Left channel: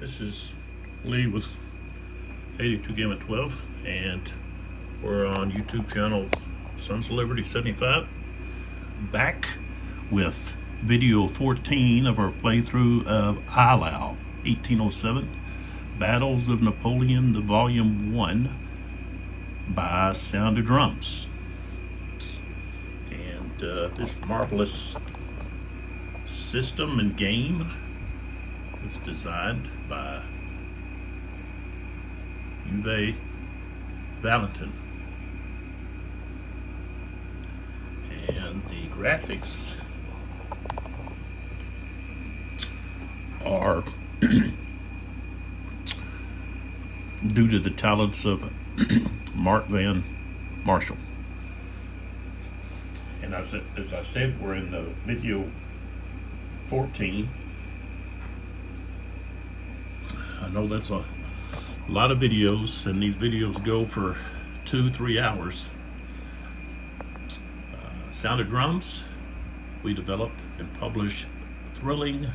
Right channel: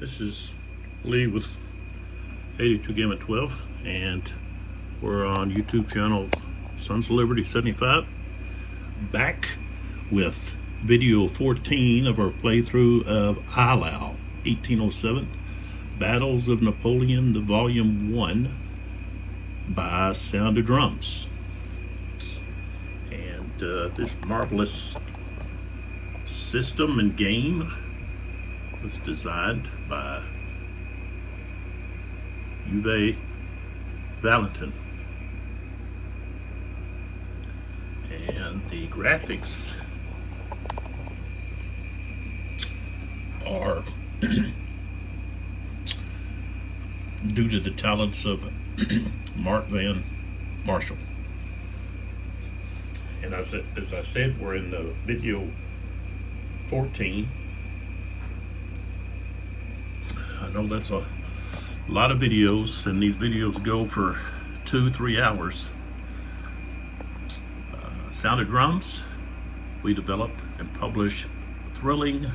This is Lee with 82 Gamma 12, and we're on YouTube channel Sons of Liberty 75, back with video 14 of our playthrough of Eylau, 1807, Battles of Napoleon, the Volume 1 by Sound of Drums. And this marvelous system and game was designed by Uwe Walentin, and the graphics are due to the talents of Marc Marshall. And as I said, we're in the video 14. I know that's a lot of videos, and these videos go for 2-3 hours. Sound of Drums, we develop and publish thrilling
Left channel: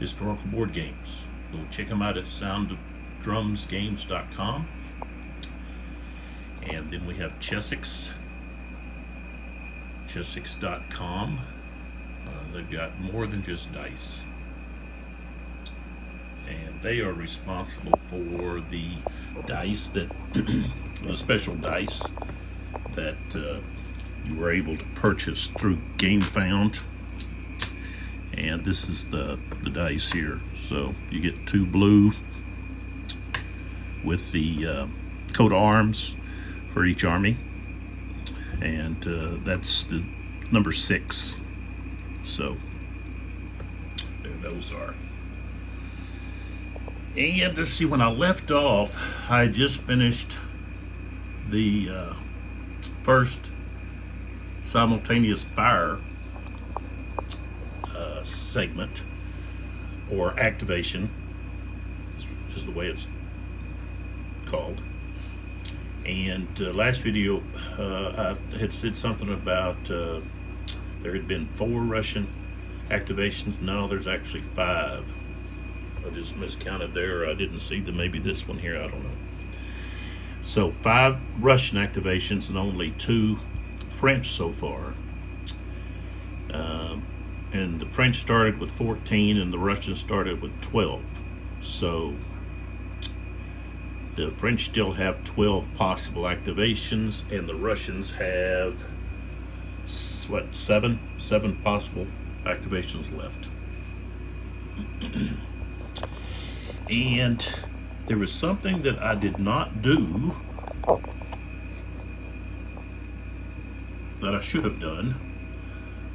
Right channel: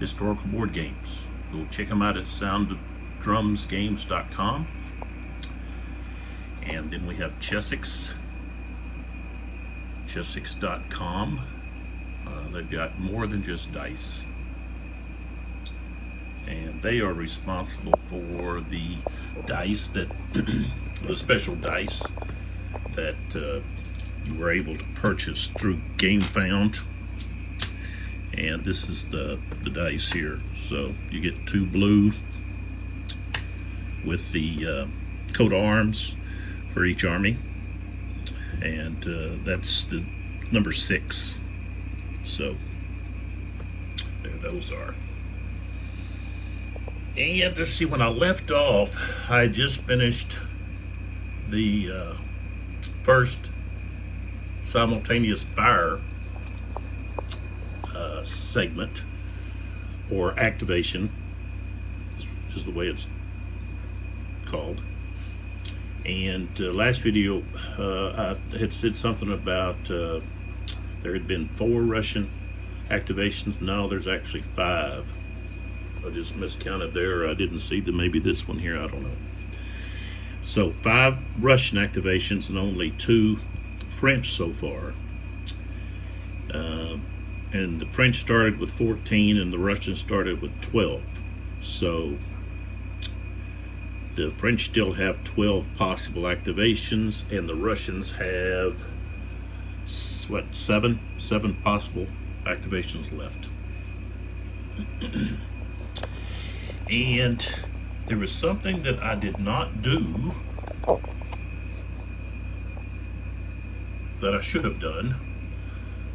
historical board games. Go check them out at sounddrumsgames.com. And then we have chessix.com. They've got more than just dice, and they are responsible for the dice that the special dice that you were able to purchase through GameFound. And this is the dice here. So you get 2 blue with the coat of arms for each army, and that's the number 6. So there those are. And let's see, when I left off, I just finished the first simultaneous fire segment, or activation is the way it's called. And last video I had said something about there had been 4 Russian activations. No, there's actually 5. I just miscounted there. I didn't see maybe this one here, I don't know. So 5 Russian activations and only 2 French so far. And the French started with 14 and the Russians started with 12. So the French still have 12 possible activations, and the Russians have what, 7 possible activations left. And there was something that I did not do that I should have done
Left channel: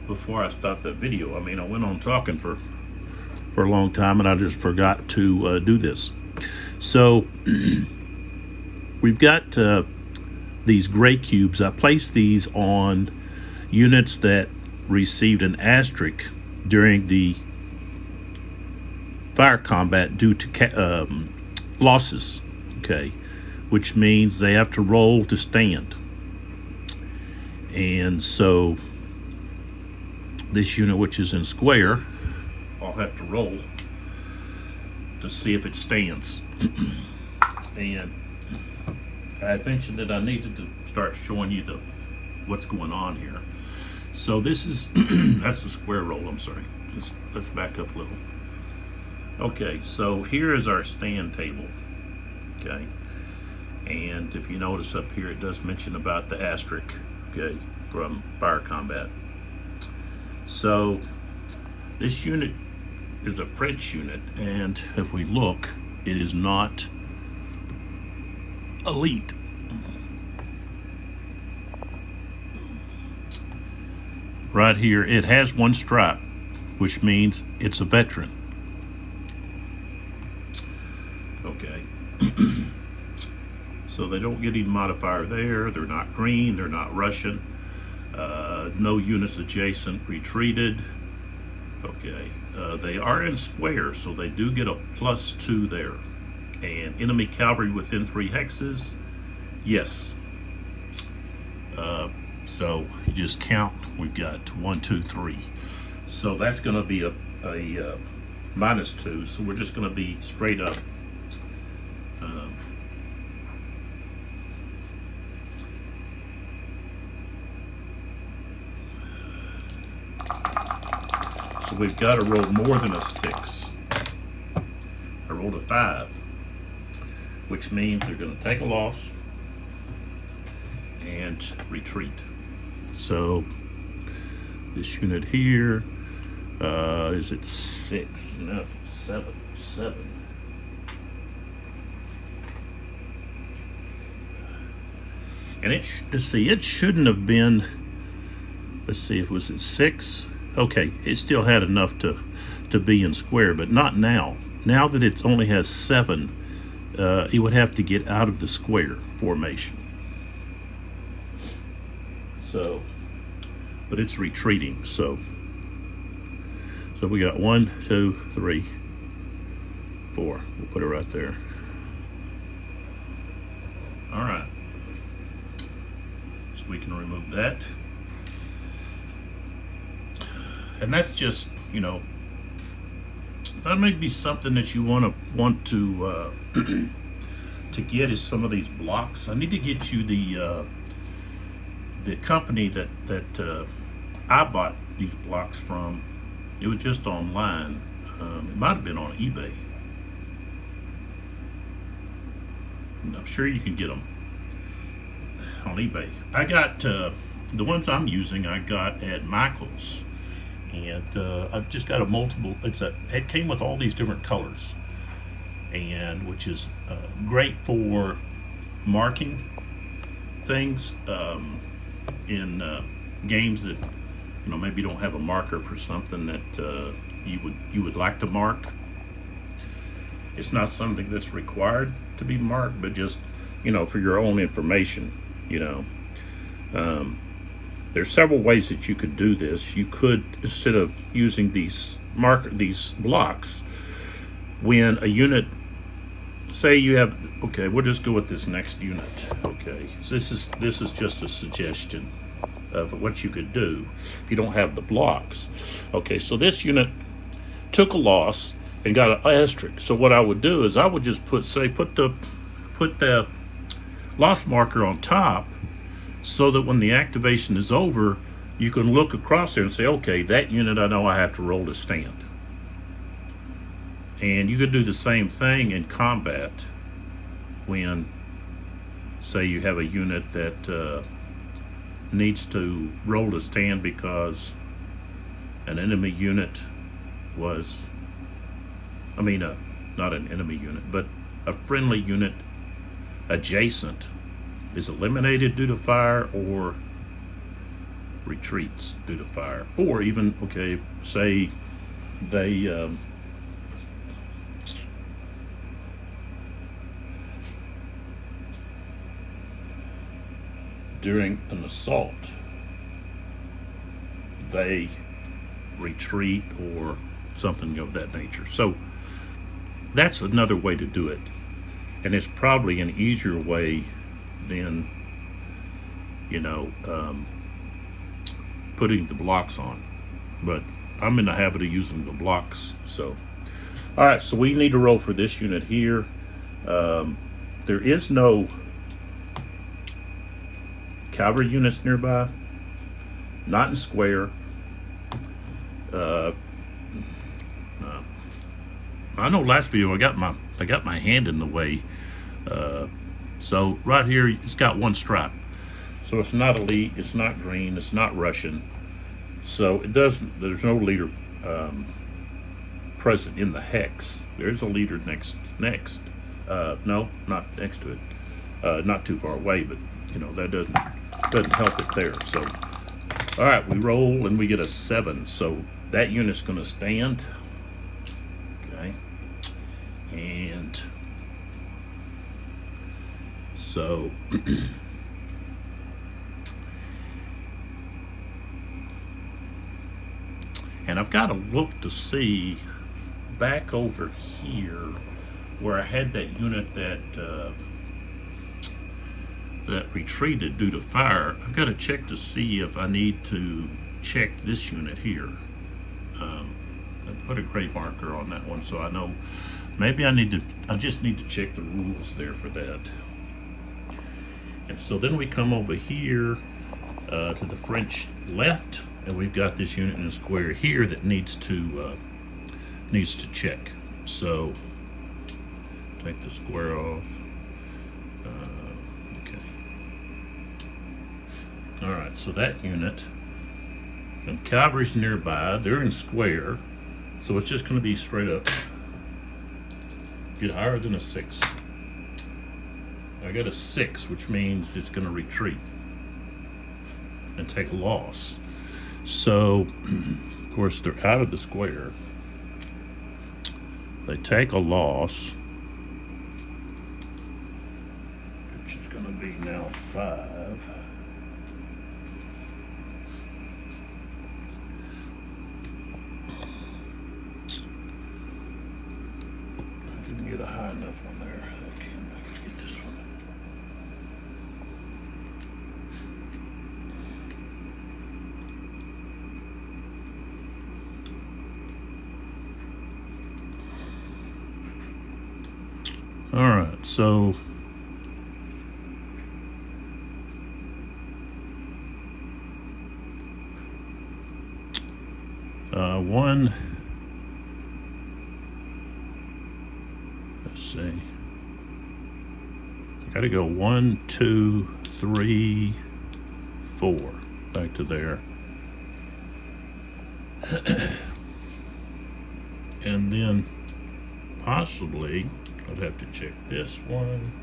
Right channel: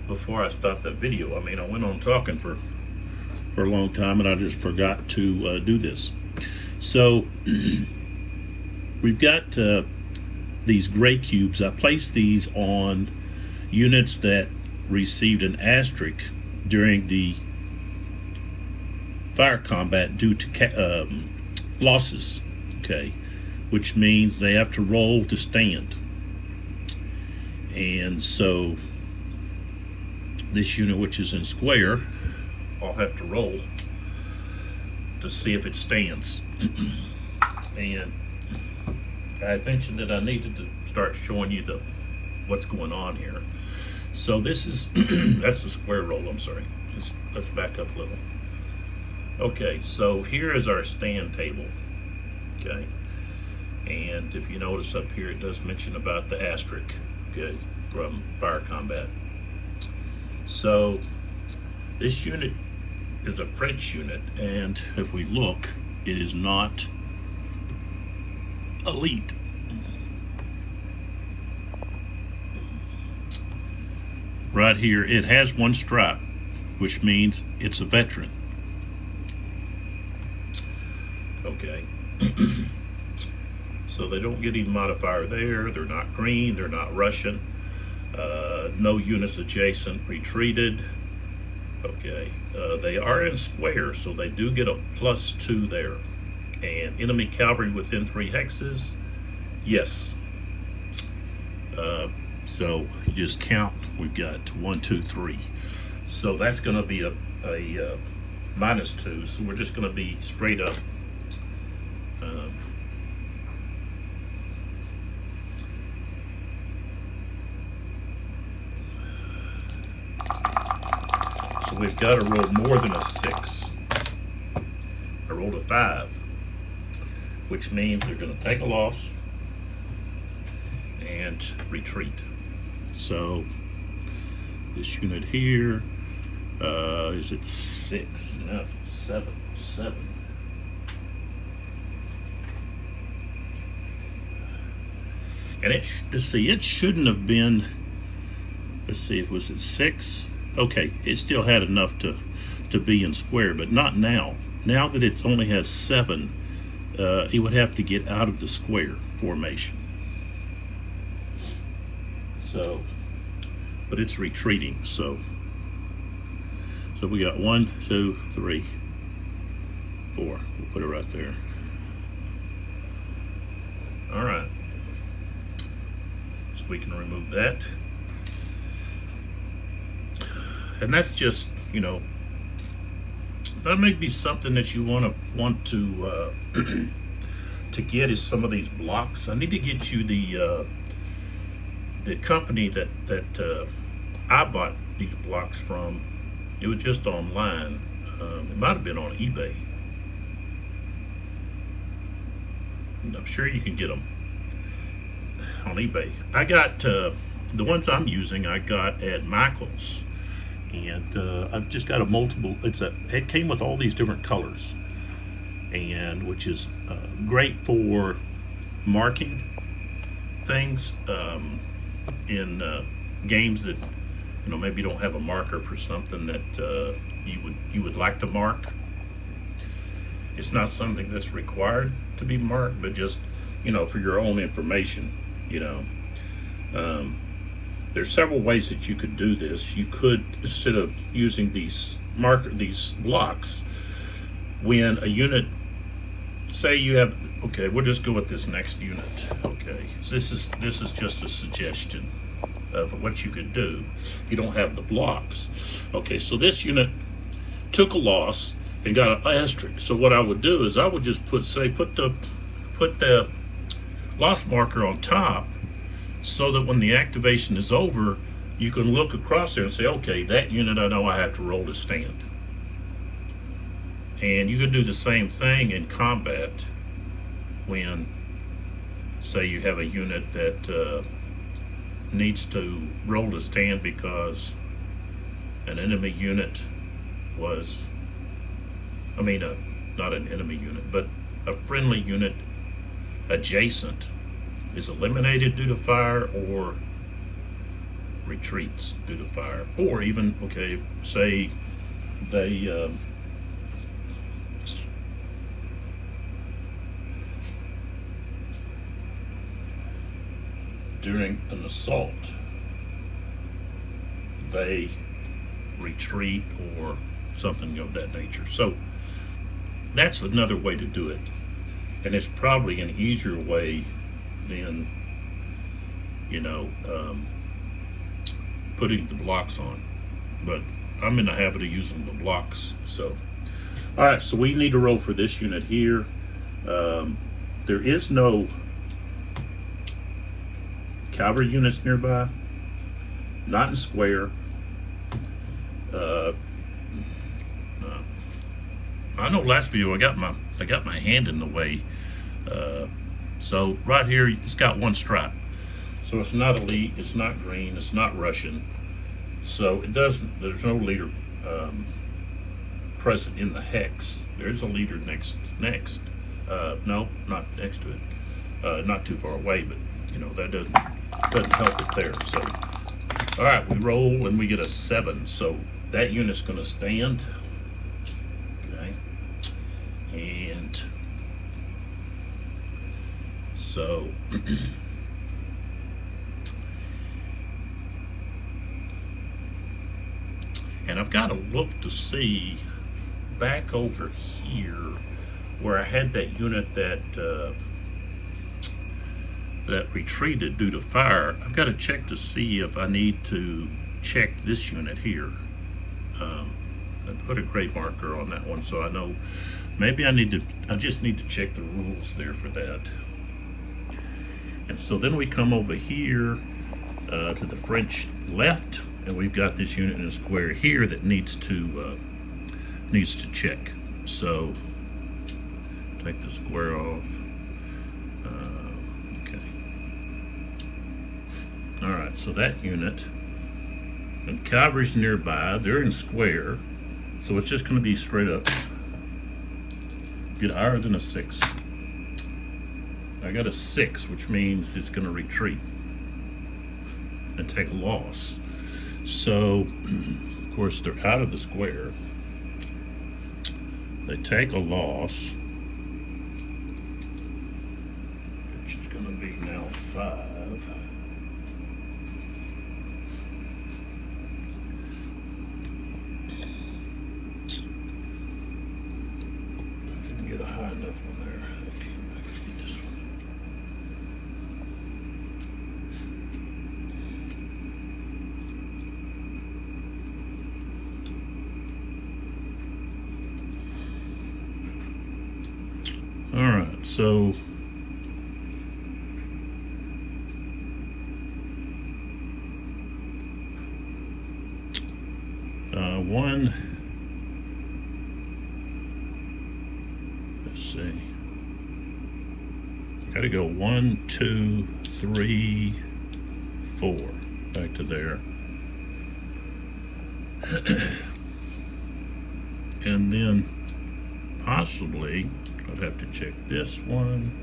before I stopped that video. I mean, I went on talking for a long time, and I just forgot to do this. So we've got these gray cubes. I placed these on units that received an asterisk during the fire combat due to losses, okay, which means they have to roll to stand. And so this unit, which is in square, I'll have to roll to see if it stands. And I mentioned that I needed to start showing you what's going on here. So this is that's the square roll. I'm sorry. Let's back up a little. Okay, so here is our stand table. Okay, and if you notice up here, it does mention about the asterisk. Okay, from fire combat. So this unit is a French unit, and if we look, it is not elite. Right here, it has 1 stripe, which means it's a veteran. Okay. So they don't get any modifier there. They're not green, they're not Russian. No units adjacent retreated. Okay. They are in square, so they do get a +2 there. And enemy cavalry within 3 hexes, yes. So you just count. We've got 1, 2, 3. So that's going to be a -2, so we're just going to be straight up. So we've got to roll more than a 6. I rolled a 5, which means they're going to take a loss and retreat. So this unit here is at 6. No, it's at 7. 7. And it shouldn't have been. Let's see, it was at 6. Okay, it still had enough to be in square, but not now. Now that it only has 7, it would have to get out of the square formation. So, but it's retreating. So we got 1, 2, 3, 4. We'll put it right there. All right. So we can remove that. And that's just, you know, that may be something that you want to to get is some of these blocks. I need to get you the company that I bought these blocks from. It was just online. It might have been on eBay. I'm sure you can get them on eBay. I got the ones I'm using. I got at Michael's. And I've just got a multiple. It came with all these different colors, and which is great for marking things in games that maybe you don't have a marker for something that you would like to mark. It's not something that's required to be marked, but just for your own information. There's several ways that you could do this. You could, instead of using these blocks, when a unit, say you have, okay, we'll just go with this next unit. Okay, so this is just a suggestion of what you could do if you don't have the blocks. Okay, so this unit took a loss and got an asterisk. So what I would do is I would just put the loss marker on top, so that when the activation is over, you can look across there and say, okay, that unit I know I have to roll to stand. And you could do the same thing in combat when, say, you have a unit that needs to roll to stand because an enemy unit was, not an enemy unit, but a friendly unit adjacent is eliminated due to fire or retreats due to fire. Or even, okay, say they during an assault they retreat or something of that nature. So that's another way to do it, and it's probably an easier way than putting the blocks on, but I'm in the habit of using the blocks. So all right, so we need to roll for this unit here. There is no cavalry units nearby, not in square. I know last video I got my hand in the way. So right here, it's got one stripe. So it's not elite, it's not green, it's not Russian. So there's no leader present in the hex. There's a leader next. No, not next to it. Not too far away, but that doesn't help it there. So all right, we roll and we get a 7. So that unit's going to stand. Okay, and so and I've got to look to see back over here where I had that unit that retreated due to fire. I've got to check to see if I need to check this unit here. I put a gray marker on that one so I know. Maybe I just need to check the rules there for that. And so then we come over here to the French left, and we've got this unit in a square here that needs to check. So take the square off. Okay. All right. So that unit, and cavalry's nearby. They're in square, so it's just going to be straight up. Get higher than a 6. I got a 6, which means it's going to retreat and take a loss. So, of course, they're out of the square. They take a loss, which is going to be now 5. If we can get a high enough one there. Okay, get this one. All right, so one, let's see, I gotta go 1, 2, 3, 4, back to there. And then possibly I'd have to check this one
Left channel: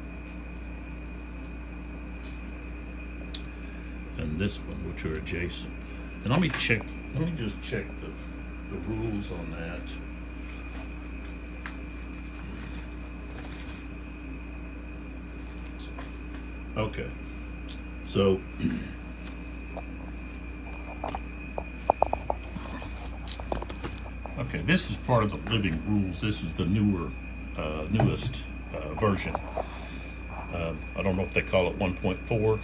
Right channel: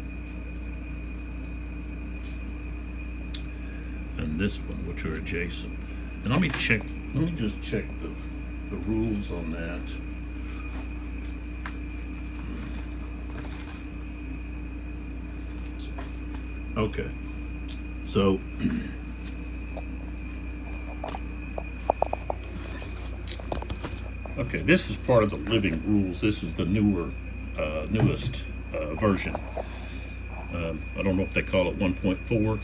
and this one, which are adjacent. And let me just check the rules on that. Okay, so okay, this is part of the living rules. This is the newest version. I don't know if they call it 1.4,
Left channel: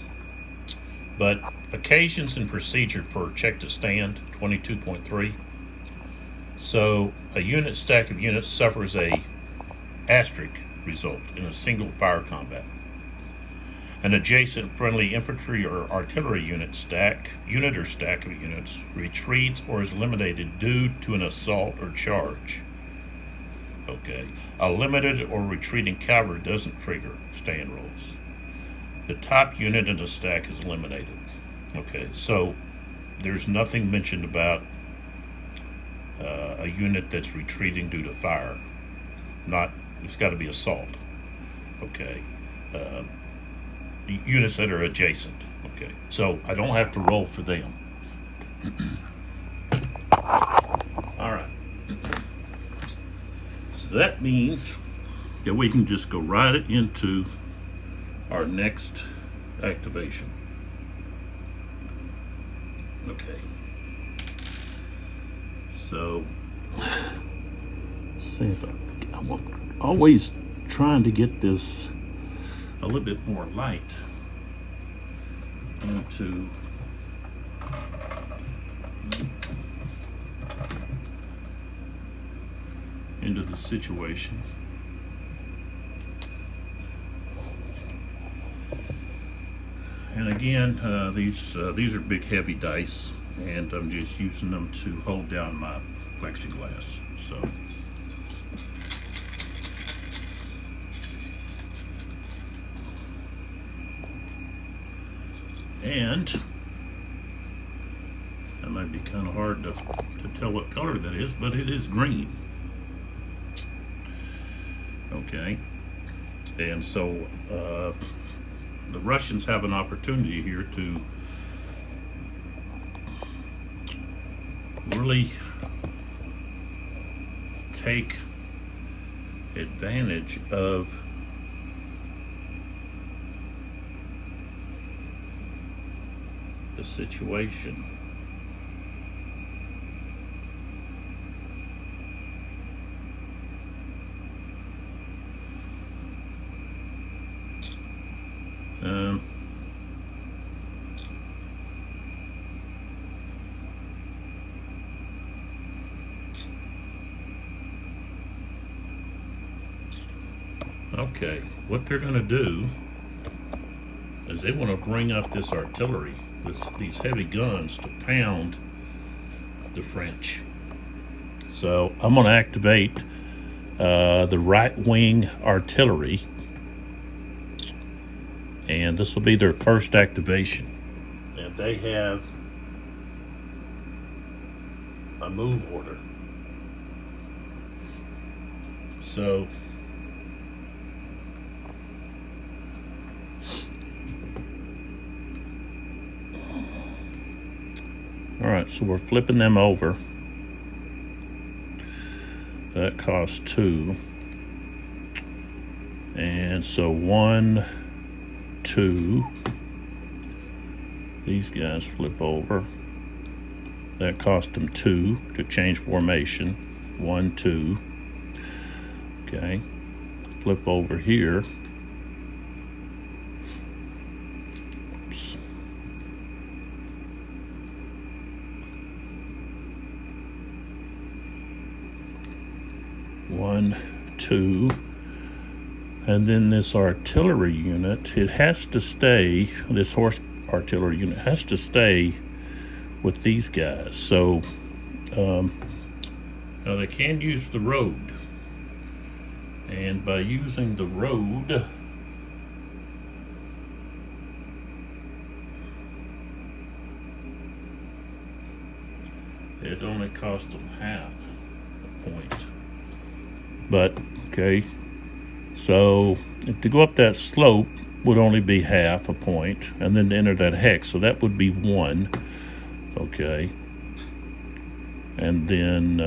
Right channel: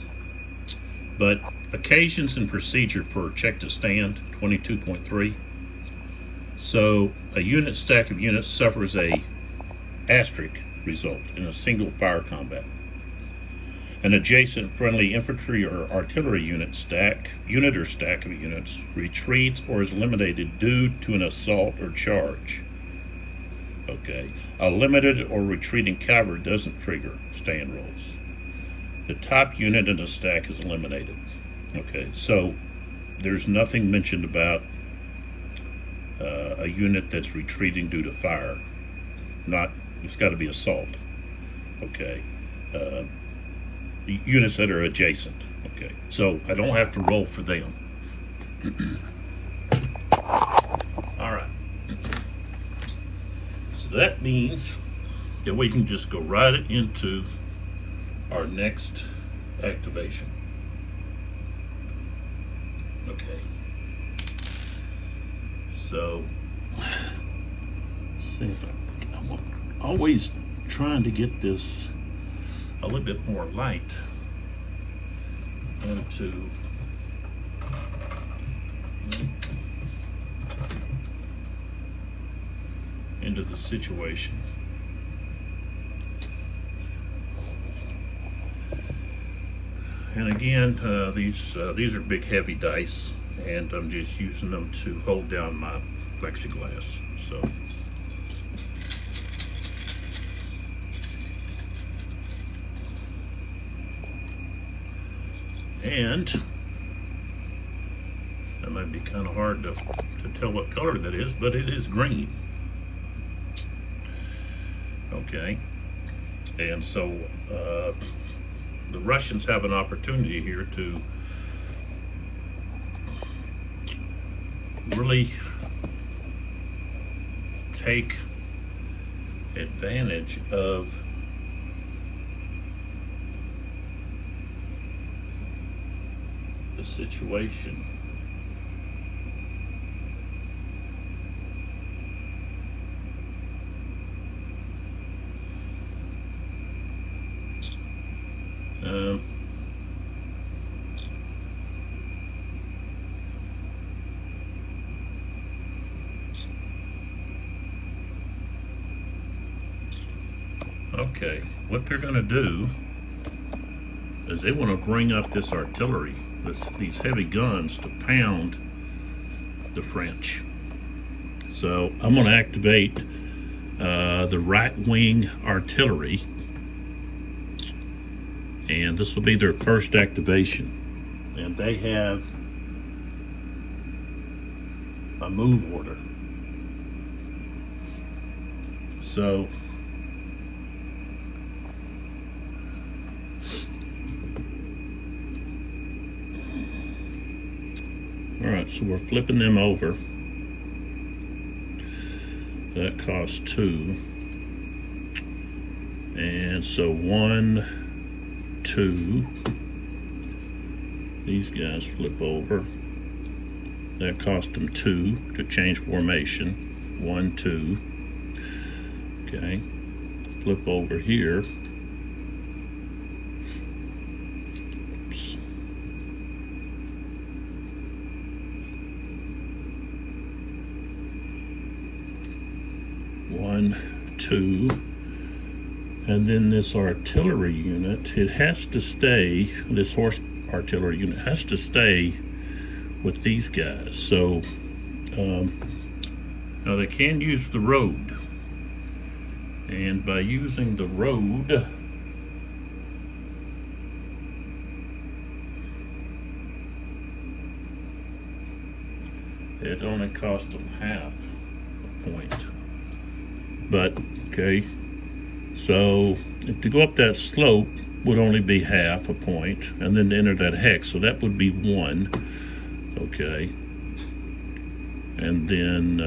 but occasions and procedure for check to stand 22.3. So a unit stack of units suffers a asterisk result in a single fire combat. An adjacent friendly infantry or artillery unit or stack of units retreats or is eliminated due to an assault or charge. Okay, a limited or retreating cavalry doesn't trigger stand rolls. The top unit in the stack is eliminated. Okay, so there's nothing mentioned about a unit that's retreating due to fire. It's got to be assault. Okay, units that are adjacent. Okay, so I don't have to roll for them. All right. So that means that we can just go right into our next activation. Okay. So, see if I'm always trying to get this a little bit more light into the situation. And again, these are big heavy dice, and I'm just using them to hold down my plexiglass. So and that might be kind of hard to tell what color that is, but it is green. Okay, and so the Russians have an opportunity here to really take advantage of the situation. Okay, what they're going to do is they want to bring up this artillery, these heavy guns to pound the French. So I'm going to activate the right wing artillery, and this will be their first activation. And they have a move order. So all right, so we're flipping them over. That costs 2. And so 1, 2. These guys flip over. That cost them 2 to change formation. 1, 2. Okay. Flip over here. Oops. 1, 2, and then this artillery unit, it has to stay, this horse artillery unit has to stay with these guys. So now they can use the road, and by using the road, it only cost them half a point. But, okay, so to go up that slope would only be half a point, and then to enter that hex, so that would be 1, okay. And then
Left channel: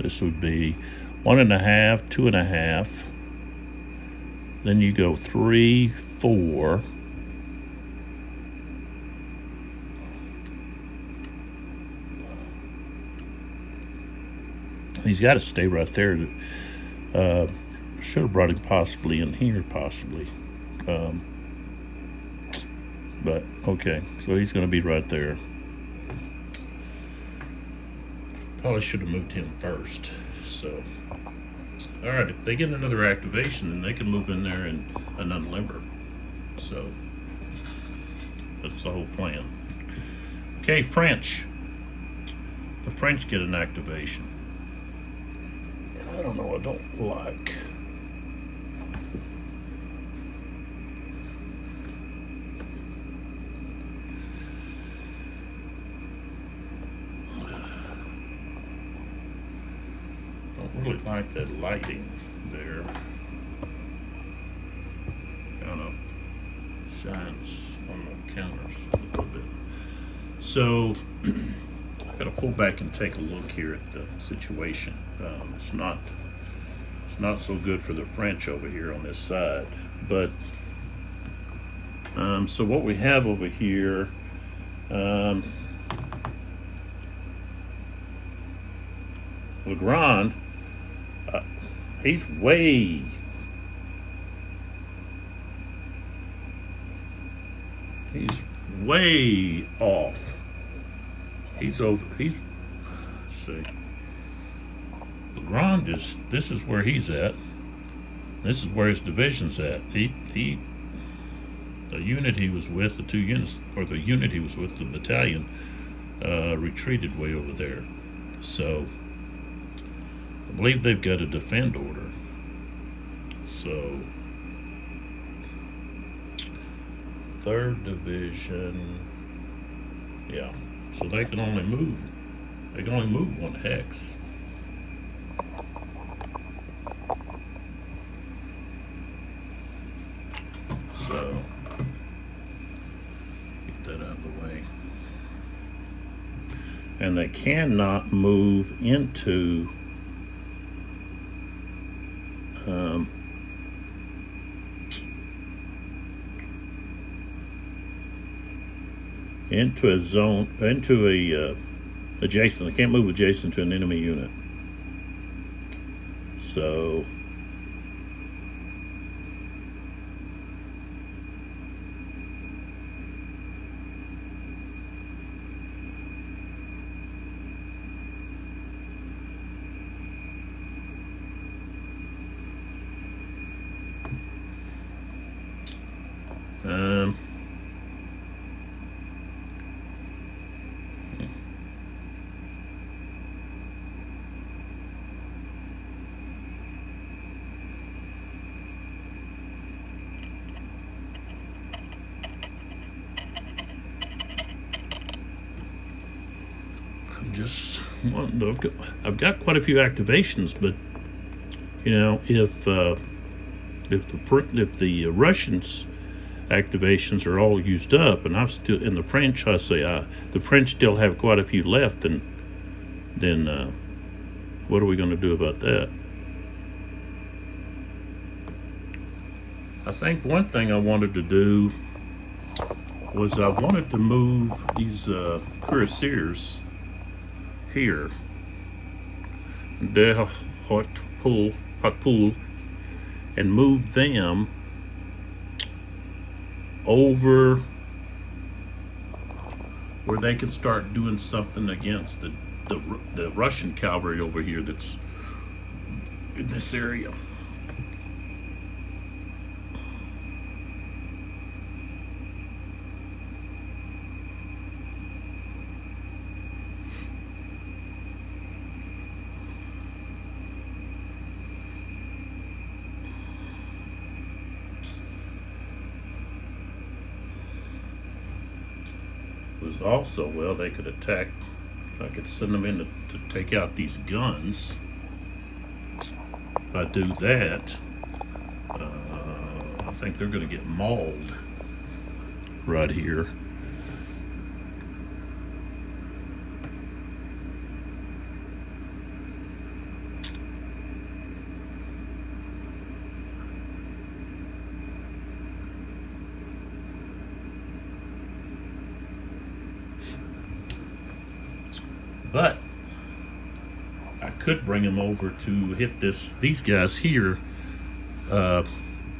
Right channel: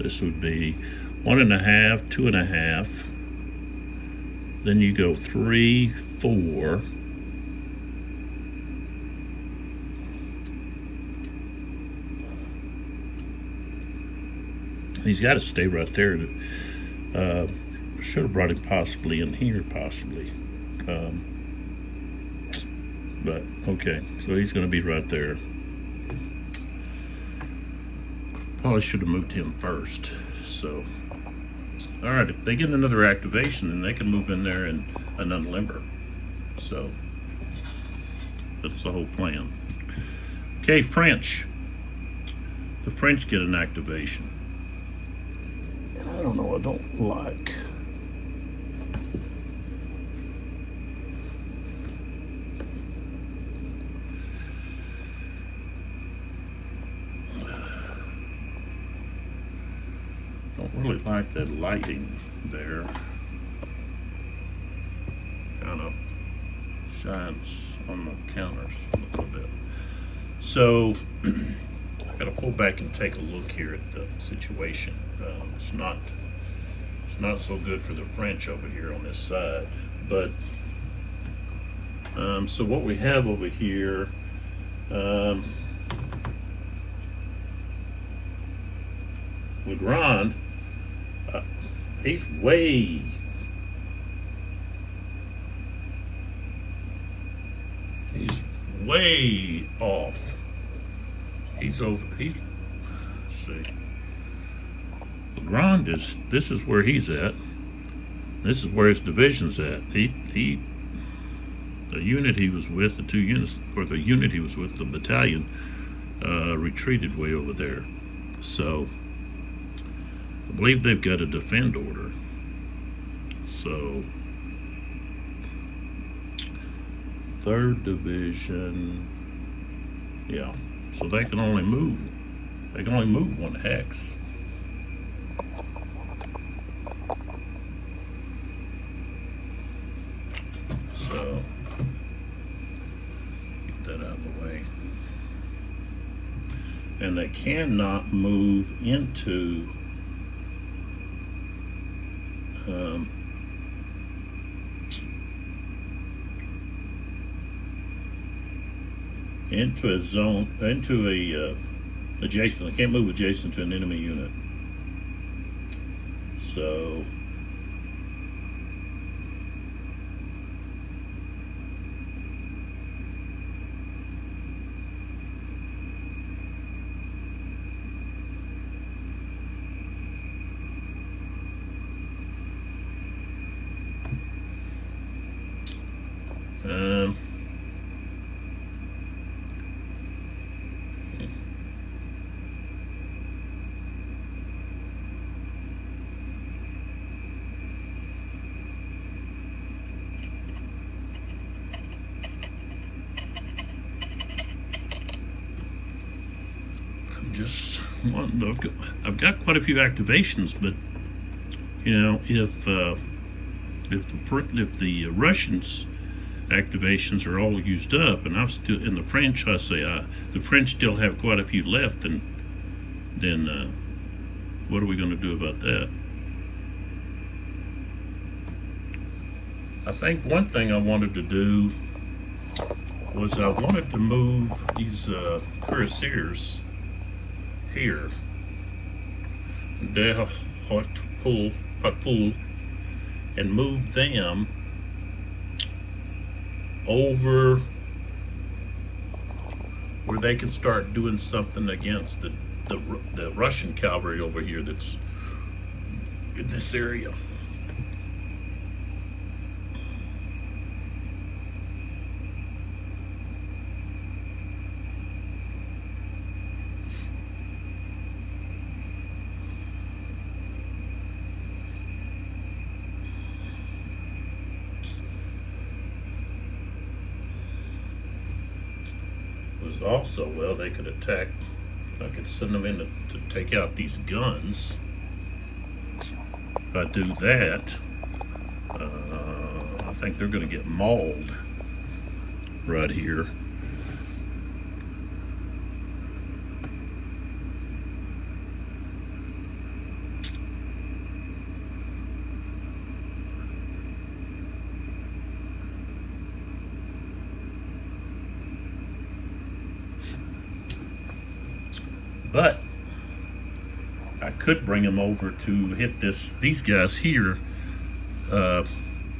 this would be 1.5, 2.5. Then you go 3, 4. He's got to stay right there. Should have brought him possibly in here, possibly. But, okay, so he's going to be right there. Probably should have moved him first. So, all right, if they get another activation, then they can move in there and unlimber. So, that's the whole plan. Okay, French. The French get an activation. I don't know, I don't like. Don't really like that lighting there. Kind of shines on the counters a little bit. So, I gotta pull back and take a look here at the situation. It's not so good for the French over here on this side, but so what we have over here, Legrand, he's way off. He's over. Let's see. Legrand this is where he's at. This is where his division's at. The unit he was with, the 2 units, or the unit he was with, the battalion, retreated way over there. So I believe they've got a defend order. So 3rd Division, yeah. So they can only move 1 hex. So get that out of the way. And they cannot move into a zone, into a adjacent. They can't move adjacent to an enemy unit. So Um, just one, but I've got quite a few activations, but you know, if the Russians activations are all used up, and I'm still in the French, I say the French still have quite a few left, and then what are we going to do about that? I think one thing I wanted to do was I wanted to move these cuirassiers here, their hot pool, and move them over where they can start doing something against the Russian cavalry over here that's in this area. Was also, well, they could attack. I could send them in to take out these guns. If I do that, I think they're going to get mauled right here. But I could bring them over to hit these guys here,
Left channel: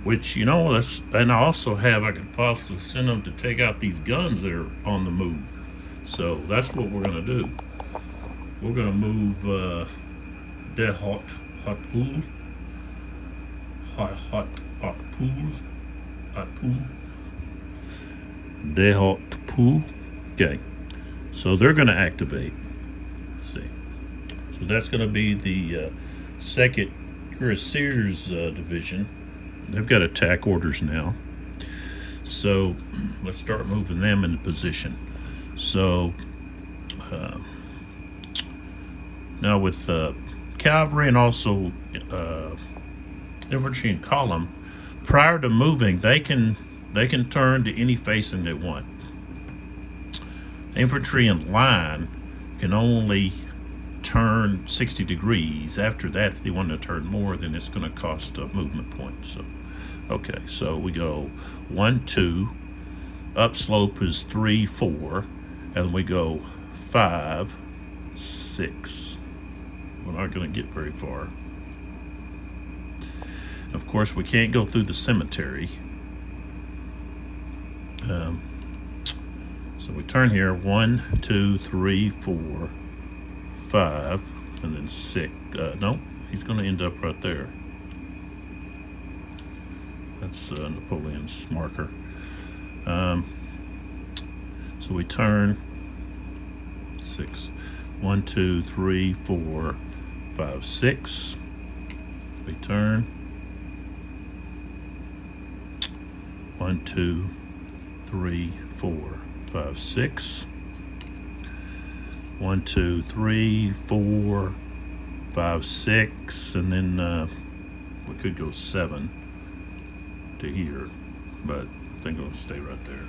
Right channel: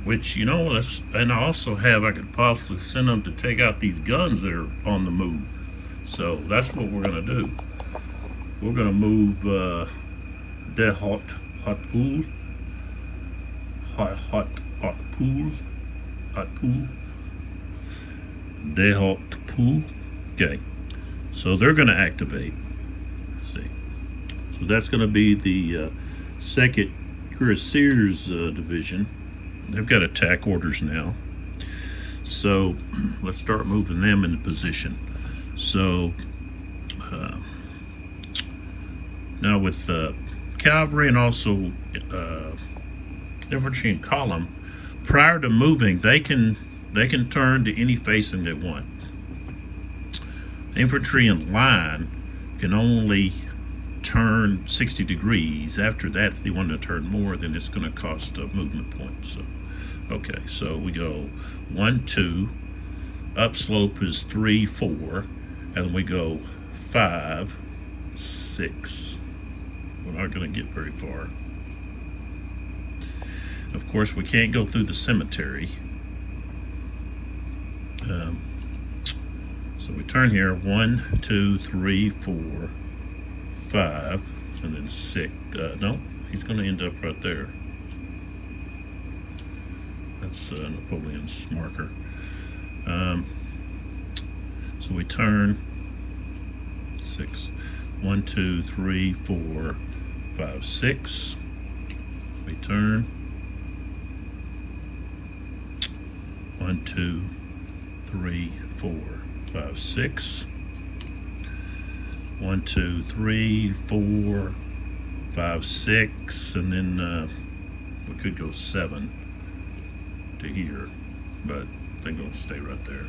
which, you know, and I also have, I could possibly send them to take out these guns that are on the move. So that's what we're going to do. We're going to move the hot pool, the hot pool. Okay, so they're going to activate. Let's see. So that's going to be the 2nd Cuirassiers division. They've got attack orders now. So let's start moving them into position. So now with cavalry and also infantry in column, prior to moving, they can turn to any facing they want. Infantry in line can only turn 60 degrees. After that, if they want to turn more, then it's going to cost a movement point. So, okay, so we go 1, 2, upslope is 3, 4, and we go 5, 6. We're not going to get very far. Of course, we can't go through the cemetery. So we turn here, 1, 2, 3, 4, 5, and then 6. No, he's going to end up right there. That's Napoleon's marker. So we turn 6. 1, 2, 3, 4, 5, 6. We turn 1, 2, 3, 4, 5, 6. 1, 2, 3, 4, 5, 6, and then we could go 7 to here, but I think I'll stay right there.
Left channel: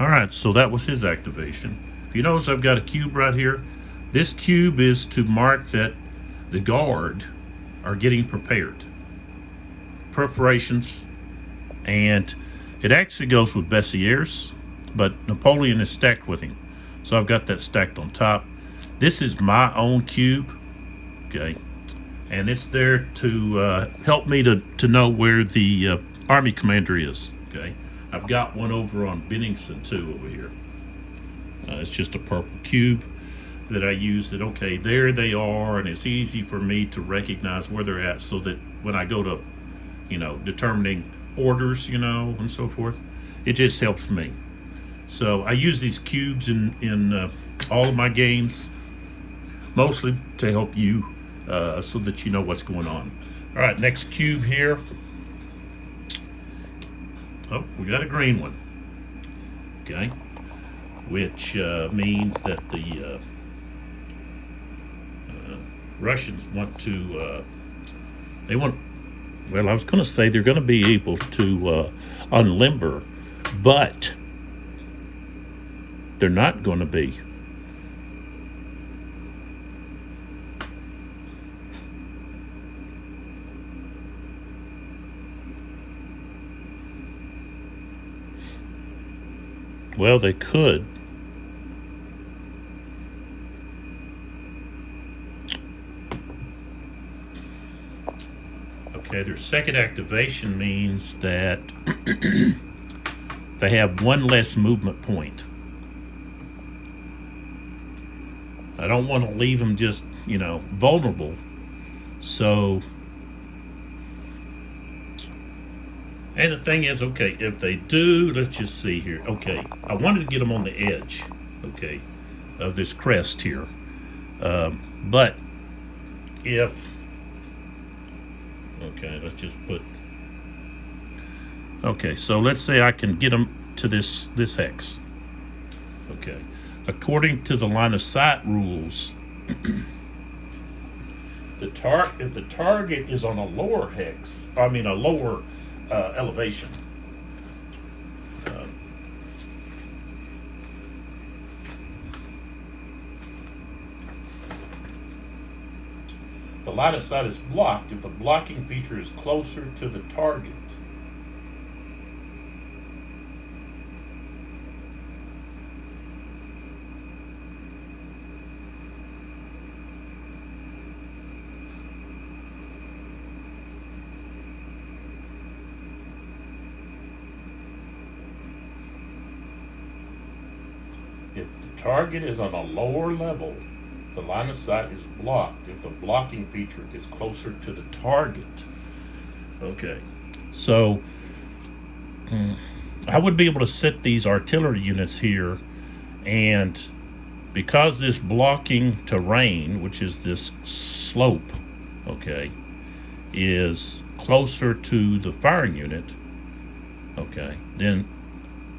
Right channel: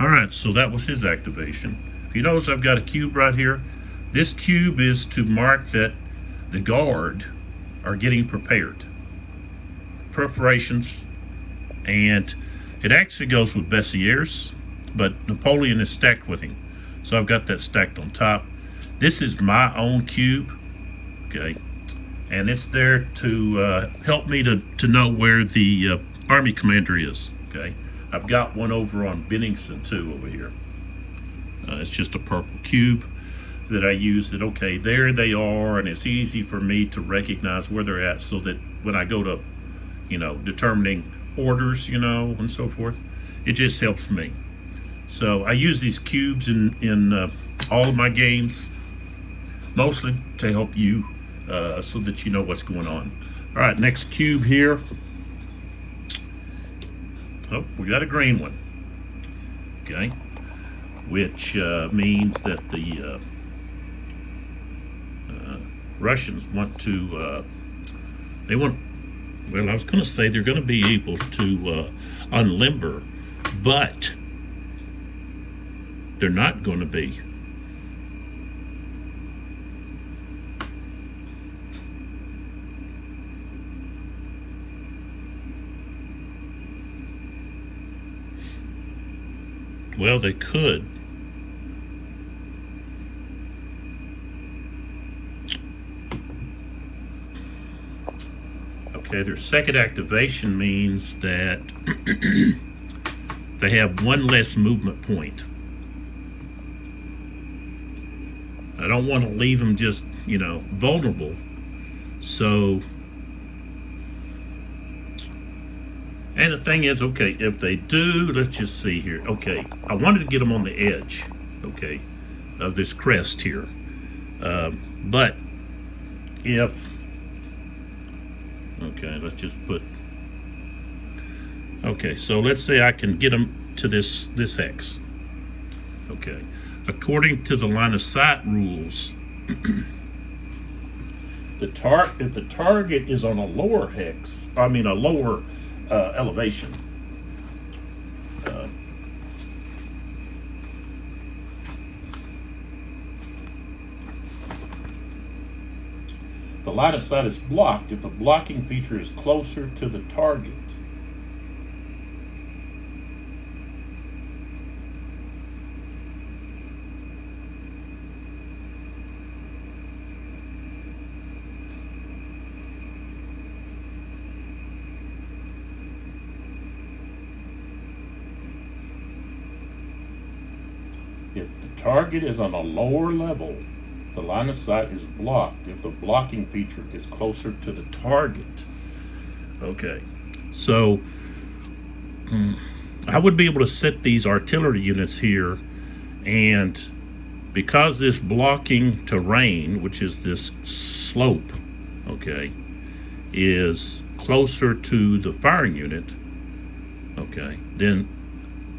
All right, so that was his activation. If you notice, I've got a cube right here. This cube is to mark that the guard are getting prepared. Preparations, and it actually goes with Bessieres, but Napoleon is stacked with him. So I've got that stacked on top. This is my own cube, okay? And it's there to help me to know where the army commander is, okay? I've got one over on Bennington too over here. It's just a purple cube that I use that, okay, there they are, and it's easy for me to recognize where they're at so that when I go to, you know, determining orders, you know, and so forth. It just helps me. So I use these cubes in all of my games, mostly to help you so that you know what's going on. All right, next cube here. Oh, we got a green one. Okay, which means that the Russians want to, well, I was going to say they're going to be able to unlimber, but they're not going to be. Well, they could. Okay, their second activation means that they have one less movement point. I don't want to leave them just, you know, vulnerable. So, and the thing is, okay, if they do, let's just see here. Okay, I wanted to get them on the edge, okay, of this crest here. But if, okay, let's just put, okay, so let's say I can get them to this X. Okay, according to the line of sight rules, if the target is on a lower hex, I mean a lower elevation, the line of sight is blocked if the blocking feature is closer to the target. If the target is on a lower level, the line of sight is blocked if the blocking feature is closer to the target. Okay, so I would be able to set these artillery units here, and because this blocking terrain, which is this slope, okay, is closer to the firing unit, okay, then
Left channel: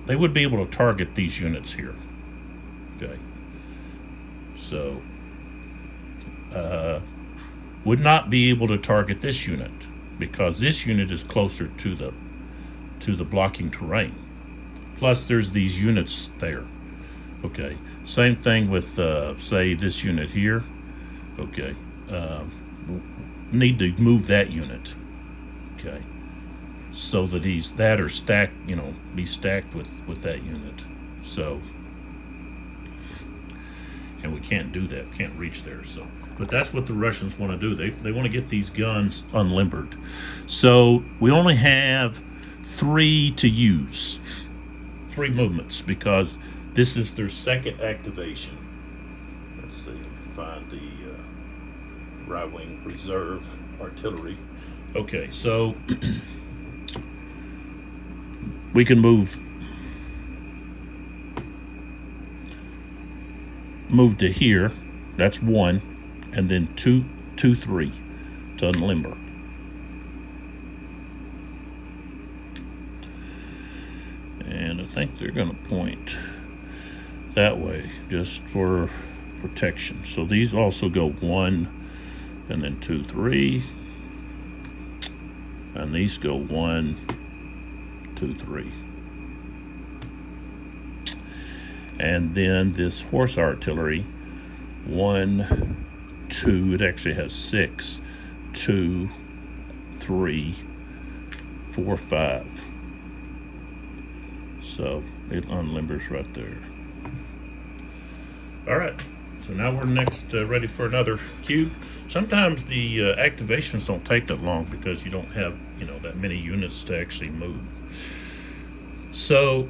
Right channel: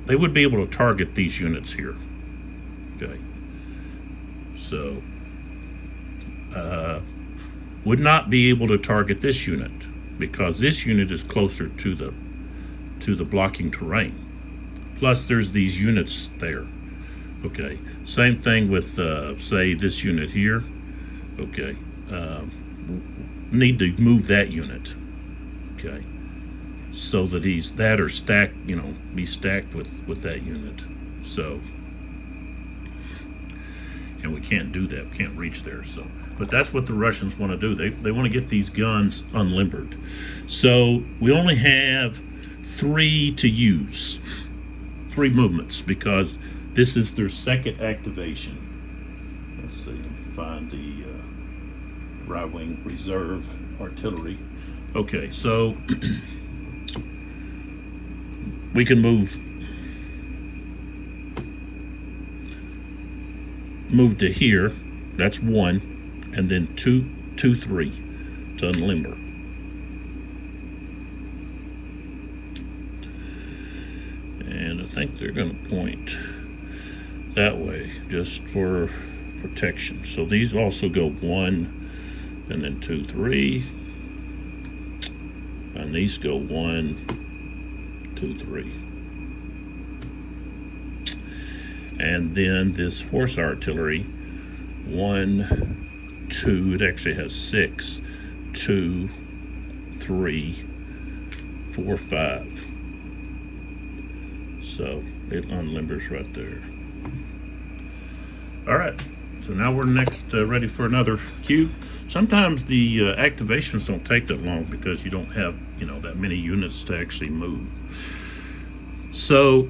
they would be able to target these units here. Okay, so would not be able to target this unit because this unit is closer to the blocking terrain. Plus, there's these units there. Okay, same thing with say this unit here. Okay, need to move that unit. Okay, so that that are stacked, you know, be stacked with that unit. So. And we can't do that, we can't reach there. So, but that's what the Russians want to do. They want to get these guns unlimbered. So we only have 3 to use, 3 movements, because this is their second activation. Let's see, find the right wing reserve artillery. Okay, so we can move to here, that's 1, and then 2, 2, 3 to unlimber. And I think they're going to point that way just for protection. So these also go 1, and then 2, 3, and these go 1, 2, 3. And then this horse artillery, 1, 2, it actually has 6, 2, 3, 4, 5. So it unlimbers right there. All right, so now we're next ready for another cube. Sometimes the activations don't take that long because you don't have, you know, that many units to actually move. So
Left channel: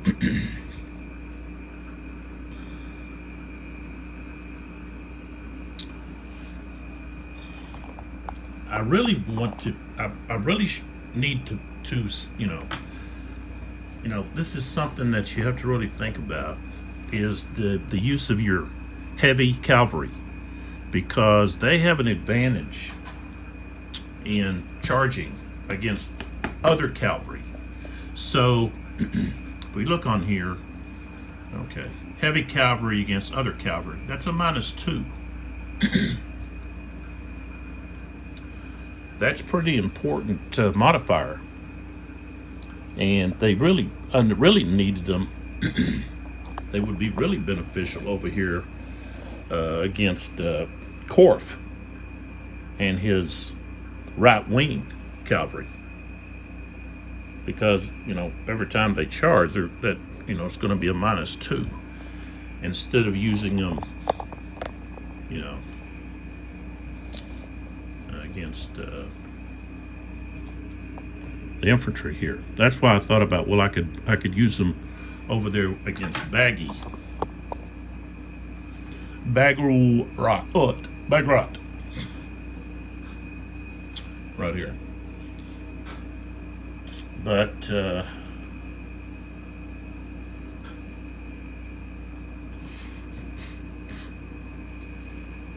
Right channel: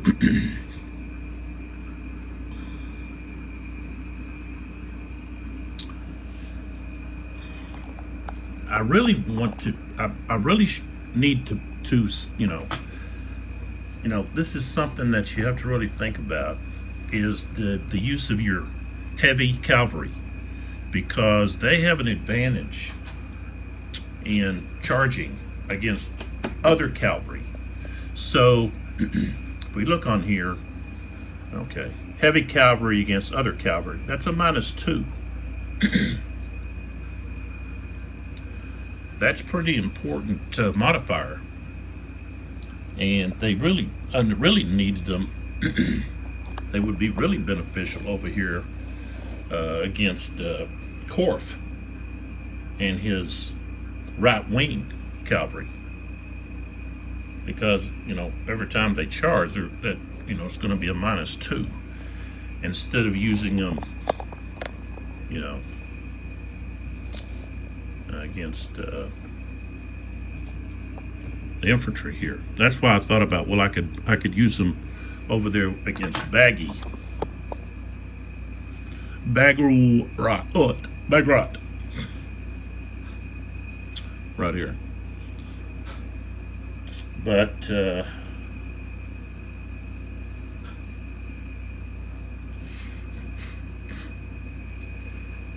I really want to, I really need to to, this is something that you have to really think about, is the use of your heavy cavalry, because they have an advantage in charging against other cavalry. So if we look on here, okay, heavy cavalry against other cavalry, that's a -2. That's pretty important modifier, and they really needed them. They would be really beneficial over here against Korf and his right-wing cavalry, because every time they charge, it's going to be a -2 instead of using them, against the infantry here. That's why I thought about, well, I could use them over there against Bagrat, right here. But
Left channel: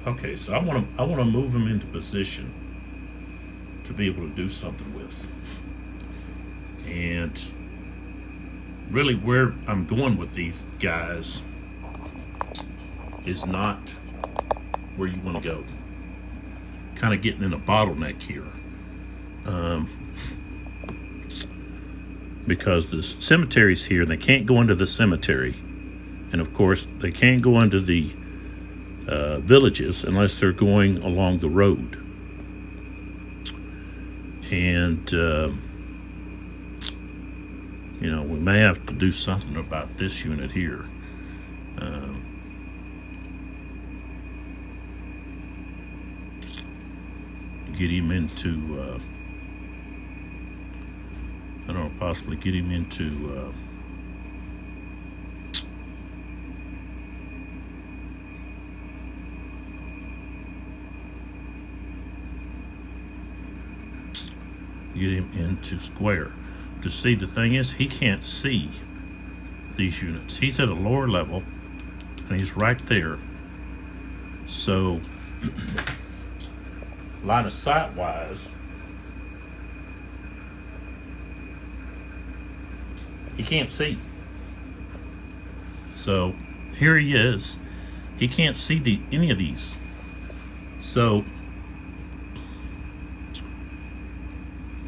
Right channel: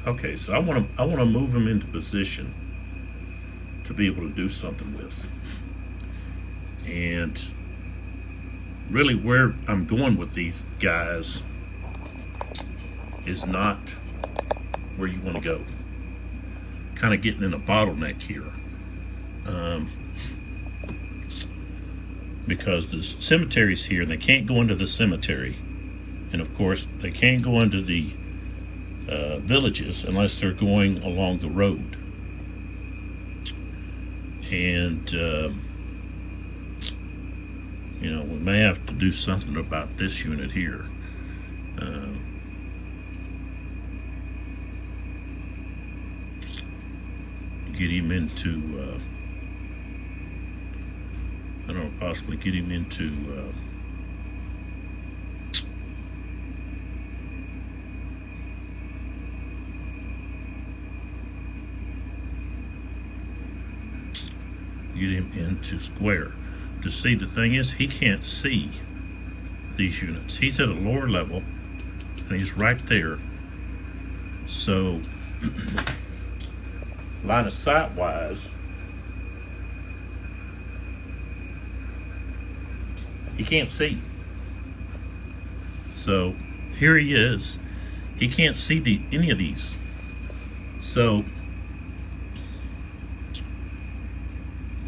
okay, so I want to move them into position to be able to do something with. And really where I'm going with these guys is not where you want to go. Kind of getting in a bottleneck here. Because the cemetery's here, they can't go into the cemetery. And of course, they can't go into the villages unless they're going along the road. And we may have to do something about this unit here. Get him into I don't know, possibly get him into square. To see, the thing is, he can't see these units. He's at a lower level and he's right there. So line of sight wise, he can't see. So here he is. He can't see any of these. So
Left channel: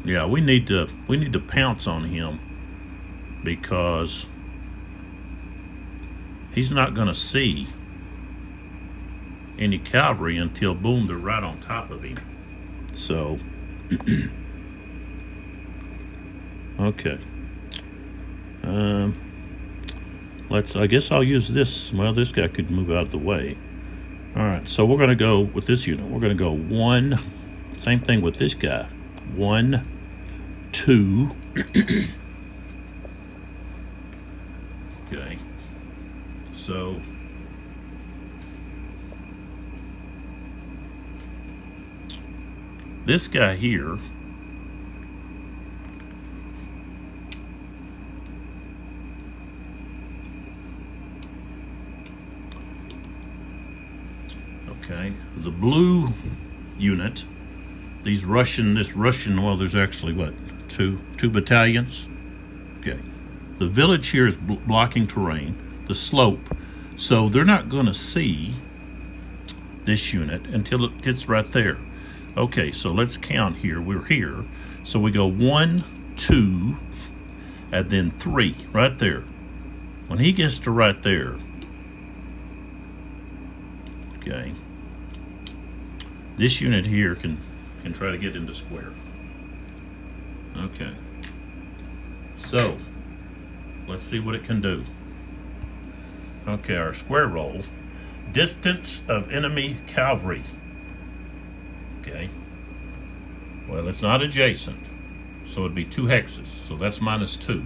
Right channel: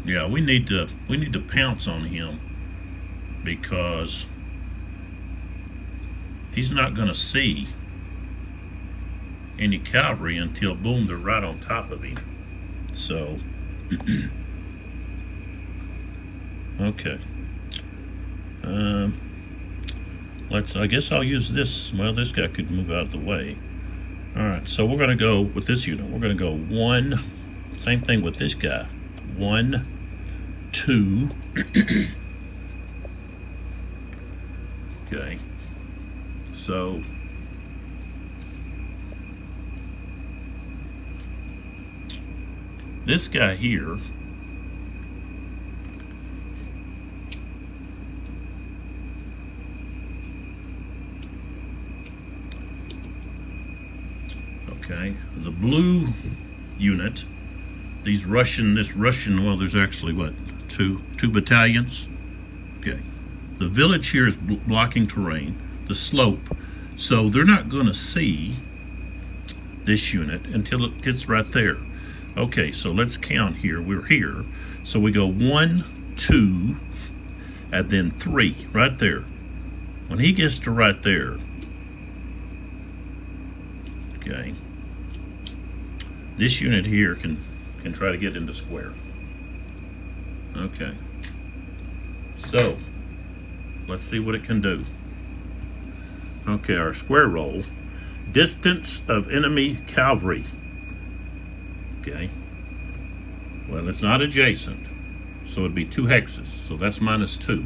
yeah, we need to pounce on him, because he's not going to see any cavalry until, boom, they're right on top of him. So okay. I guess I'll use this. Well, this guy could move out of the way. All right, so we're going to go with this unit. We're going to go 1. Same thing with this guy. 1, 2. Okay. So this guy here, okay, the blue unit, this Russian, well, there's actually what, two battalions. Okay, the village here is blocking terrain, the slope, so they're not going to see this unit until it gets right there. Okay, so let's count here. We're here, so we go 1, 2, and then 3 right there. When he gets to right there, okay, this unit here can try to get into square. Okay, so let's see what it can do. Okay, our square roll, distance of enemy cavalry. Okay, well, it's not adjacent, so it'd be 2 hexes, so that's -2.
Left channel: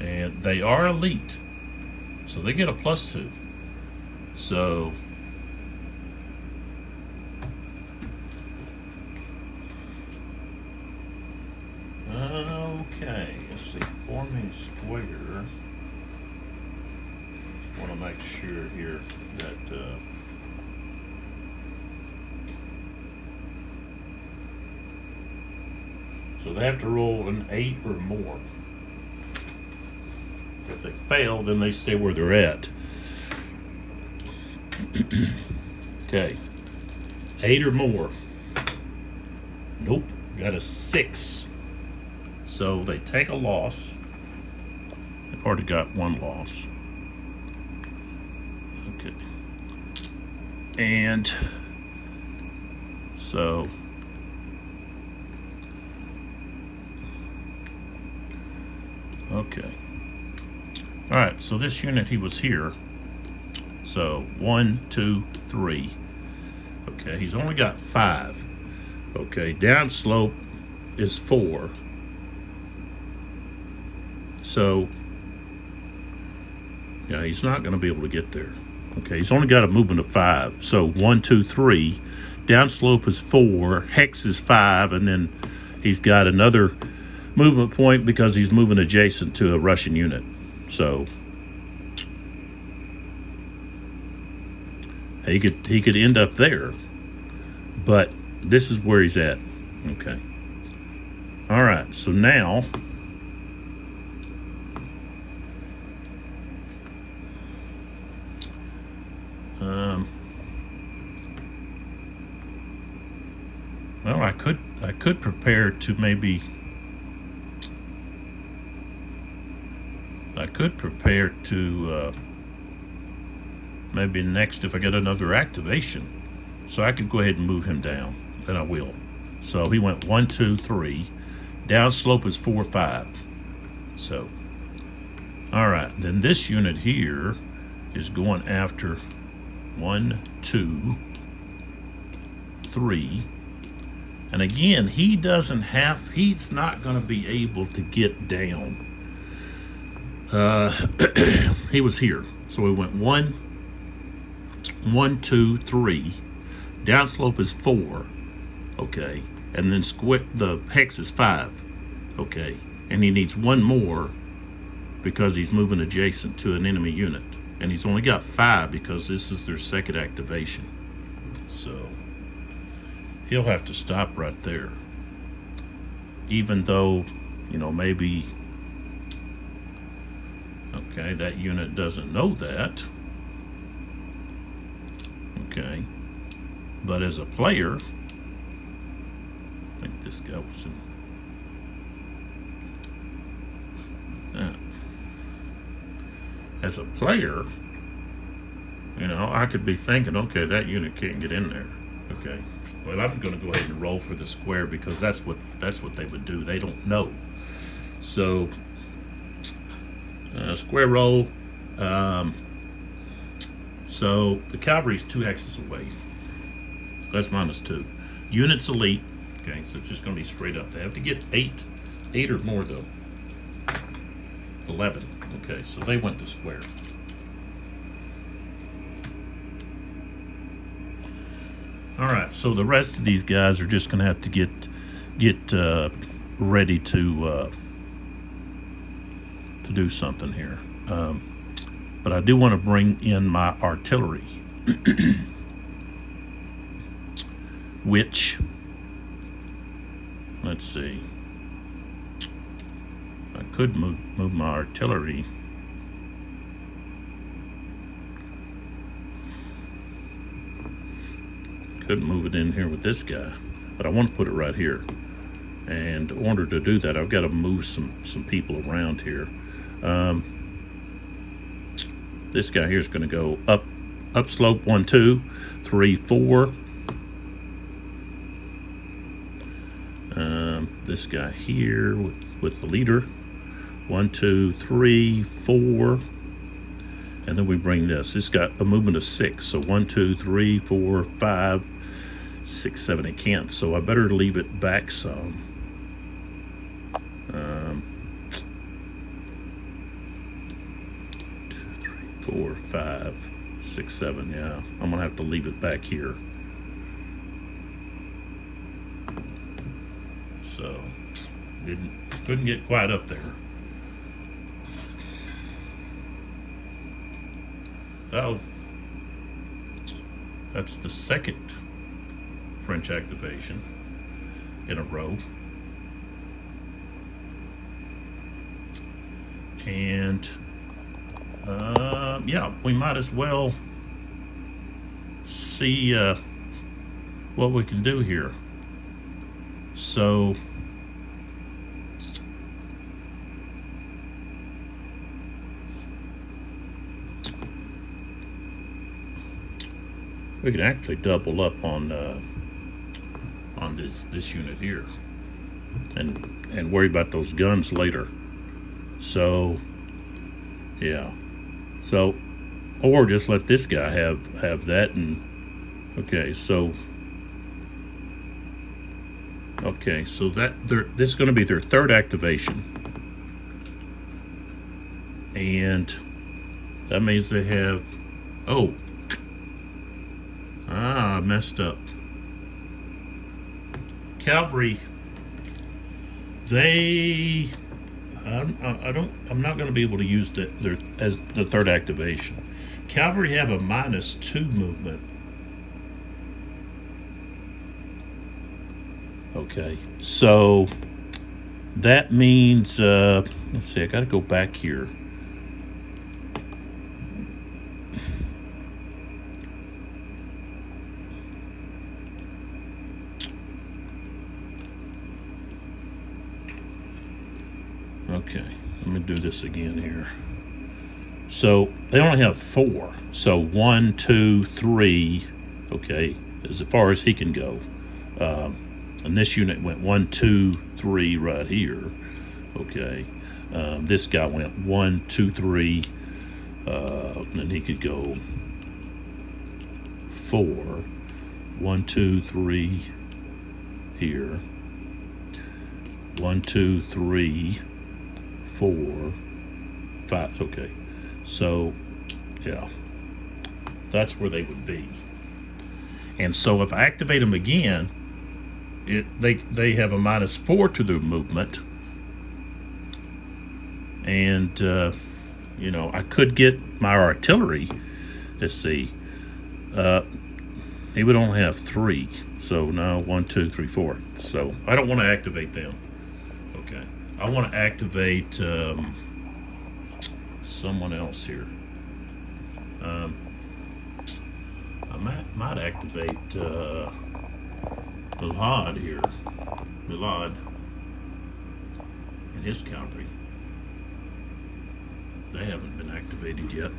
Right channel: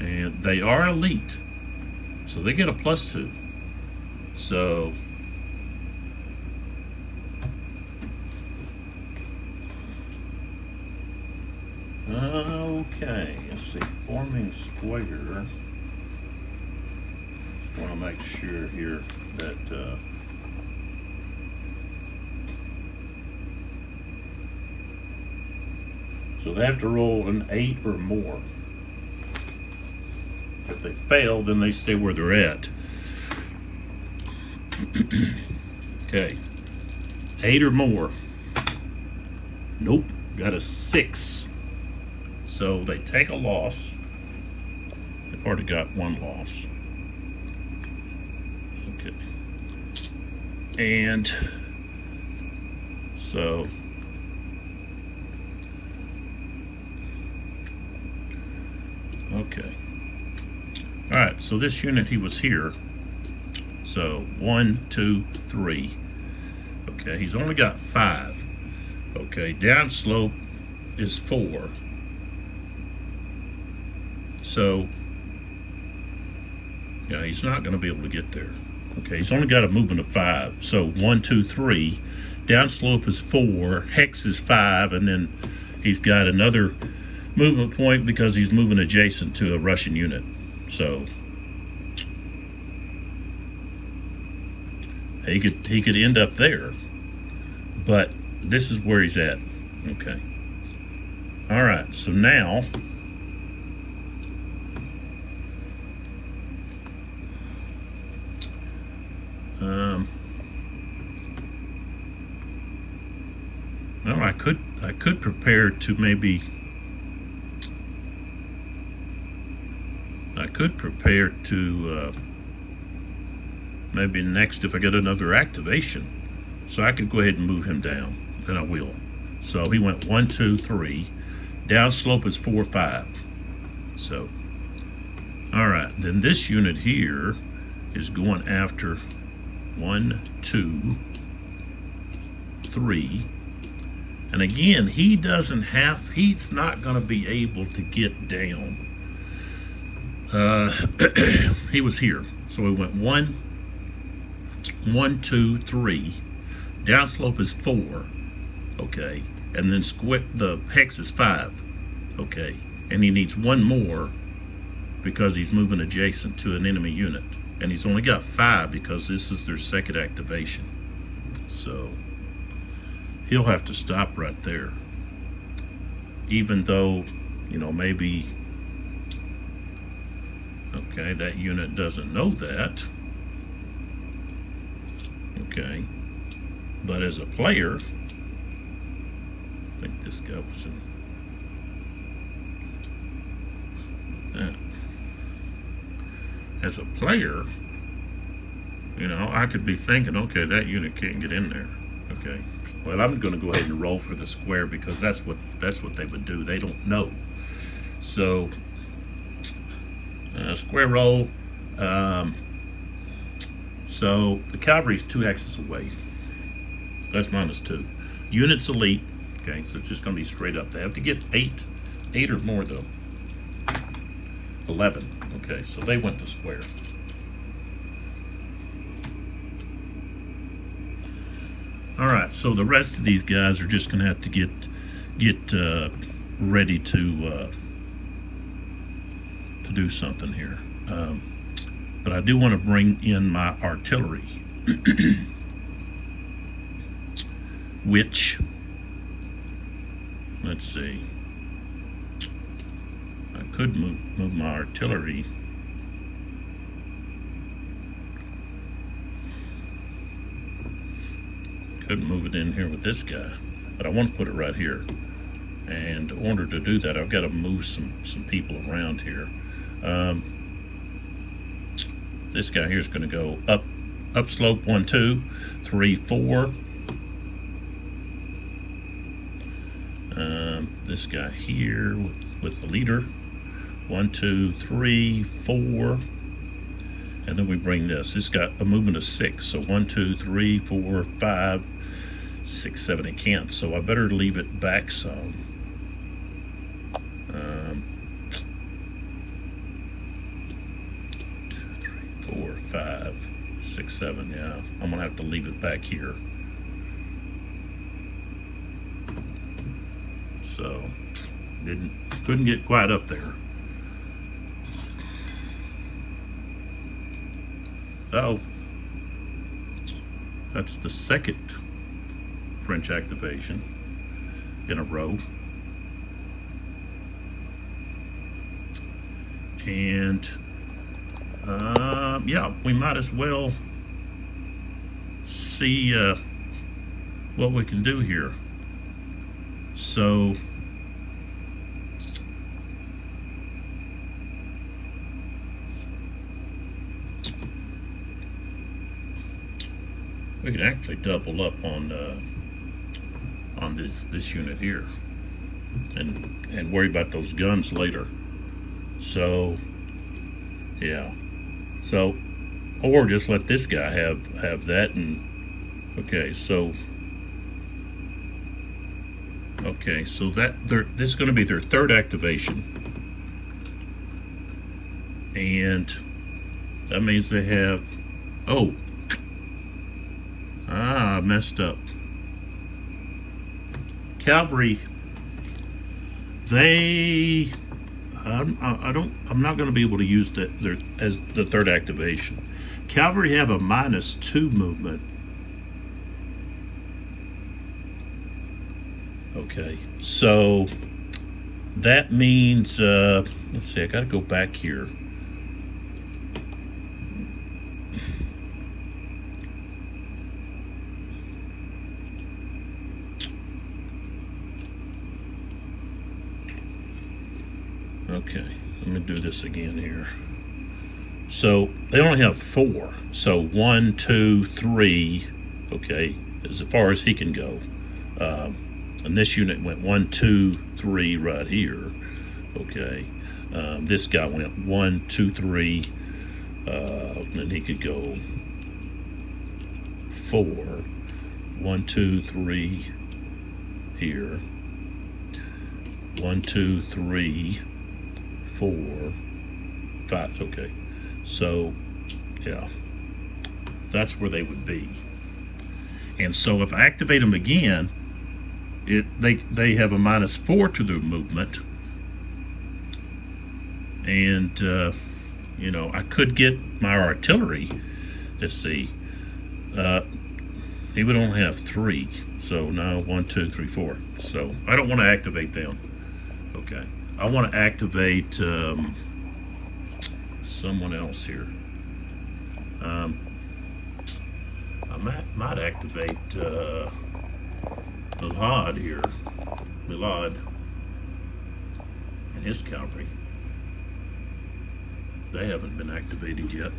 And they are elite, so they get a +2. So Okay, let's see, forming square. Just want to make sure here that so they have to roll an 8 or more. If they fail, then they stay where they're at. Okay, 8 or more. Nope, got a 6. So they take a loss. They've already got one loss. Okay. And so okay. All right, so this unit, he was here. So 1, 2, 3. Okay, he's only got 5. Okay, downslope is 4. So, yeah, he's not going to be able to get there. Okay, he's only got a movement of 5. So 1, 2, 3. Downslope is 4. Hex is 5. And then he's got another movement point because he's moving adjacent to a Russian unit. So he could end up there. But this is where he's at. Okay. All right, so now well, I could prepare to maybe maybe next if I get another activation. So I could go ahead and move him down, and I will. So he went 1, 2, 3. Downslope is 4, 5. So, all right. Then this unit here is going after 1, 2, 3. And again, he's not going to be able to get down. He was here. So he went 1, 2, 3. Downslope is 4. Okay. And then the hex is 5. Okay. And he needs one more because he's moving adjacent to an enemy unit. And he's only got 5 because this is their second activation. So he'll have to stop right there. Even though, maybe, okay, that unit doesn't know that. Okay. But as a player, I think this guy was in that. As a player, I could be thinking, okay, that unit can't get in there. Okay. Well, I'm going to go ahead and roll for the square because that's what they would do. They don't know. So, square roll. So the cavalry's 2 axes away. That's -2. Units elite. Okay, so it's just going to be straight up. They have to get 8 or more though. 11. Okay, so they went to square. All right, so the rest of these guys are just going to have to get ready to do something here. But I do want to bring in my artillery, which, let's see, I could move my artillery. Could move it in here with this guy, but I want to put it right here. And in order to do that, I've got to move some people around here. This guy here is going to go up slope 1, 2, 3, 4. This guy here with the leader, 1, 2, 3, 4, and then we bring this got a movement of 6, so 1, 2, 3, 4, 5, 6, 7. It can't, so I better leave it back some. 2, 3, 4, 5, 6, 7. Yeah, I'm gonna have to leave it back here. So Couldn't get quite up there. Oh, that's the second French activation in a row. And yeah, we might as well see what we can do here. So we can actually double up on this unit here, and worry about those guns later. So yeah, so or just let this guy have that. And okay, so that this is going to be their third activation, and that means they have, oh, I messed up. Cavalry, I'm not going to be able to use that as the third activation. Cavalry have a -2 movement. Okay, so that means, let's see, I got to go back here. Okay, let me do this again here. So they only have 4. So 1, 2, 3. Okay, as far as he can go. And this unit went 1, 2, 3 right here. Okay, this guy went 1, 2, 3. Then he could go 4. 1, 2, 3 here. 1, 2, 3. 4, 5. Okay, so yeah, that's where they would be. And so if I activate them again, they have a -4 to their movement, and you know, I could get my artillery. Let's see, he would only have 3. So no, 1, 2, 3, 4. So I don't want to activate them. Okay. I want to activate someone else here. I might activate Milad here. Milad and his cavalry. They haven't been activated yet.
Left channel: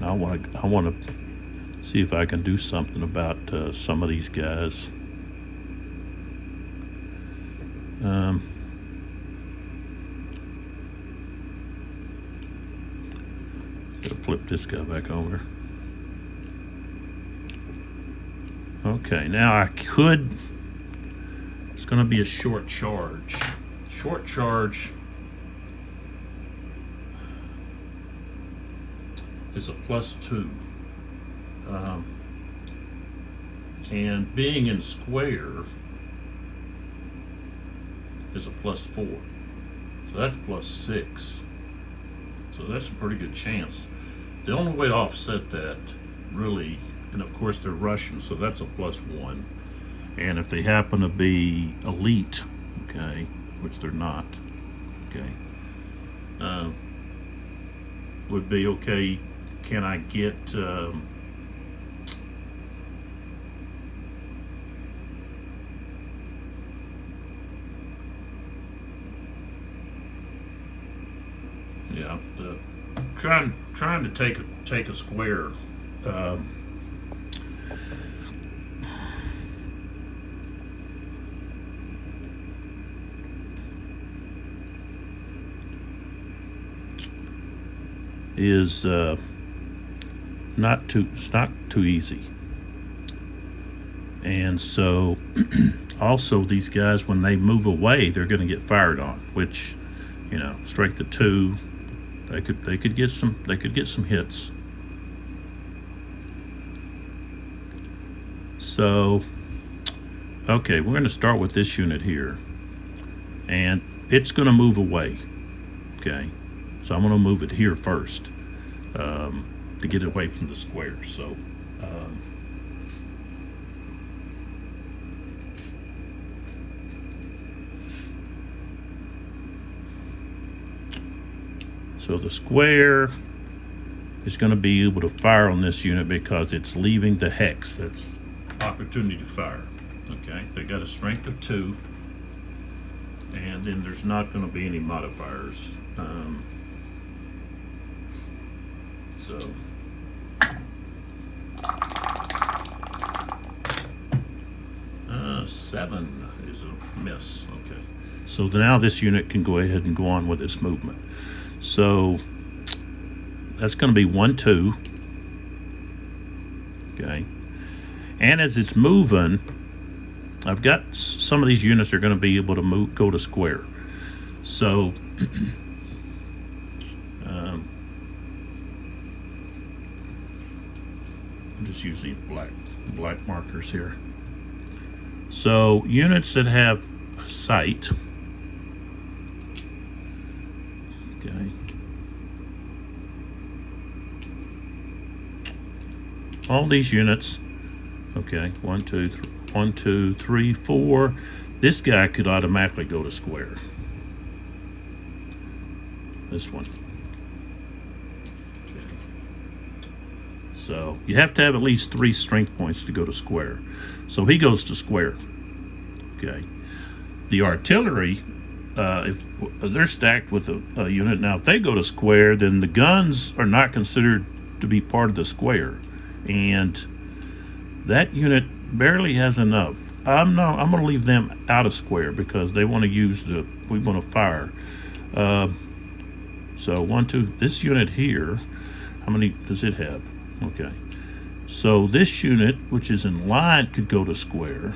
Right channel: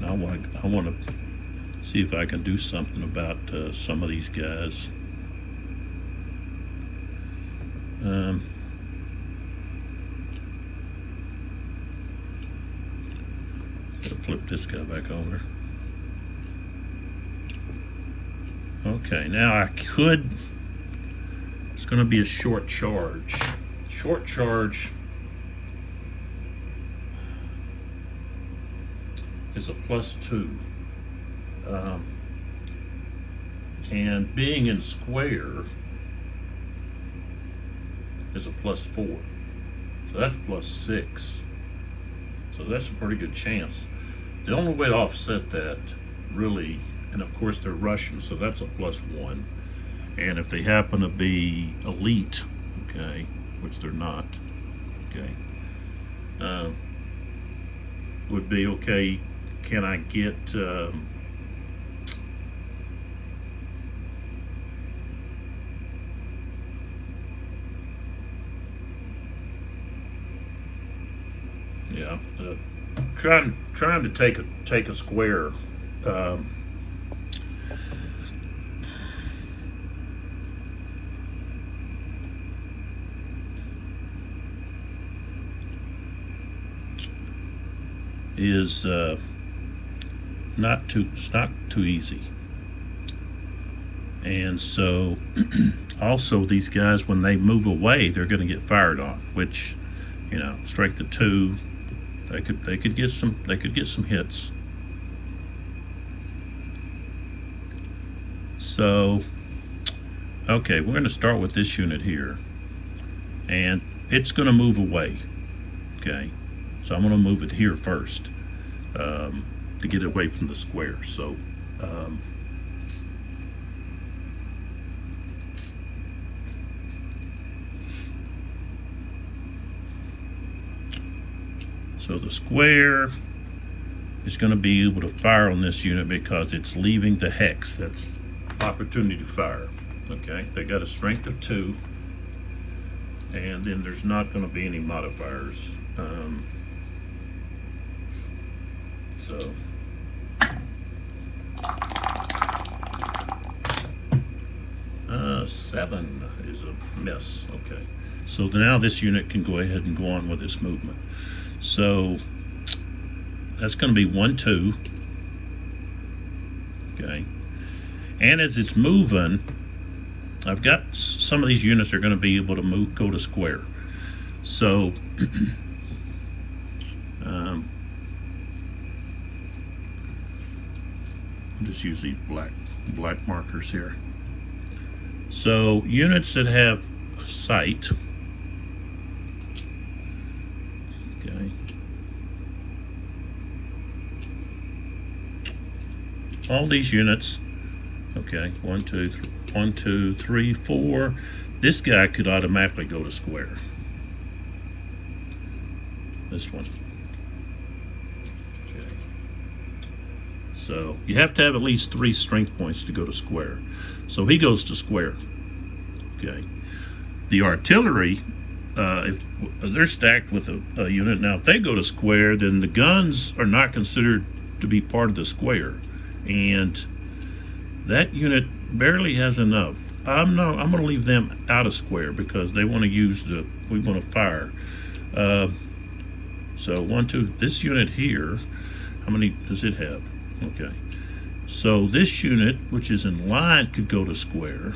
I want to see if I can do something about some of these guys. Flip this guy back over. Okay, now I could, it's going to be a short charge. Short charge is a +2. And being in square is a +4. So that's +6. So that's a pretty good chance. The only way to offset that, really, and of course they're Russian, so that's a +1. And if they happen to be elite, okay, which they're not, okay, would be okay. Can I get yeah, trying to take a square. Is not too easy. And so also these guys, when they move away, they're going to get fired on, which, you know, strength of 2, they could get some hits. So okay, we're going to start with this unit here. and it's going to move away. Okay, so I'm going to move it here first to get away from the square. So so the square is going to be able to fire on this unit because it's leaving the hex. That's opportunity to fire. Okay, they got a strength of 2, and then there's not going to be any modifiers. So seven is a miss. Okay, so now this unit can go ahead and go on with its movement. So that's going to be 1, 2. Okay, and as it's moving, I've got some of these units are going to be able to move, go to square. So I'll just use these black markers here. So units that have sight, okay, all these units, okay, 1, 2, 3, 4. This guy could automatically go to square. This one. Okay. So you have to have at least 3 strength points to go to square. So he goes to square. Okay. The artillery, if they're stacked with a unit, now if they go to square, then the guns are not considered to be part of the square, and that unit barely has enough. I'm going to leave them out of square because they want to use we want to fire. So 1, 2. This unit here, how many does it have? Okay. So this unit, which is in line, could go to square.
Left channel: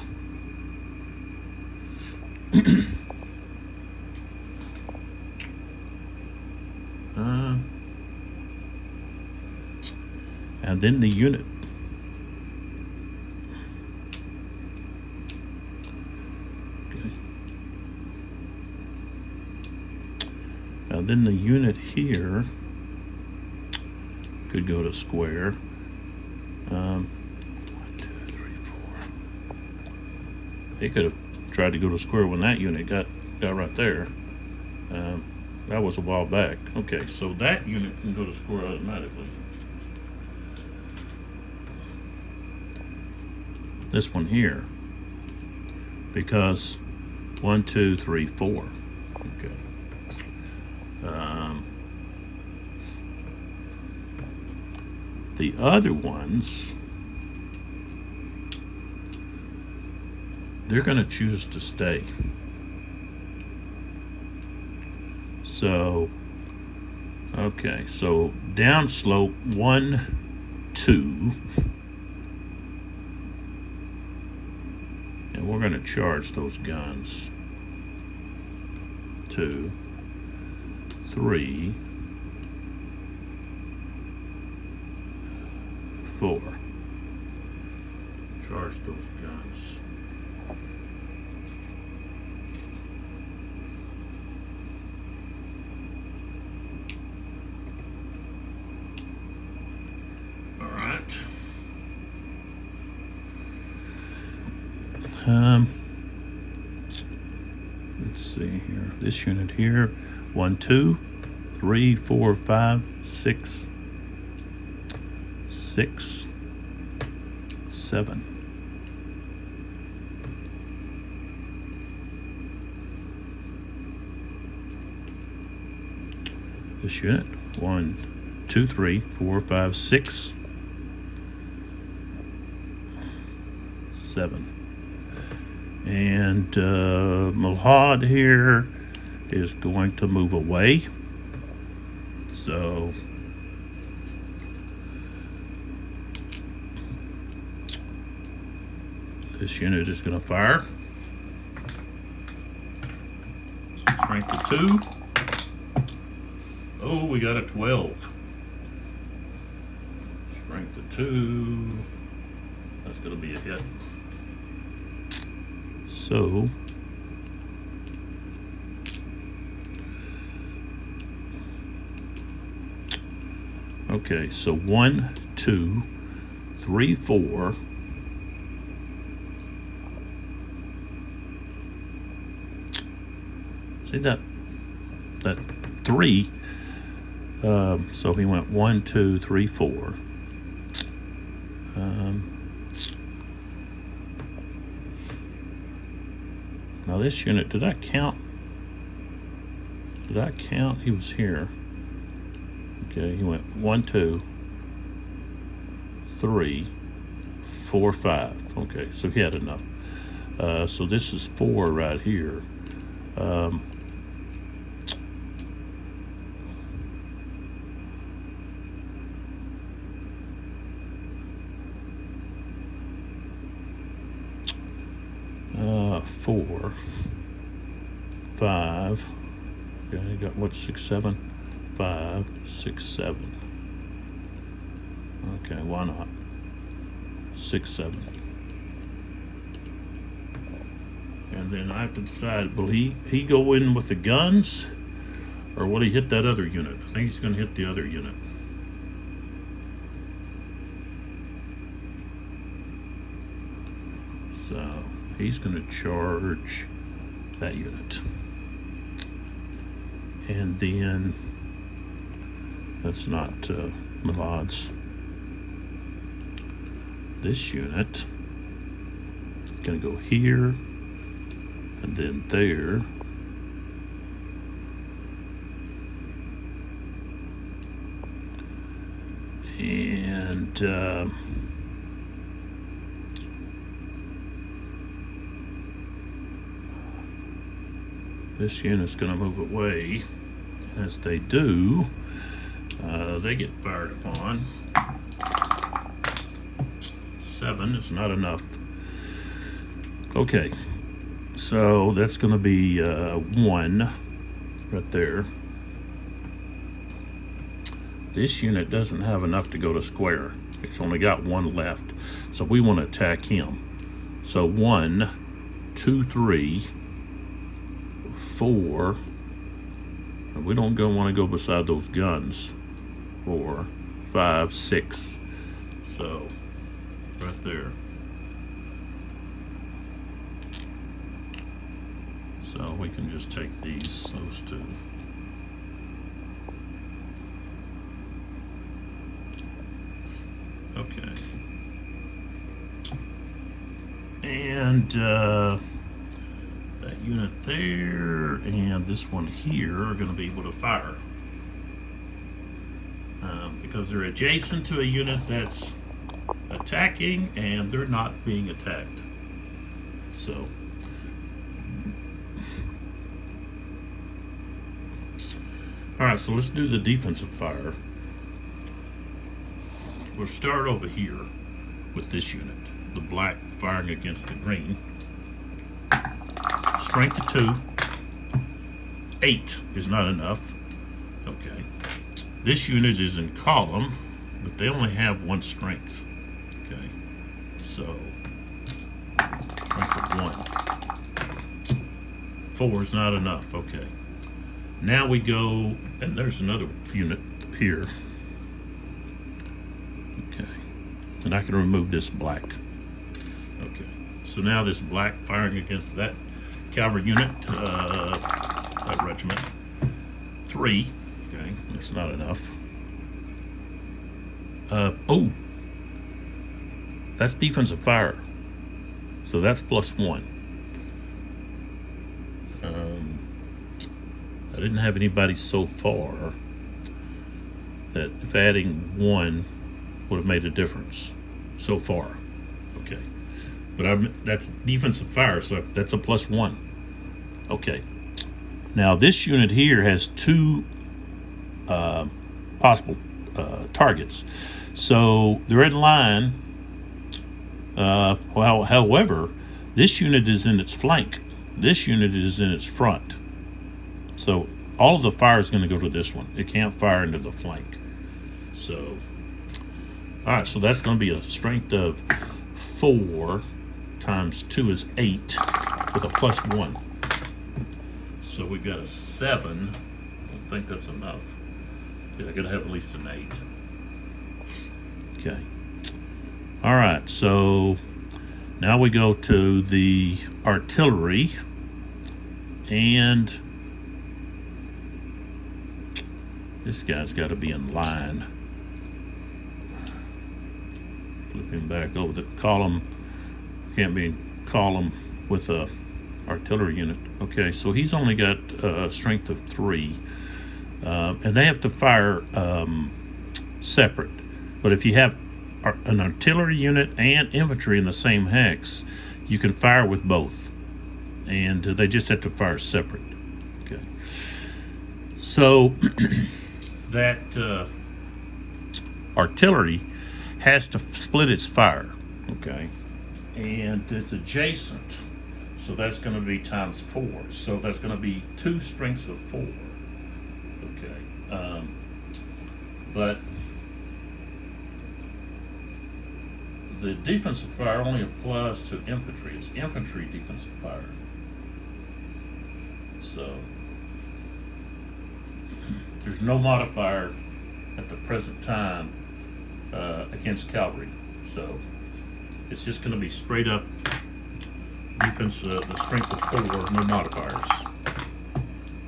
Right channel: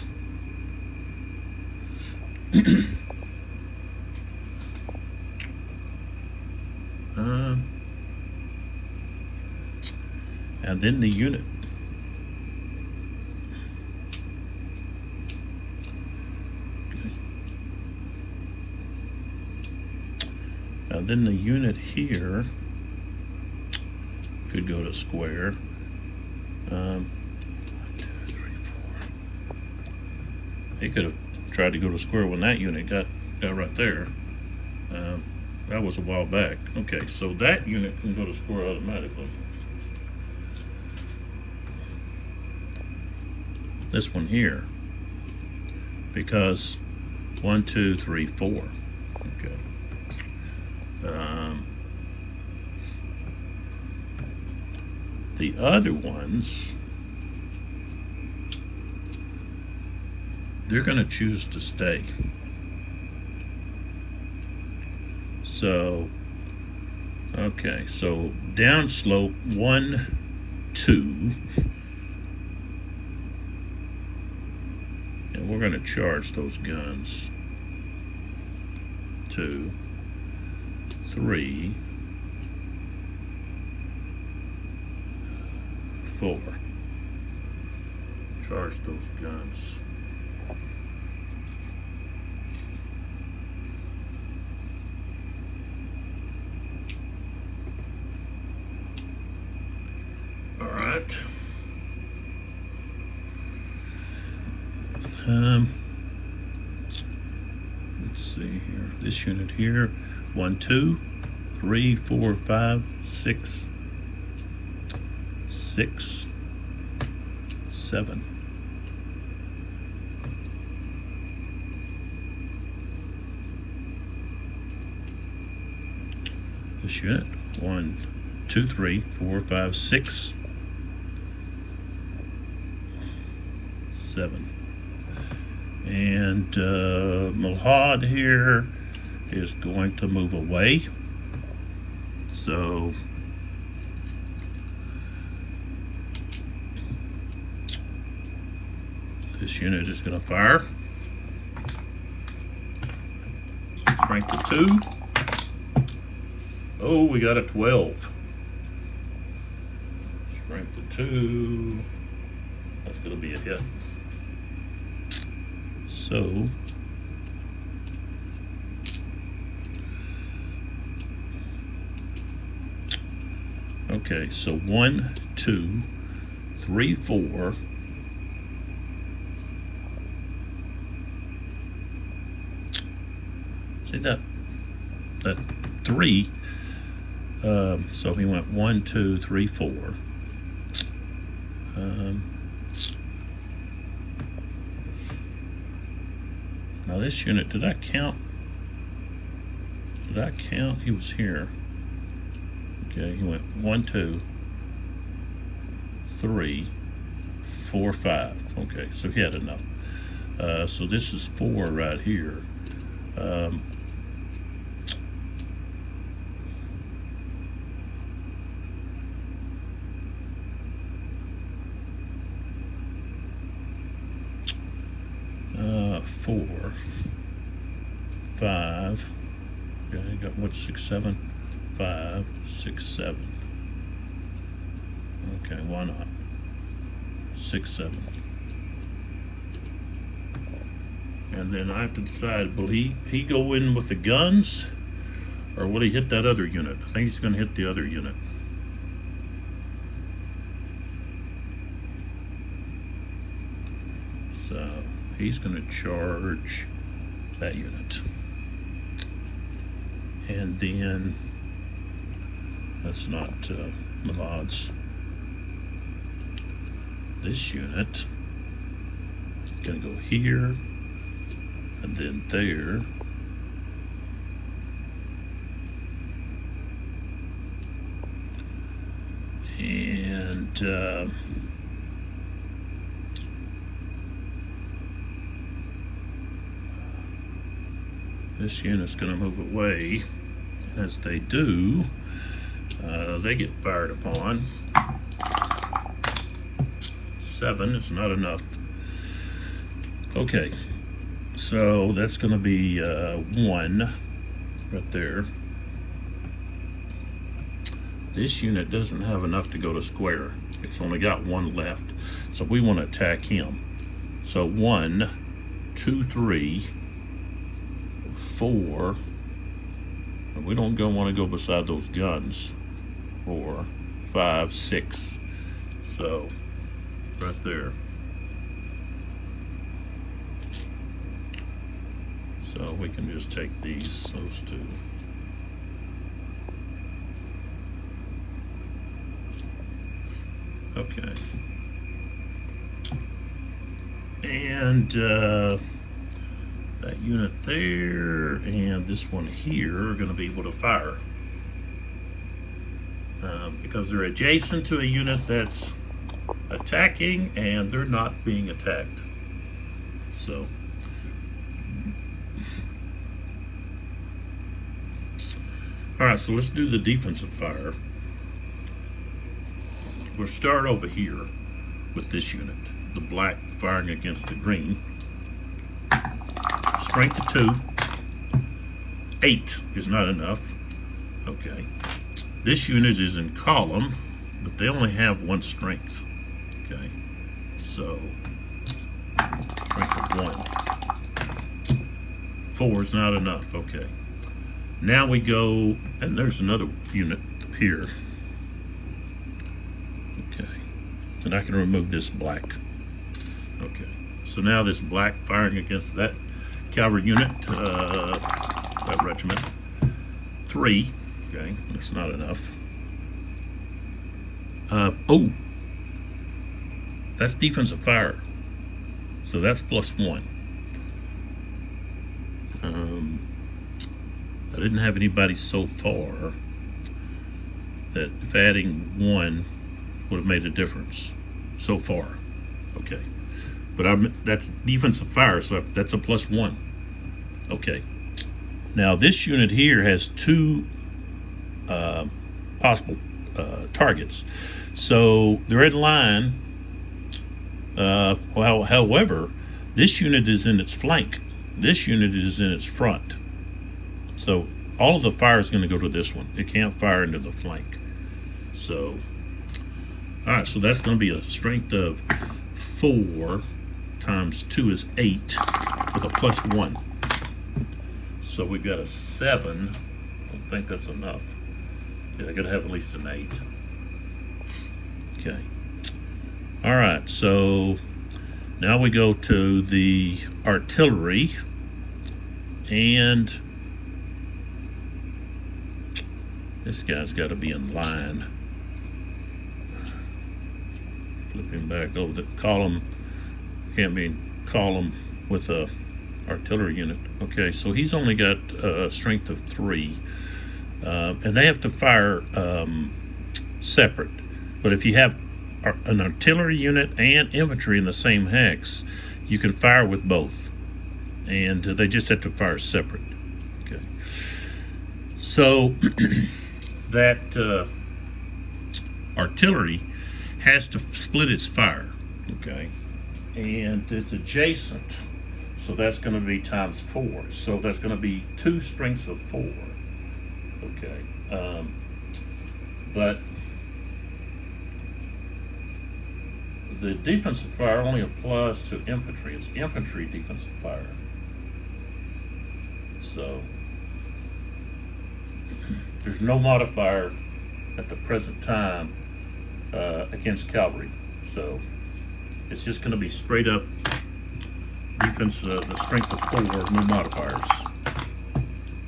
And then the unit. Okay. And then the unit here could go to square. 1, 2, 3, 4. He could have tried to go to square when that unit got right there. That was a while back. Okay, so that unit can go to square automatically. This one here, because 1, 2, 3, 4. Okay. The other ones, they're going to choose to stay. So, okay, so downslope 1, 2, and we're going to charge those guns. 2, 3, 4. Charge those guns. All right. Let's see here. This unit here, 1, 2, 3, 4, 5, 6, 6, 7. This unit, 1, 2, 3, 4, 5, 6, 7. And Mulhad here is going to move away. So this unit is going to fire. Strength of 2. Oh, we got a 12. Strength of 2. That's going to be a hit. So Okay, so 1, 2, 3, 4. See that 3. So he went 1, 2, 3, 4. Now this unit, did I count? Did I count? He was here. Okay, he went 1, 2, 3, 4, 5. Okay, so he had enough. So this is 4 right here. 4, 5. Okay, you got what? 6, 7, 5, 6, 7. Okay, why not? 6, 7. And then I have to decide, will he go in with the guns, or will he hit that other unit? I think he's going to hit the other unit. So he's going to charge that unit. And then, that's not Milad's. This unit is going to go here, and then there. And this unit's going to move away. As they do, they get fired upon. 7 is not enough. Okay, so that's going to be 1 right there. This unit doesn't have enough to go to square. It's only got 1 left, so we want to attack him. So 1, 2, 3, 4. We don't want to go beside those guns. 4, 5, 6. So right there. So we can just take those 2. Okay. And that unit there and this one here are going to be able to fire. Because they're adjacent to a unit that's attacking and they're not being attacked. So alright, so let's do the defensive fire. We'll start over here with this unit, the black firing against the green. Strength of 2. 8 is not enough. Okay. This unit is in column, but they only have 1 strength. Okay. So strength of 1. 4 is not enough. Okay. Now we go, and there's another unit here. Okay. And I can remove this black. Okay. So now this black firing against that cavalry unit, that regiment. 3. Okay, that's not enough. Oh, that's defensive fire. So that's +1. I didn't have anybody so far that if adding 1 would have made a difference so far. Okay, but that's defensive fire, so that's a +1. Okay, now this unit here has 2 possible targets, so they're in line. Well, however, this unit is in its flank. This unit is in its front. So all of the fire is going to go to this one. It can't fire into the flank. So, all right, so that's going to be a strength of 4 times 2 is 8 with a +1. So we've got a 7. I don't think that's enough. Yeah, I got to have at least an 8. Okay. All right, so now we go to the artillery, and this guy's got to be in line. Flipping back over the column, can't be in column with a artillery unit. Okay, so he's only got a strength of 3, and they have to fire separate. But if you have an artillery unit and infantry in the same hex, you can fire with both, and they just have to fire separate. Okay, so that artillery has to split its fire. Okay, and it's adjacent, so that's going to be times 4, so that's going to be 2 strengths of 4. Okay, but the defensive fire only applies to infantry. It's infantry defensive fire. So there's no modifier at the present time against cavalry. So it's just going to be straight up defense, the strength of 4, no modifiers.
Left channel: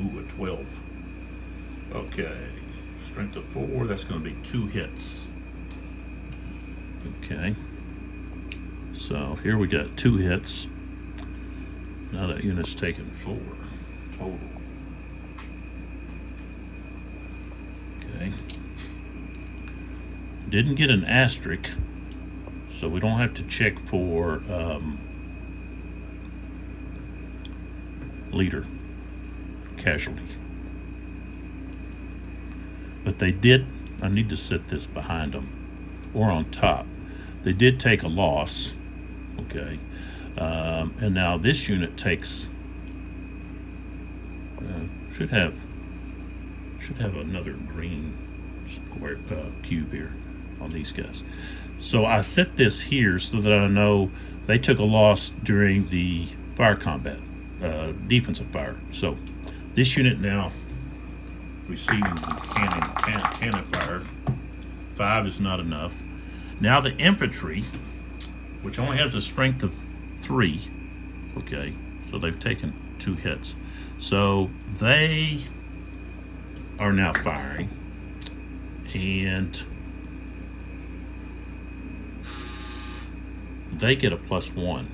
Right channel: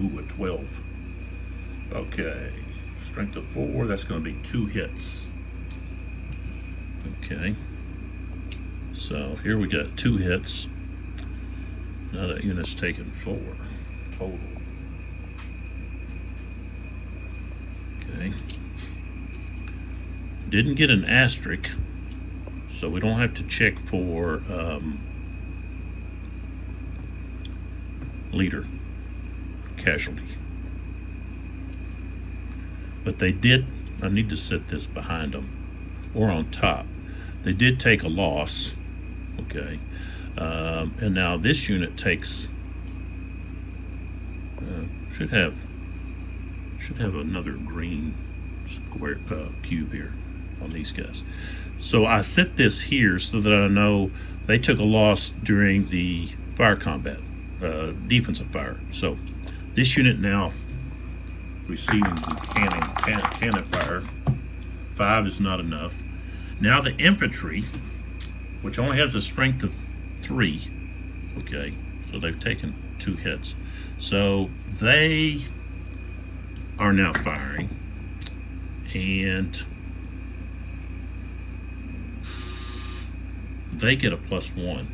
Ooh, a 12. Okay, strength of 4, that's going to be 2 hits. Okay. So here we got 2 hits. Now that unit's taken 4 total. Okay. Didn't get an asterisk, so we don't have to check for leader casualty. But they did, I need to set this behind them or on top. They did take a loss. Okay, and now this unit takes should have another green square cube here on these guys. So I set this here so that I know they took a loss during the fire combat, defensive fire. So this unit now receiving the cannon fire. 5 is not enough. Now the infantry, which only has a strength of 3, okay, so they've taken 2 hits. So they are now firing, and they get a +1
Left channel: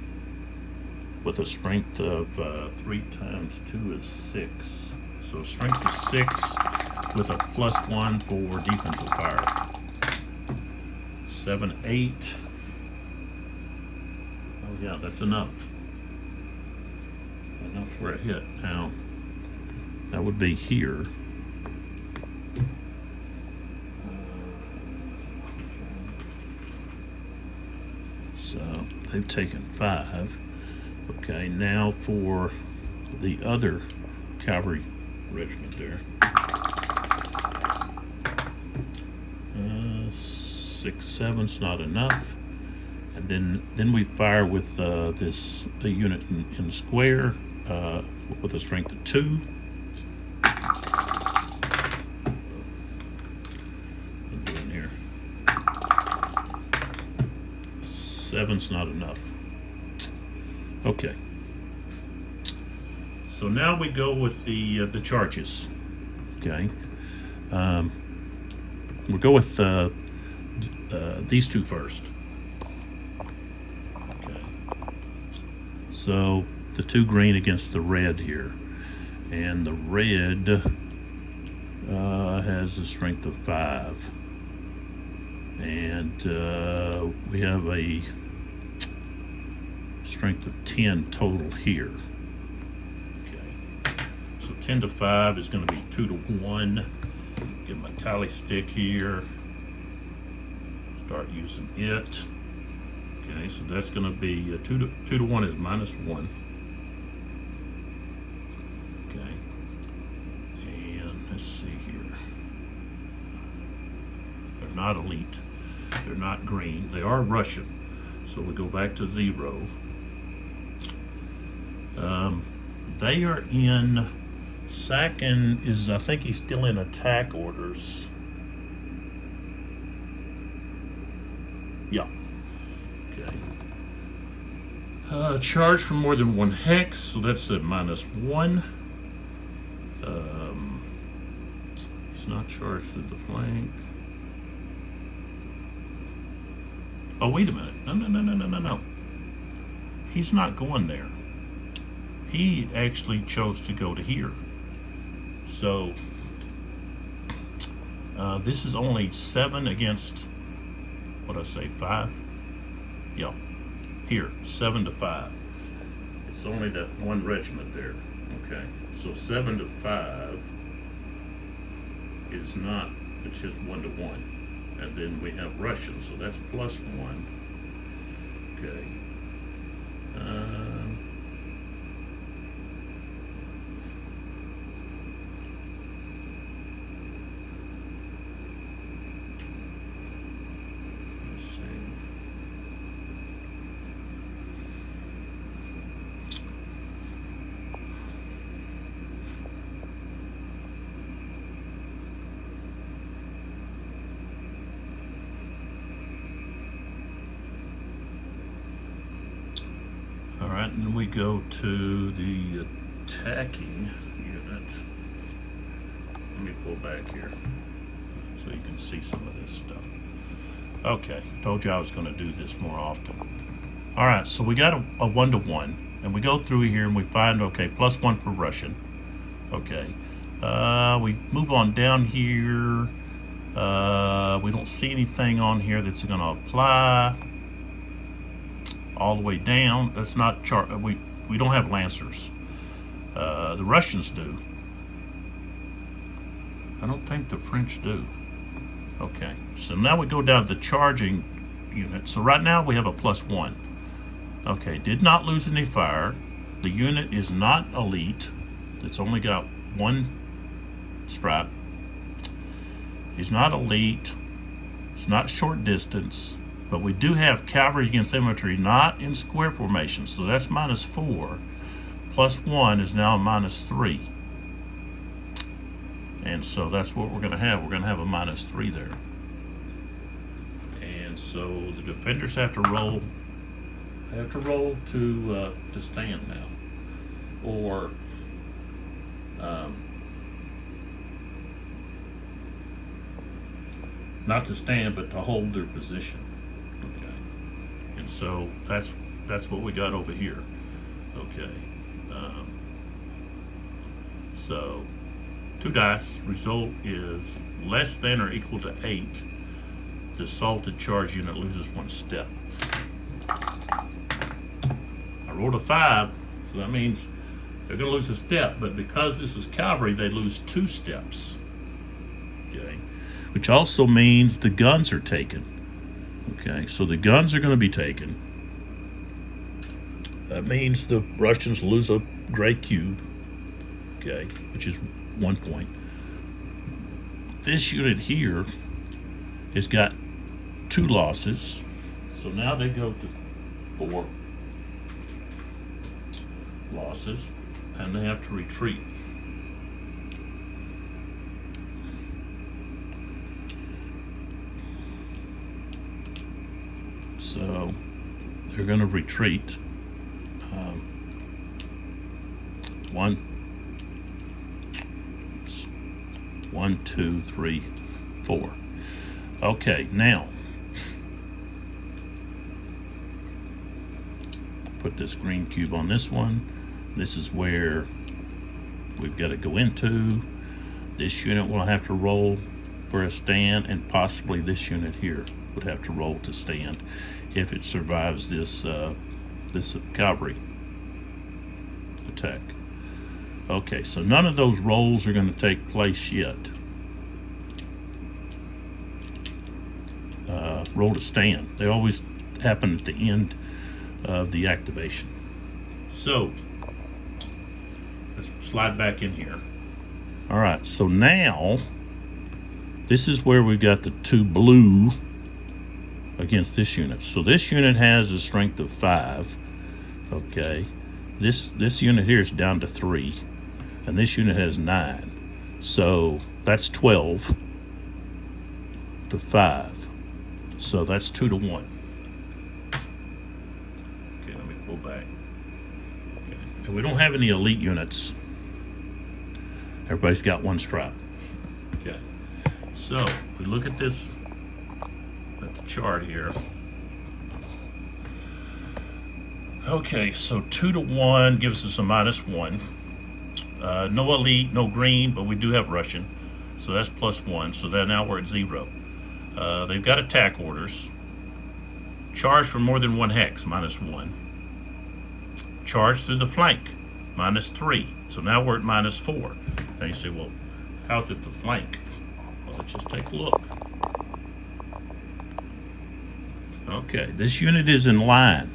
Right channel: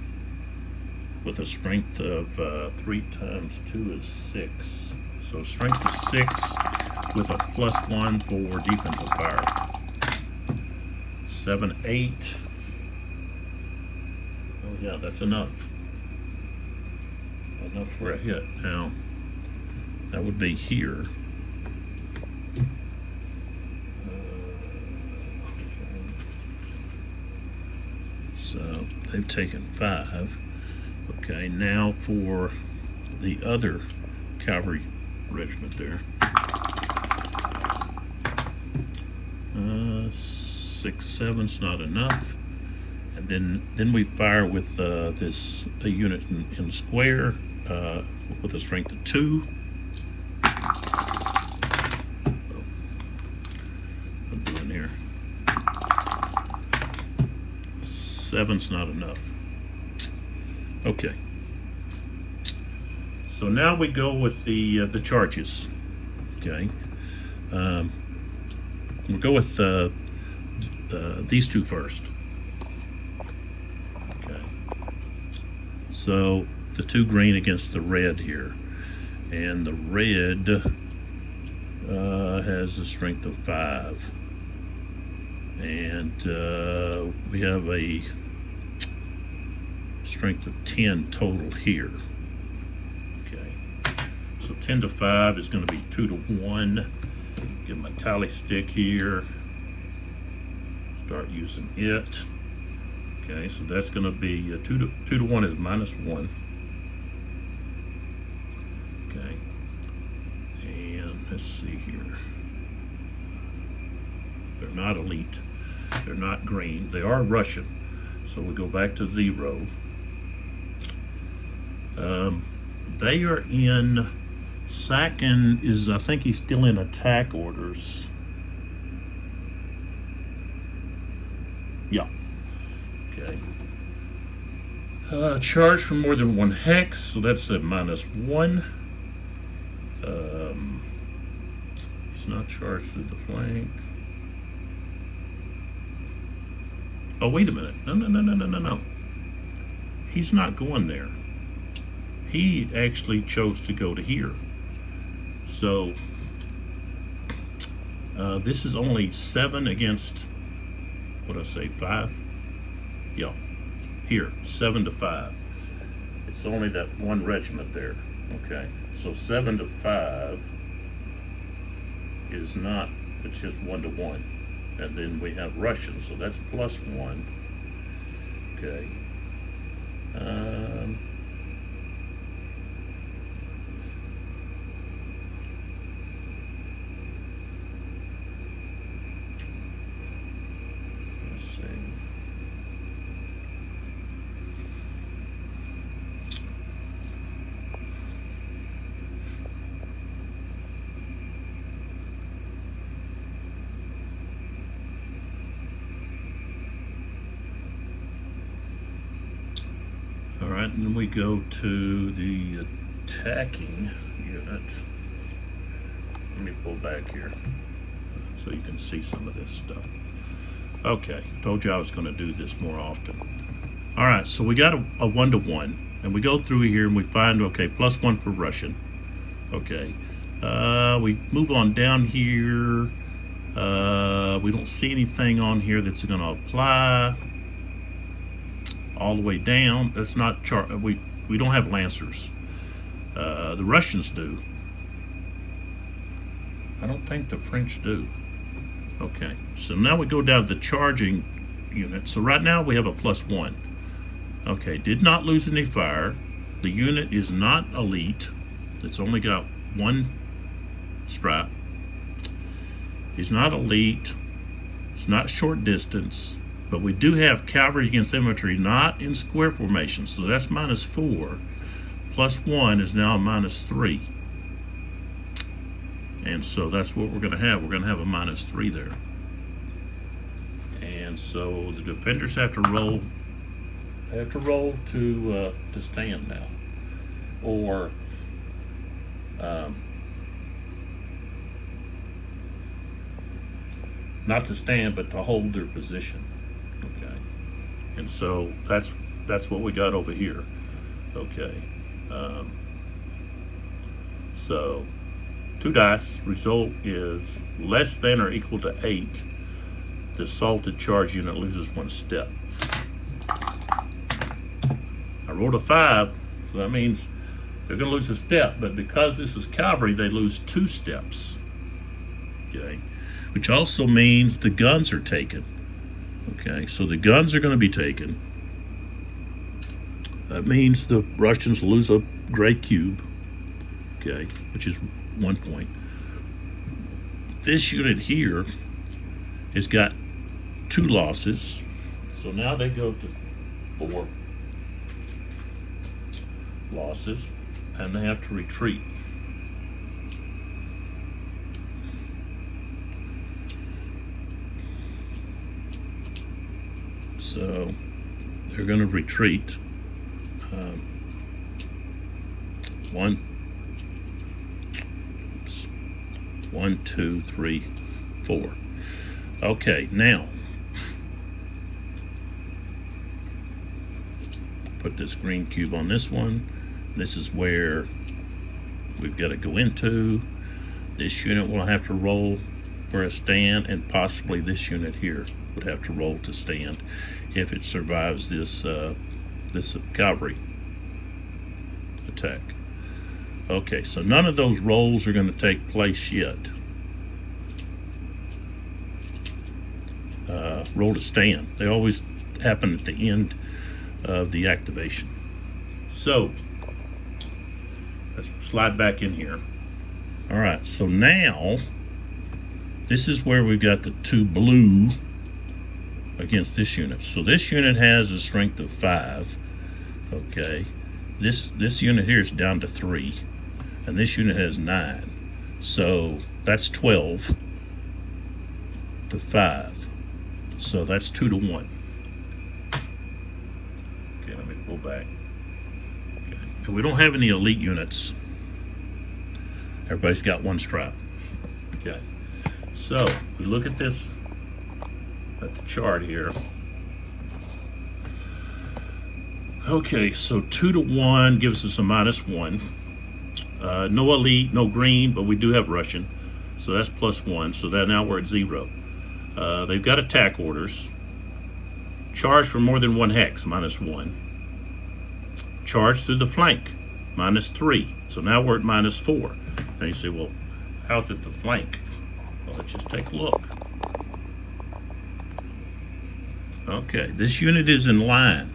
with a strength of 3 times 2 is 6. So strength of 6 with a +1 for defensive fire. 7, 8. Oh yeah, that's enough. Enough for a hit. Now, that would be here. So they've taken 5. Okay, now for the other cavalry regiment there. 6, 7's not enough. And then we fire with this unit in square with a strength of 2. I'm doing here. 7's not enough. Okay. So now we go with the charges. Okay. We'll go with these 2 first. Okay. So the 2 green against the red here, and the red has a strength of 5, and we have a strength of 10 total here. Okay. So 10 to 5 is going to be 2 to 1. Get my tally stick here. Start using it. Okay, so that's going to be 2 to 1 is -1. Okay, and let's see here. They're not elite. They're not green. They are Russian. So we go back to 0. They are in. Sakin is, I think he's still in attack orders. Charge for more than one hex, so that's a -1. It's not charged through the flank. Oh, wait a minute. No. He's not going there. He actually chose to go to here. So, this is only 7 against, what'd I say, 5? Yeah, here, 7 to 5. It's only that one regiment there. Okay, so 7 to 5 is not, it's just 1 to 1. And then we have Russian, so that's +1. Okay. Let's see. All right, and then we go to the attacking unit. Let me pull back here so you can see some of this stuff. Okay, told you I was going to do this more often. All right, so we got a 1 to 1, and we go through here and we find, okay, +1 for Russian. Okay, we move on down here. We don't see anything on here that's going to apply. All the way down, that's not we don't have Lancers. The Russians do. I don't think the French do. Okay, so now we go down to the charging unit. So right now we have a +1. Okay, did not lose any fire. The unit is not elite. It's only got 1 strap. He's not elite. It's not short distance. But we do have cavalry against infantry, not in square formation. So that's -4. +1 is now a -3. And so that's what we're going to have. We're going to have a -3 there. And so the defenders have to roll. They have to roll to stand now, or not to stand, but to hold their position. Okay, and so that's what we got over here. Okay, so 2 dice. Result is less than or equal to 8. The assaulted charge unit loses 1 step. I rolled a 5, so that means they're going to lose a step. But because this is cavalry, they lose 2 steps. Okay, which also means the guns are taken. Okay, so the guns are going to be taken. That means the Russians lose a gray cube. Okay, which is 1 point. This unit here has got 2 losses, so now they go to 4 losses, and they have to retreat. So they're going to retreat. 1, 2, 3, 4. Okay, now put this green cube on this one. This is where we've got to go into. This unit will have to roll for a stand, and possibly this unit here would have to roll to stand if it survives this this cavalry attack. Okay, so none of those rolls are going to take place yet. Roll to stand. They always happen at the end of the activation. So let's slide back in here. All right, so now this is where we've got the 2 blue against this unit. So this unit has a strength of 5. Okay, this unit here is down to 3, and this unit has 9. So that's 12 to 5. So that's 2 to 1. Okay, let me pull back. And we don't have any elite units. Everybody's got one strap. Okay. So we look at this, at the chart here. Okay, so 2 to 1 gives us a -1. No elite, no green, but we do have Russian. So that's +1. So that now we're at 0. They've got attack orders. Charge for more than 1 hex, -1. Charge through the flank, -3. So now we're at -4. Now you say, well, how's it the flank? Well, let's just take a look. Okay, this unit is in line,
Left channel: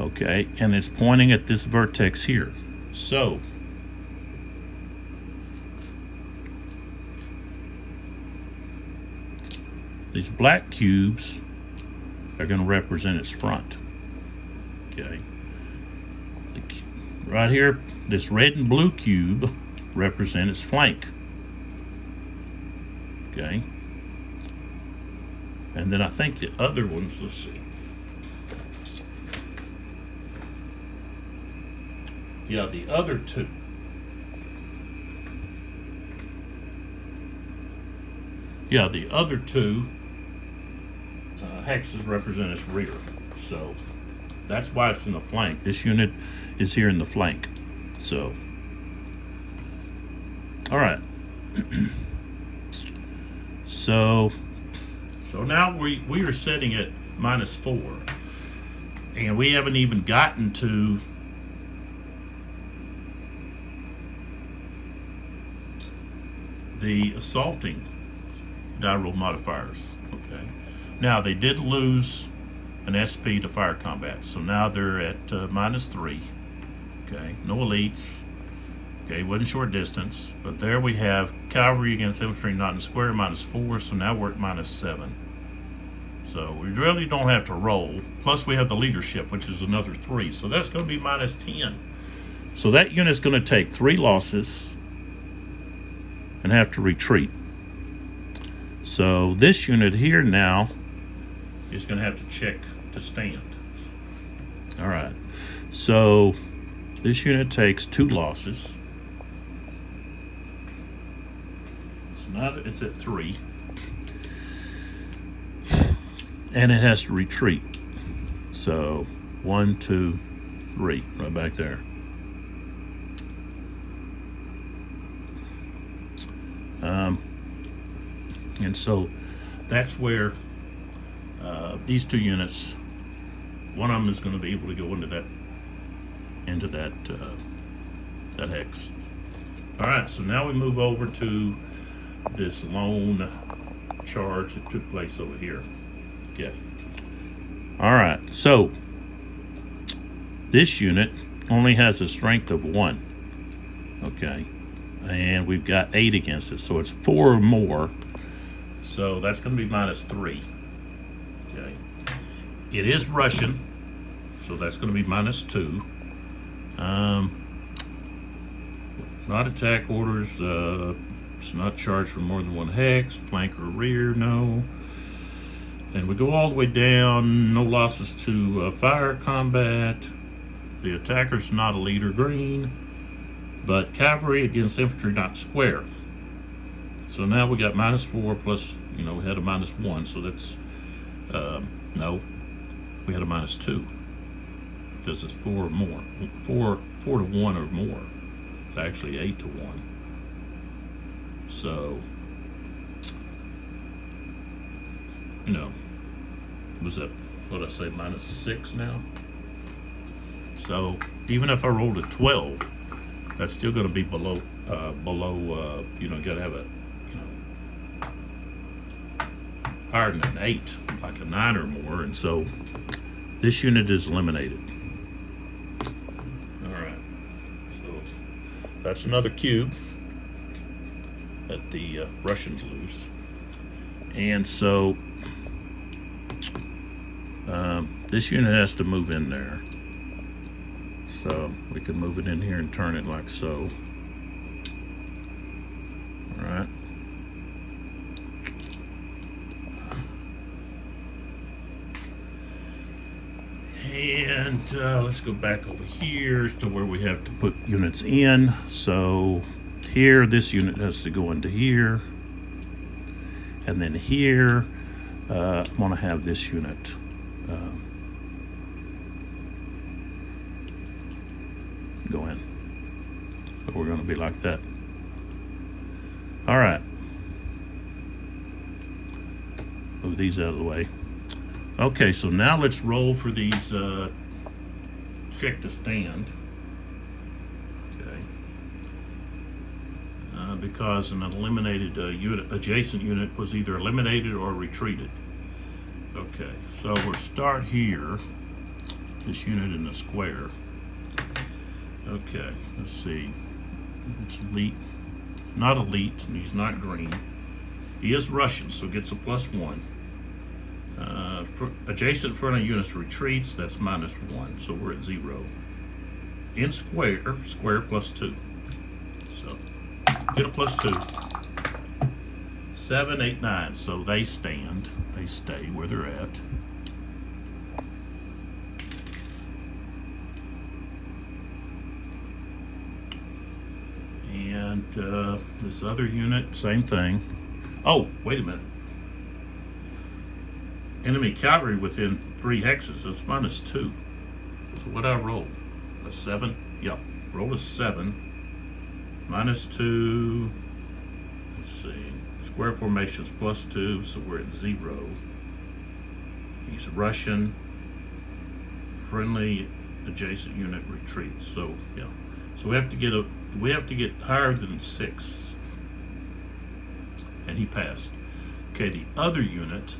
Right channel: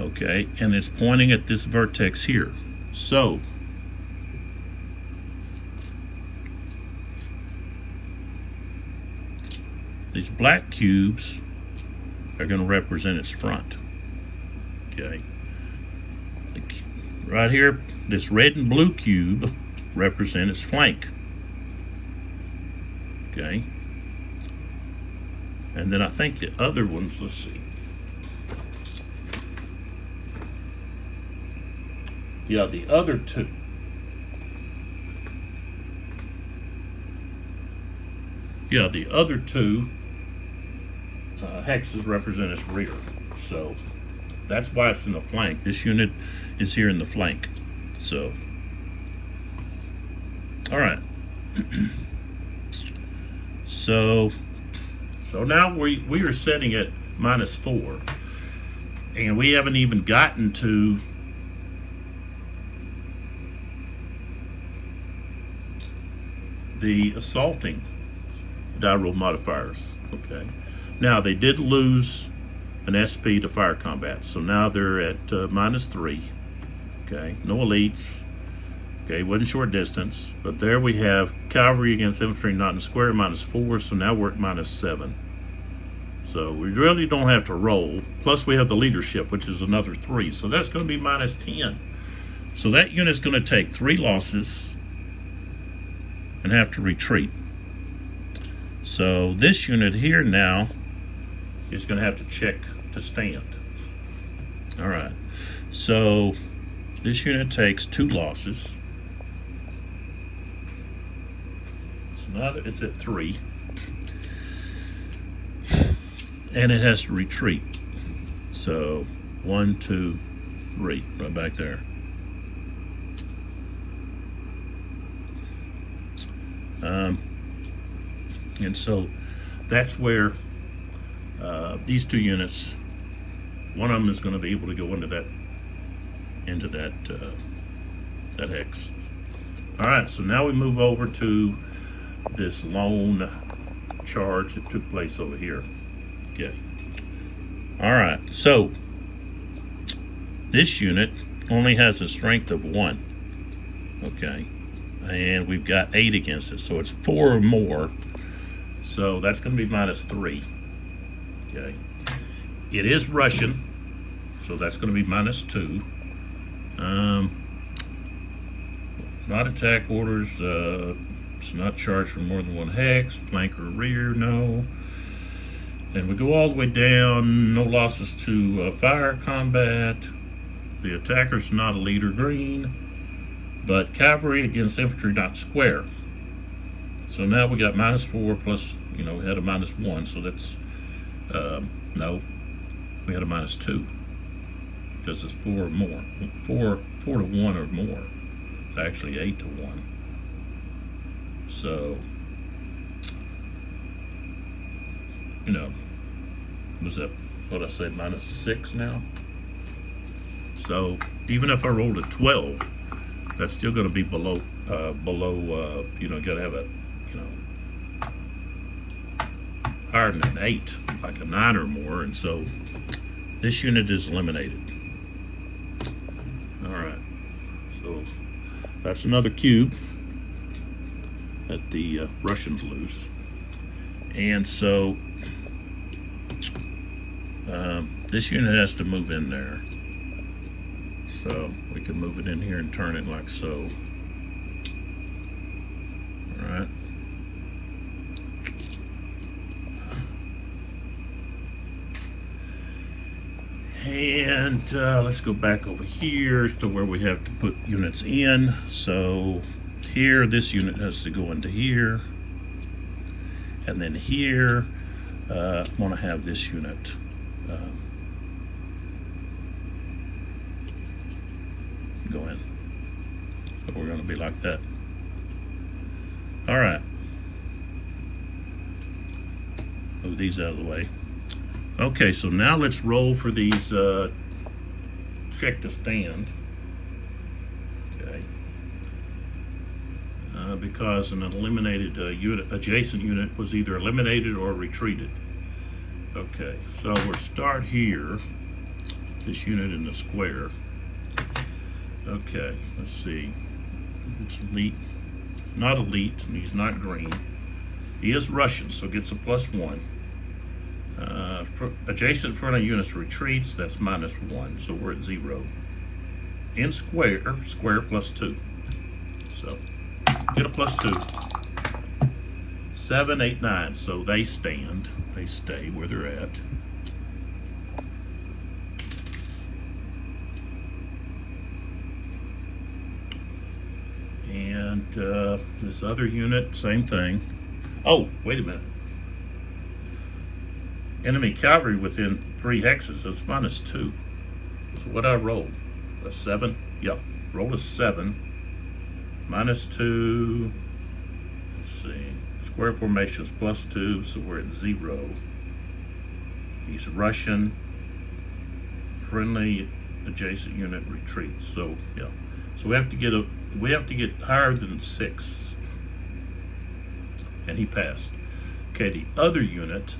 okay, and it's pointing at this vertex here. So, these black cubes are going to represent its front, okay. Right here, this red and blue cube represent its flank, okay. And then I think the other ones, let's see. Yeah, the other two. Yeah, the other two hexes represent its rear. So that's why it's in the flank. This unit is here in the flank. So, all right. So now we are setting at -4, and we haven't even gotten to the assaulting die roll modifiers. Okay. Now they did lose an SP to fire combat, so now they're at -3. Okay, no elites. Okay, wasn't short distance, but there we have cavalry against infantry not in square, -4, so now we're at -7. So we really don't have to roll. Plus we have the leadership, which is another 3, so that's going to be -10. So that unit's going to take 3 losses and have to retreat. So this unit here now is going to have to check to stand. All right, so this unit takes 2 losses. So now that it's at 3, and it has to retreat. So 1, 2, 3, right back there. And so that's where these 2 units, one of them is going to be able to go into that hex. All right, so now we move over to this lone charge that took place over here. Okay. All right, so this unit only has a strength of 1. Okay, and we've got 8 against it, so it's 4 or more. So that's going to be -3. Okay, it is Russian, so that's going to be -2. Not attack orders. It's not charged for more than 1 hex. Flank or rear, no. And we go all the way down. No losses to fire combat. The attacker's not a leader green, but cavalry against infantry not square. So now we got -4 plus, we had a -1, so that's, no, we had a -2, because it's 4 or more. 4 to 1 or more. It's actually 8 to 1. So, was that, what I say, -6 now? So even if I rolled a 12, that's still going to be below, got to have a, higher than an 8, like a 9 or more, and so this unit is eliminated. All right, so that's another cube that the Russians lose, and so this unit has to move in there. So we can move it in here and turn it like so. All right. And And let's go back over here to where we have to put units in. So here, this unit has to go into here. And then here, I'm going to have this unit. Go in. So we're going to be like that. All right. Move these out of the way. Okay, so now let's roll for these check to stand. Okay. Because an eliminated unit, adjacent unit was either eliminated or retreated. Okay, so we'll start here. This unit in the square. Okay, let's see. It's elite. Not elite, and he's not green. He is Russian, so gets a +1. For adjacent friendly units retreats, that's -1, so we're at 0. In square, square +2. So get a +2. 7, 8, 9. So they stand. They stay where they're at. And this other unit, same thing. Oh, wait a minute. Enemy cavalry within 3 hexes, that's -2. So what I roll? A 7? Yep. Roll a 7. -2. Let's see. Square formations +2, so we're at 0. He's Russian. Friendly adjacent unit retreats. So yeah. So we have to get higher than 6. And he passed. Okay, the other unit,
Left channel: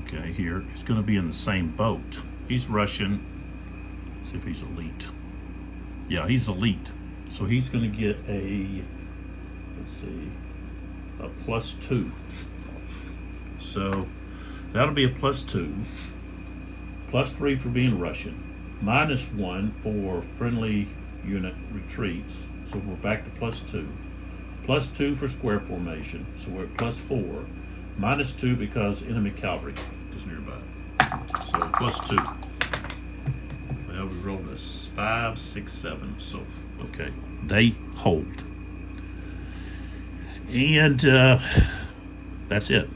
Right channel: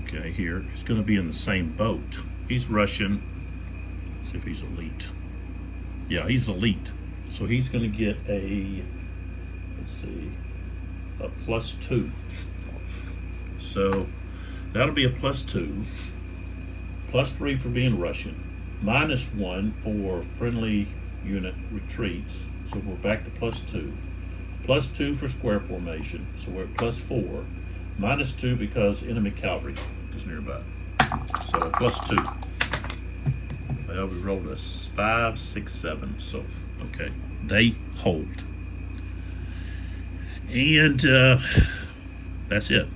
okay, here, he's going to be in the same boat. He's Russian. Let's see if he's elite. Yeah, he's elite. So he's going to get a, let's see, a +2. So that'll be a +2. +3 for being Russian. -1 for friendly unit retreats. So we're back to +2. +2 for square formation. So we're at +4. -2 because enemy cavalry is nearby. So +2. Well, we rolled a 5, 6, 7. So, okay. They hold. And that's it.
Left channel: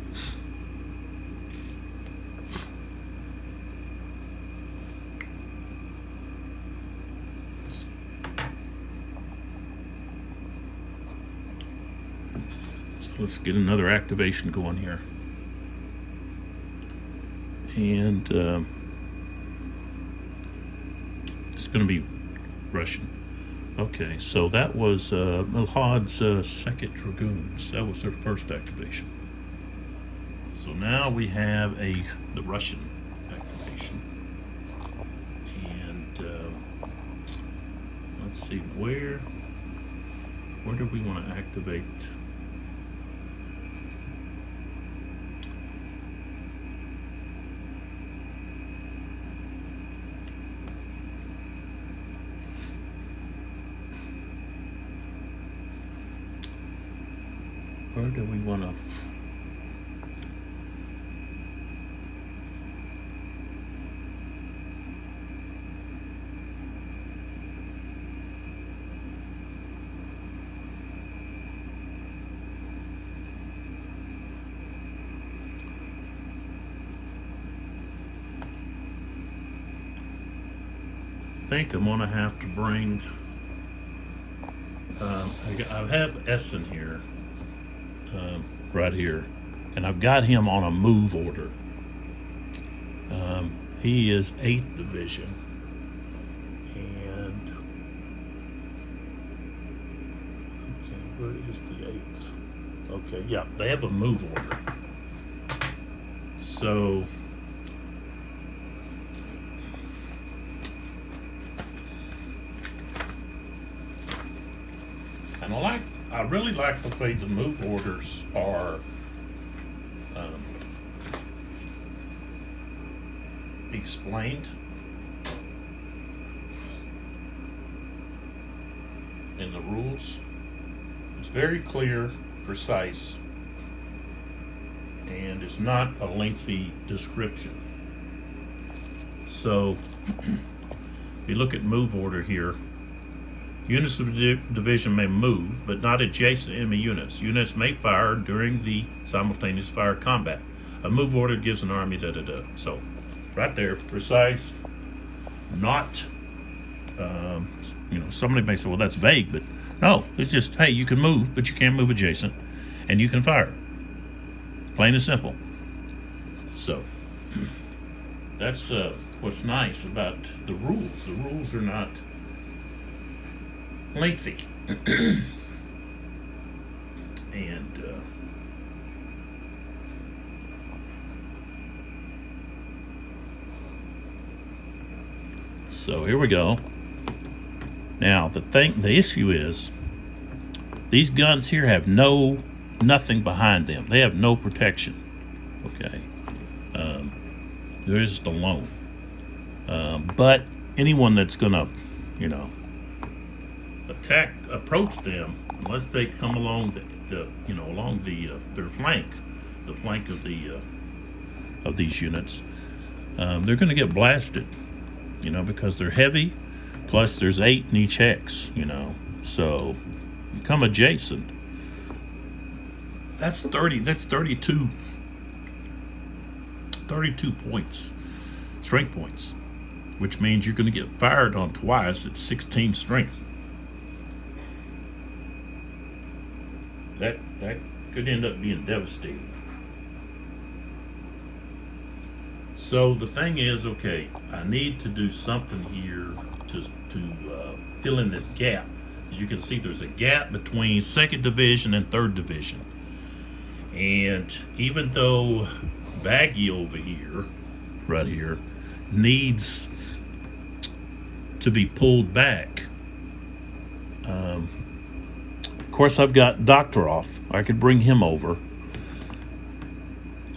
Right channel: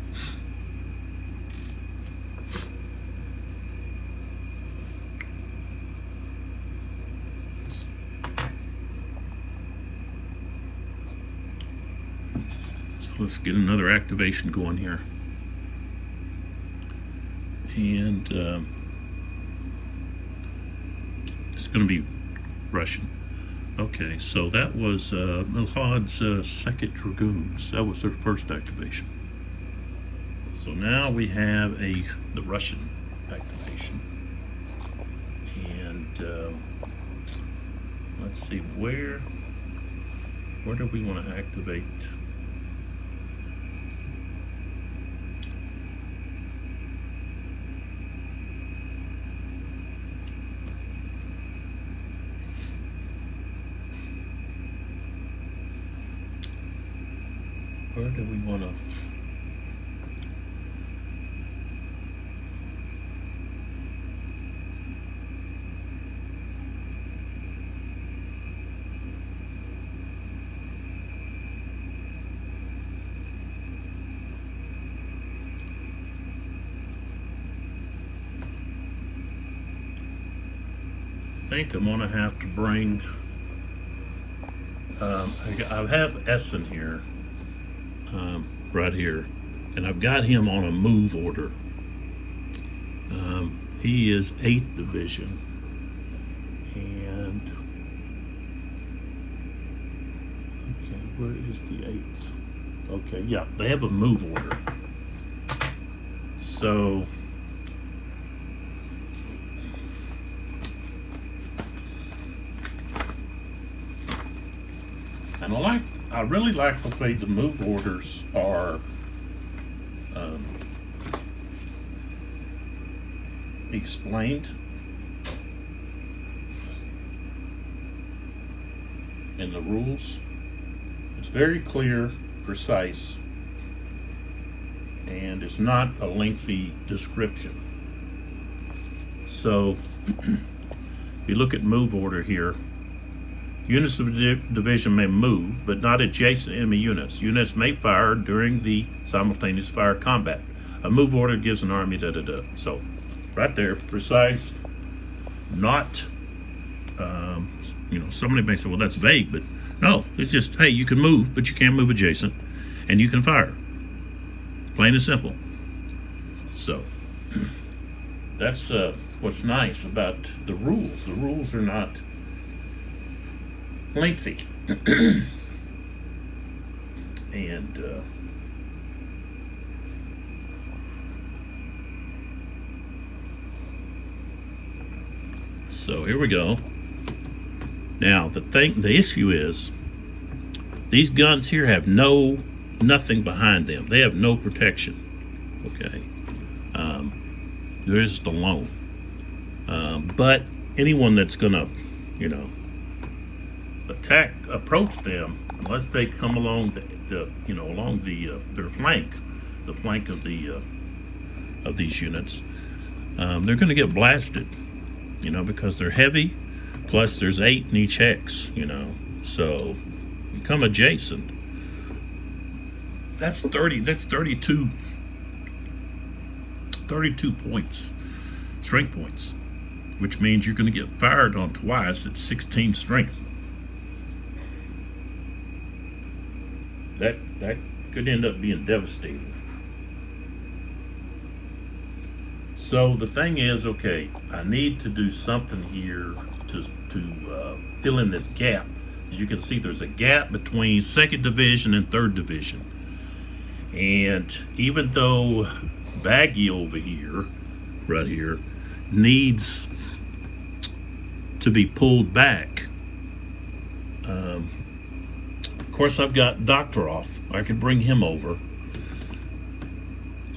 Let's get another activation going here. And it's going to be Russian. Okay, so that was Milhad's 2nd Dragoons. That was their first activation. So now we have the Russian activation. And let's see, where do we want to activate? Where do we want to? I think I'm going to have to bring. I have Essen here. Right here, and I've got him on a move order. He is 8th Division, and okay, where is the 8th? Okay, yeah, they have a move order. So and I really like the way the move orders are explained in the rules. It's very clear, precise, and it's not a lengthy description. So if you look at move order here, units of the division may move, but not adjacent enemy units. Units may fire during the simultaneous fire combat. A move order gives an army da-da-da. So, right there, precise, not, somebody may say, well, that's vague, but no, it's just, hey, you can move, but you can't move adjacent, and you can fire. Plain and simple. So, that's what's nice about the rules. The rules are not lengthy. And so here we go. Now the issue is these guns here have nothing behind them. They have no protection. Okay, they're just alone. But anyone that's gonna, approach them, unless they come along their flank, the flank of these units, they're gonna get blasted. Because they're heavy. Plus, there's 8 in each hex. So you come adjacent. That's 30. That's 32 points, strength points, which means you're going to get fired on twice at 16 strength. That could end up being devastating. So the thing is, okay, I need to do something here to fill in this gap. As you can see, there's a gap between 2nd Division and 3rd Division. And even though Baggy over here, right here, needs to be pulled back, of course I've got Doctor off. I could bring him over.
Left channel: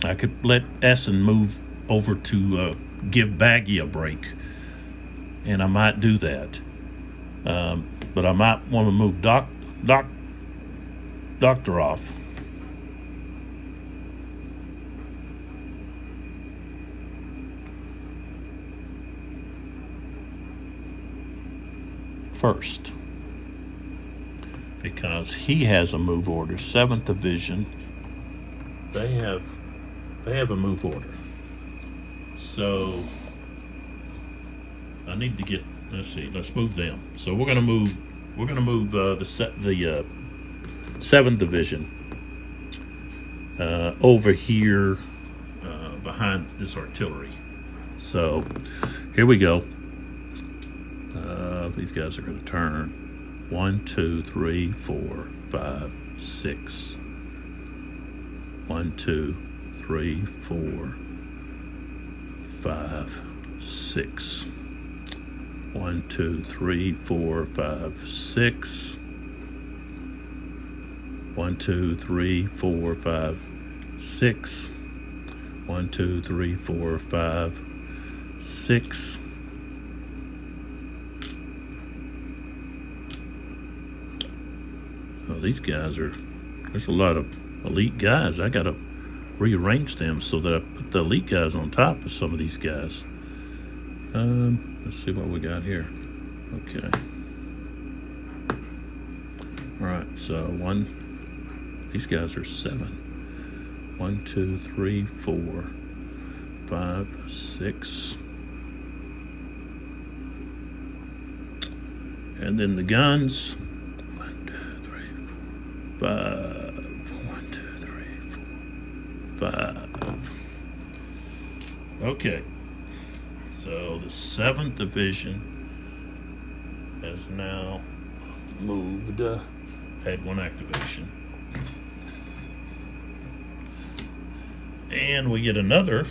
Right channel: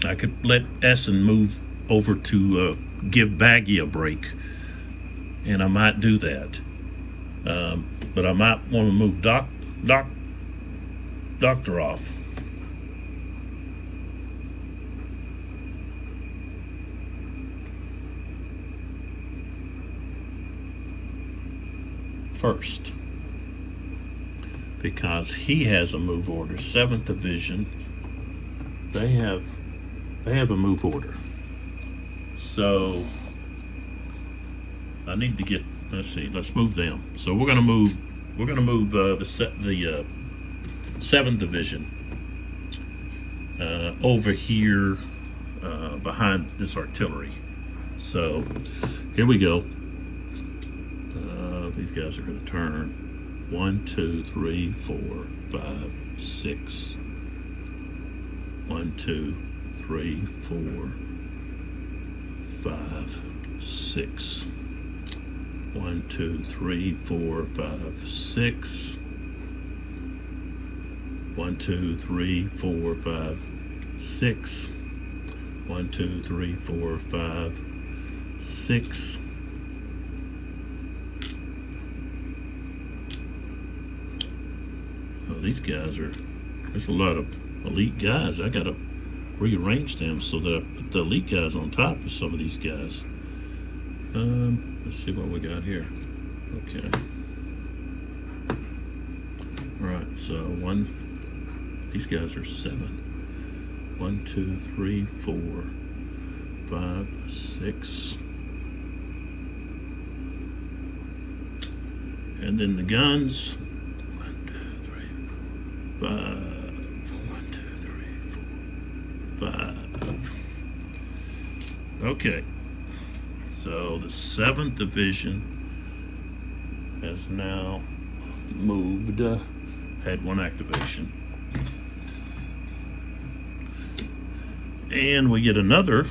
I could let Essen move over to give Baggy a break, and I might do that. But I might want to move Doctor off. First, because he has a move order. 7th Division, they have a move order. So I need to get. Let's move them. So we're gonna move the 7th Division over here behind this artillery. So here we go. These guys are going to turn 1, 2, 3, 4, 5, 6. 1, 2, 3, 4, 5, 6. 1, 2, 3, 4, 5, 6. 1, 2, 3, 4, 5, 6. 1, 2, 3, 4, 5, 6. Well, these guys there's a lot of elite guys. I gotta rearrange them so that I put the elite guys on top of some of these guys. Let's see what we got here. Okay. All right, so these guys are 7. 1, 2, 3, 4, 5, 6. And then the guns. 1, 2, 3, 4, 5. 1, 2, 3, 4, 5. Okay. So the 7th Division has now moved, had 1 activation. And we get another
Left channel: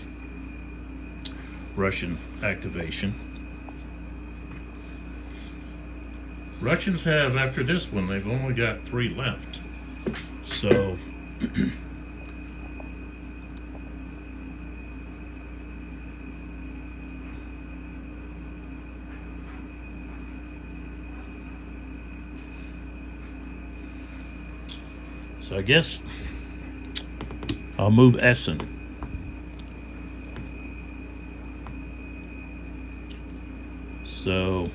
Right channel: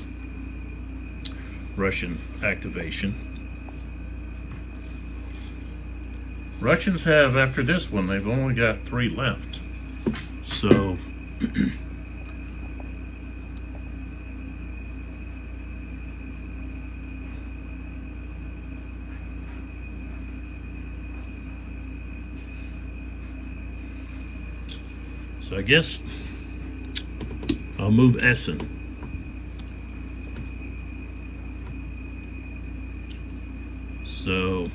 Russian activation. Russians have, after this one, they've only got 3 left. So I guess I'll move Essen. So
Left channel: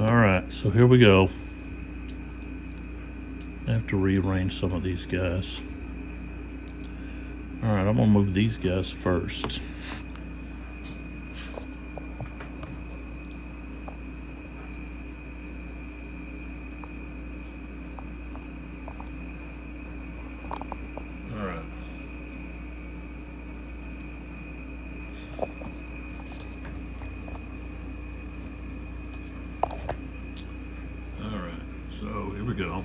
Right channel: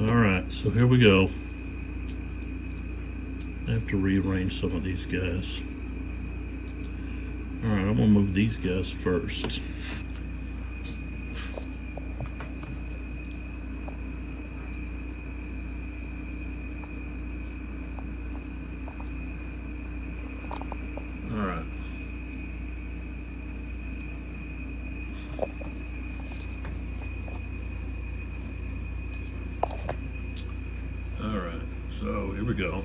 all right, so here we go. I have to rearrange some of these guys. All right, I'm gonna move these guys first. All right. All right, so here we go.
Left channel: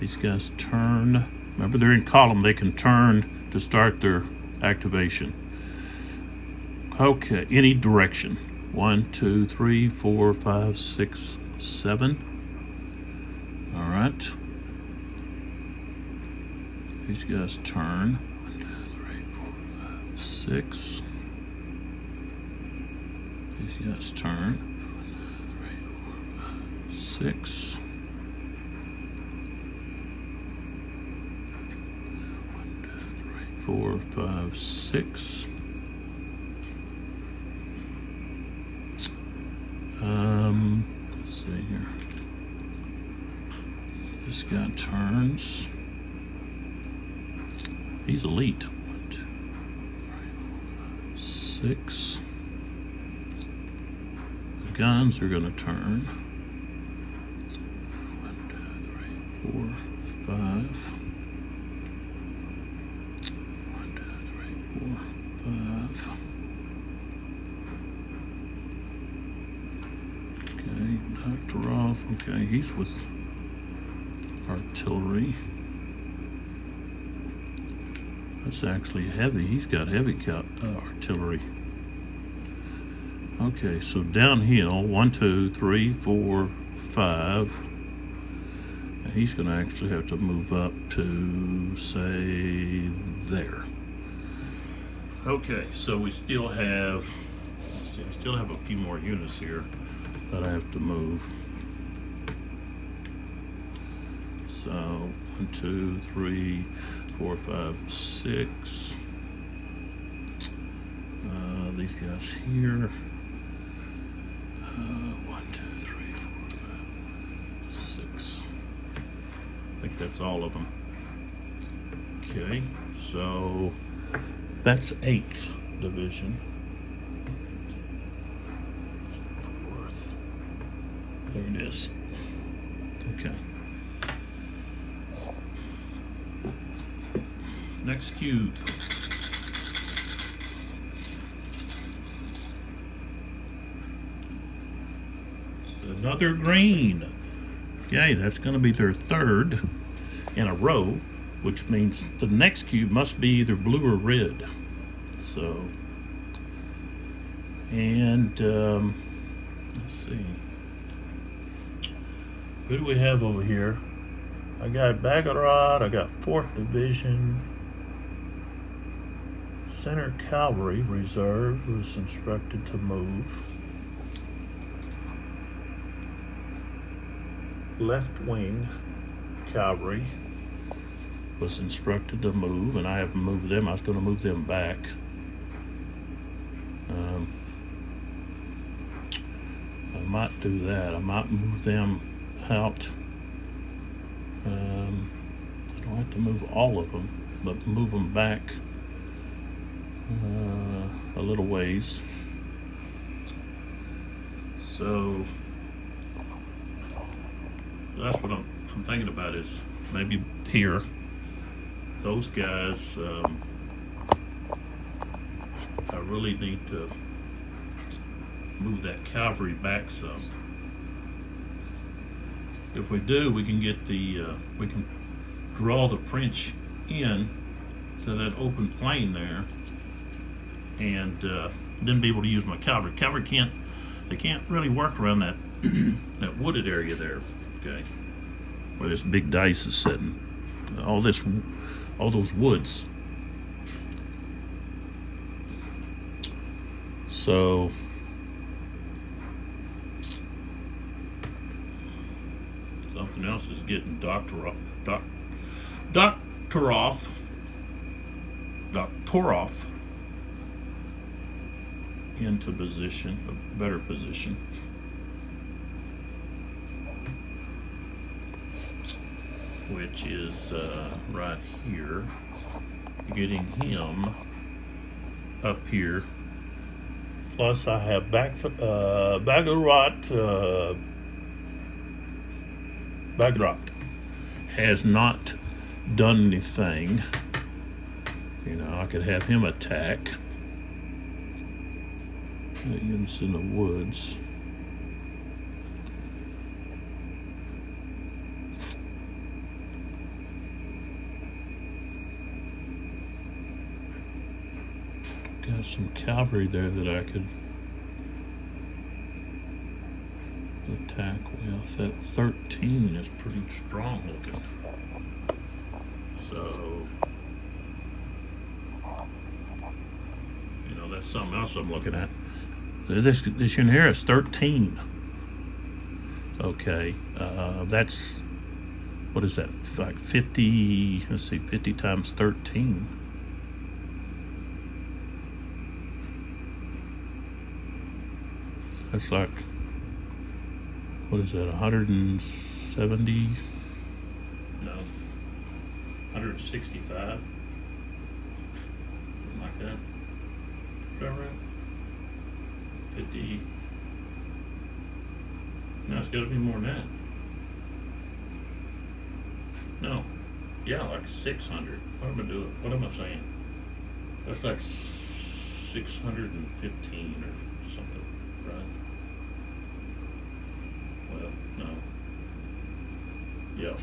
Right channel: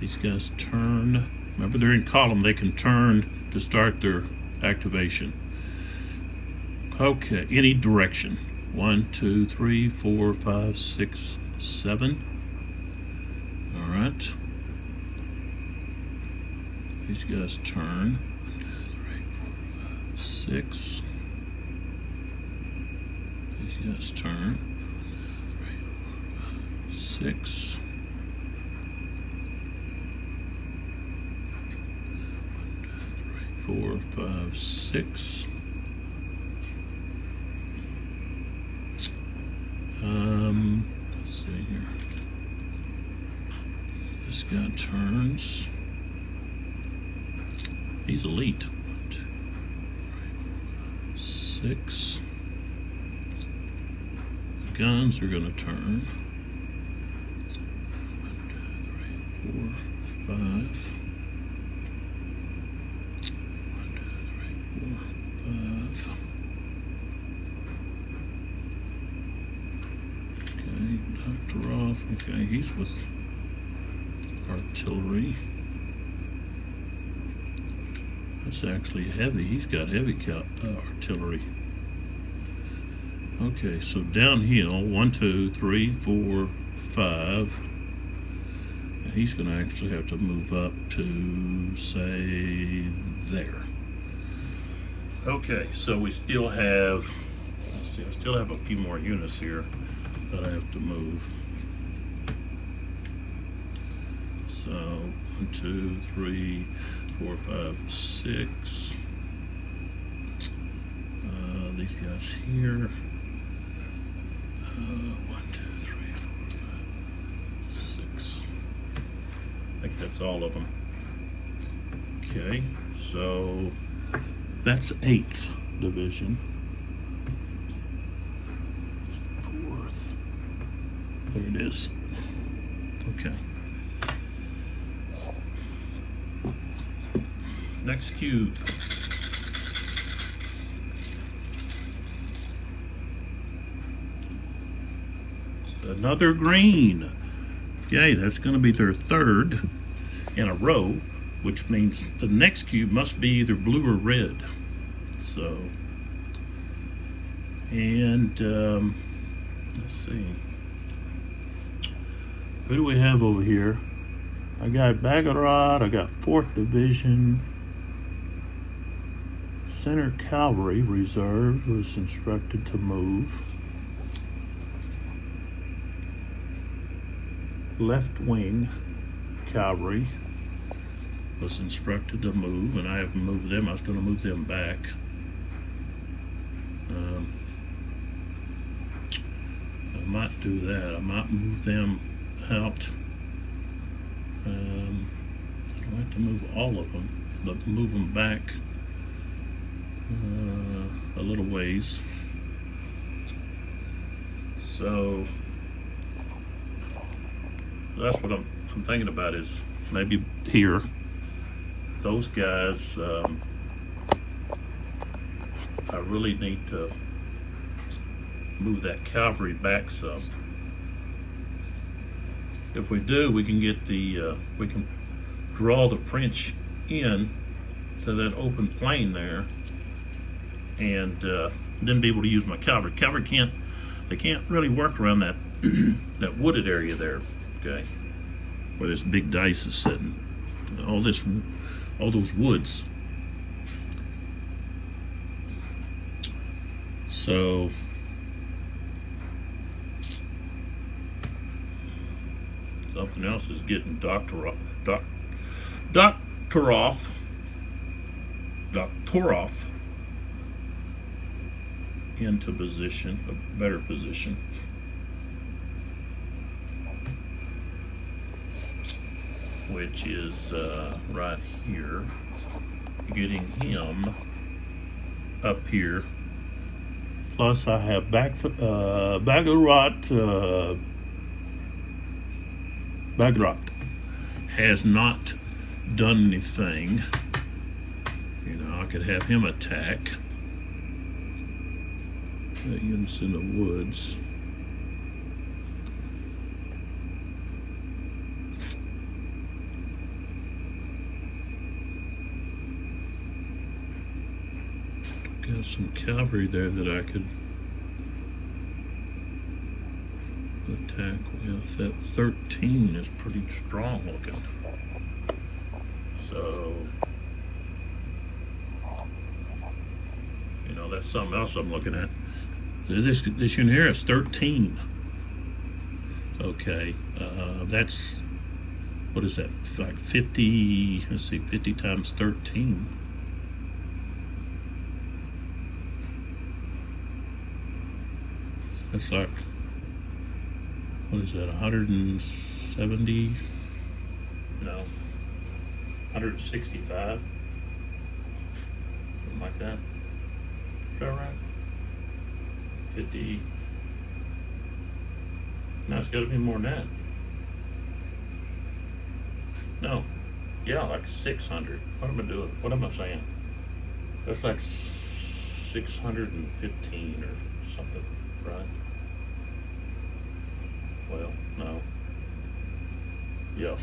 These guys turn. Remember, they're in column. They can turn to start their activation. Okay, any direction. 1, 2, 3, 4, 5, 6, 7. All right. These guys turn. 1, 2, 3, 4, 5, 6. These guys turn. 1, 2, 3, 4, 5, 6. 4, 5, 6. Let's see here. This guy turns. He's elite. 6. Guns are going to turn. 1, 2, 3, 4, 5. 5. Okay, Dr. Roth. Okay, he's with artillery. That's actually heavy. He's got heavy artillery. Okay, so downhill, 1, 2, 3, 4, 5. And he's going to actually have to move up to, say, there. Okay, so we still have, let's see, I still have a few more units here that I have to move. So 1, 2, 3, 4, 5, 6. These guys here. 1, 2, 3, 4, 5, 6. I think that's all of them. Okay, so that's 8th Division. 4th. There it is. Okay. Next cube. Another green. Okay, that's going to be their 3rd in a row, which means the next cube must be either blue or red. So, and let's see, who do we have over here? I got Baggerod, I got 4th Division, Center Cavalry Reserve was instructed to move. Left Wing Cavalry was instructed to move, and I haven't moved them. I was going to move them back. I might do that. I might move them out. I don't like to move all of them, but move them back a little ways. So that's what I'm thinking about, is maybe here. Those guys, I really need to move that cavalry back some. If we do, we can get the, we can draw the French in to that open plain there, and then be able to use my cavalry. Cavalry they can't really work around that that wooded area there, okay, where this big dice is sitting. All those woods. So Something else is getting Doctoroff into position, a better position. Which is right here, getting him up here. Plus, I have Bagarot has not done anything. You know, I could have him attack. That gets in the woods. Got some cavalry there that I could attack with. That 13 is pretty strong looking. So, you know, that's something else I'm looking at. This unit here is 13. Okay, that's, what is that? Like 50, let's see, 50 times 13. That's like, what is that, 170? No, 165? Something like that. Is that right? 50. No, it's got to be more than that. No. Yeah, like 600. What am I doing? What am I saying? That's like 615 or something, right? Well, no. Yeah.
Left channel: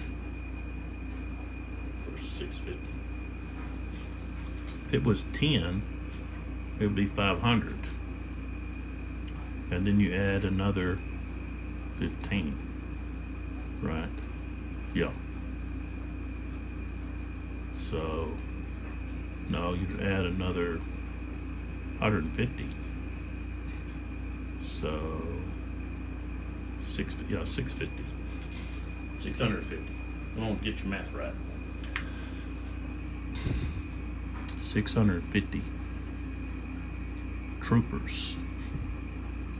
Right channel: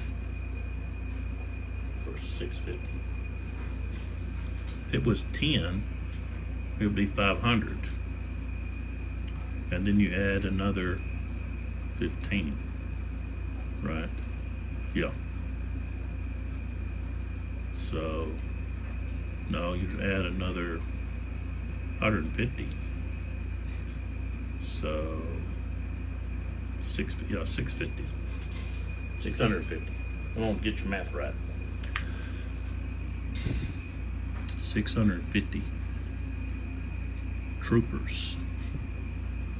Or 650. If it was 10, it would be 500. And then you add another 15, right? Yeah. So, no, you'd add another 150. So, 650. 650. I won't get your math right. 650 troopers.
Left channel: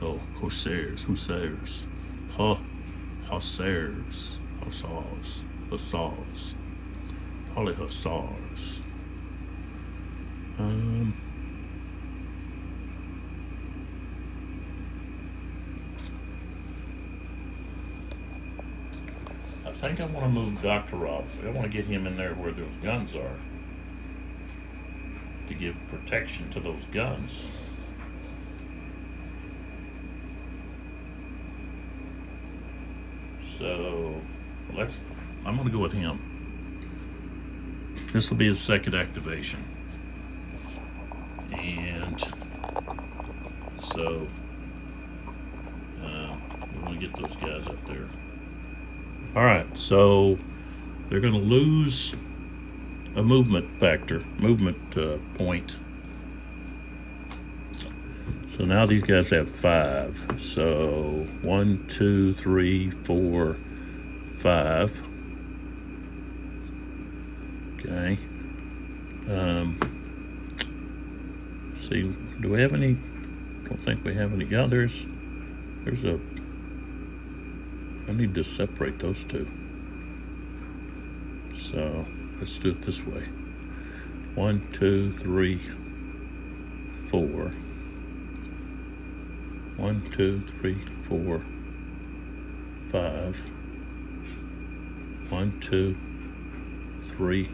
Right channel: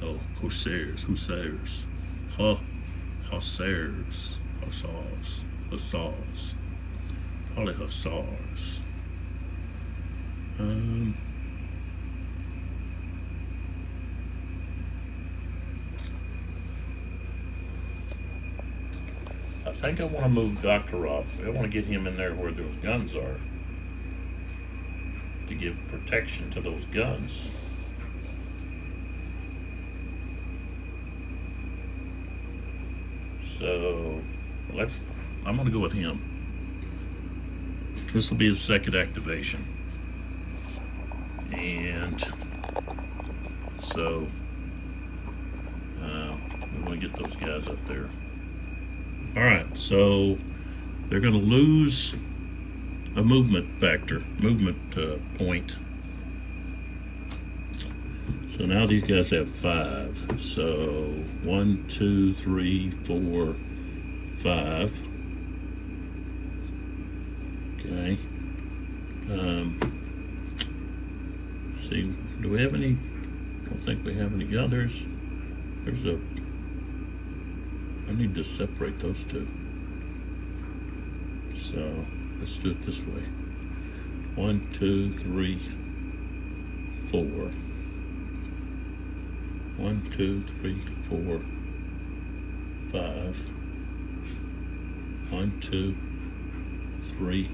Oh, hussars, hussars, hussars, probably hussars. I think I want to move Doctoroff. I want to get him in there where those guns are to give protection to those guns. So I'm going to go with him. This will be his second activation. And so we want to get those guys up there. All right, so they're going to lose a movement factor, point. So now these guys have 5. So 1, 2, 3, 4, 5. Okay. See, do we have any? Don't think we have any others. I need to separate those two. So let's do it this way. 1, 2, 3, 4. 1, 2, 3, 4, 5. 1, 2, 3.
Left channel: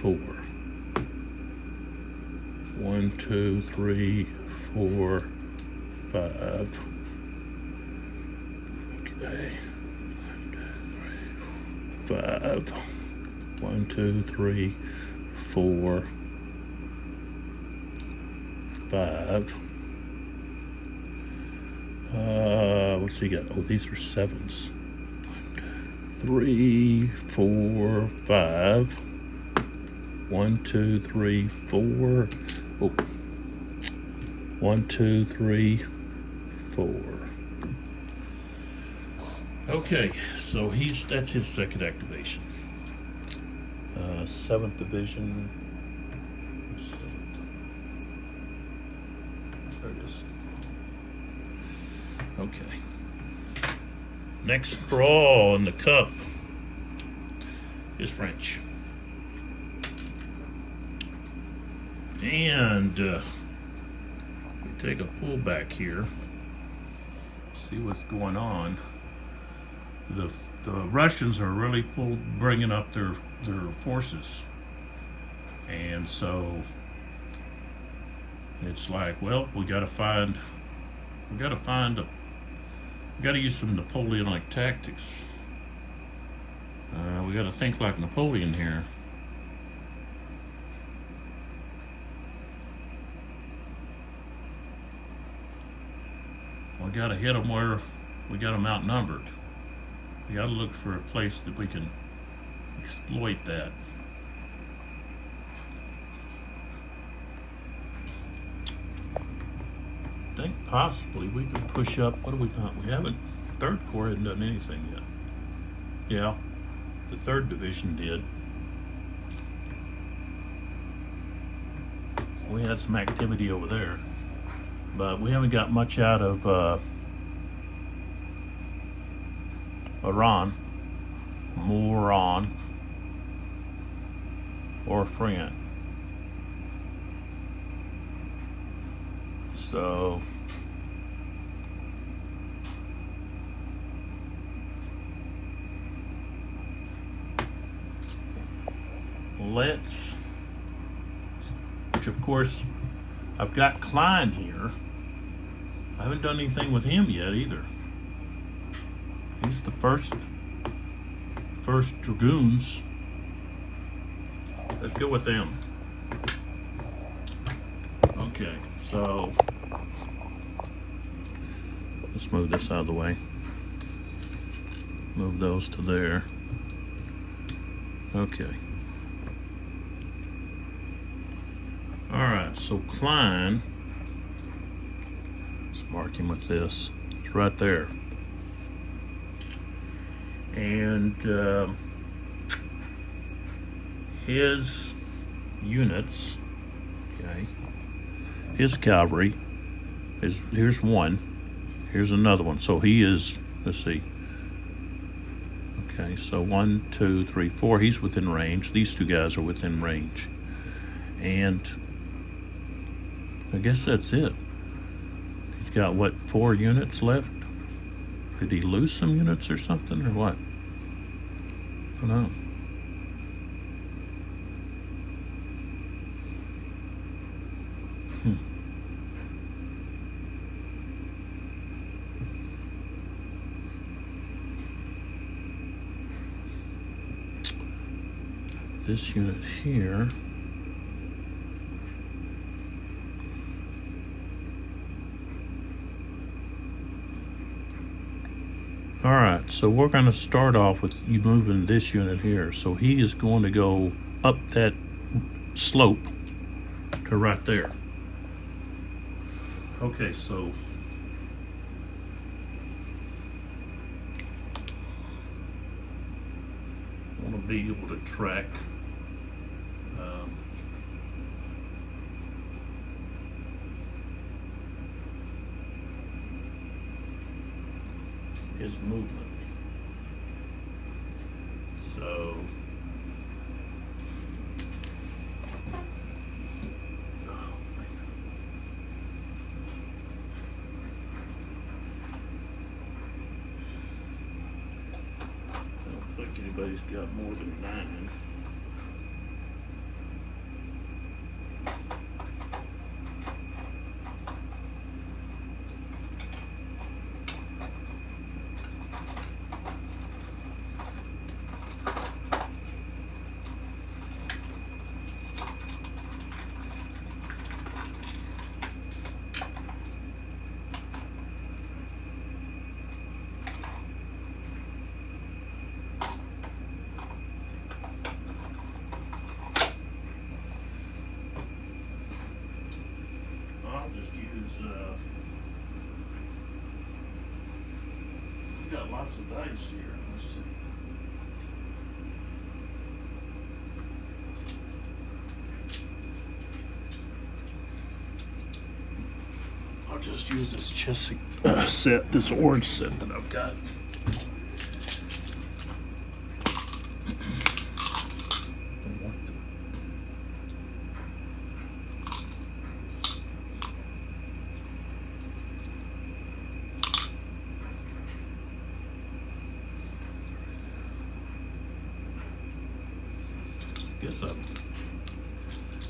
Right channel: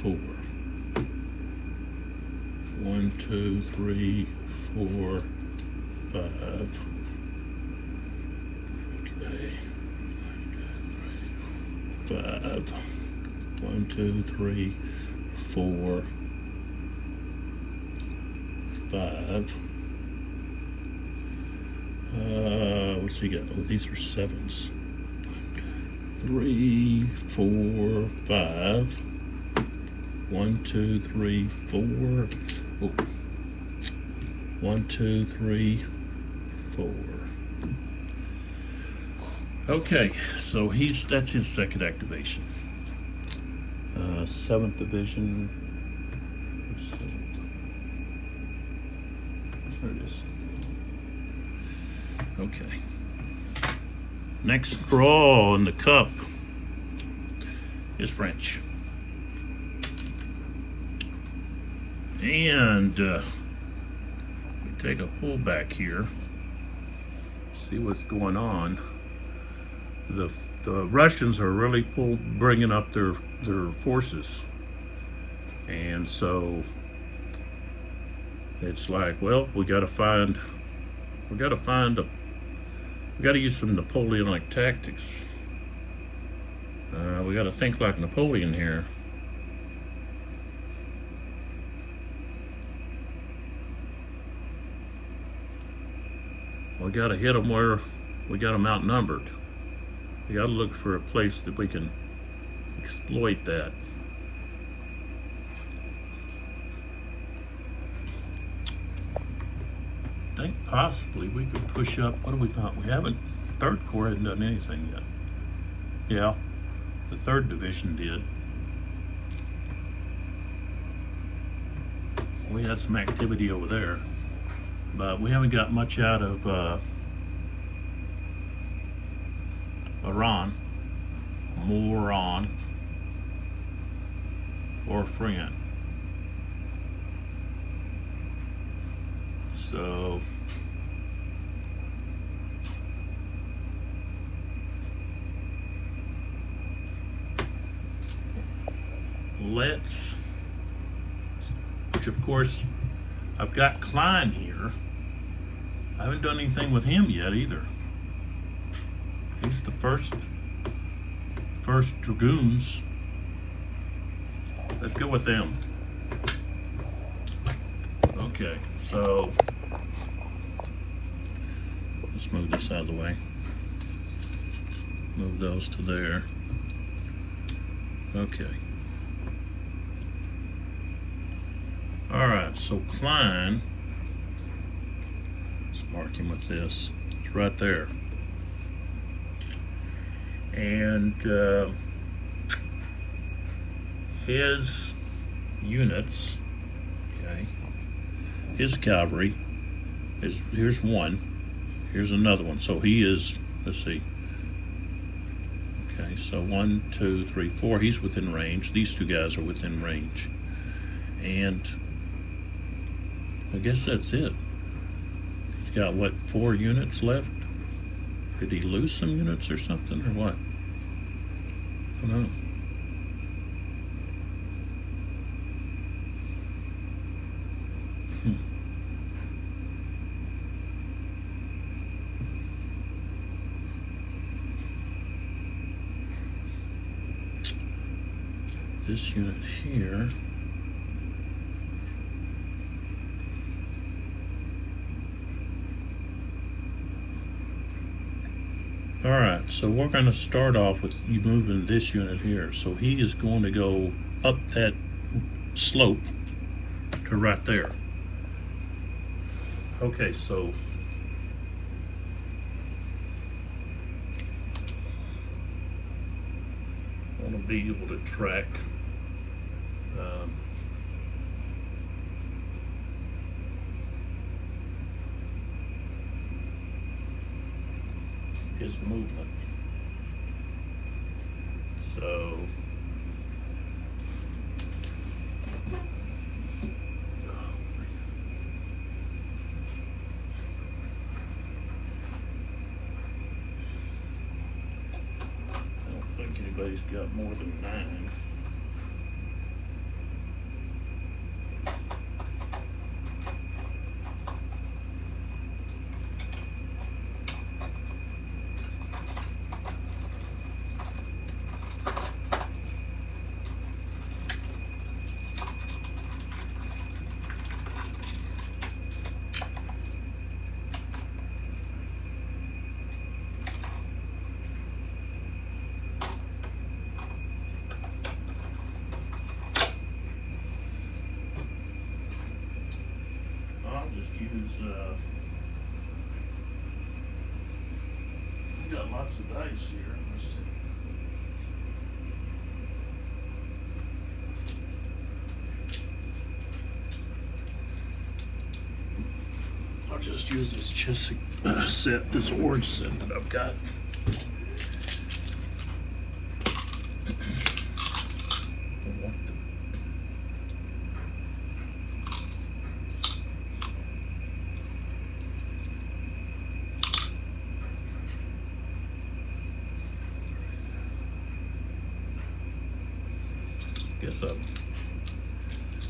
4. 1, 2, 3, 4, 5. Okay. 5. 1, 2, 3, 4, 5. What's he got? Oh, these are 7s. 3, 4, 5. 1, 2, 3, 4. Oh. 1, 2, 3, 4. Okay, so that's his second activation. 7th division. There it is. Okay. Next draw in the cup is French. And we take a pull back here. See what's going on. The Russians are really bringing up their forces, and so it's like, well, we got to use some Napoleonic tactics. We got to think like Napoleon here. We got to hit them where we got them outnumbered. We got to look for a place that we can exploit that. I think possibly we could push up. What do we got? We haven't. 3rd Corps hasn't done anything yet. Yeah, the 3rd Division did. We had some activity over there, but we haven't got much out of Iran, Moran, or Friend. So which of course I've got Klein here. I haven't done anything with him yet either. He's the first Dragoons. Let's go with them. Okay, so let's move this out of the way. Move those to there. Okay. All right, so Klein, let's mark him with this. It's right there. And his units, okay, his cavalry here's one, here's another one. So he is, let's see, okay, so 1, 2, 3, 4, he's within range. These two guys are within range. And I guess that's it. He's got, what, 4 units left? Did he lose some units or something, or what? I don't know. This unit here. All right, so we're going to start off with you moving this unit here. So he is going to go up that slope to right there. Okay, so I want to be able to track his movement. So I don't think anybody's got more than 9. is, we got lots of dice here. Let's see. I'll just use this chess set, this orange set that I've got.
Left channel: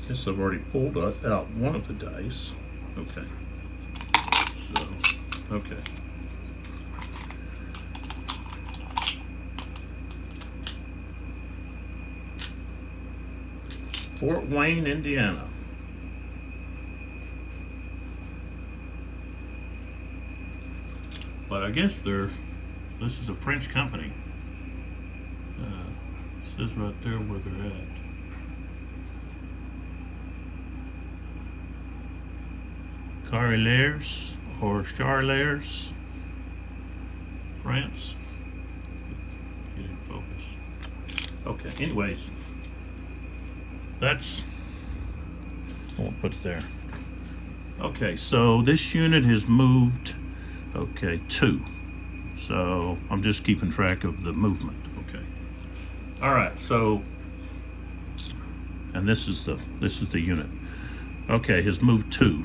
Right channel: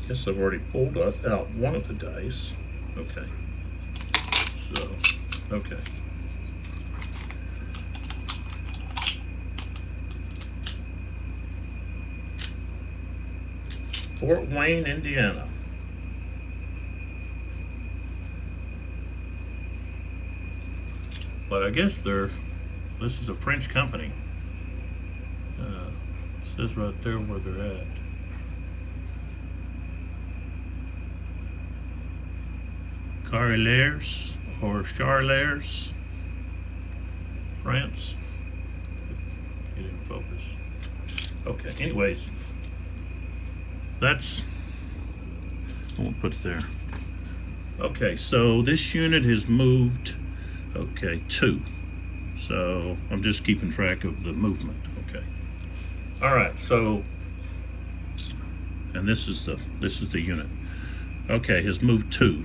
Guess I've already pulled out one of the dice. Okay. So, okay. Fort Wayne, Indiana. But I guess this is a French company. It says right there where they're at. Carrières or Charlers, France. Get in focus. Okay, anyways, that's, I'll put it there. Okay, so this unit has moved, okay, 2. So I'm just keeping track of the movement, okay. All right, so, and this is the unit. Okay, has moved 2.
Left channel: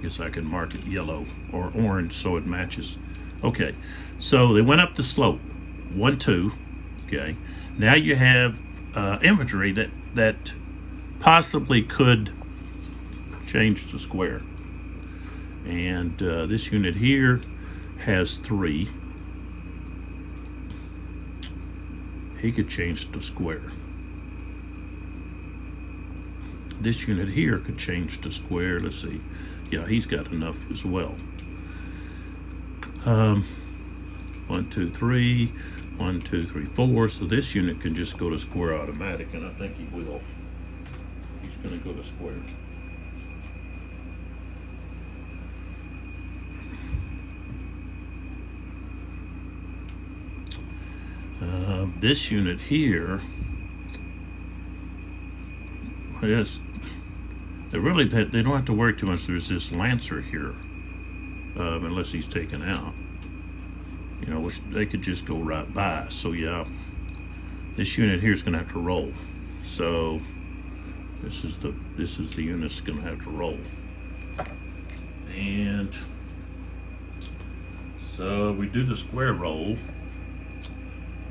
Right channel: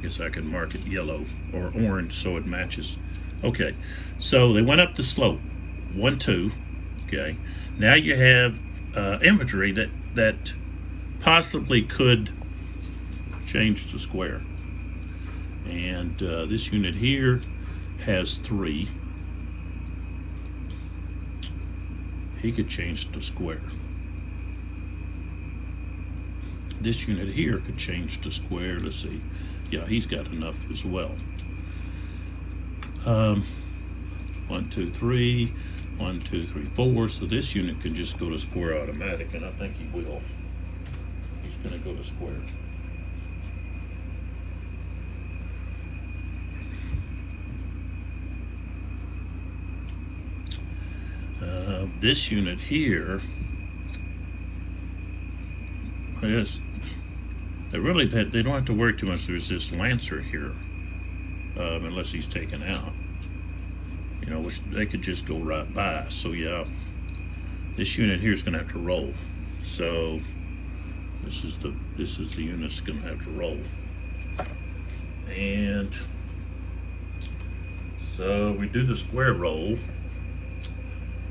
Guess I can mark it yellow or orange so it matches. Okay, so they went up the slope, 1, 2. Okay, now you have infantry that possibly could change to square, and this unit here has 3. He could change to square. This unit here could change to square. Let's see. Yeah, he's got enough as well. 1, 2, 3, 1, 2, 3, 4. So this unit can just go to square automatic, and I think he will. He's going to go to square. This unit here, yes. They don't have to worry too much. There's this Lancer here, unless he's taken out. You know, which they could just go right by. So yeah, this unit here is going to have to roll. So this is the unit that's going to have to roll. And so we do the square roll.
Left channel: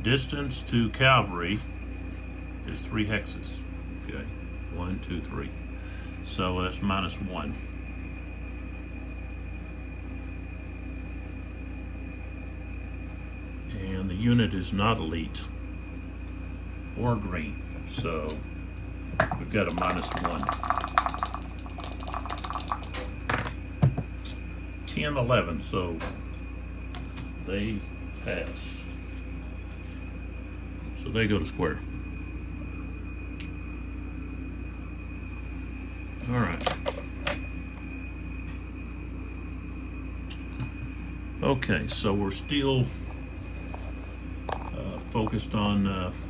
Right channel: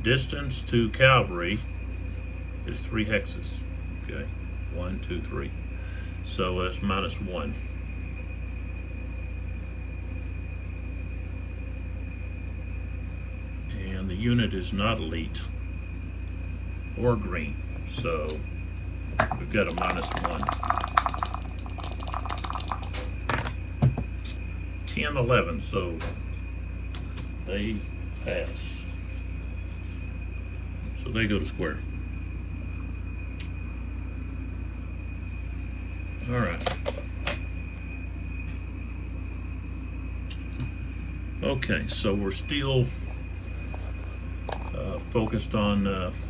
Distance to cavalry is 3 hexes. Okay, 1, 2, 3. So that's -1. And the unit is not elite or green, so we've got a -1. 10, 11, so they pass. So they go to square. All right. Okay, so we're still focused on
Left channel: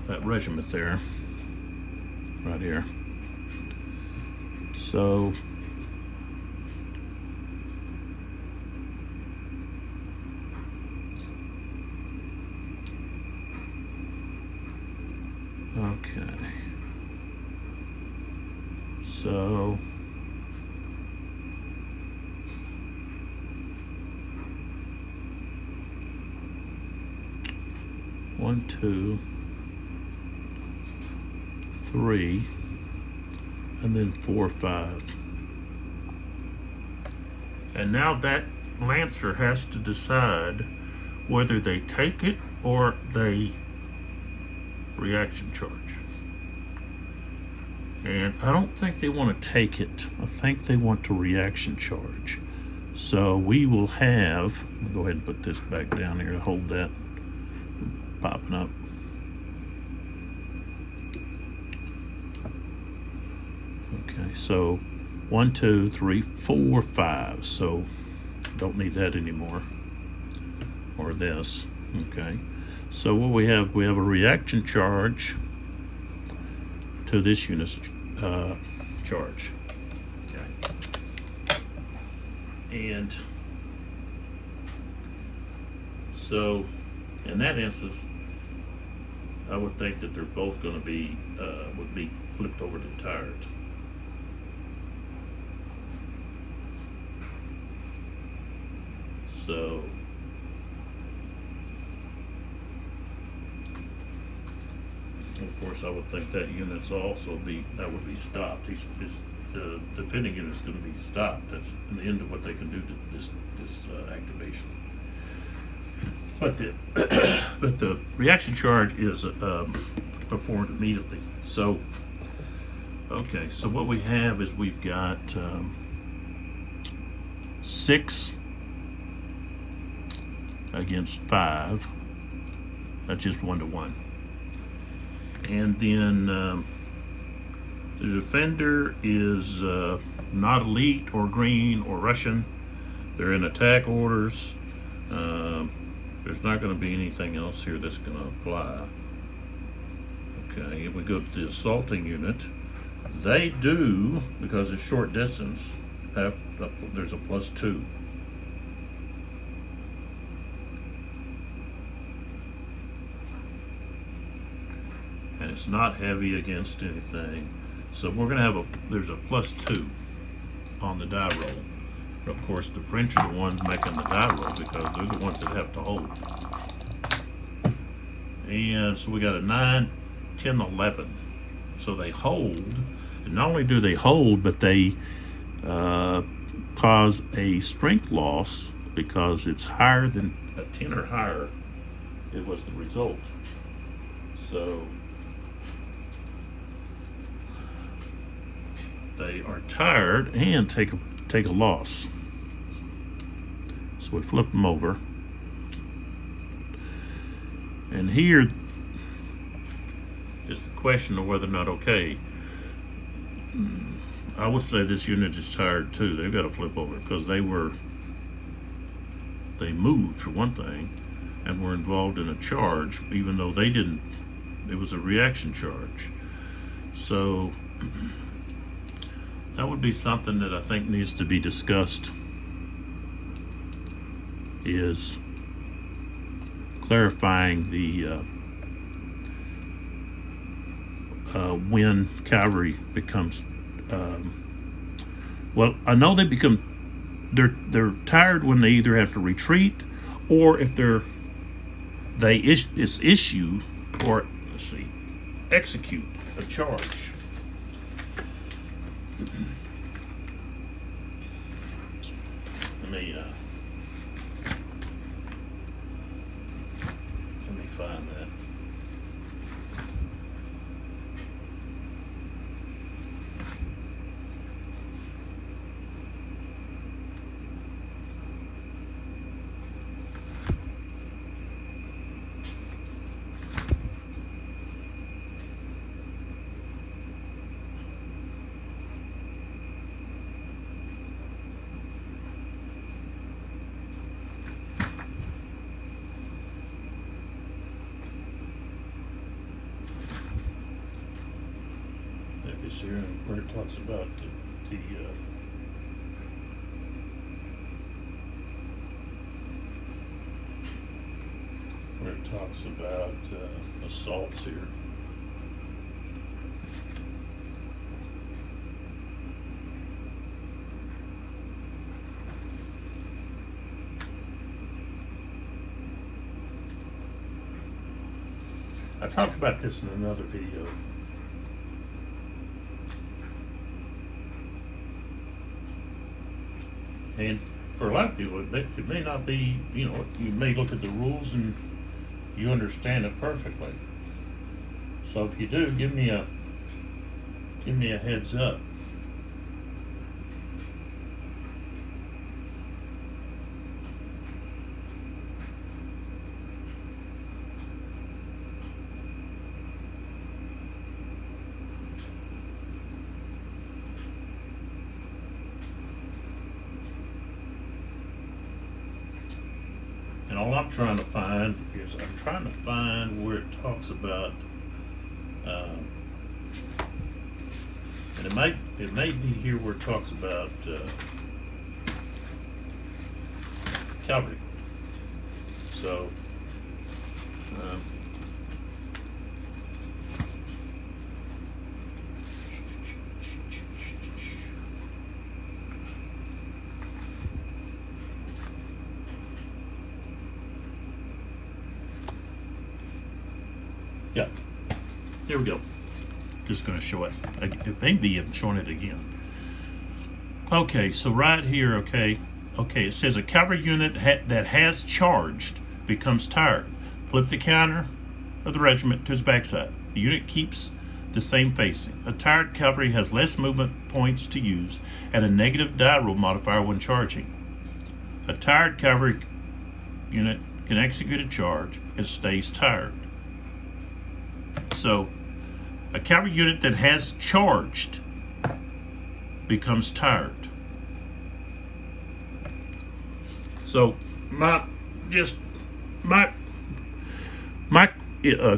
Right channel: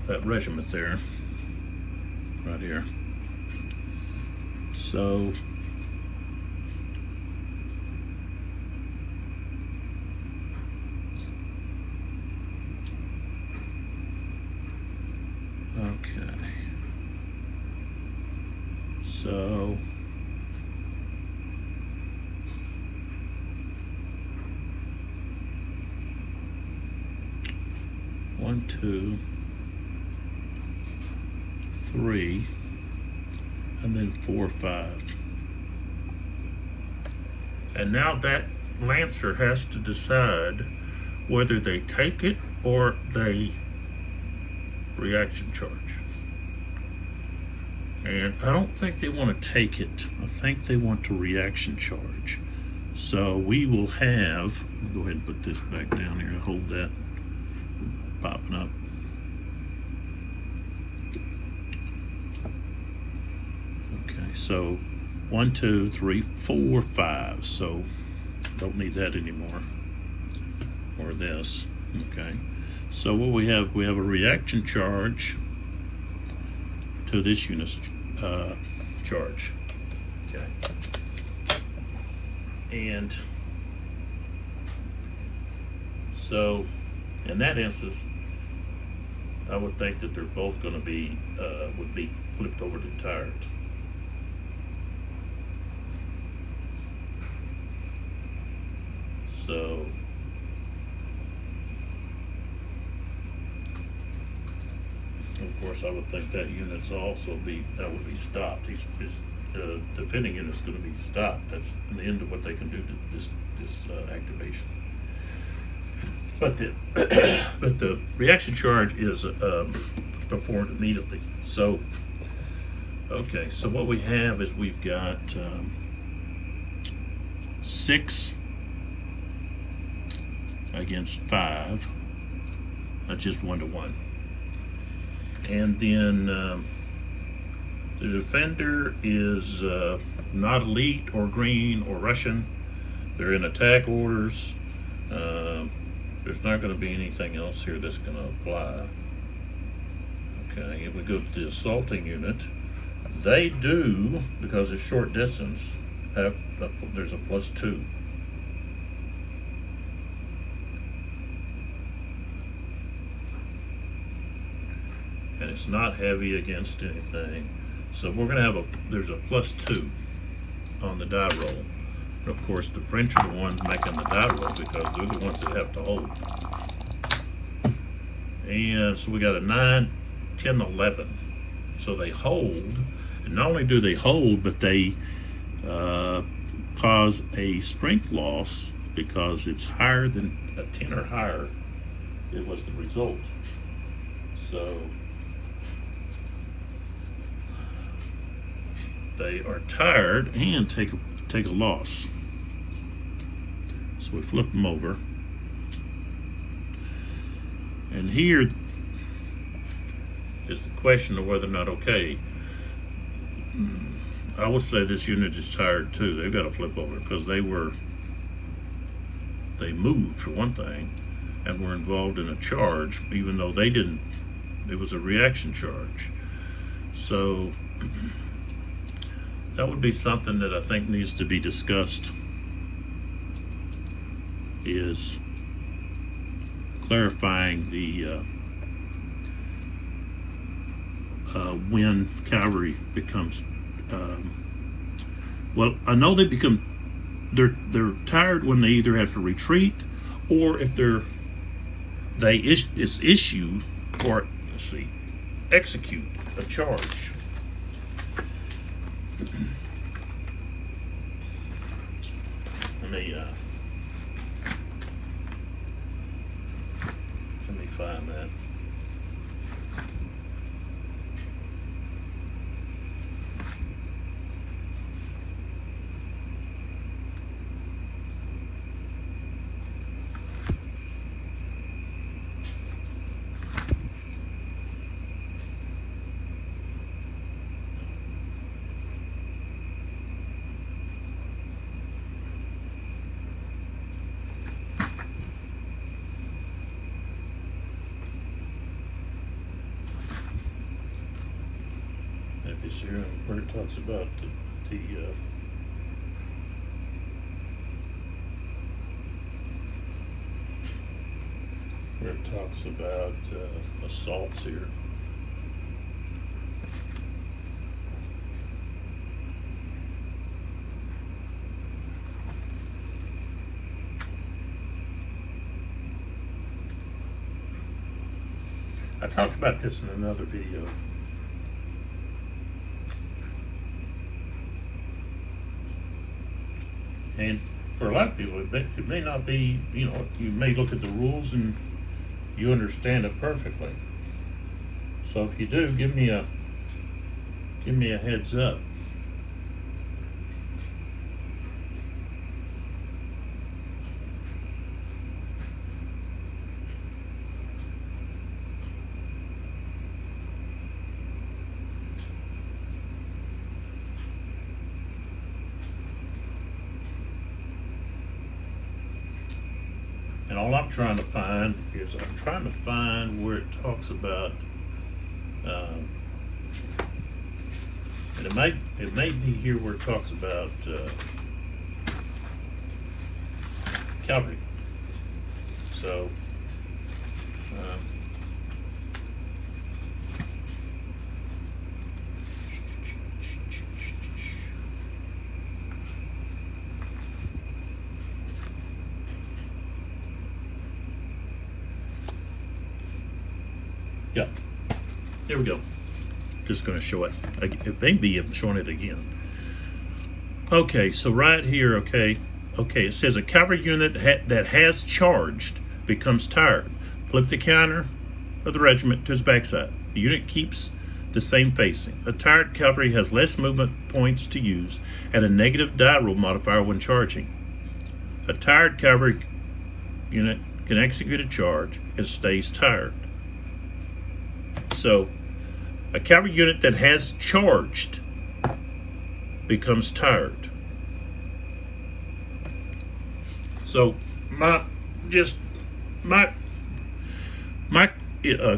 that regiment there, right here. So okay. So 1, 2, 3, and then 4, 5. And now that Lancer has to decide whether they take it or they reaction charge. And I don't think they want to take it. I think they want to reaction charge. So we will have, I'll go ahead and put this back down here, hold that popping up. Okay, so 1, 2, 3, 4, 5. So don't need that anymore. Or this. Okay. So what we have a reaction charge to this unit's charge. Okay. And so in that instance, I would think that they're both going to be would be flipped over to tired. So of course, I would think that unit's also would be stopped. The defending unit's going to be stopped. That's the end of what they can do to this activation. But the reaction charge is performed immediately. So okay, so what we have is we've got 6 against 5. That's just 1 to 1. And then the defender is not elite or green or Russian. They're in attack orders. There's not going to be anything else here that's going to apply. Okay, if we go to the assaulting unit, they do, because it's short distance, there's a +2. And it's not heavy against anything. So we're going to have there's a +2 on the die roll. And of course, the French are the ones making the die roll because they're the ones that have to hold. And so we got a 9, 10, 11. So they hold, and not only do they hold, but they cause a strength loss because it's higher than a 10 or higher. It was the result. So they are tired and take a loss. So we flip them over. And here is the question of whether or not, okay, I would say this unit is tired too. They've got to flip over because they moved for one thing and were involved in a charge, even though they didn't. It was a reaction charge. So that would be something that I think needs to be discussed, is clarifying the when cavalry becomes well, I know they're tired when they either have to retreat or if it's issue or execute a charge. Let me find that. Here where it talks about where it talks about assaults here. I talked about this in another video. And for a lot of people, it may not be, you may look at the rules and you understand it perfectly. So if you do, give me a heads up. And all I'm trying to find is where it talks about, and it may be here where it talks about cavalry. So, yeah, there we go. Just going to show it. It may be showing it again. Okay, so right here, okay, it says a cavalry unit that has charged becomes tired. Flip the counter of the regiment to its backside. The unit keeps the same facing. A tired cavalry has less movement points to use and a negative die roll modifier when charging. A tired cavalry unit can execute a charge and stays tired. So, a cavalry unit that has charged becomes tired. So my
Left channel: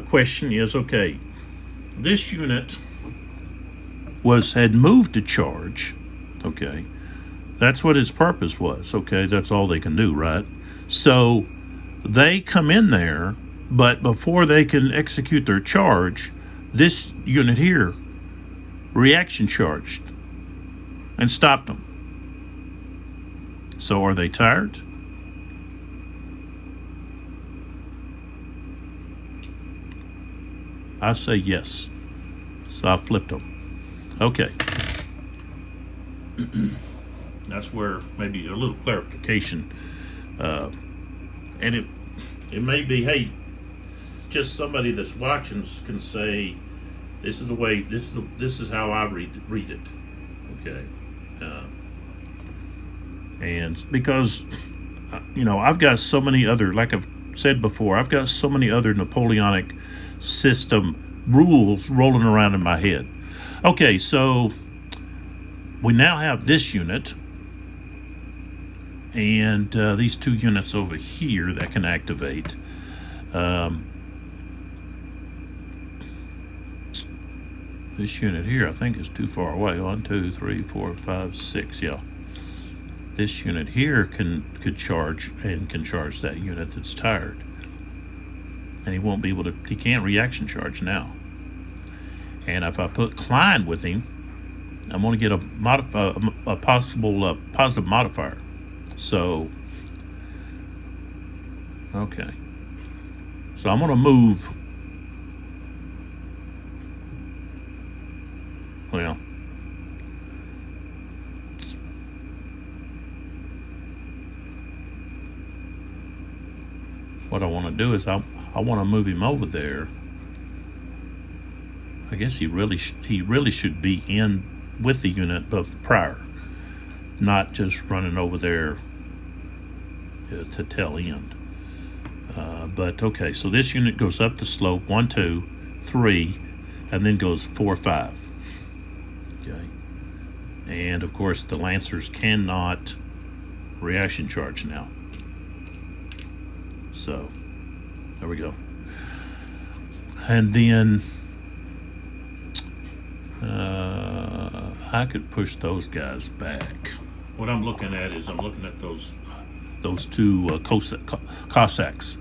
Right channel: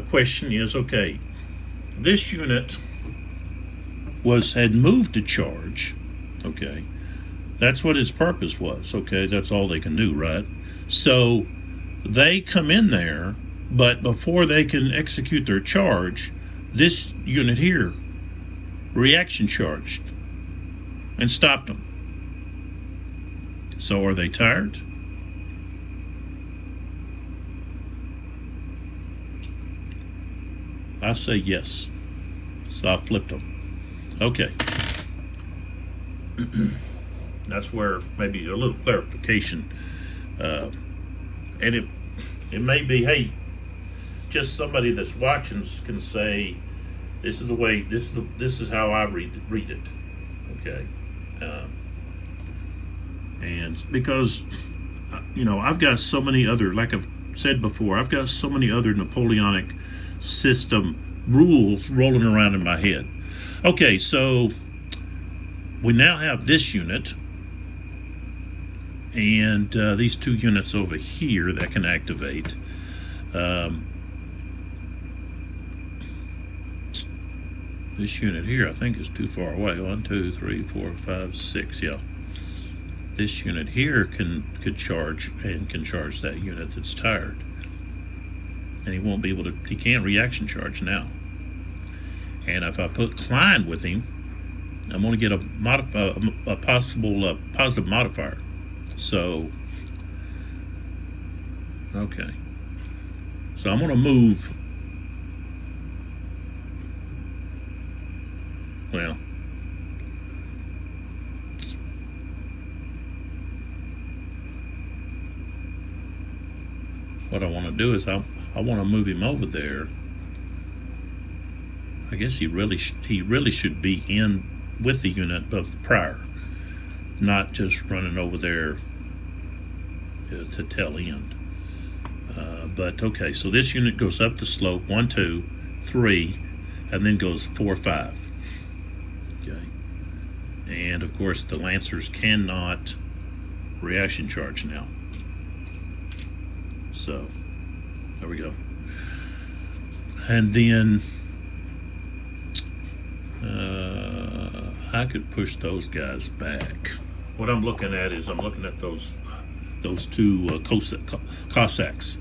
question is, okay, this unit had moved to charge, okay, that's what its purpose was, okay, that's all they can do, right? So they come in there, but before they can execute their charge, this unit here reaction charged and stopped them. So are they tired? I say yes. So I flipped them. Okay. That's where maybe a little clarification. And it may be, hey, just somebody that's watching can say, this is the way, this is how I read it. Okay. And because, I've got so many other, like I've said before, I've got so many other Napoleonic system rules rolling around in my head. Okay, so we now have this unit and these two units over here that can activate. This unit here, I think, is too far away. 1, 2, 3, 4, 5, 6. Yeah. This unit here could charge and can charge that unit that's tired, and he won't be able to. He can't reaction charge now. And if I put Klein with him, I'm going to get a possible positive modifier. So, okay. So I'm going to move. Well, what I want to do is I want to move him over there. I guess he really should be in with the unit of prior, not just running over there to tail end. But okay, so this unit goes up the slope 1, 2, 3, and then goes 4, 5. And of course the Lancers cannot reaction charge now. So there we go. And then I could push those guys back. What I'm looking at is I'm looking at those two Cossacks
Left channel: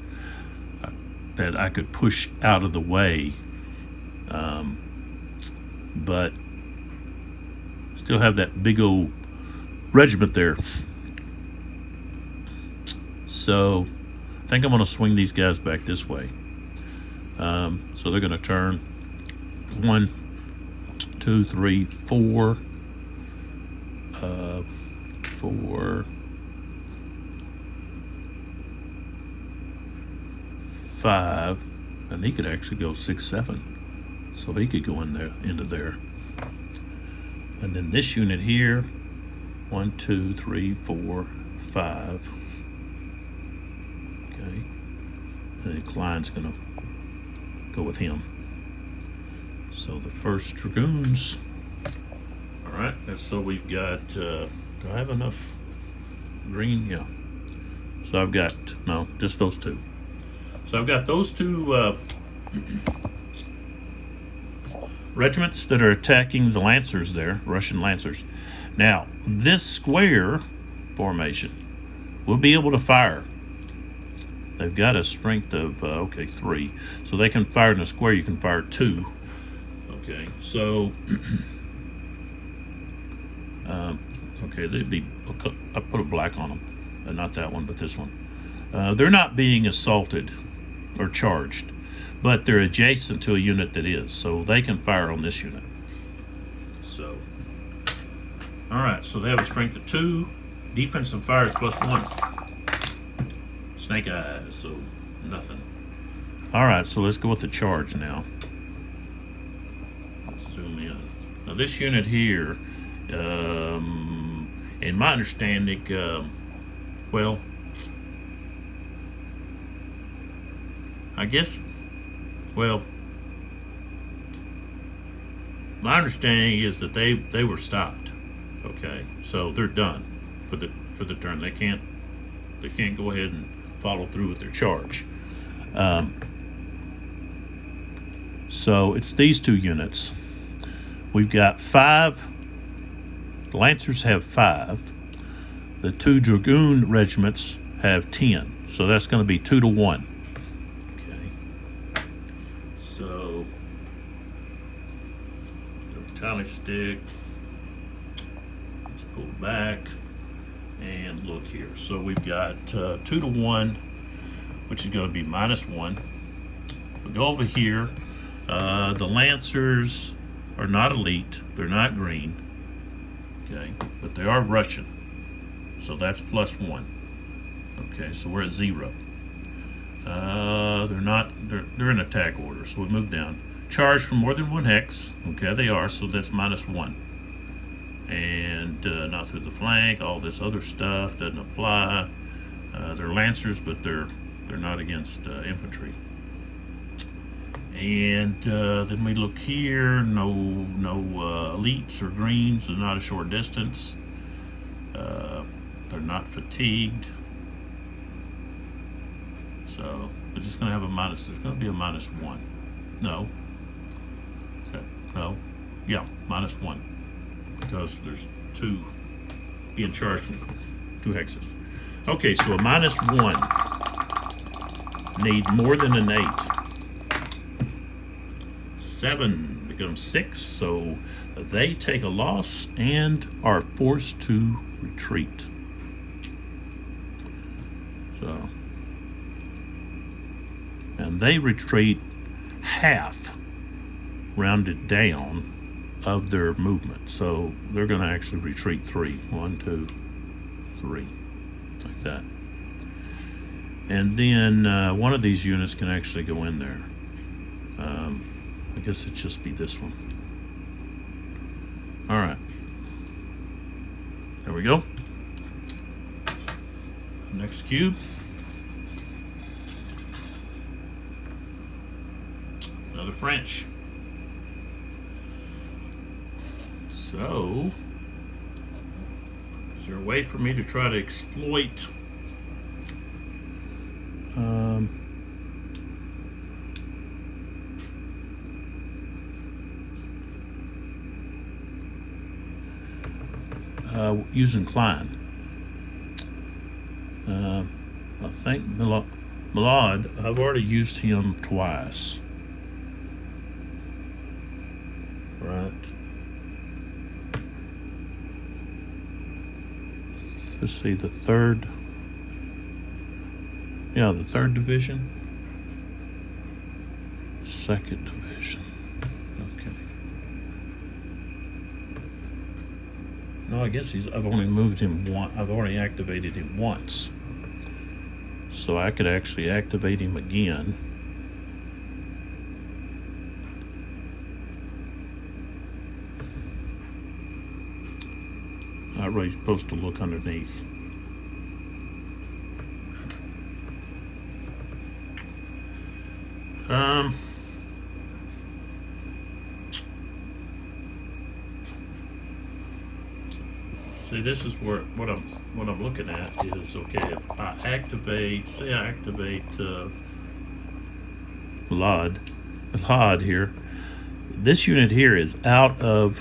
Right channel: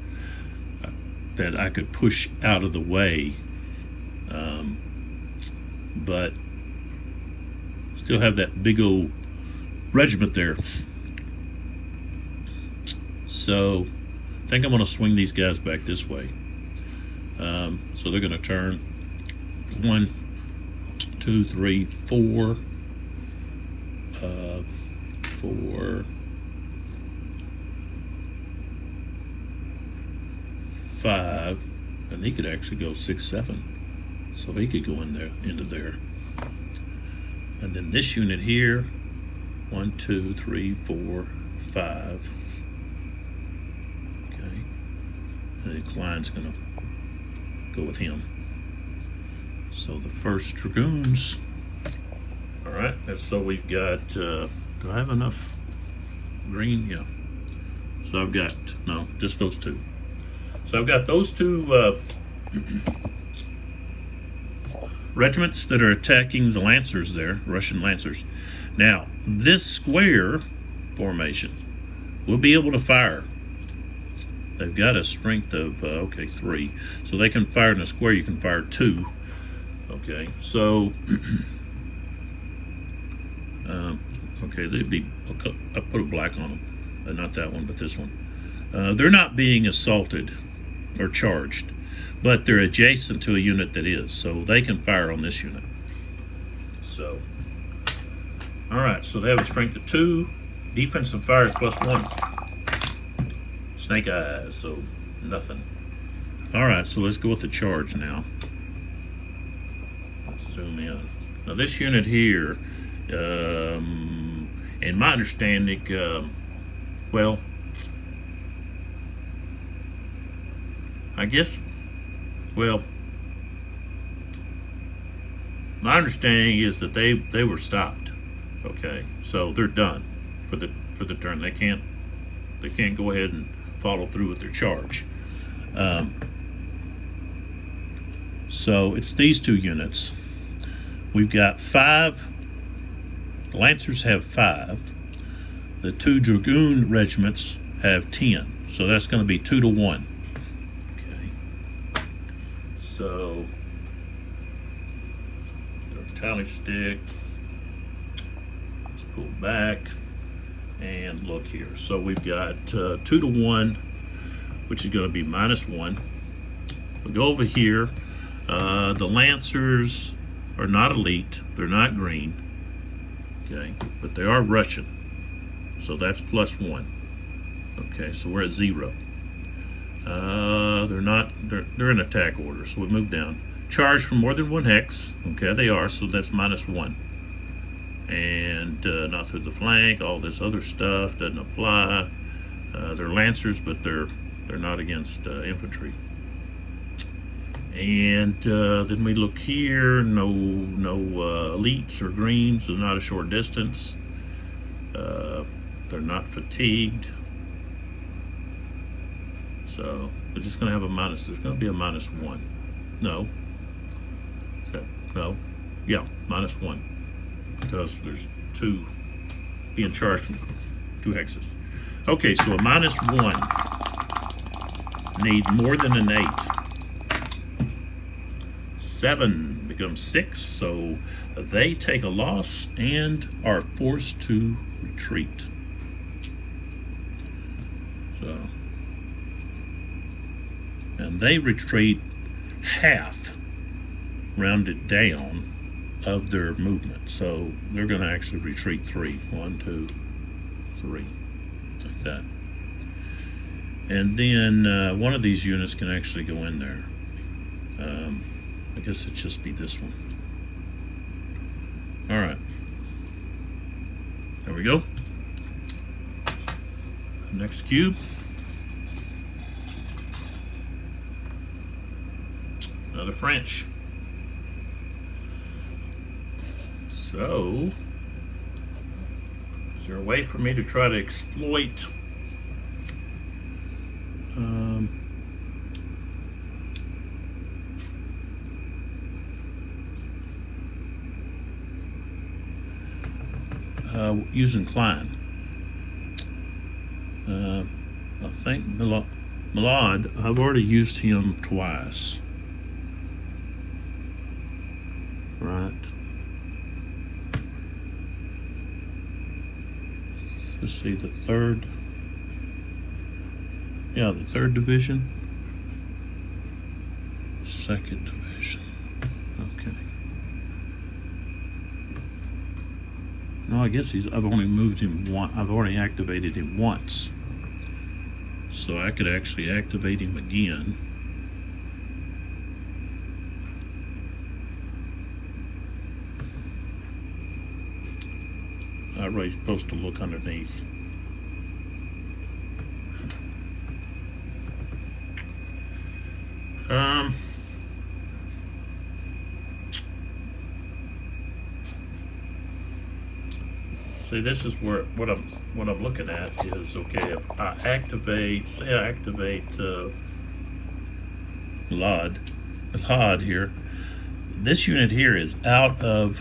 that I could push out of the way, but still have that big old regiment there. So I think I'm going to swing these guys back this way. So they're going to turn 1, 2, 3, 4, 4, 5, and he could actually go 6, 7. So he could go in there into there. And then this unit here, 1, 2, 3, 4, 5. Okay. And then Klein's gonna go with him. So the first Dragoons. All right, and so we've got, do I have enough green? Yeah. So I've got, no, just those two. So I've got those two regiments that are attacking the Lancers there, Russian Lancers. Now, this square formation will be able to fire. They've got a strength of, 3. So they can fire in a square, you can fire 2. Okay, so, okay, I put a black on them. Not that one, but this one. They're not being assaulted or charged, but they're adjacent to a unit that is, so they can fire on this unit. So, all right, so they have a strength of 2. Defensive fire is +1. Snake eyes, so nothing. All right, so let's go with the charge now. Let's zoom in. Now this unit here, in my understanding, well, I guess, well, my understanding is that they were stopped. Okay, so they're done for the turn. They can't go ahead and follow through with their charge. So it's these two units. We've got 5. The Lancers have 5. The 2 Dragoon regiments have 10. So that's going to be 2 to 1. Okay. So, tally stick. Let's pull back and look here. So we've got 2 to 1, which is going to be -1. We go over here. The Lancers are not elite. They're not green. Okay, but they are Russian. So that's +1. Okay, so we're at 0. They're in attack order, so we move down. Charge for more than 1 hex. Okay, they are, so that's -1. And not through the flank, all this other stuff doesn't apply. They're Lancers, but they're not against infantry. And then we look here, no elites or greens, they're not a short distance. They're not fatigued. So they're just gonna have a minus, there's gonna be a -1. No. No. Yeah, -1. Because there's 2 being charged from 2 hexes. Okay, so a -1 need more than an 8. 7 becomes 6, so they take a loss and are forced to retreat. So, and they retreat half, rounded down, of their movement. So they're going to actually retreat 3. 1, 2, 3, like that. And then one of these units can actually go in there. I guess it'd just be this one. All right. There we go. Next cube. Another French. So, is there a way for me to try to exploit using Klein? I think Milad, I've already used him twice. Right. Let's see, the 3rd. Yeah, the 3rd division. 2nd division. Okay. Well, I guess I've only moved him once. I've already activated him once. So I could actually activate him again. That way he's supposed to look underneath. See, this is where what I'm looking at is, okay, if I activate, say I activate LOD here, this unit here is out of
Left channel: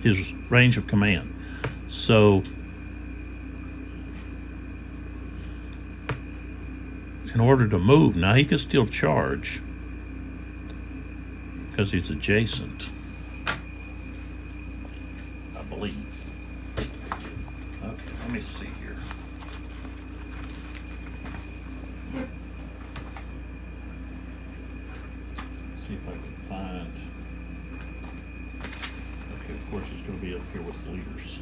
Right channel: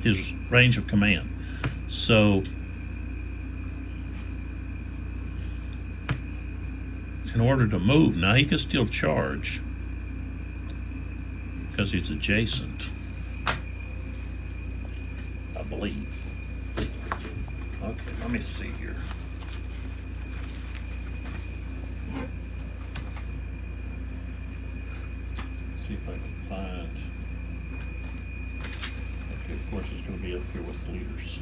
his range of command. So in order to move, now he can still charge because he's adjacent, I believe. Okay, let me see here. See if I can find. Okay, of course it's going to be up here with leaders.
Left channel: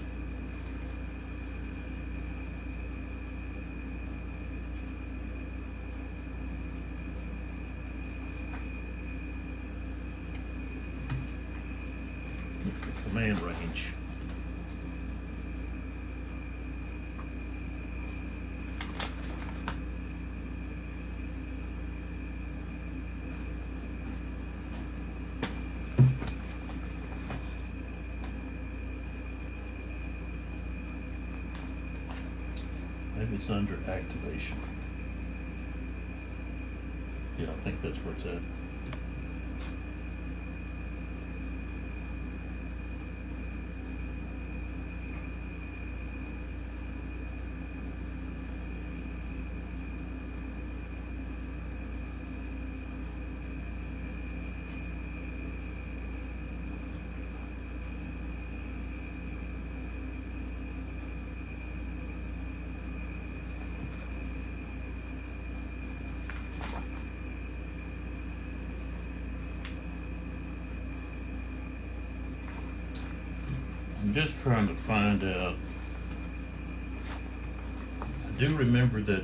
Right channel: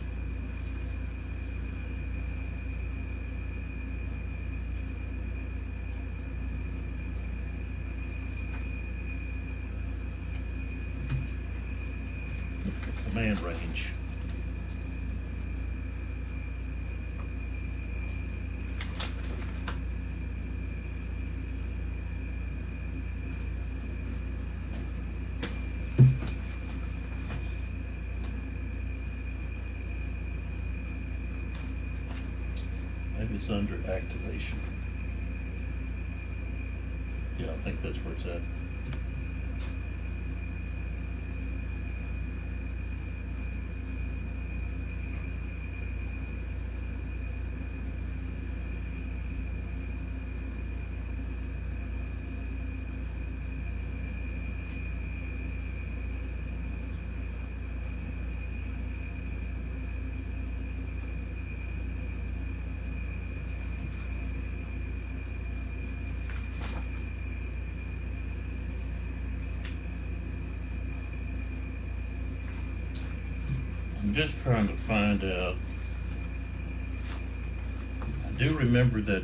Look at the command range. Maybe it's under activation. Yeah, I think that's where it's at. I'm just trying to find out. I do remember that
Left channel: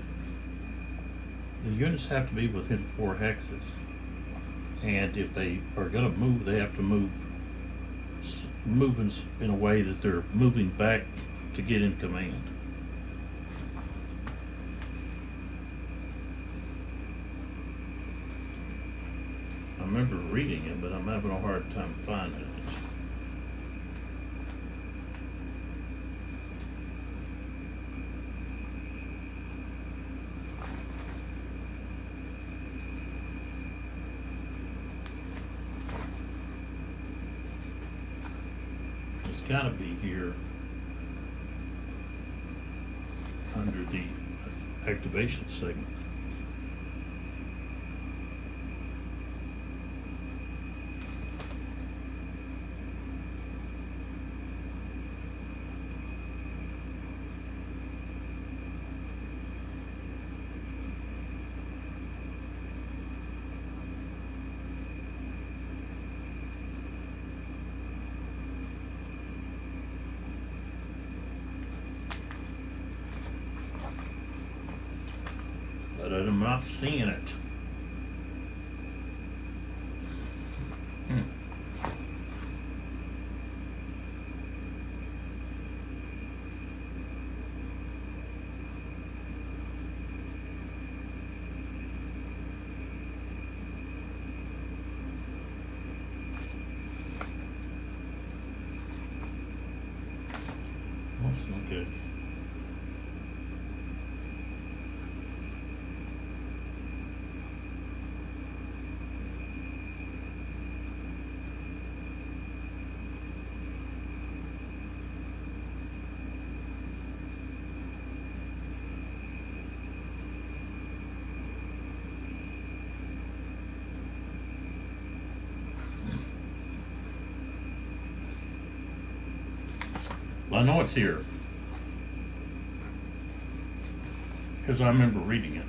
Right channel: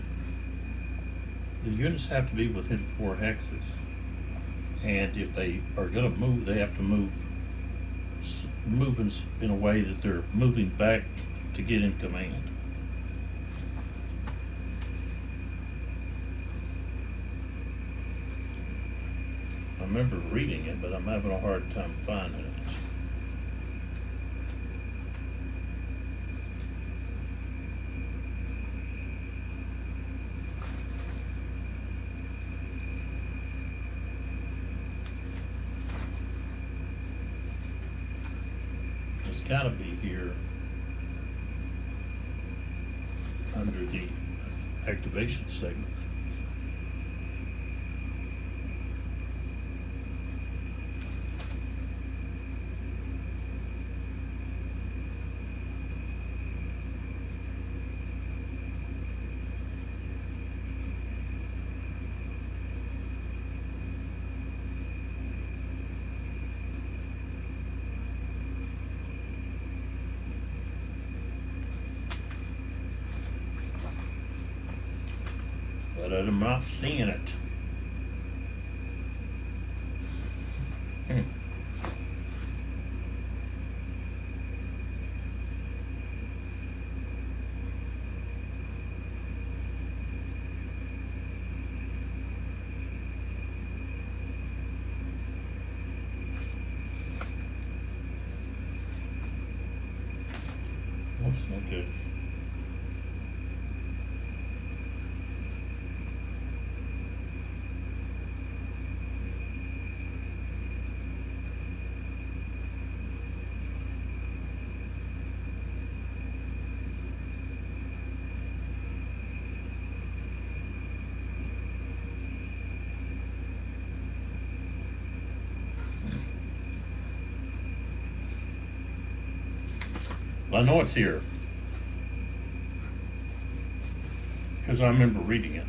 the units have to be within 4 hexes, and if they are going to move, they have to move in a way that they're moving back to get in command. I remember reading it, but I'm having a hard time finding it. It's got to be here under the activation segment. But I'm not seeing it. That's not good. Well, I know it's here because I remember reading it.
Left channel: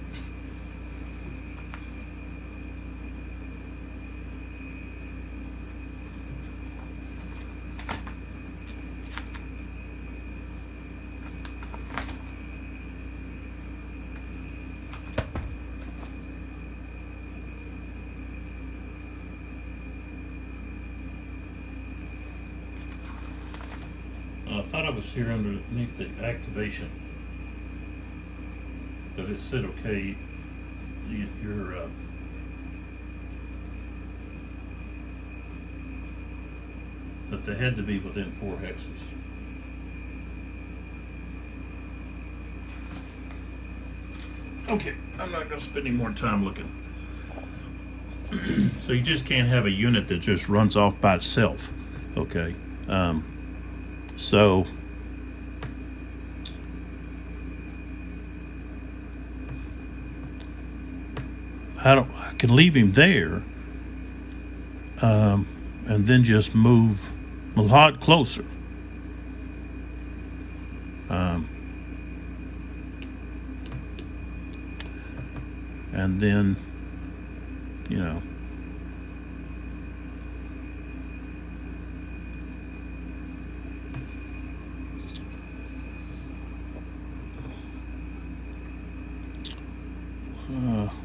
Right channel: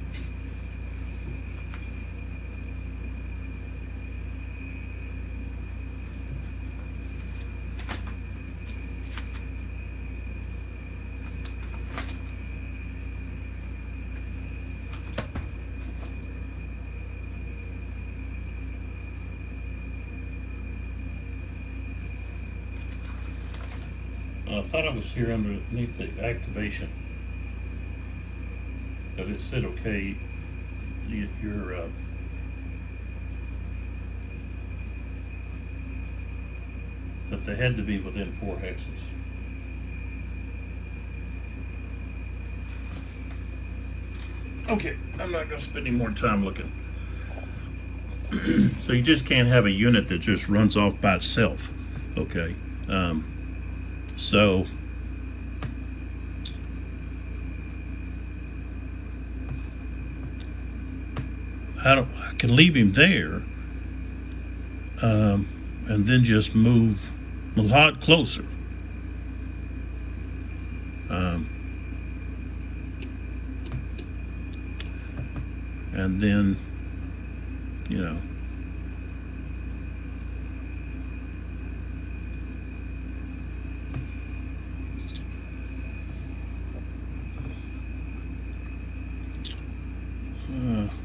I thought I was here underneath the activation, but it said, okay, you're that they had to be within 4 hexes. Okay, I'm not gonna spend any more time looking. So you just can't have a unit that just runs off by itself. Okay, so I can leave him there, and then just move a lot closer. And then, you know,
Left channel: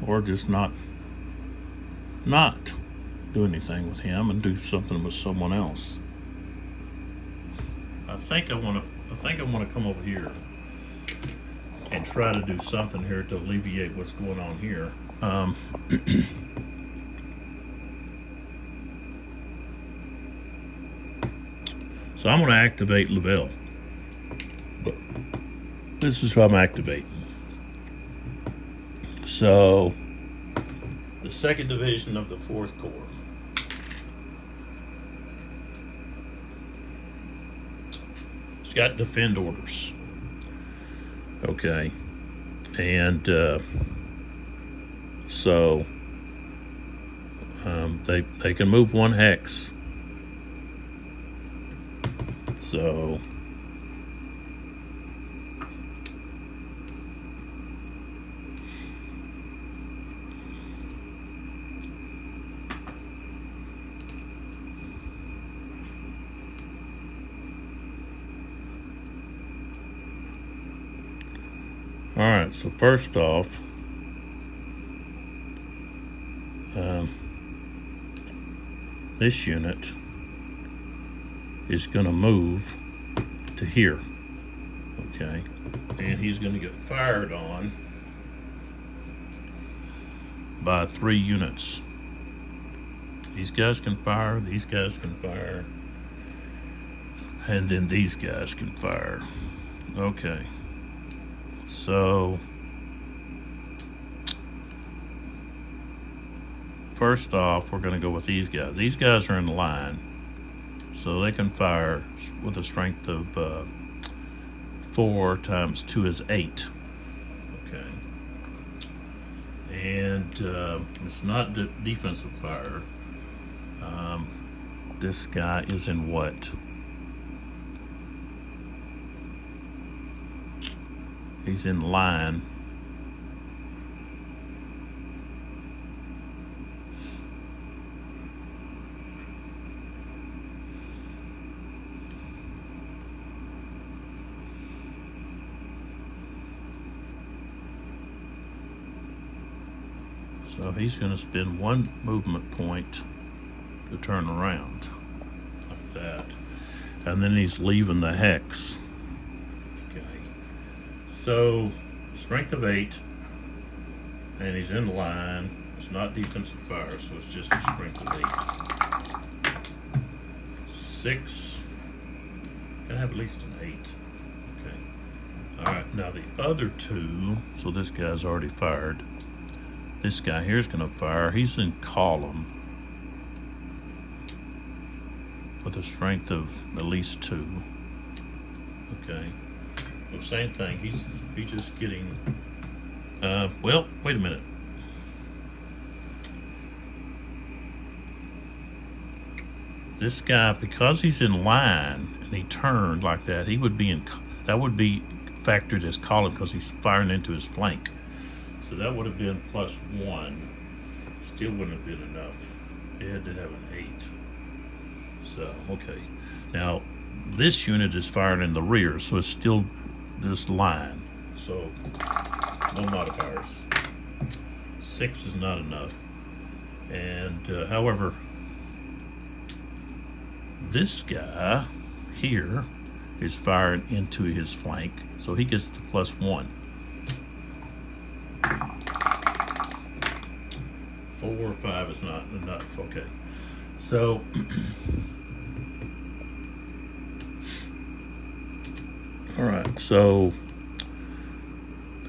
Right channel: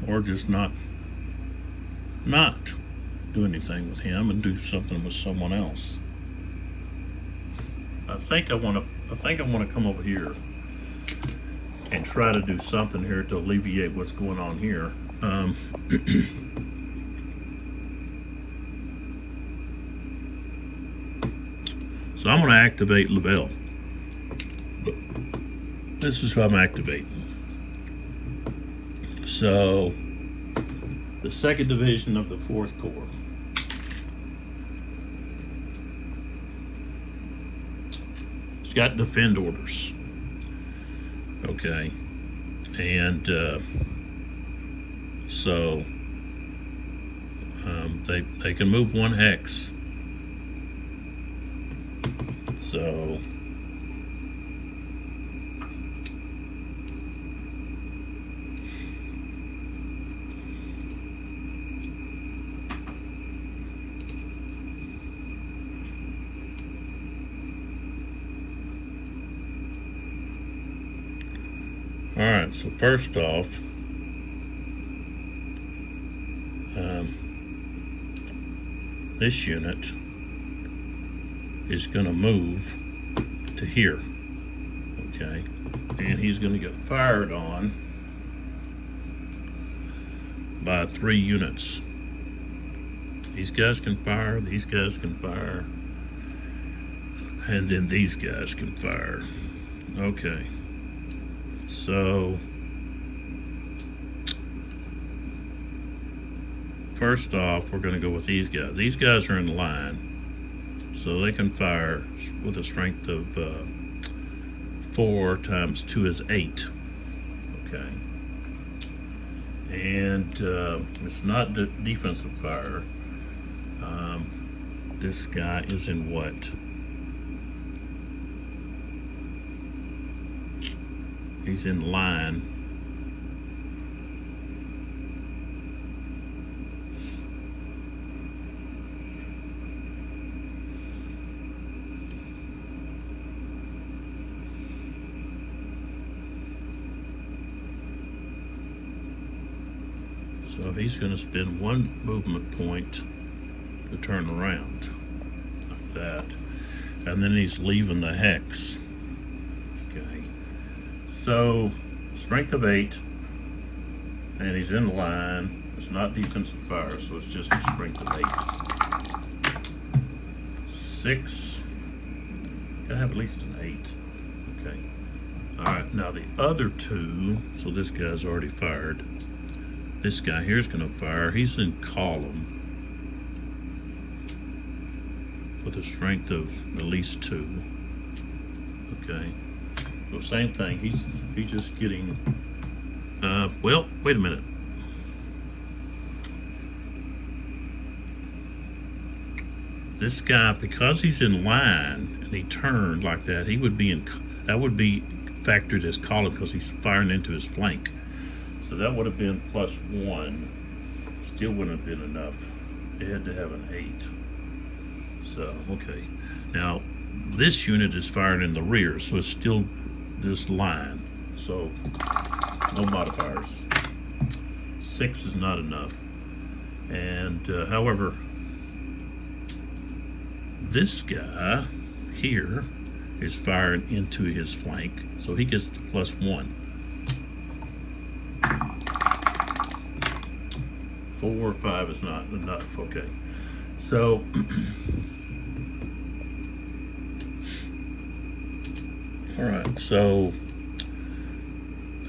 or just not do anything with him and do something with someone else. I think I want to come over here and try to do something here to alleviate what's going on here. So I'm going to activate Lavelle. This is who I'm activating. So the 2nd Division of the 4th Corps. It's got defend orders. Okay, and so they can move 1 hex. So all right, so first off, this unit is going to move to here, okay, and he's going to get fired on by 3 units. These guys can fire, these guys can fire, and then these guys can fire. Okay. So first off, we're going to go with these guys. These guys are in line, so they can fire with a strength of 4 times 2 is 8. Okay, and it's not the defensive fire. This guy is in what? He's in line. So he's going to spend 1 movement point to turn around like that, and then he's leaving the hex. So, strength of 8, and he's in line. It's not defensive fire, so it's just a strength of 8. 6, gotta have at least an 8. Okay. Alright, now the other 2, so this guy's already fired. This guy here's gonna fire. He's in column with a strength of at least 2. Okay. So same thing, he's just getting, well, wait a minute. This guy, because he's in line and he turned like that, he would be in, that would be factored as column because he's firing into his flank. So that would have been +1. Still wouldn't have been enough. It had to have an 8. So, okay. Now, this unit is firing in the rear, so it's still this line, so no modifiers. 6 is not enough, and however, this guy here is firing into his flank, so he gets the +1. 4 or 5 is not enough. Okay, so all right, so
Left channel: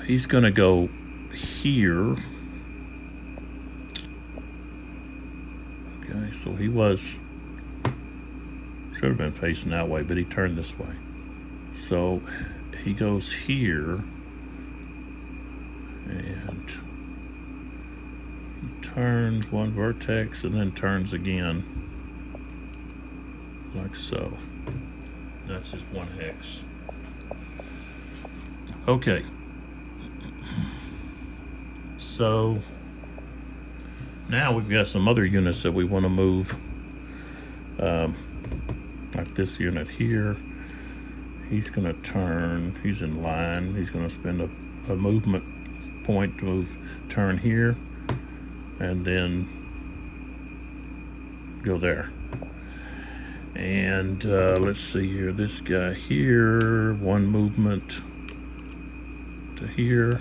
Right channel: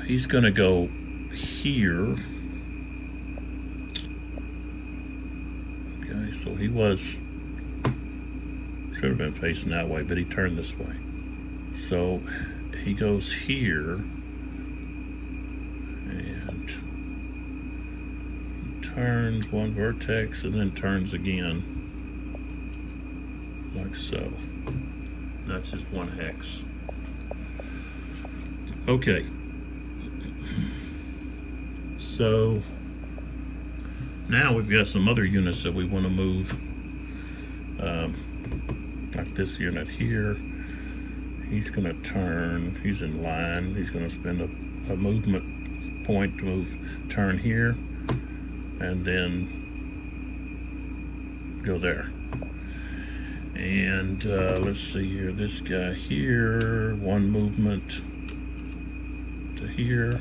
he's gonna go here. Okay, so he should have been facing that way, but he turned this way. So he goes here, and he turns one vertex and then turns again, like so. That's just one hex. Okay. So now we've got some other units that we want to move, like this unit here. He's going to turn, he's in line, he's going to spend a movement point to turn here, and then go there. And let's see here, this guy here, one movement to here.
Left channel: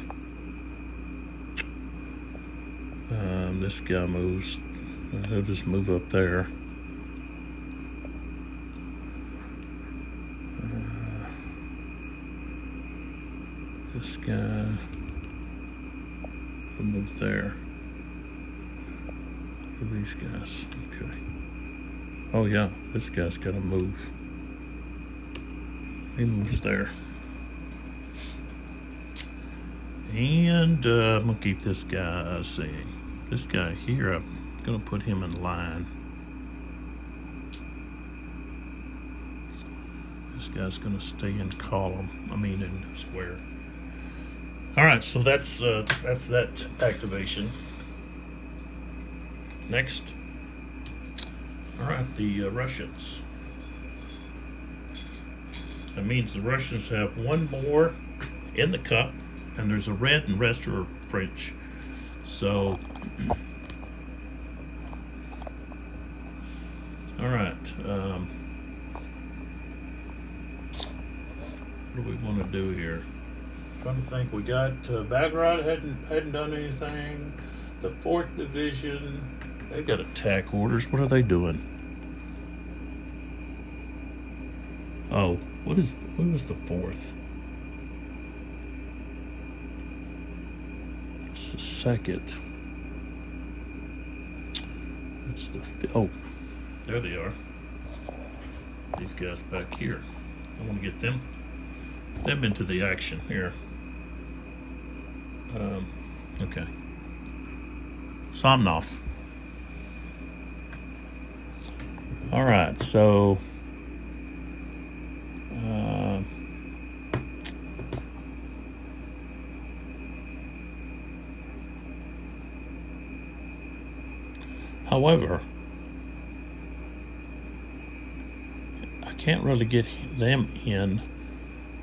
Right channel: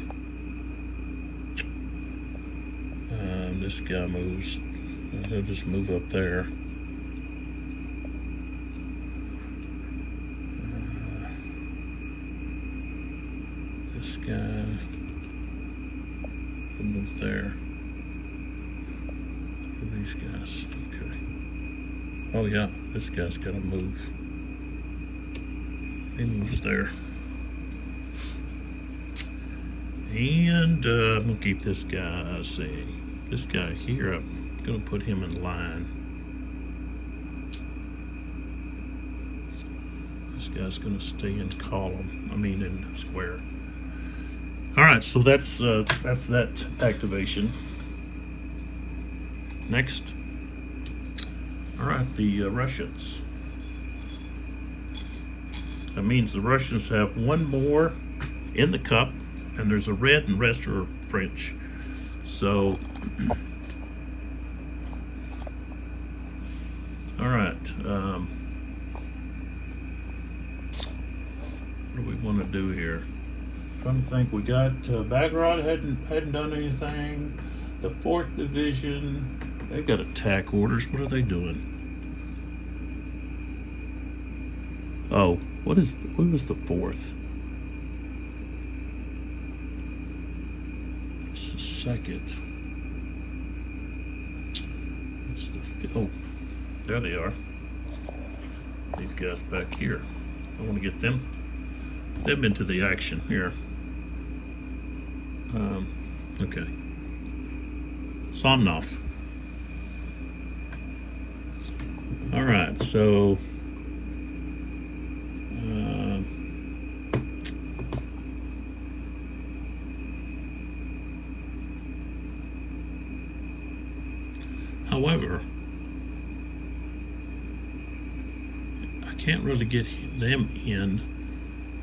This guy moves, he'll just move up there. This guy will move there. These guys, okay. Oh yeah, this guy's gotta move. He moves there. And I'm gonna keep this guy, let's see. This guy here, I'm gonna put him in line. This guy's gonna stay in column, in square. All right, so that's that activation. Next, all right, the Russians. That means the Russians have one more in the cup, and there's a red, and the rest are French. So, all right. What do we want to do here? Trying to think. We got Bagrad hadn't done anything. The 4th Division, they got attack orders. What are they doing? Oh, who was the 4th? It's the 2nd. It's the 5th. Oh, there they are. These guys back here. I want to get them into the action here. Okay. Somnoff. All right, so however, I can't really get them in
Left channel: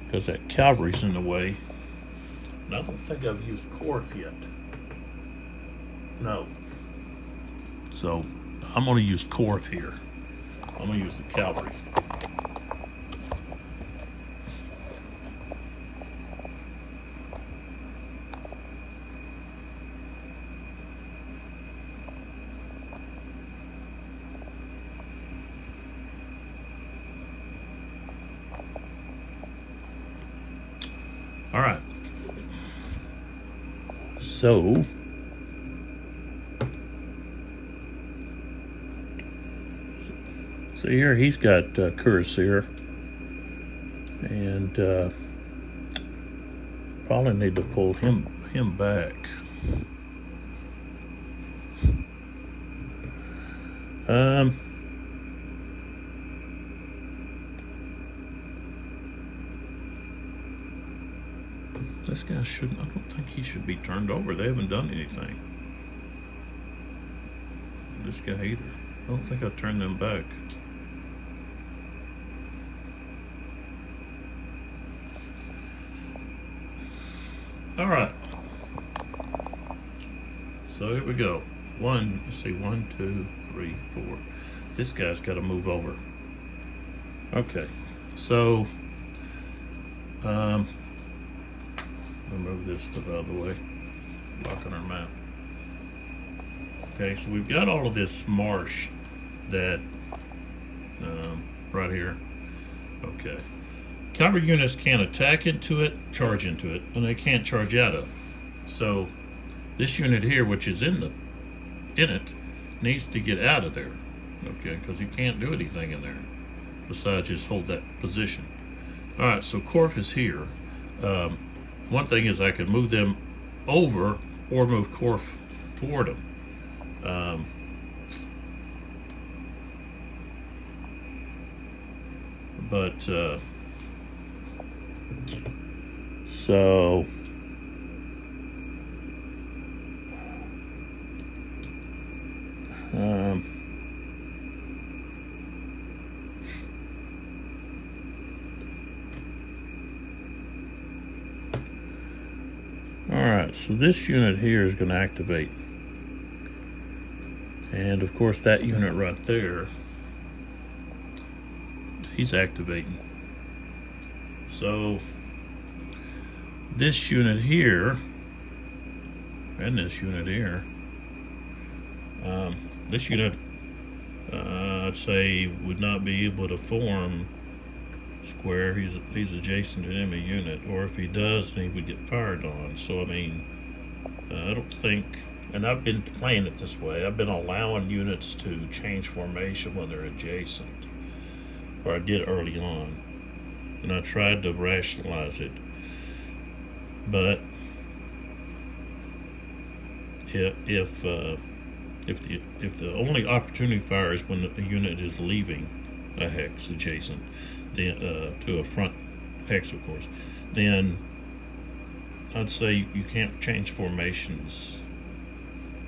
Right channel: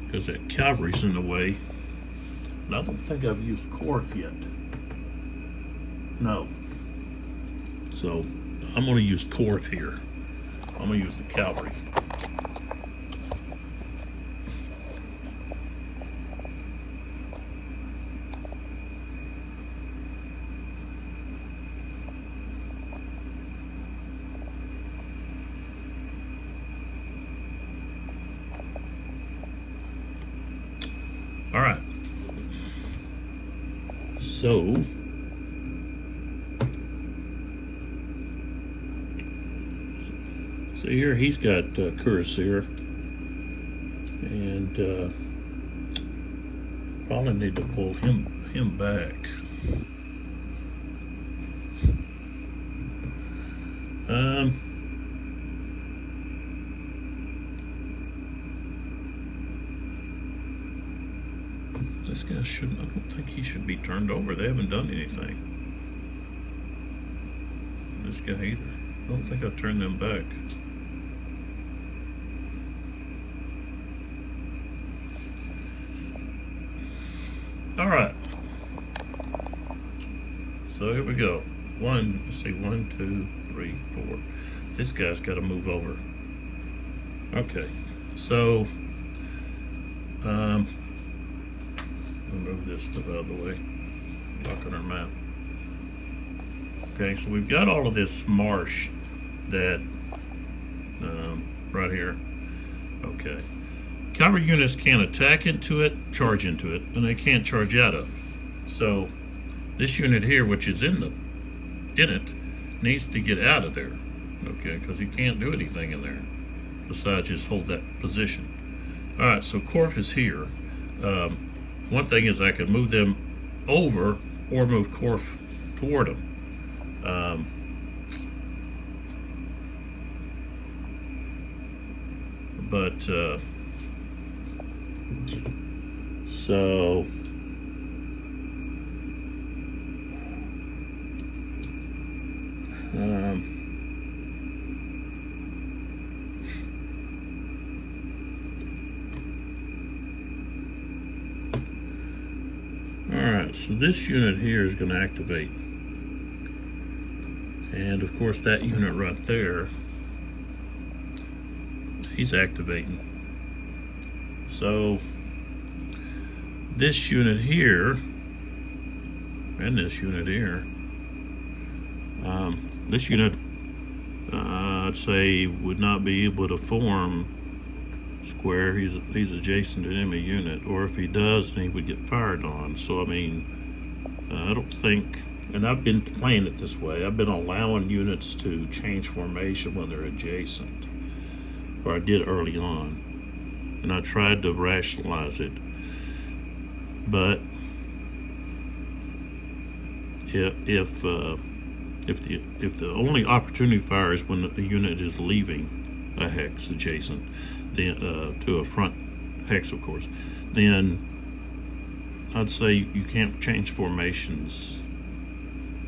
because that cavalry's in the way. And I don't think I've used Korf yet. No. So I'm going to use Korf here. I'm going to use the cavalry. All right. So here he's got Cuirassier, and probably need to pull him back. This guy shouldn't. I don't think he should be turned over. They haven't done anything. This guy either. I don't think I've turned them back. All right. So here we go. Let's see, 1, 2, 3, 4. This guy's got to move over. Okay. So, I'll move this to the other way. Lock on our map. Okay, so we've got all of this marsh that, right here. Okay. Cavalry units can't attack into it, charge into it, and they can't charge out of it. So This unit here, which is in it, needs to get out of there, okay, because you can't do anything in there besides just hold that position. All right, so Corf is here. One thing is I can move them over or move Corf toward them. So alright, so this unit here is going to activate. And of course that unit right there, he's activating. So this unit here and this unit here, this unit I'd say would not be able to form square. He's adjacent to an enemy unit, or if he does, then he would get fired on. So I mean, I don't think, and I've been playing it this way, I've been allowing units to change formation when they're adjacent, or I did early on, and I tried to rationalize it. But if the only opportunity fire is when the unit is leaving a hex adjacent, then to a front hex, of course, then I'd say you can't change formations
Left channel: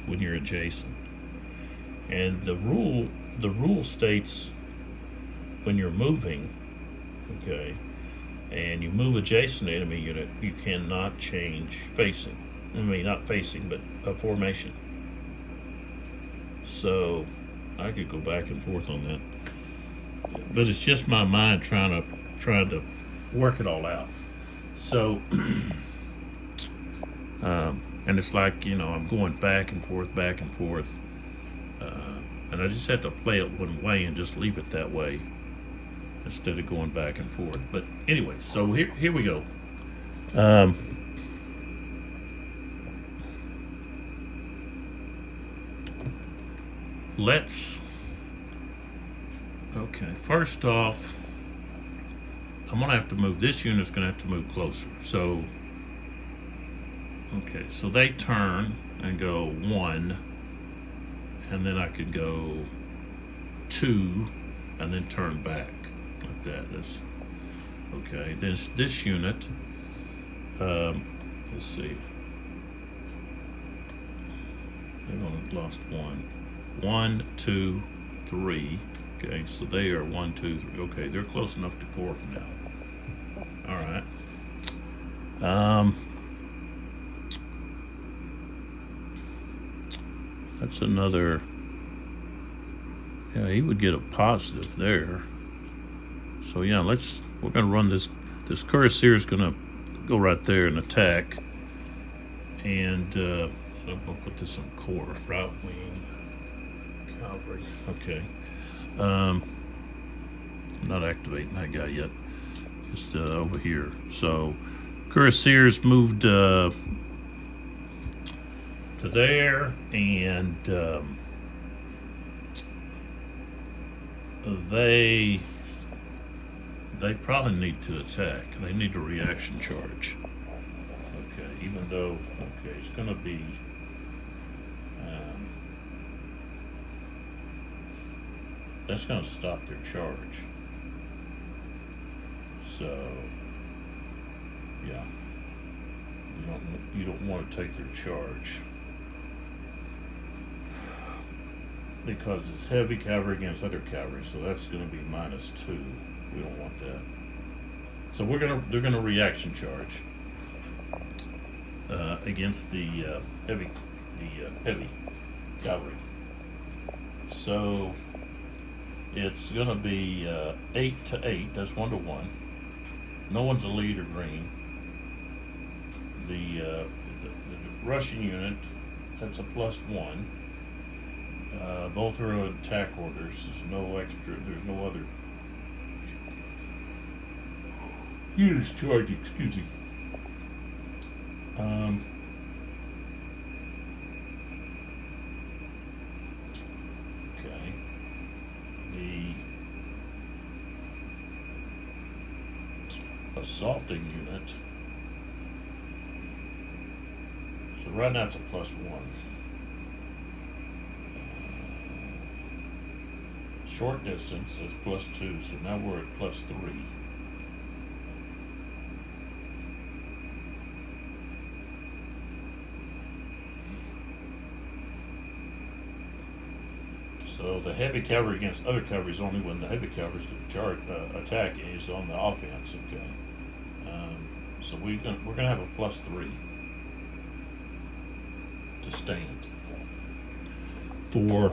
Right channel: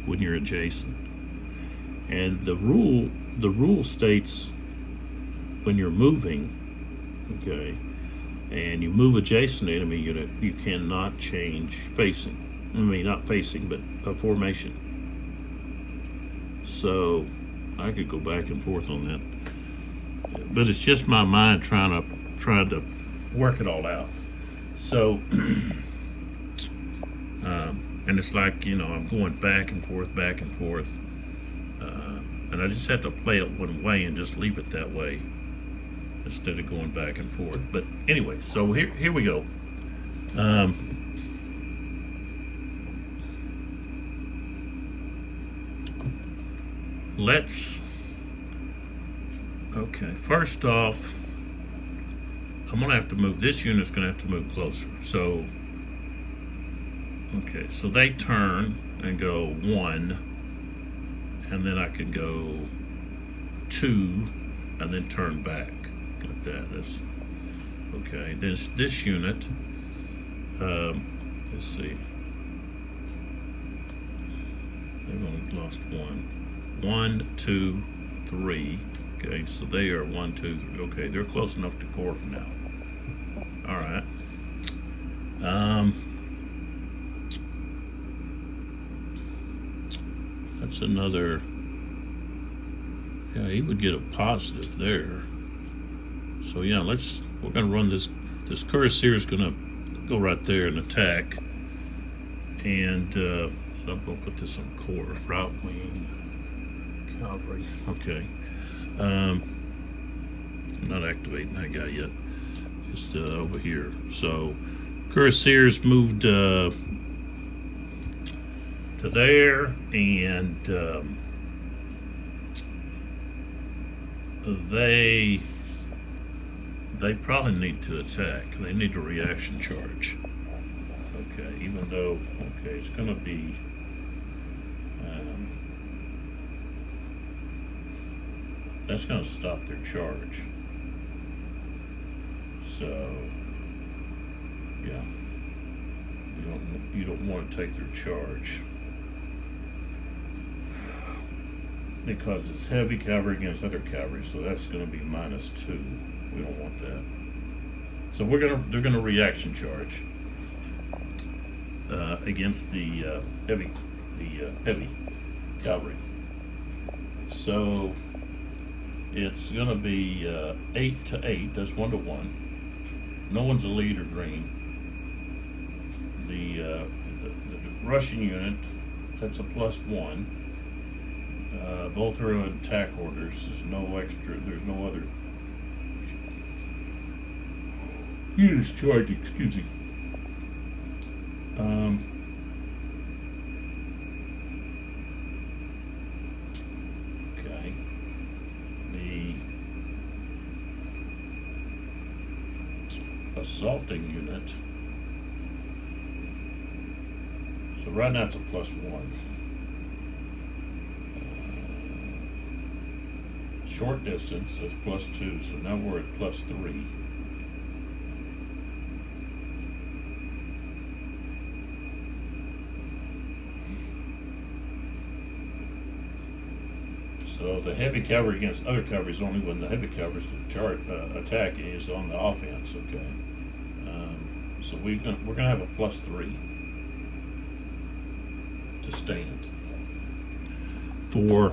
when you're adjacent. And the rule states when you're moving, okay, and you move adjacent to enemy unit, you cannot change facing. I mean, not facing, but a formation. So I could go back and forth on that, but it's just my mind trying to work it all out. So, and it's like, you know, I'm going back and forth, and I just had to play it one way and just leave it that way instead of going back and forth. But anyway, so here we go. Okay, first off, I'm gonna have to move, this unit's gonna have to move closer. So, okay, so they turn and go 1, and then I could go 2, and then turn back, like that. That's, okay, this unit, let's see, I've only lost 1. 1, 2, 3. Okay, so they are 1, 2, 3. Okay, they're close enough to Corf now. All right. That's another. Yeah, he would get a positive there. So yeah, we're gonna run this. This cuirassier is gonna go right there and attack. And so I'm gonna put this on Corf, route wing. Okay. I'm not activating that guy yet. Just over here. So, cuirassiers moved to there, and they probably need to attack. They need a reaction charge. Okay, even though, okay, it's going to be. That's going to stop their charge. So, yeah, you don't want to take their charge because it's heavy cavalry against other cavalry. So that's going to be -2. We don't want that. So they're gonna reaction charge against the heavy cavalry. So. It's going to be 8 to 8. That's 1 to 1. No one's a lead or green. The Russian unit, that's a +1. Both are attack orders. There's no extra. There's no other units charged. Excuse me. assaulting unit. So right now it's a +1. Short distance is +2, so now we're at +3. So the heavy cavalry against other cavalry is only when the heavy cavalry's attack is on the offense. Okay, so we're gonna have a +3 to stand for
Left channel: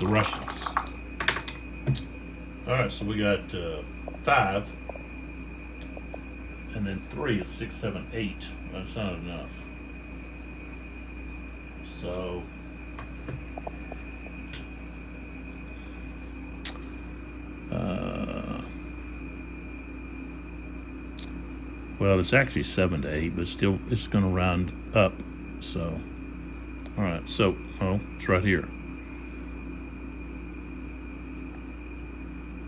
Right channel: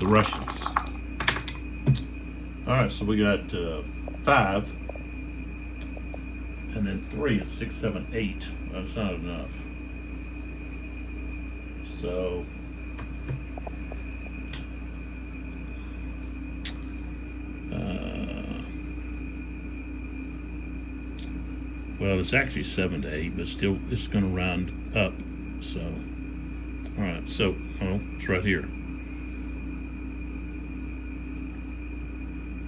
the Russians. All right, so we got 5, and then 3 is 6, 7, 8. That's not enough. So well, it's actually 7 to 8, but still it's going to round up. So, all right, so it's right here.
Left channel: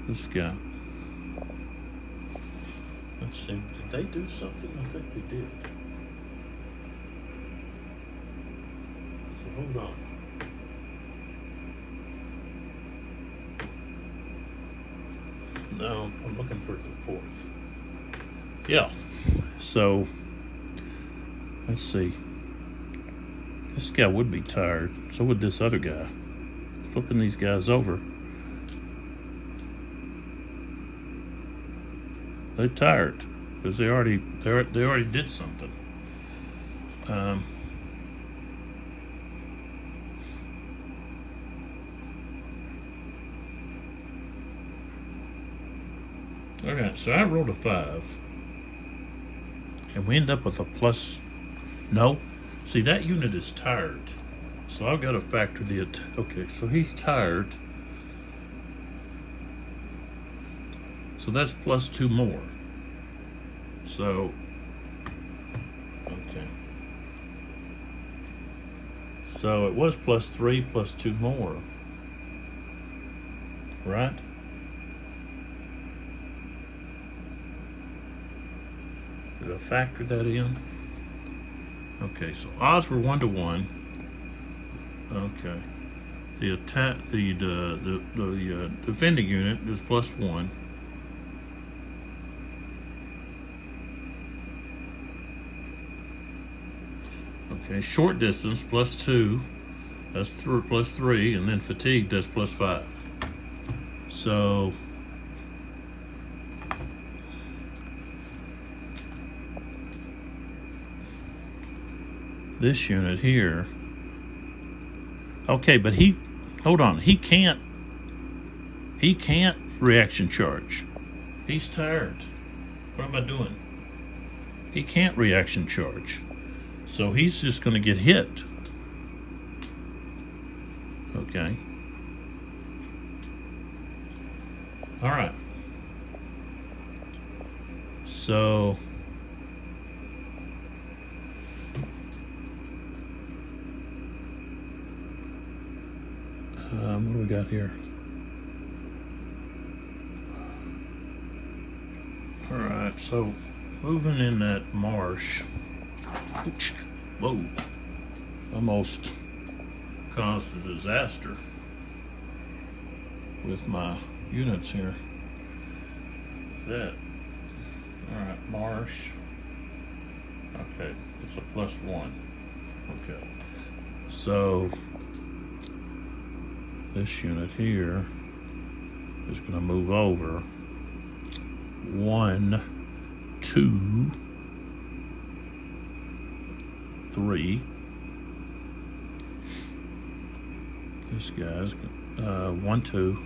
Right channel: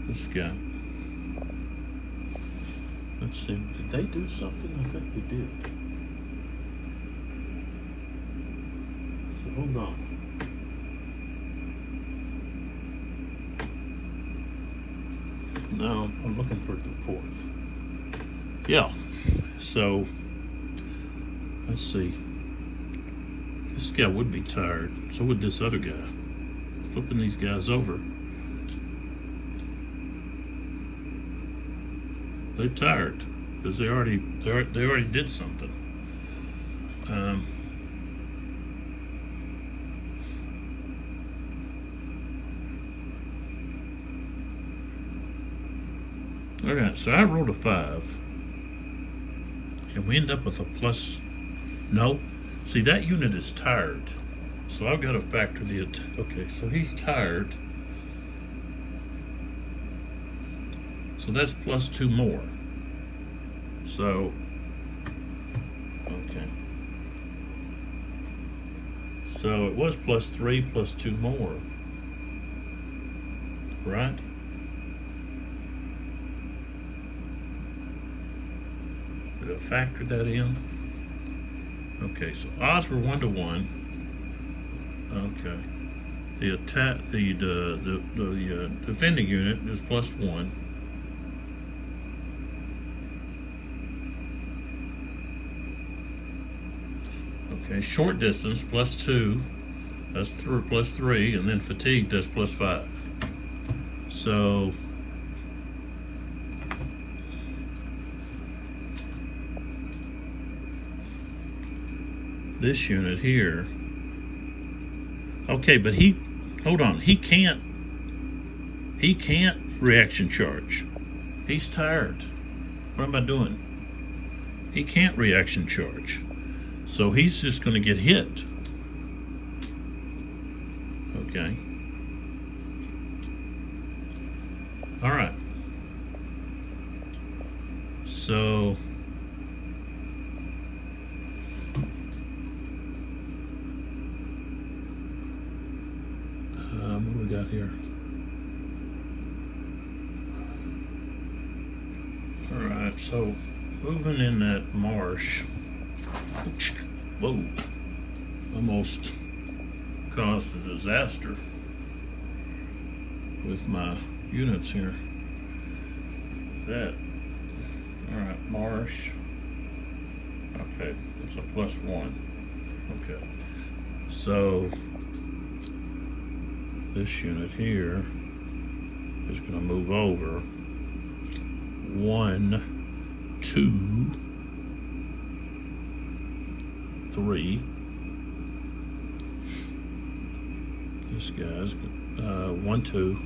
This guy. Let's see. Did they do something? I think they did. So hold on. No, I'm looking for the 4th. Yeah. So let's see. This guy would be tired. So would this other guy. Flipping these guys over. They're tired because they already did something. Okay, so I rolled a 5, and we end up with a plus. No, see that unit is tired, so I've got to factor the. Okay, so he's tired. So that's +2 more. So, okay. So it was +3 +2 more, right? Did I factor that in? Okay, so odds were 1 to 1. Okay. The attack, the defending unit is +1. Okay, short distance +2, that's +3, and then fatigue does +5. So this unit here, okay, but hold on, he can't reaction charge. He's tired. What am I doing? He can't reaction charge. So he's just going to get hit. Okay. All right. So what do we got here? All right. So moving in that marsh. Whoa, almost caused a disaster with my units here. That, all right, marsh. Okay, it's a +1. Okay, so this unit here is going to move over 1, 2, 3. This guy's 1, 2,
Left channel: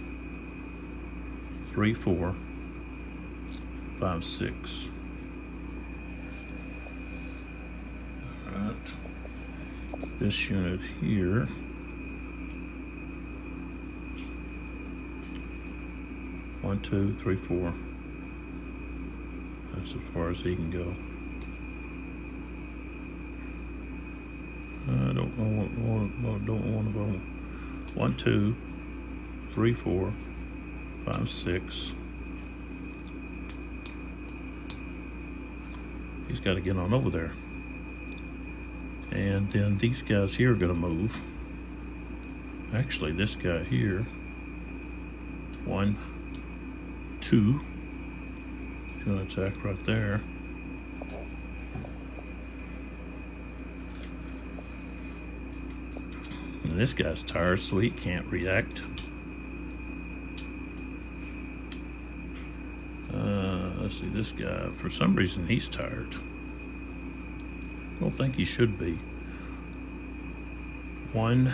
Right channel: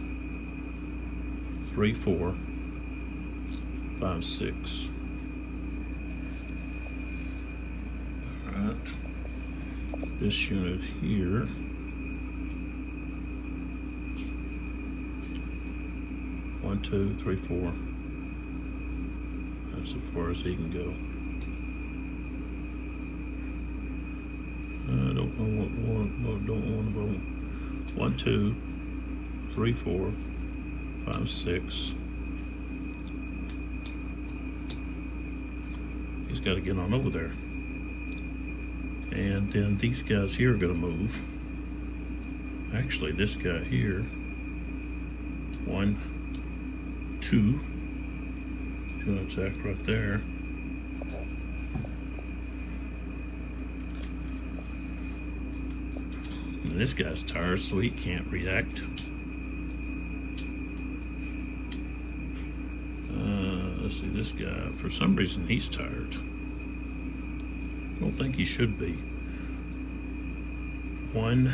3, 4, 5, 6. All right. This unit here one, 2, 3, 4. That's as far as he can go. I don't want to go. 1, 2, 3, 4, 5, 6. He's got to get on over there. And then these guys here are going to move. Actually, this guy here, 1, 2, he's going to attack right there. And this guy's tired, so he can't react. Let's see, this guy, for some reason, he's tired. I don't think he should be. 1,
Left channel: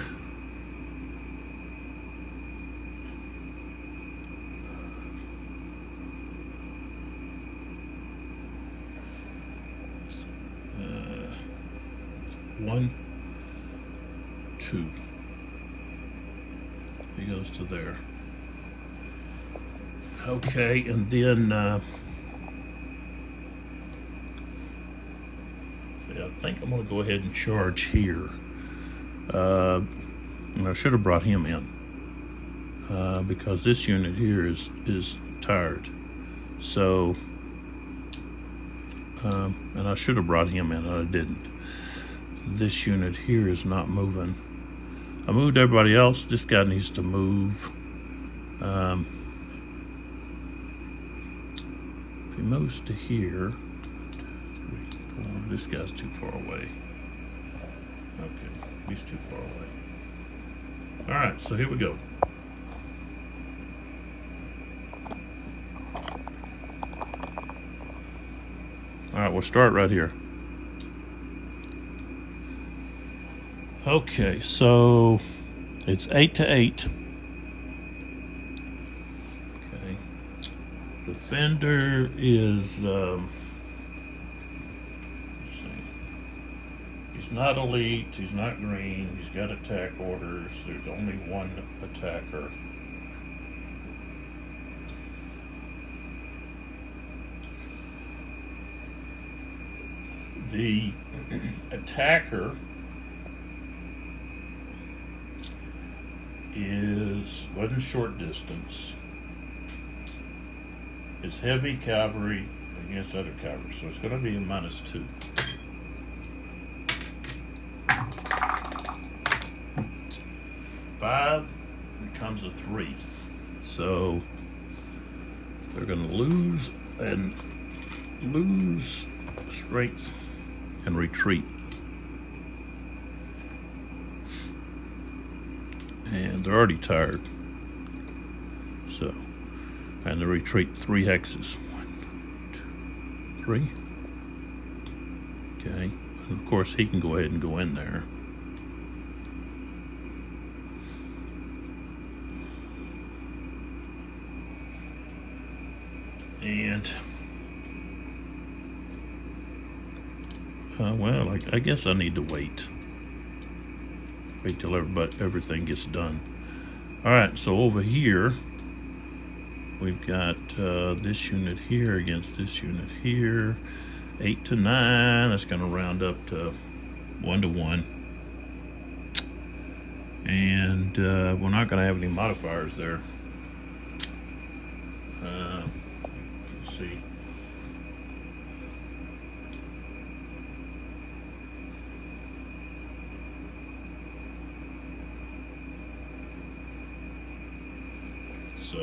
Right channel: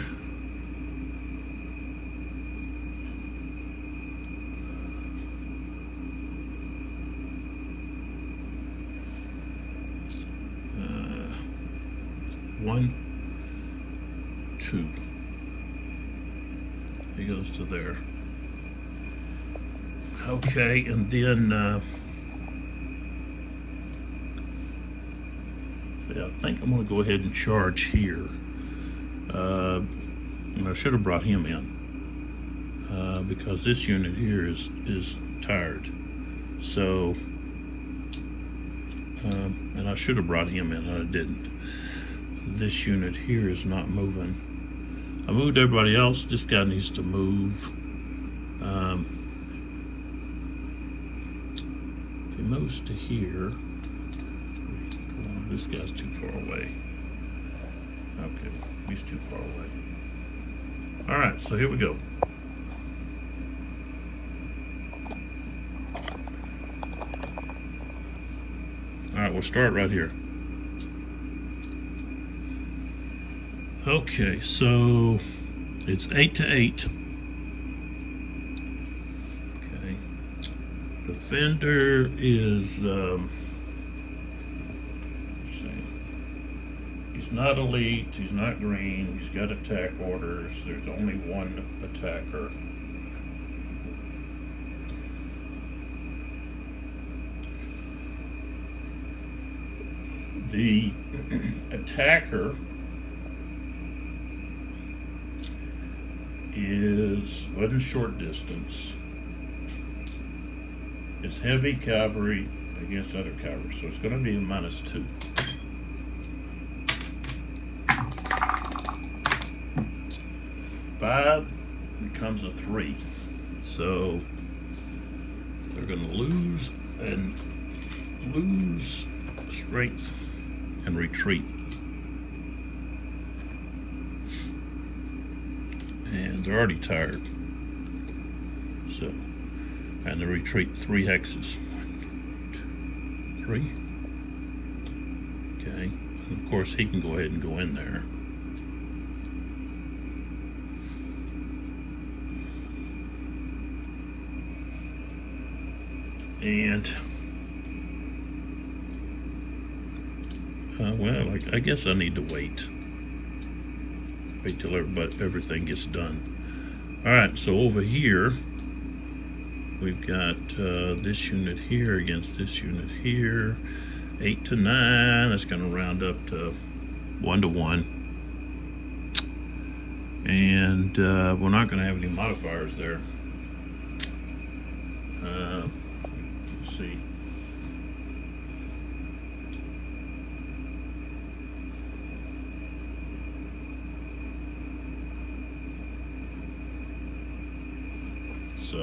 1, 2. He goes to there. Okay, and then see, I think I'm going to go ahead and charge here. And I should have brought him in because this unit here is tired. So, and I should have brought him in, and I didn't. This unit here is not moving. I moved everybody else. This guy needs to move. If he moves to here, this guy's too far away. Okay, he's too far away. All right, so here we go. All right, we'll start right here. Okay, so it's 8 to 8. Okay, defender is let's see. He's not elite. He's not green. He's got attack orders. There's only one attacker. The attacker wasn't short distance. It's heavy cavalry against other cavalry, so it's going to be a -2. Five becomes a 3, so they're going to lose strength and retreat. And they're already tired. So, and they retreat 3 hexes. 1, 2, 3. Okay, and of course he can go ahead and go in there. And well, I guess I need to wait till everything gets done. All right, so over here we've got this unit here against this unit here. 8 to 9. That's going to round up to 1 to 1. And we're not going to have any modifiers there. Let's see. So,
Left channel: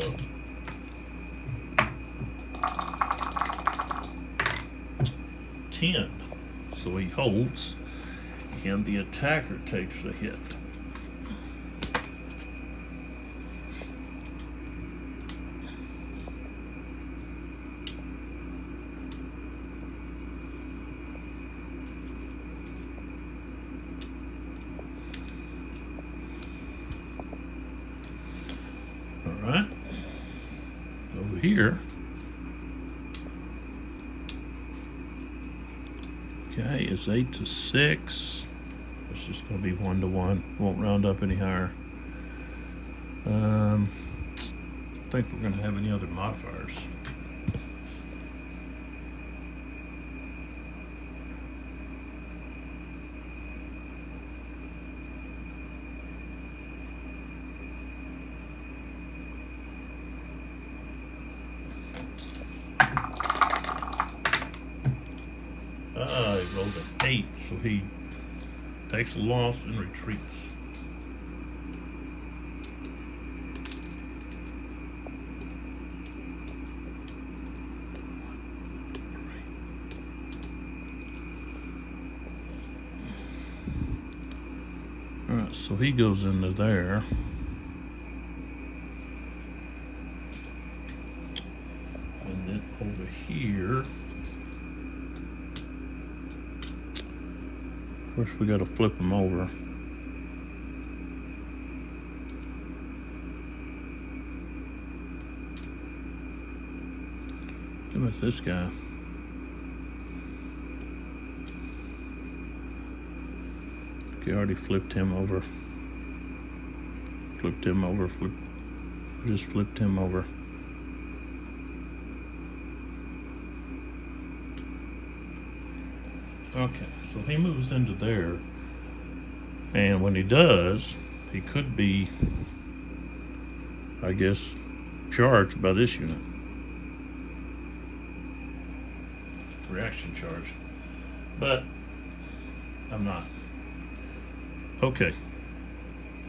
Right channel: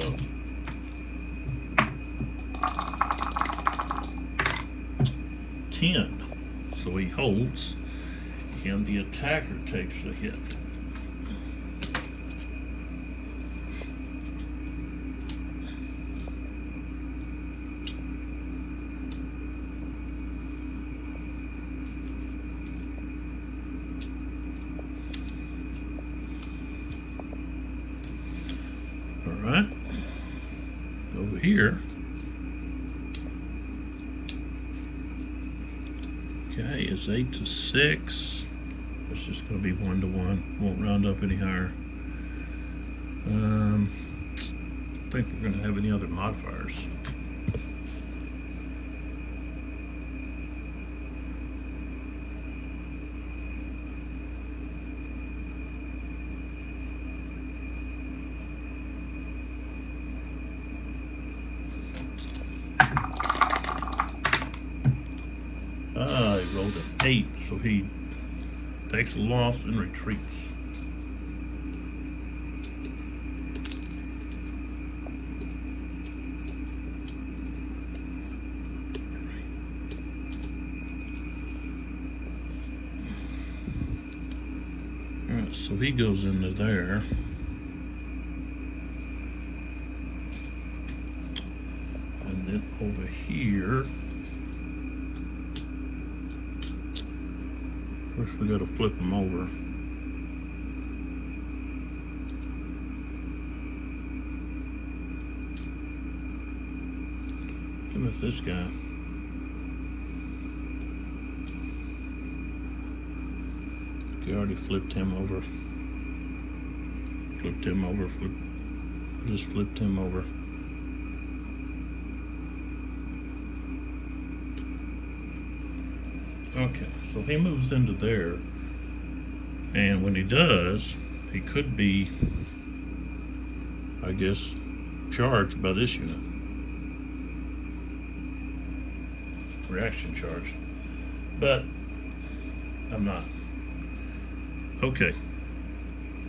so he holds, and the attacker takes the hit. All right, over here. Okay, it's 8 to 6. It's just going to be 1 to 1. Won't round up any higher. I don't think we're going to have any other modifiers. go to 8, so he takes a loss and retreats. Alright, so he goes into there. And then over here, of course we gotta flip him over. What with this guy? Okay, already flipped him over. Flipped him over, just flipped him over. Okay, so he moves into there, and when he does, he could be, I guess, charged by this unit. Reaction charge. But I'm not. Okay,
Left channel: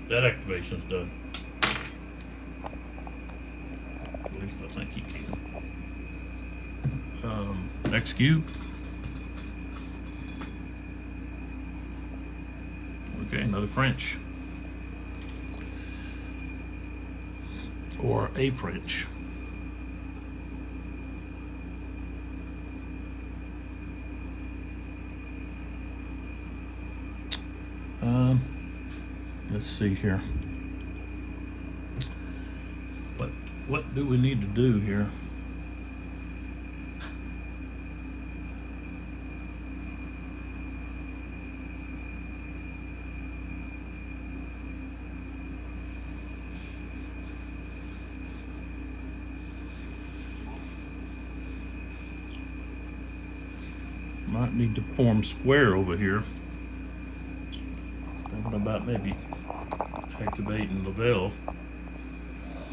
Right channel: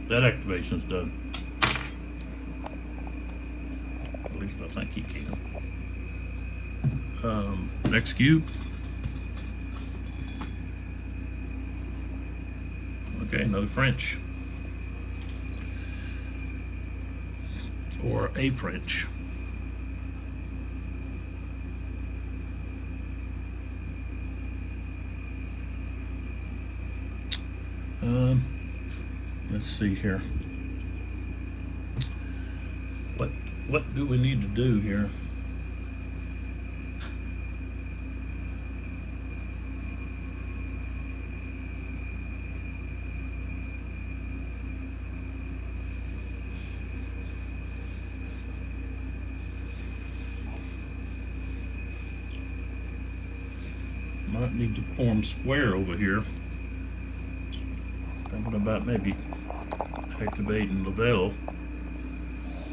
that activation's done. At least I think he can. Next cube. Okay, another French. Or a French. Let's see here. What do we need to do here? Might need to form square over here. Thinking about maybe activating Lavelle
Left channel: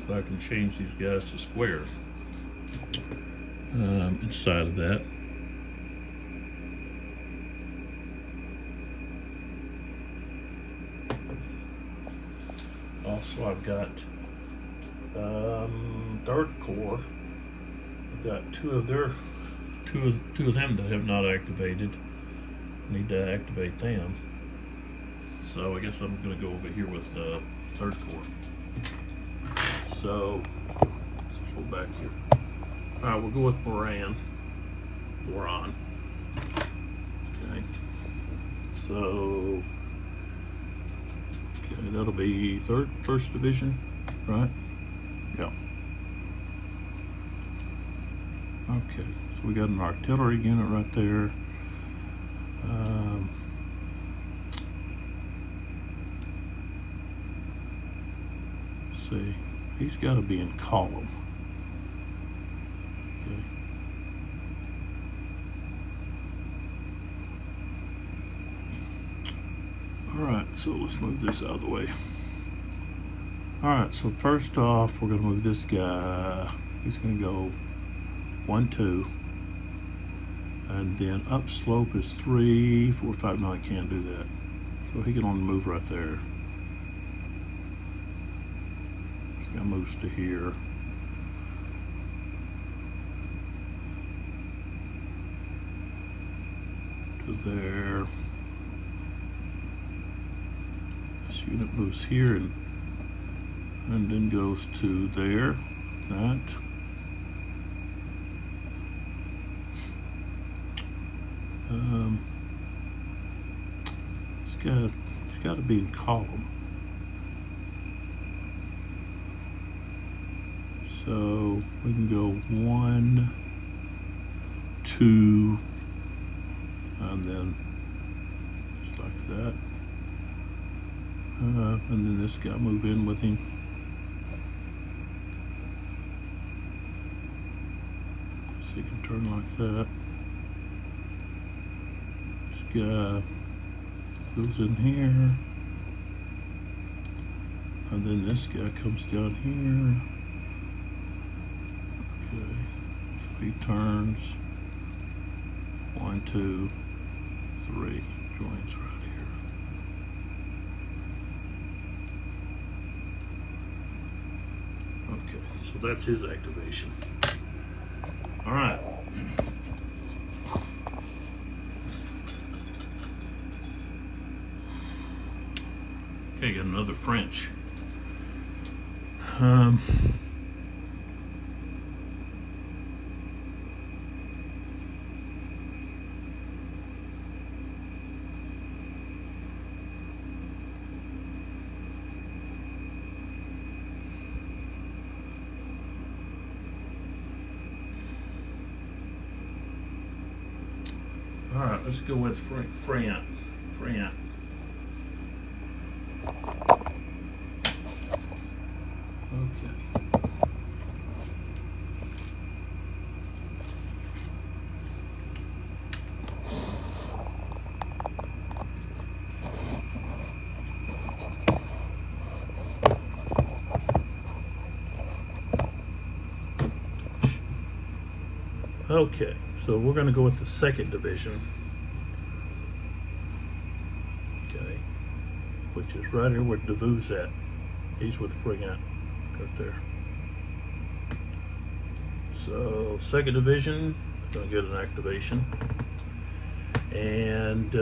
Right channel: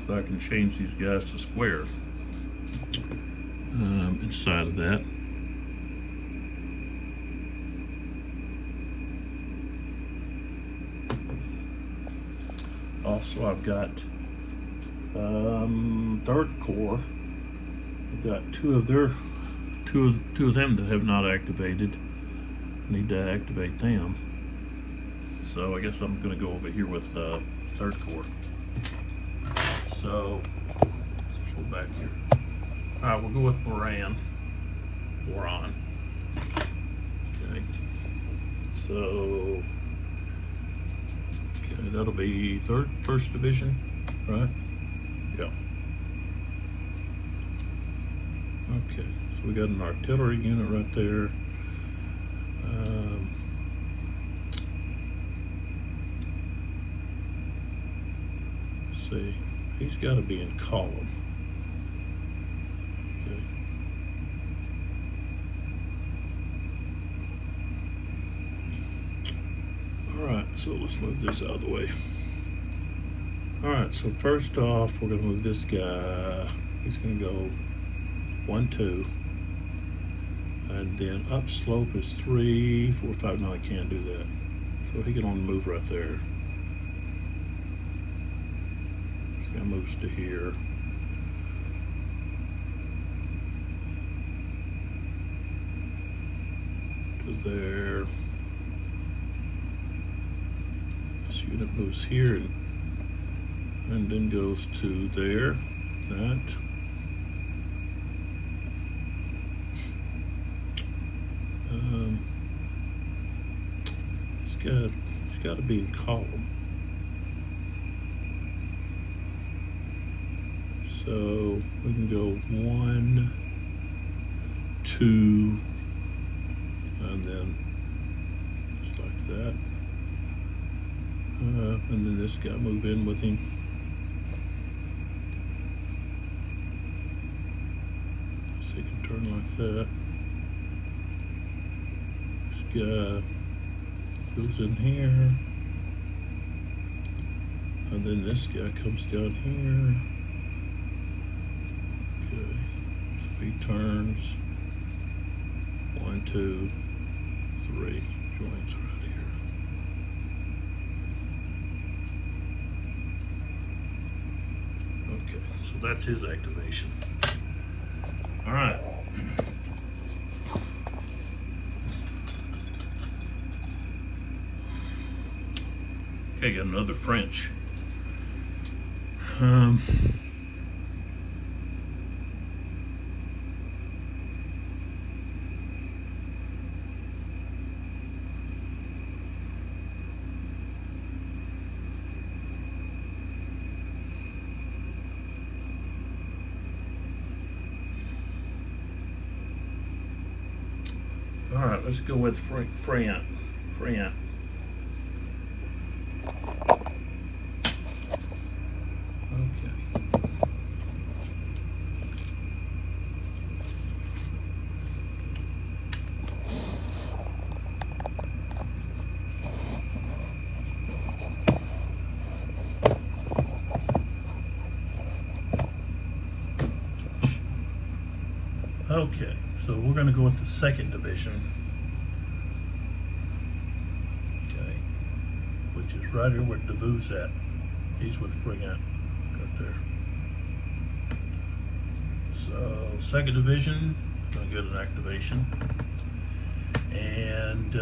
so I can change these guys to square. Inside of that. Also, I've got third core. I've got two of them that have not activated. Need to activate them. So I guess I'm gonna go over here with third core. So let's pull back here. All right, we'll go with Boron. Okay. So okay, that'll be first division, right? Yeah. Okay, so we got an artillery unit right there. See, he's got to be in column. Okay. All right, so let's move this out of the way. All right, so first off, we're gonna move this guy. He's gonna go 1, 2, and then up slope is 3, 4, 5. No, I can't do that. So he can only move right there. So that moves to here. To there. This unit moves here and then goes to there. That. It's got to be in column. So we can go 1, 2, and then just like that. And then this guy move in with him. So you can turn like that. This guy goes in here, and then this guy comes down here. Okay, so he turns 1, 2, joints right here. Okay, so that's his activation. All right. Okay, got another French. All right, let's go with Freyant. Okay. Okay, so we're going to go with the second division. Okay, which is right here where Devue's at. He's with Frigant right there. So second division is going to get an activation, and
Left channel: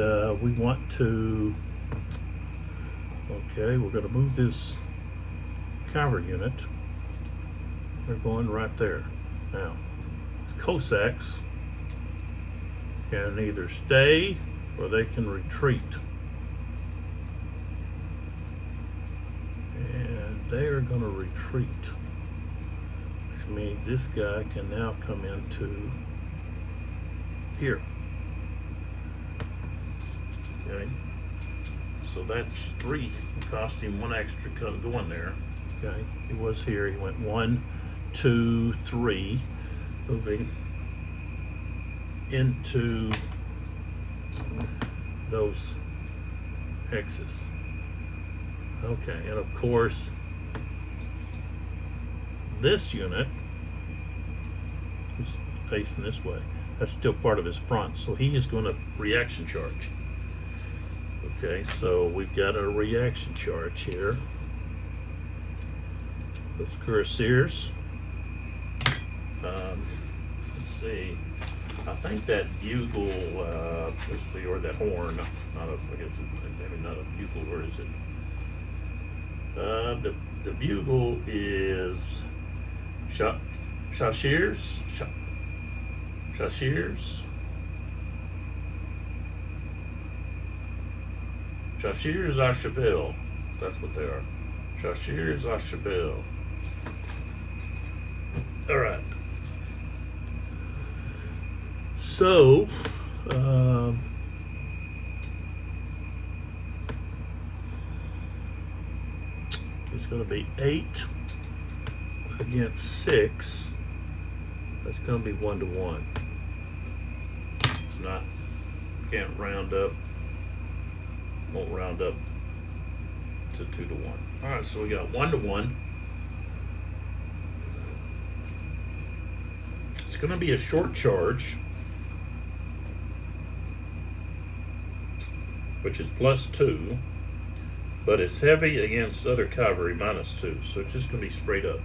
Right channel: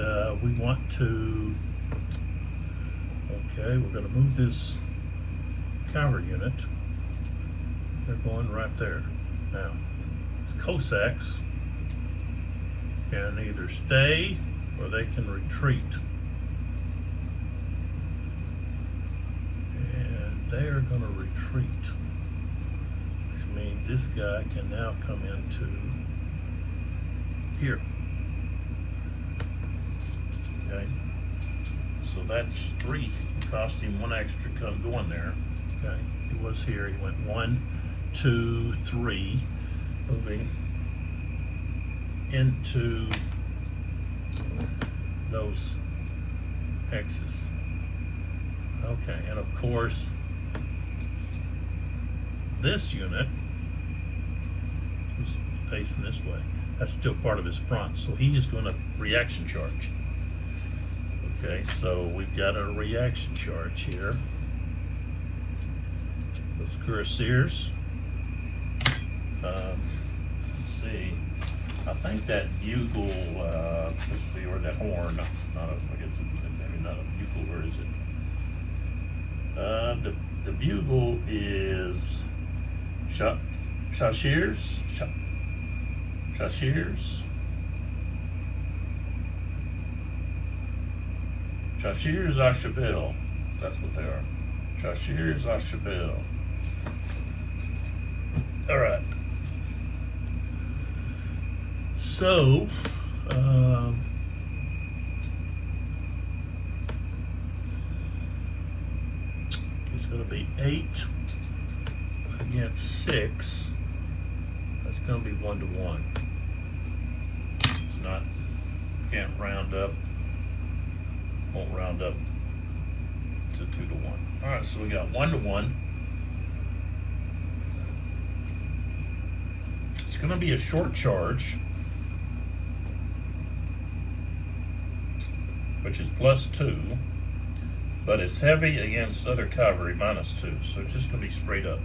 we want to. Okay, we're going to move this cavalry unit. They're going right there now. Cossacks can either stay or they can retreat, and they are going to retreat, which means this guy can now come into here. Okay, so that's 3. It cost him 1 extra going there. Okay, he was here. He went 1, 2, 3. Moving into those hexes. Okay, and of course, this unit is facing this way. That's still part of his front, so he is going to reaction charge. Okay, so we've got a reaction charge here. Those cuirassiers. Let's see. I think that bugle, let's see, or that horn, I guess maybe not a bugle, where is it? The bugle is Chasseurs à cheval. That's what they are. Chasseurs à cheval. All right. So, it's going to be 8 against 6. That's going to be 1 to 1. It's not, can't round up, won't round up to 2 to 1. All right, so we got 1 to 1. It's going to be a short charge, which is +2, but it's heavy against other cavalry, -2, so it's just going to be straight up.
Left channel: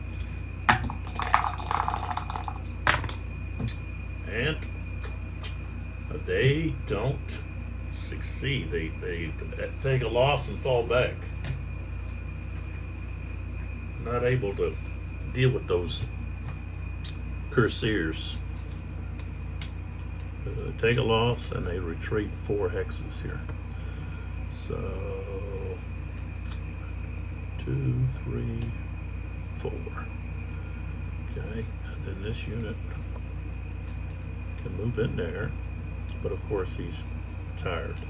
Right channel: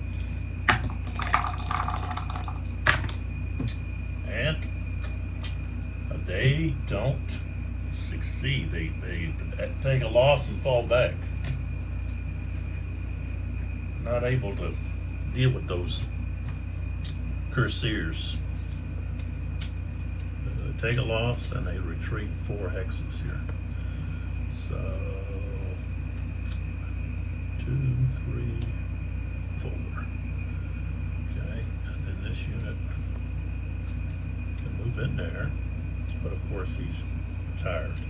And they don't succeed. They take a loss and fall back. Not able to deal with those cuirassiers. Take a loss and they retreat 4 hexes here. So 2, 3, 4. Okay, and then this unit can move in there, but of course he's tired.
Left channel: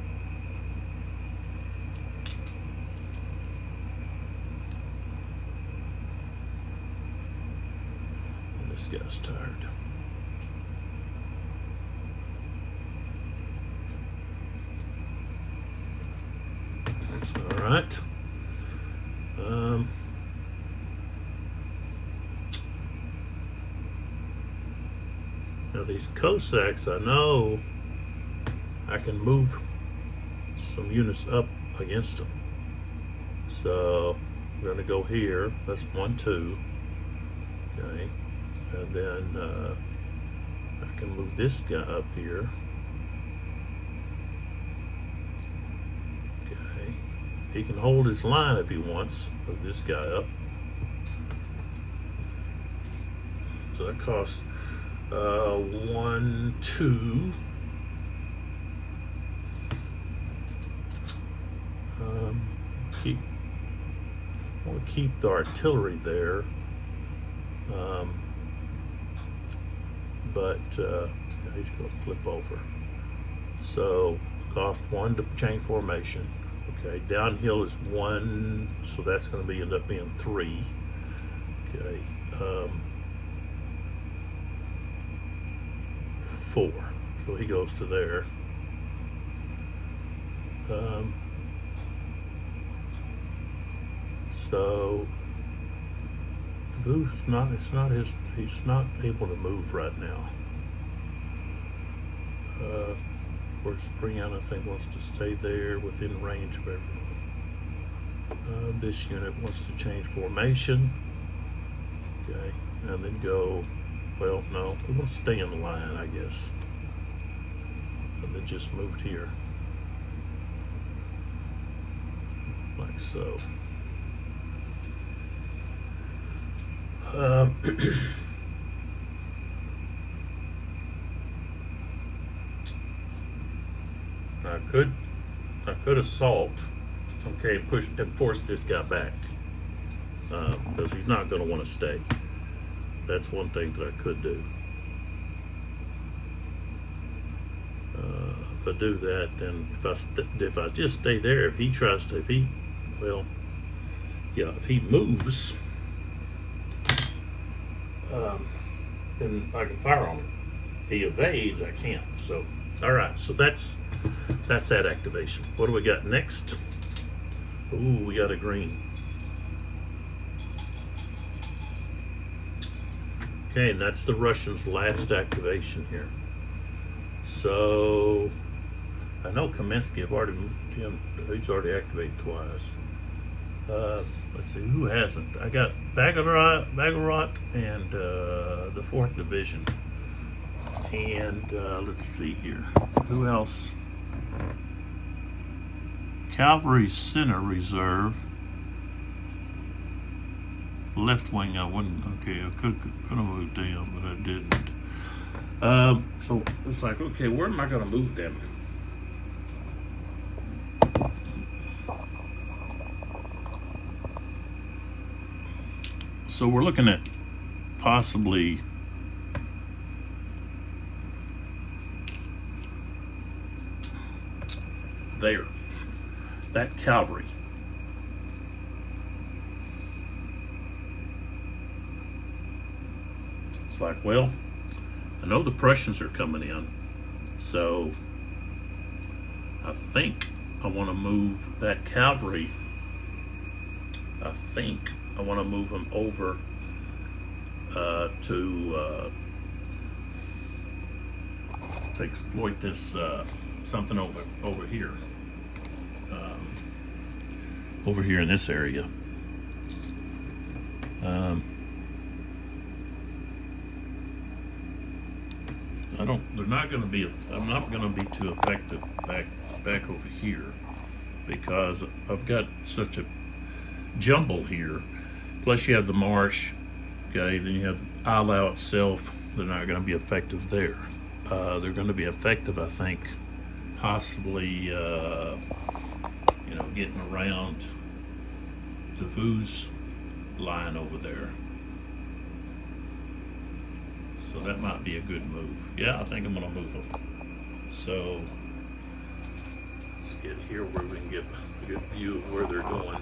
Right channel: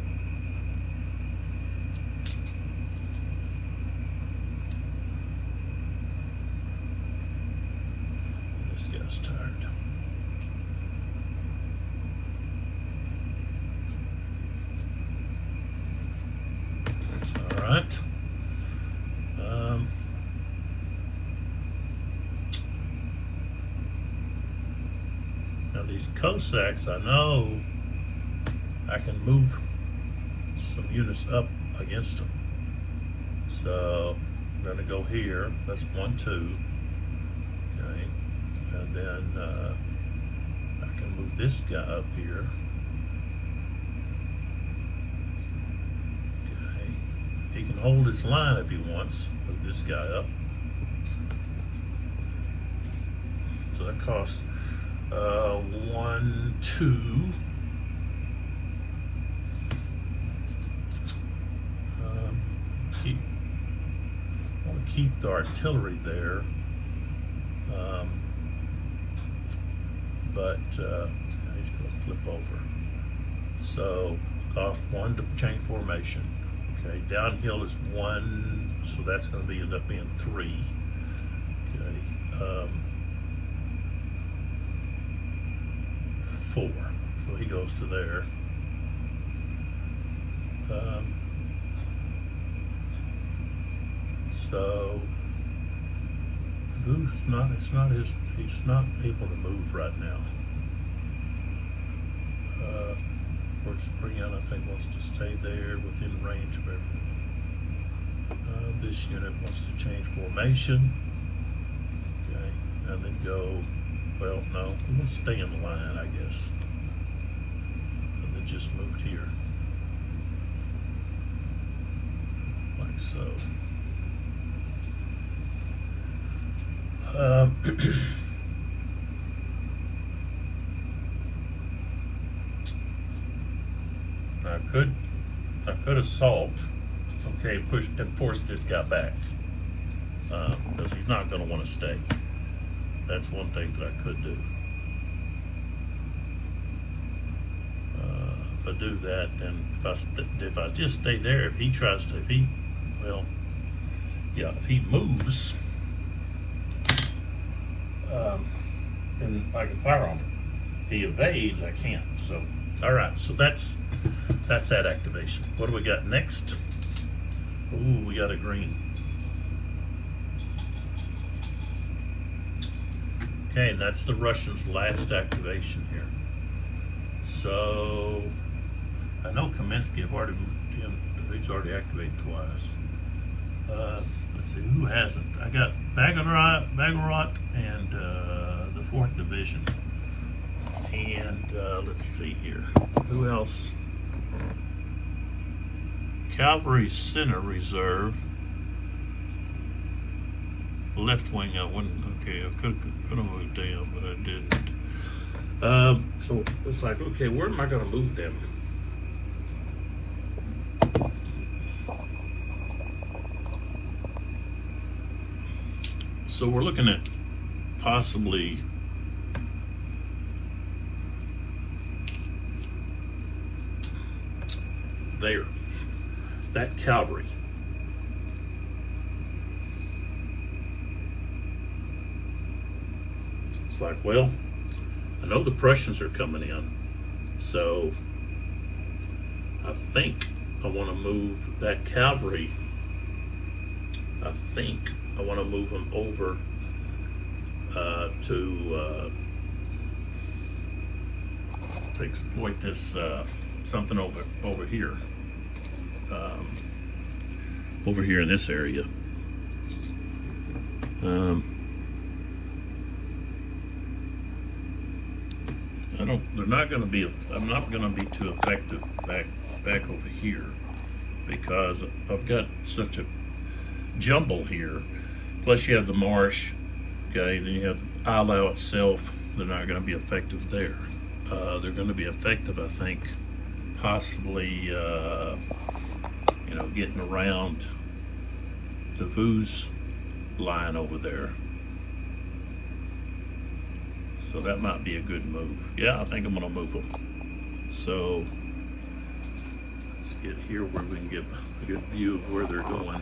And this guy's tired. All right. Now these Cossacks, I know I can move some units up against them. So we're going to go here. That's 1, 2. Okay, and then I can move this guy up here. Okay, he can hold his line if he wants. Move this guy up. So that costs 1, 2. I want to keep the artillery there, but he's going to flip over. So cost 1 to chain formation. Okay, downhill is 1, so that's going to end up being 3. Okay, 4. So he goes to there. So he's not able to move right now. Of course, Freon, I think, wants to stay there within range of everyone. This unit wants to change formation. Okay, and then go, well, no, we will stay in the line, I guess. And then just moved here. Like so. I could assault, okay, push and force this guy back, because he's not going to want to stay. That's one thing that I could do. If I do that, then if I just stay there, if he tries to, if he moves, then I can fire on him. He evades, I can't. So, all right. So that's that activation. What do we got next? Ooh, we got a green. Okay, that's the Russians' last activation here. So I know Kaminsky have already moved him. He's already activated twice. Let's see, who hasn't? I got Bagarot and the 4th Division. And let's see here. Who else? Cavalry Center Reserve. Left wing, I wouldn't. Okay, I could have moved down, but I didn't. So it's like, okay, where am I going to move them? So we're looking at possibly there, that cavalry. It's like, well, I know the Prussians are coming in, so I think I want to move that cavalry. I think I want to move them over to exploit this something over here, over here in this area. They're not going to be. I'm not going to be too effective back over here because I've got such a jumble here. Plus you have the marsh. Okay, then you have Eylau itself. They're not going to be effective there. They're going to be effective, I think, possibly, getting around the Voo's line over there. So that might be a good move. Yeah, I think I'm going to move them. So let's get here where we can get a good view of where they're going.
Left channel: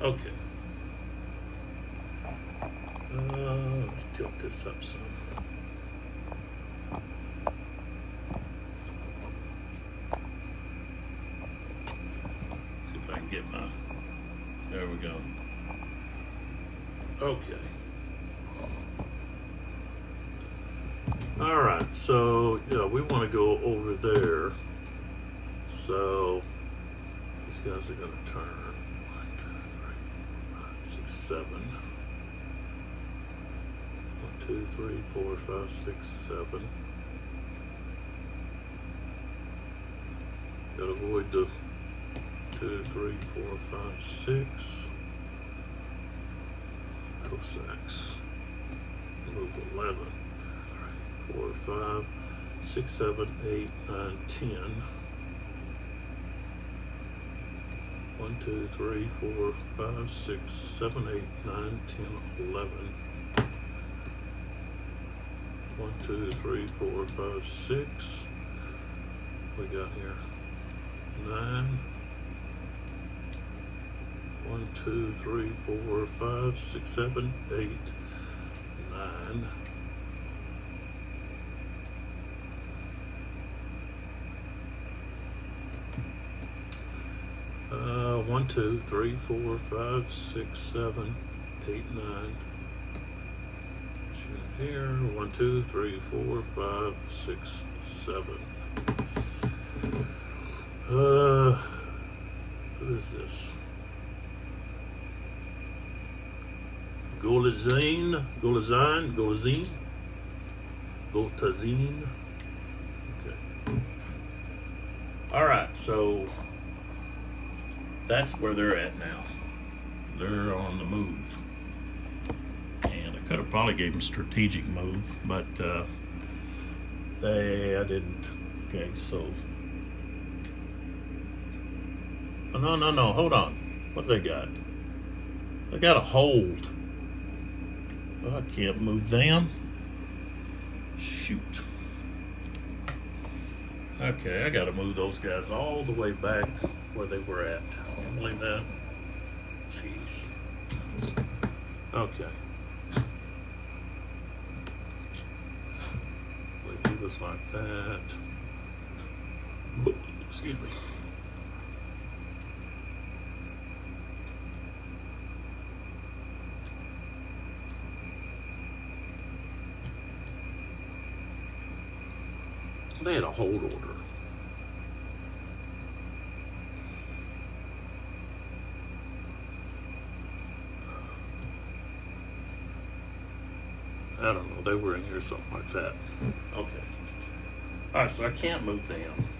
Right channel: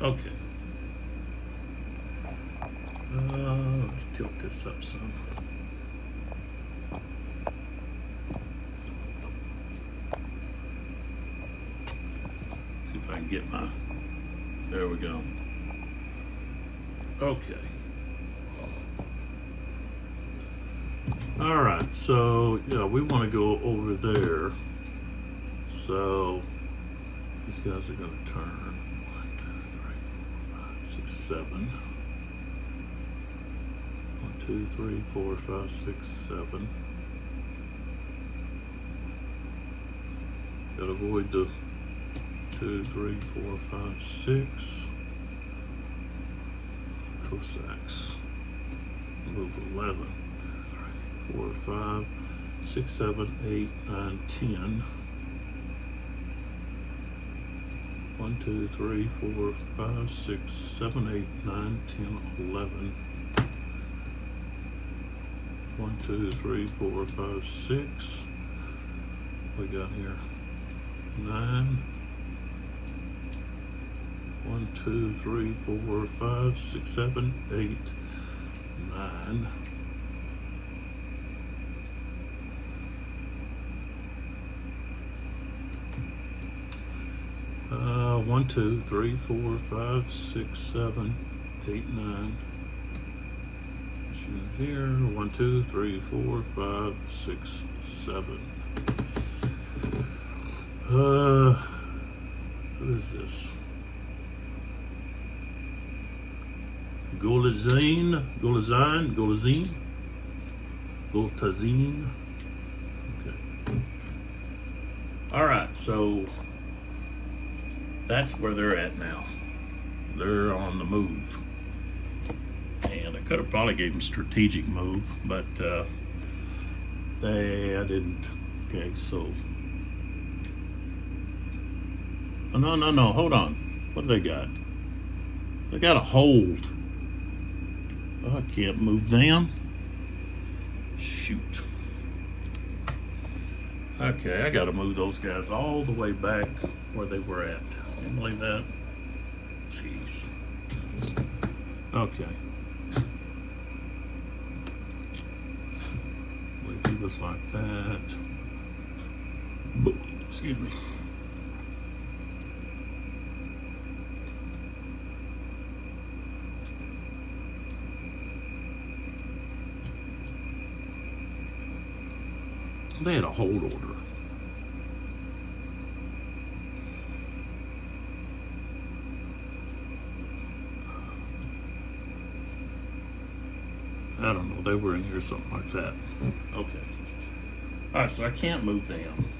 Okay. Let's tilt this up some. get my, there we go. Okay. All right, so yeah, we want to go over there. So these guys are going to turn 1, 2, 3, 4, 5, 6, 7. 1, 2, 3, 4, 5, 6, 7. Gotta avoid the 2, 3, 4, 5, 6. Cosecks. Move 11. 4, 5, 6, 7, 8, 9, 10. 1, 2, 3, 4, 5, 6, 7, 8, 9, 10, 11. 1, 2, 3, 4, 5, 6. What we got here? 9. 1, 2, 3, 4, 5, 6, 7, 8, 9. 1, 2, 3, 4, 5, 6, 7, 8, 9. Here, 1, 2, 3, 4, 5, 6, 7. Who is this? Golazine. Okay. All right, so that's where they're at now. They're on the move. And I could have probably gave them strategic move, but I didn't. Okay, so. Oh, no, hold on. What they got? They got a hold. Oh, I can't move them. Shoot. Okay, I gotta move those guys all the way back where they were at. Like that. Jeez. Okay. We do this like that. Excuse me. They had a hold order. I don't know, they were in here, something like that. Okay. All right, so I can't move them.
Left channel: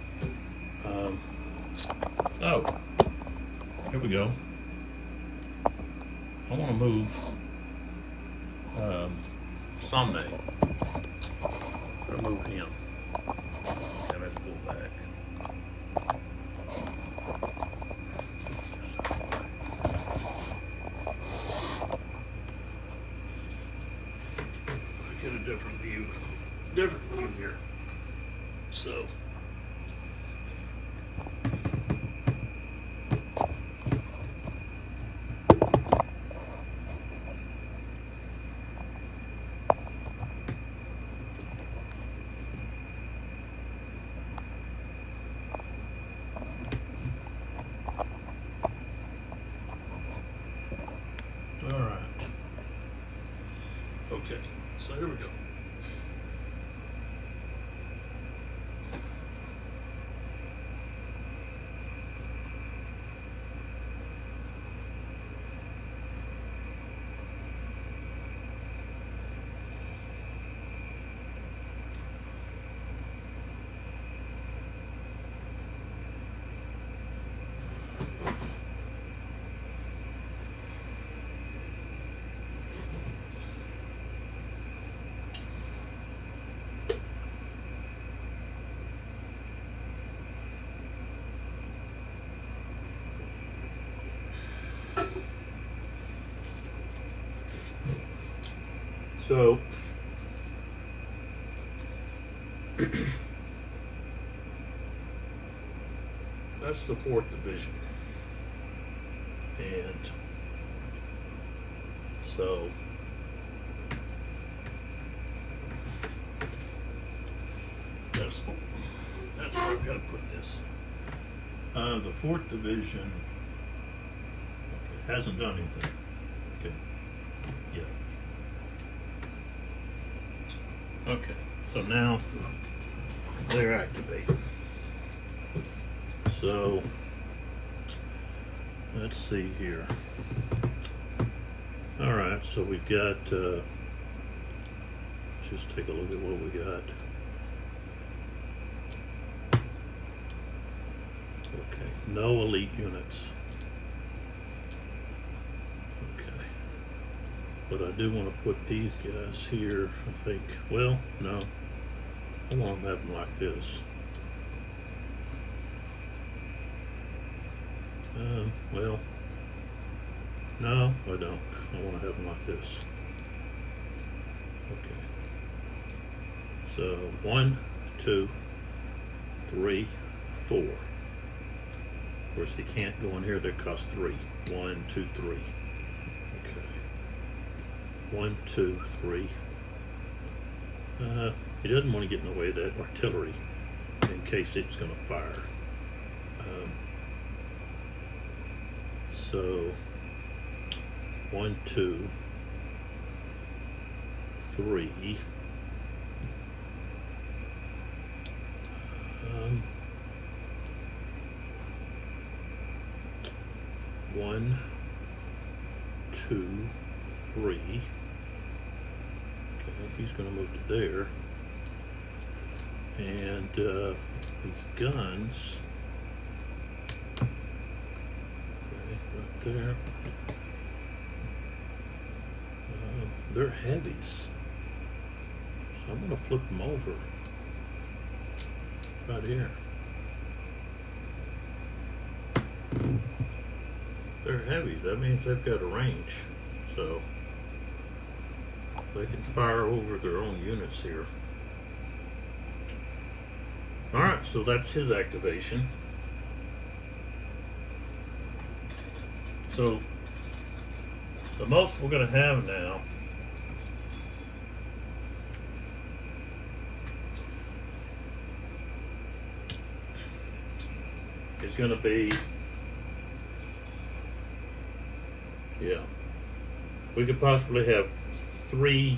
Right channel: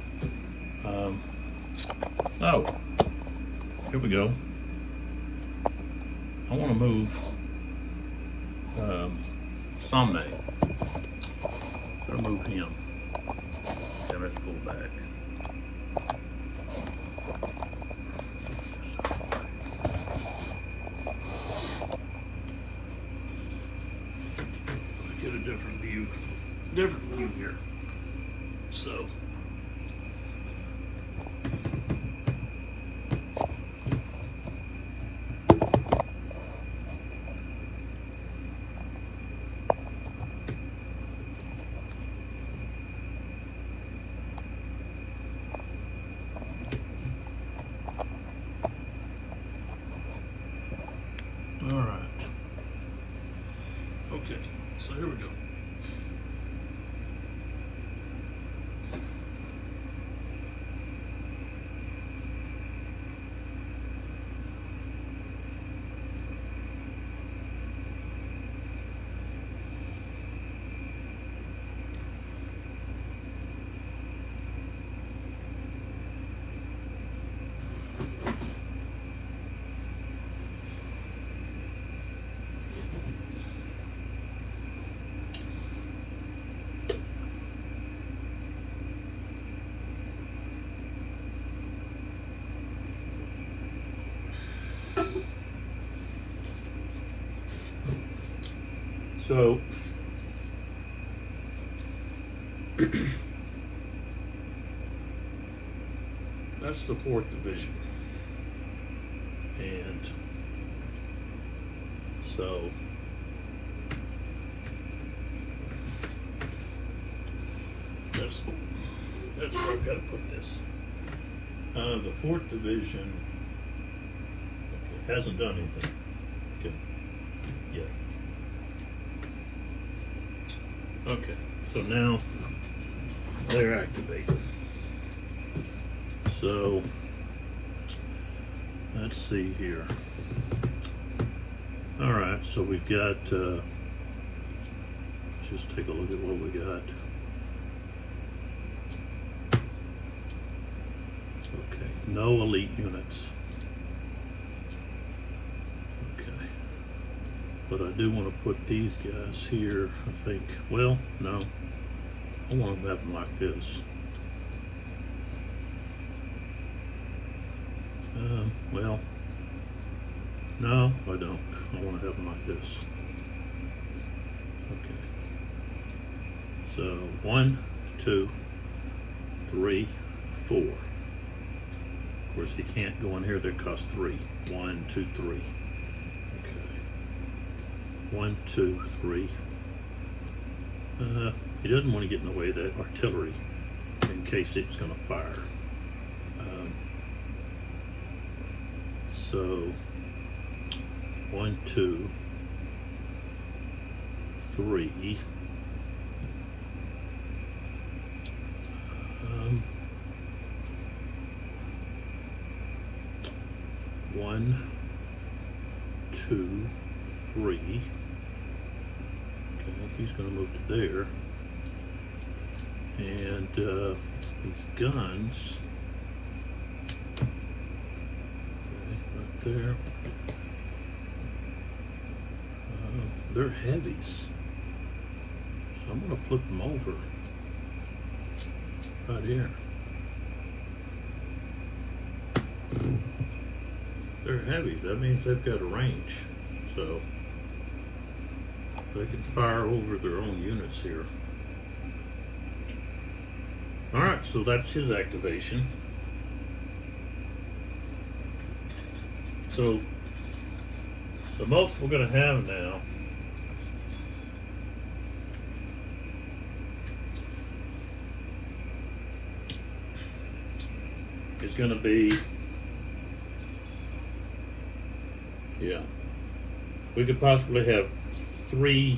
Oh, here we go. I want to move Sunday. I'll move him. And let's pull back. Get a different view here. So. All right. Okay, so here we go. So that's the 4th Division. And so that's where I've got to put this. The 4th Division Hasn't done anything. Okay. Yeah. Okay. So now they're activated. So let's see here. All right. So we've got. Just take a look at what we got. Okay. No elite units. But I do want to put these guys here, I think. Well, no. I want to have them like this. Well, no, I don't. I want to have them like this. Okay. So 1, 2, 3, 4. Of course, you can't go in here that costs 3. 1, 2, 3. Okay. 1, 2, 3. He doesn't want to get in the way of that artillery in case it's going to fire. So 1, 2, 3. 1, 2, 3. Okay, he's going to move to there. And these guns, okay, right there, they're heavies. So I'm going to flip them over right here. They're heavies. That means they've got a range. So they can fire over their own units here. Alright, so that's his activation. So the most we're going to have now is going to be, yeah, we could possibly have 3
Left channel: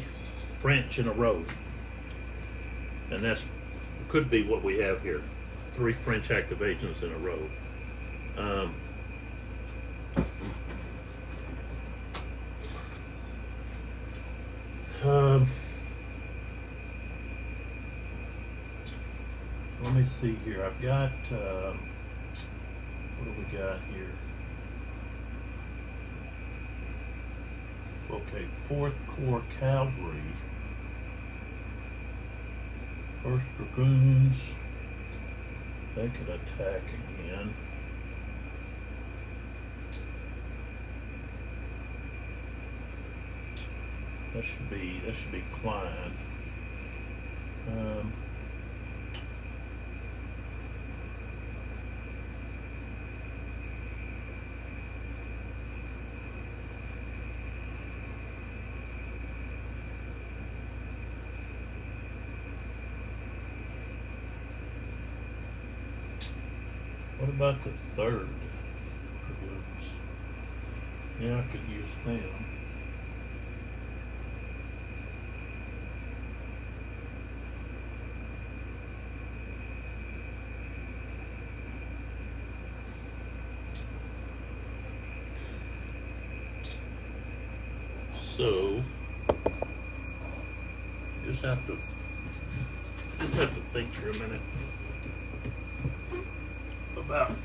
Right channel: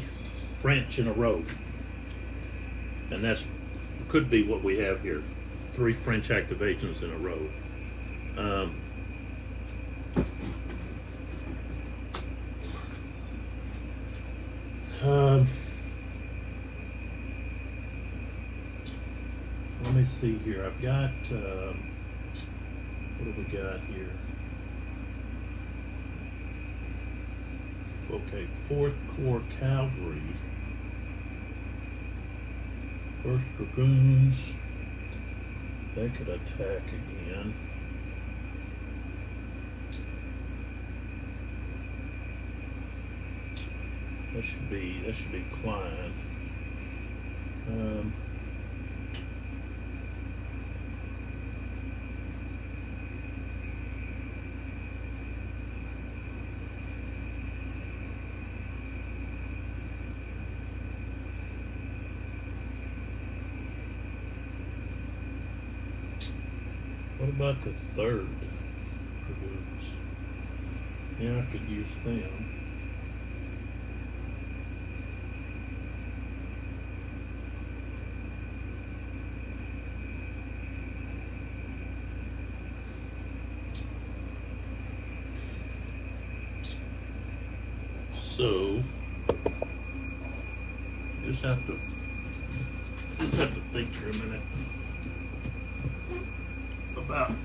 French in a row, and that's could be what we have here. 3 French activations in a row. Let me see here. I've got what do we got here? Okay, 4th Corps Cavalry, 1st Dragoons. They could attack again. That should be Klein. What about the 3rd Dragoons? Yeah, I could use them. So just have to think for a minute about it.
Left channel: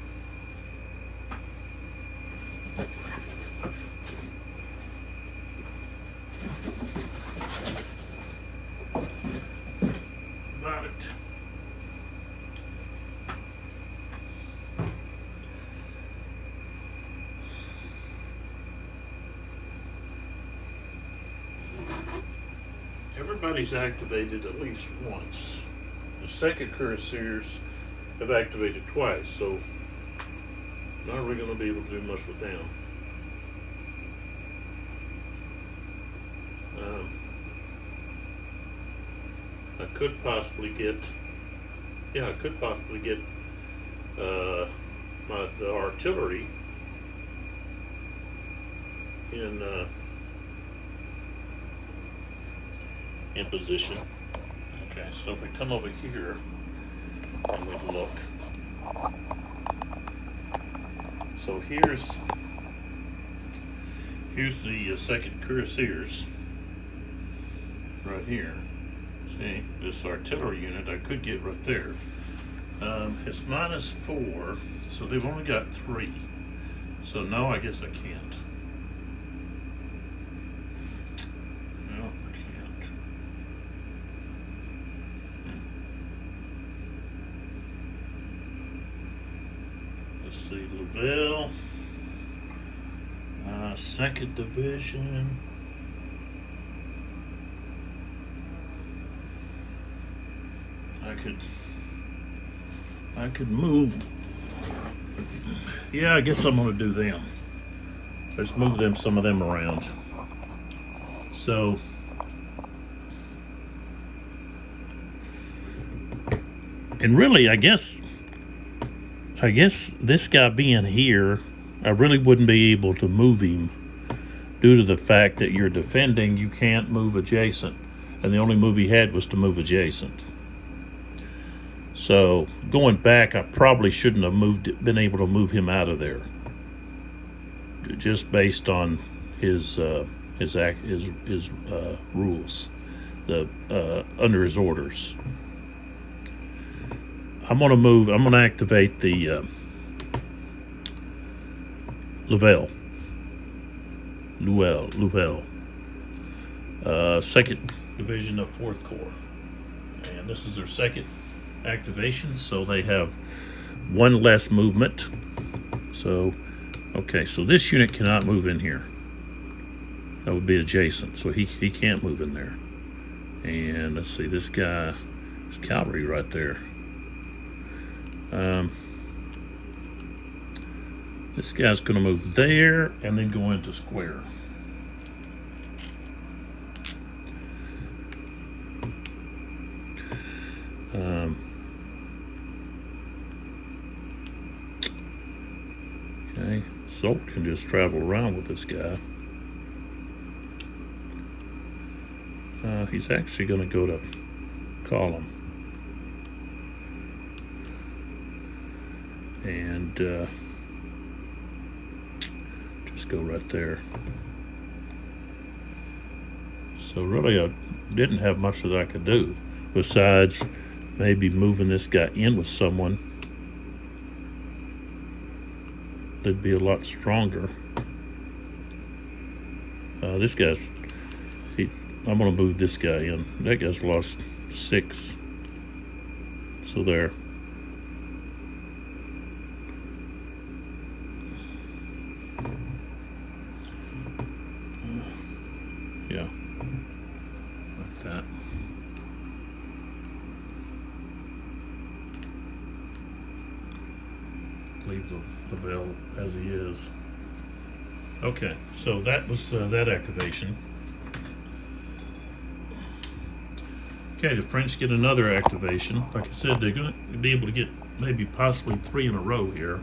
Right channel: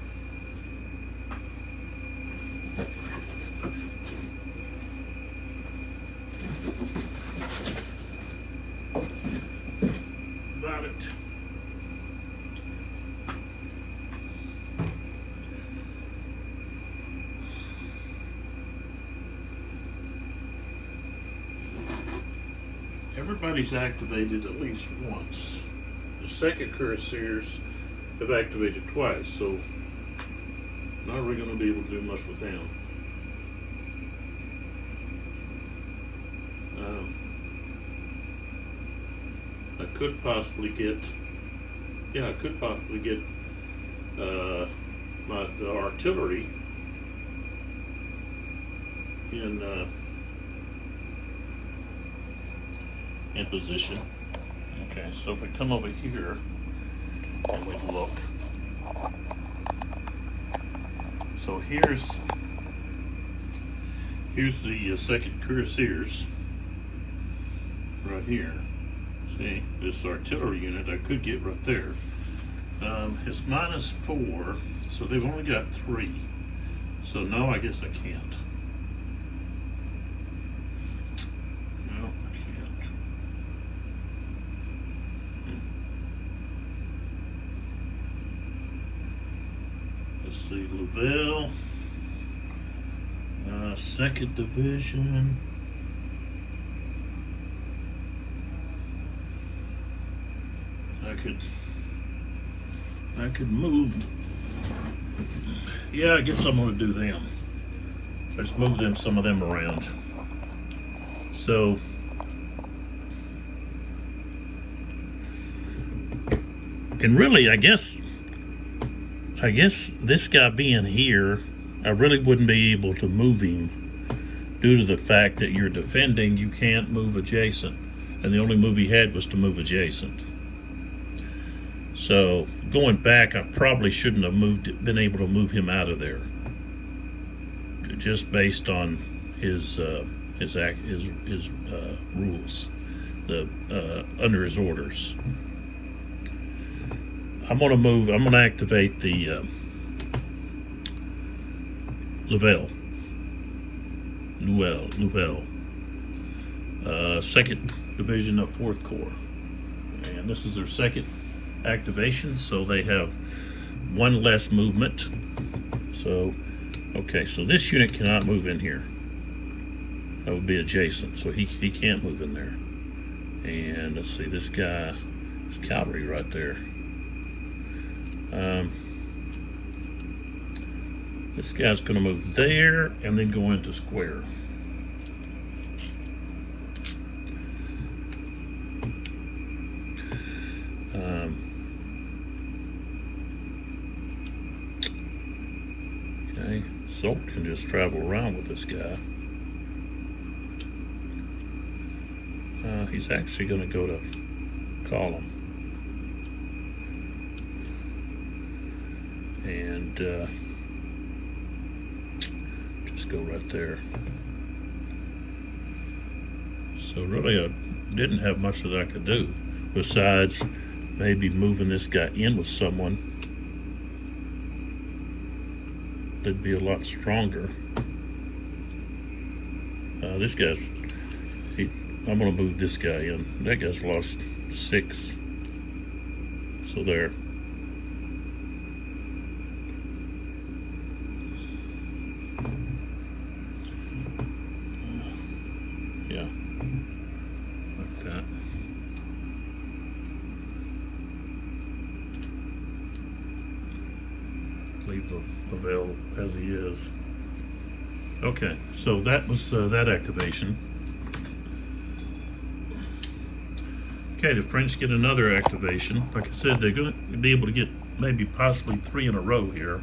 Everybody's activated at least once. The 2nd Cuirassiers have activated twice, so not really going to be able to do much with them. I could possibly get, the artillery in position. Okay, so if we come over here and we look, so here's the second cuirassiers right here. See, this artillery unit I could get right there. It's -4, so they've only got 3. So no, I guess I can't. No, I can't. Let's see, Lavelle, 2nd Division. I could move. Yeah, I guess I'm going to do them. Let's move some of them around. So, and really, I guess this guy being here, I really wouldn't be able to move him due to the fact that you're defending, you can't move adjacent. And the only move he had was to move adjacent. So going back, I probably shouldn't have been able to move him out of there, just based on his rules, under his orders. I'm going to activate the Lavelle, 2nd Division of 4th Corps, and this is their 2nd activation, so they have 1 less movement. So, okay, so this unit cannot move in here. That would be adjacent, so he can't move in there. And let's see, this guy is cavalry right there. This guy's going to move there and then go into square. Okay, Salt can just travel around with this guy. He's actually going to go to column. And just go right there. So really I didn't have much that I could do besides maybe moving this guy in with someone that'd be a lot stronger. This guy's, I'm gonna move this guy in. That guy's lost 6. So there. Yeah, like that. Leave the Lavelle as he is. Okay, so that was that activation. Okay, the French get another activation. Like I said, they're going to be able to get maybe possibly 3 in a row here.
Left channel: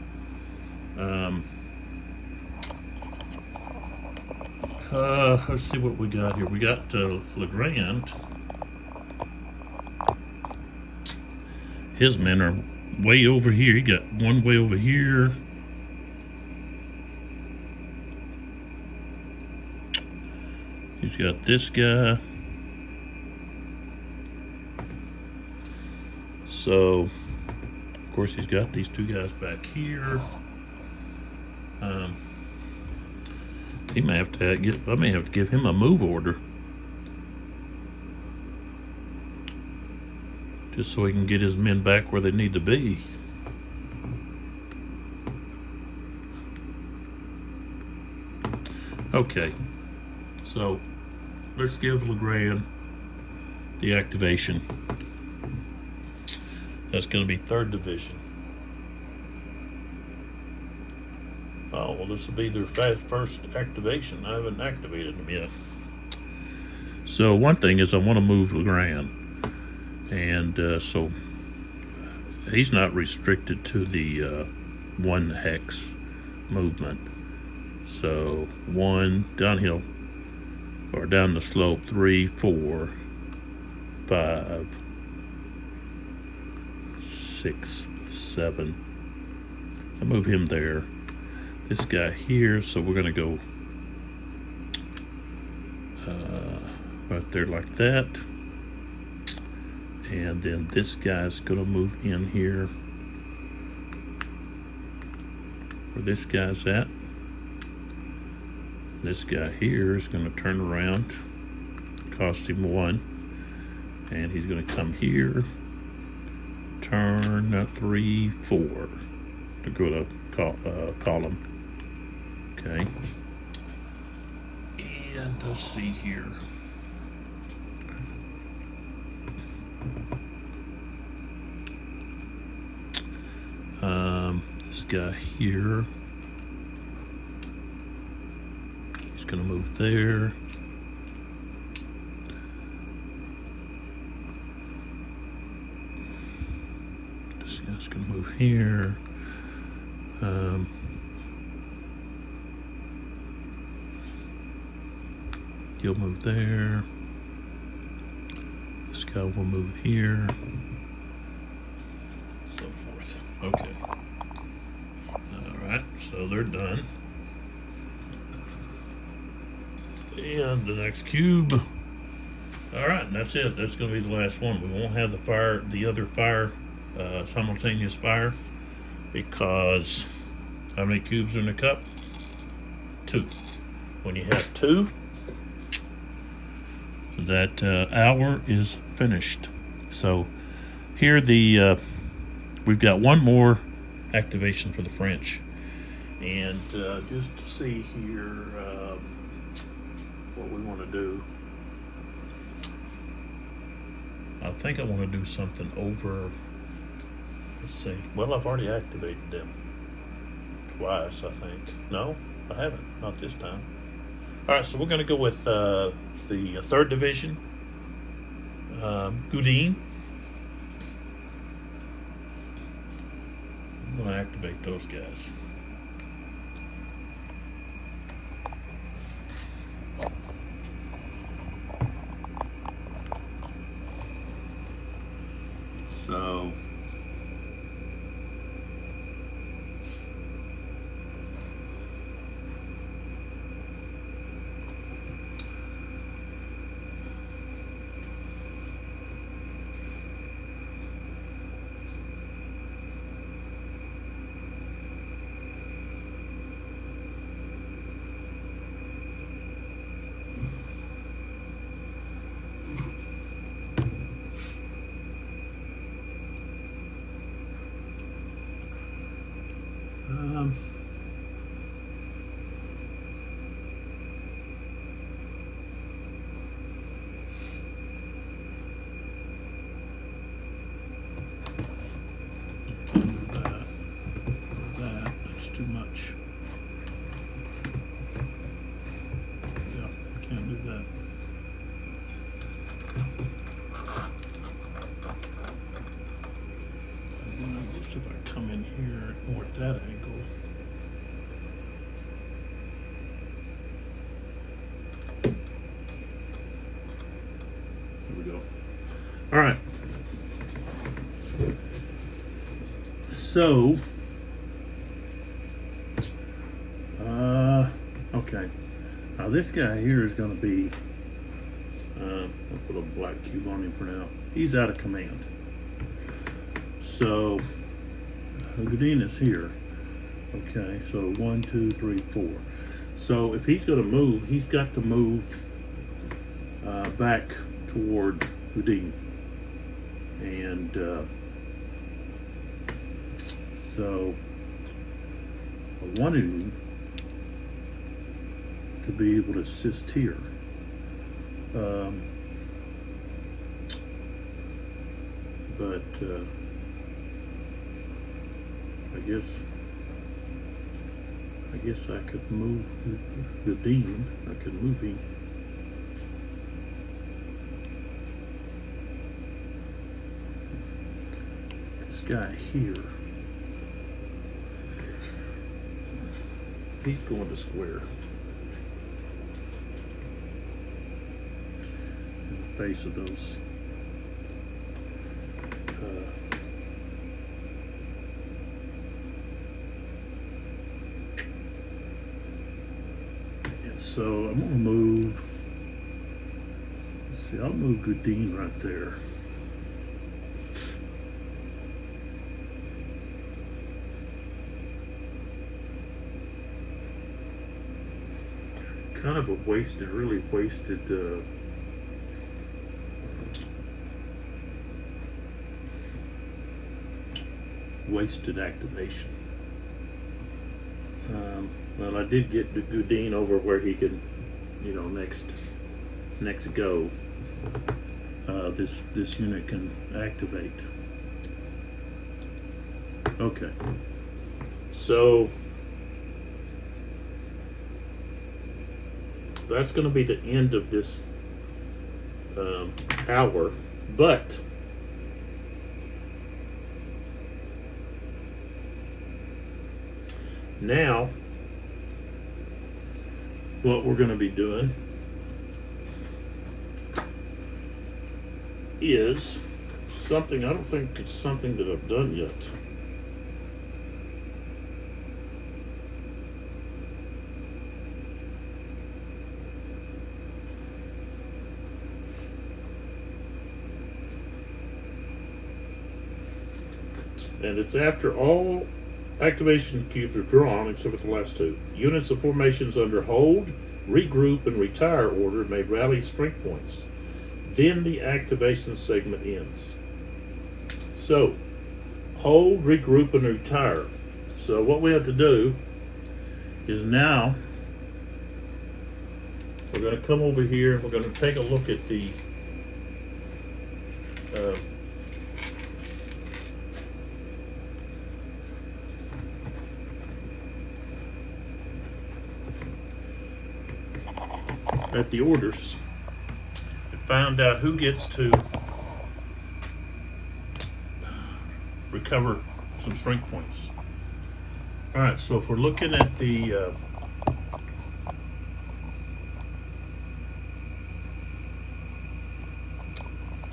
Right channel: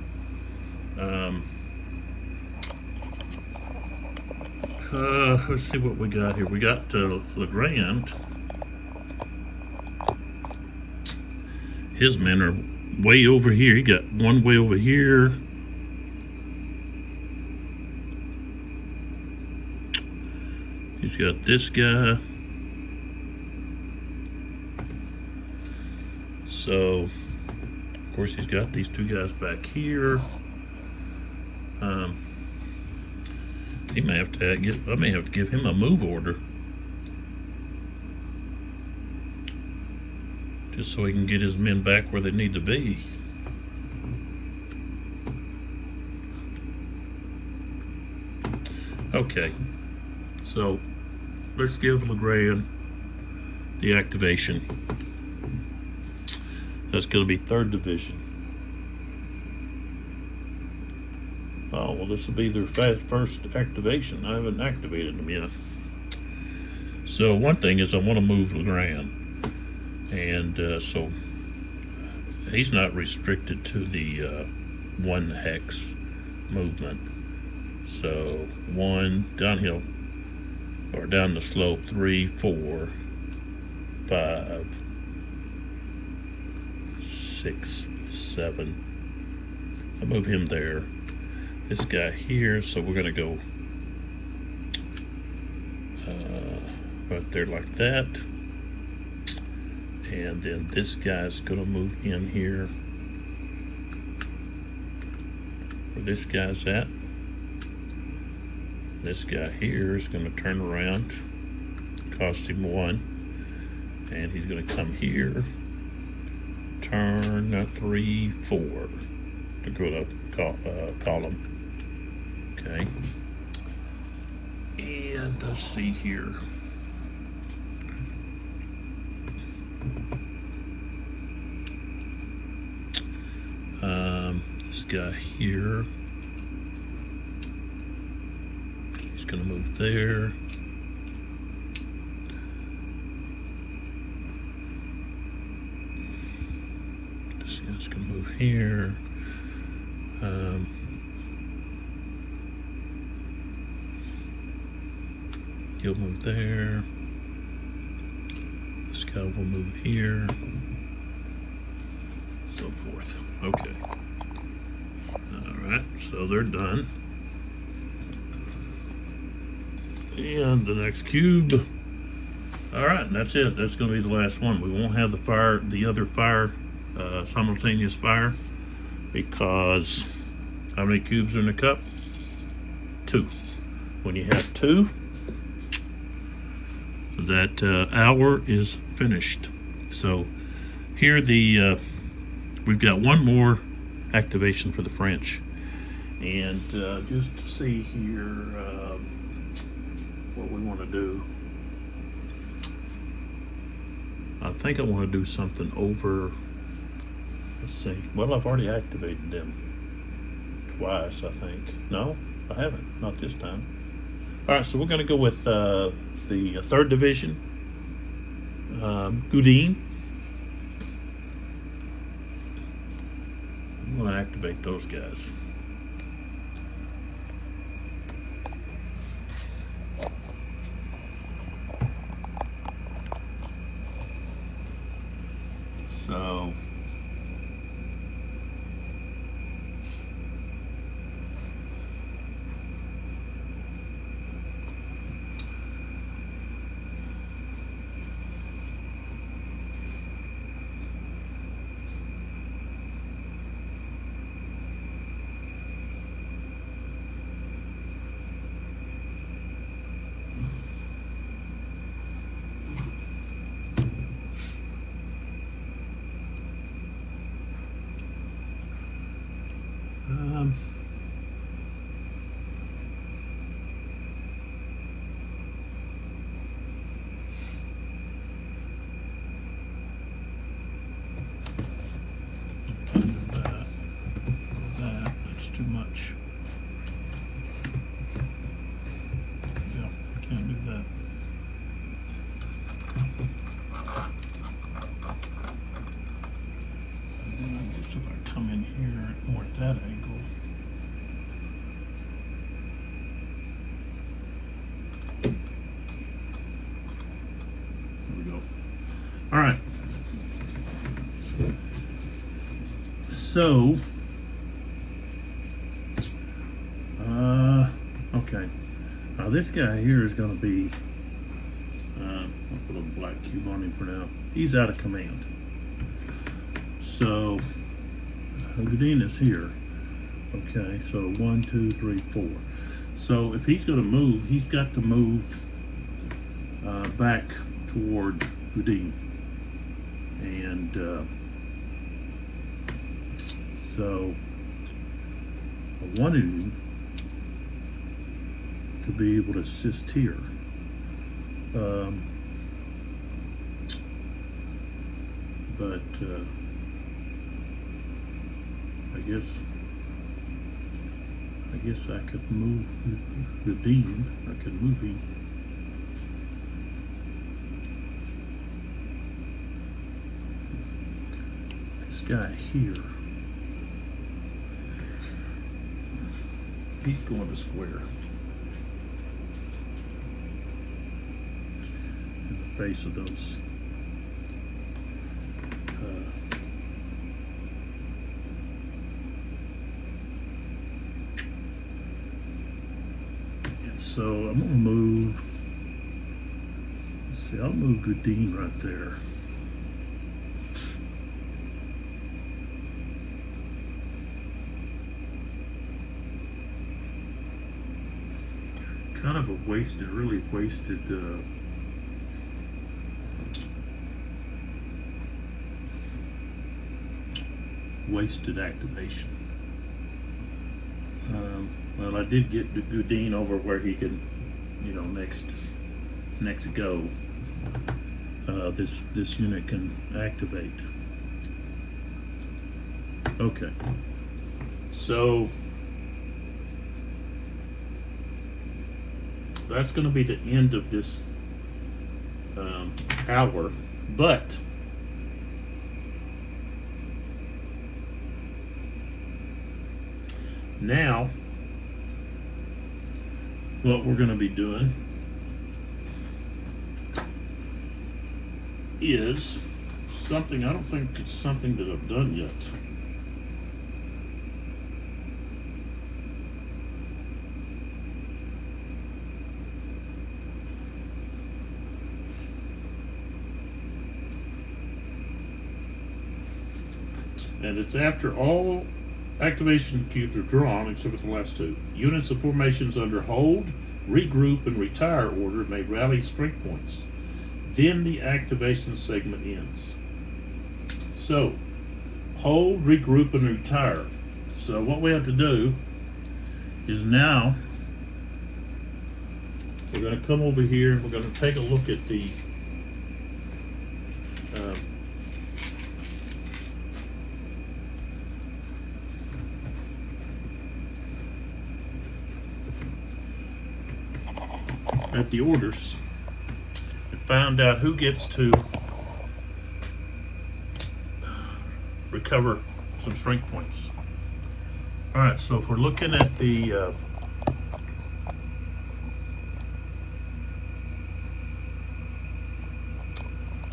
Let's see what we got here. We got Legrand. His men are way over here. He got 1 way over here. He's got this guy. So, of course, he's got these 2 guys back here. He may have to I may have to give him a move order, just so he can get his men back where they need to be. Okay, so let's give Legrand the activation. That's going to be 3rd Division. Oh, well, this will be their first activation. I haven't activated them yet. So one thing is I want to move Legrand. And so he's not restricted to the 1 hex movement. So 1 downhill or down the slope, 3, 4, 5, 6, 7. I move him there. This guy here, so we're going to go right there like that. And then this guy's going to move in here where this guy's at. This guy here is going to turn around, cost him 1, and he's going to come here, turn 3, 4 to go to column. Okay, and let's see here. This guy here, he's going to move there. This guy's going to move here. He'll move there. This guy will move here. So forth. Okay. Alright, so they're done. And the next cube. Alright, and that's it. That's going to be the last one. We won't have the other fire, simultaneous fire, because how many cubes are in the cup? 2. When you have 2, that hour is finished. So here we've got one more activation for the French, and just to see here what we want to do. I think I want to do something over. Let's see. Well, I've already activated them twice, I think. No, I haven't. Not this time. All right, so we're going to go with the 3rd Division, Udine. I'm going to activate those guys. So that's too much. No, I can't do that. I guess if I come in here or at that angle. There we go. All right. So, okay. Now this guy here is going to be, I'll put a black cube on him for now. He's out of command. So, Houdin is here. Okay, so 1, 2, 3, 4. So if he's going to move, he's got to move back toward Houdin. And so I want him to be able to assist here. But I guess I could move the dean. I could move him. This guy here. He's going to square. In the face of those. So I'm gonna move. Let's see, I'll move Goudin right there. Kind of a wasted, really wasted wasted activation. Well, I did get Goudin over where he could, you know, next go. This unit can activate. Okay. So that's going to be the end of this hour, but now what we're going to be doing is something, I don't think it's something that I've done yet. And it's after all activation cubes are drawn, except for the last two. Units of formations under hold, regroup, and retire order may rally strength points. Then the activation segment ends. So, hold, regroup, and retire. So what we have to do is now we're going to come over here and we're going to take a look at the orders and find out who gets to recover some strength points. All right, so if we're looking at the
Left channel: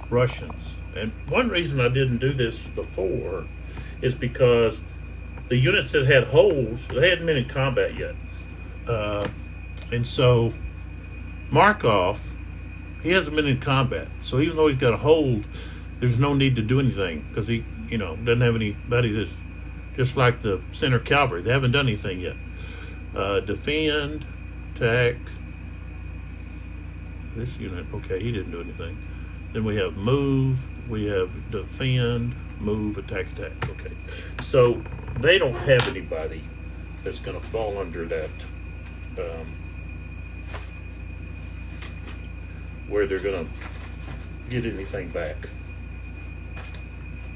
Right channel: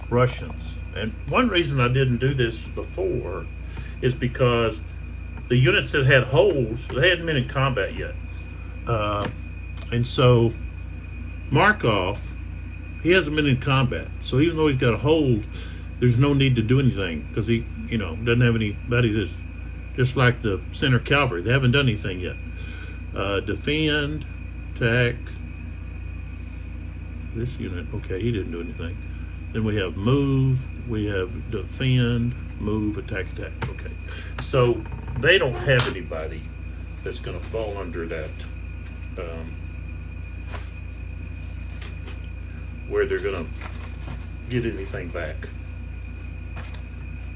Russians, and one reason I didn't do this before is because the units that had holes, they hadn't been in combat yet, and so Markov, he hasn't been in combat, so even though he's got a hold, there's no need to do anything because he, you know, doesn't have anybody that's just like the center cavalry. They haven't done anything yet. Defend, attack. This unit, okay, he didn't do anything. Then we have move, we have defend, move, attack. Okay, so they don't have anybody that's going to fall under that. Where they're going to get anything back.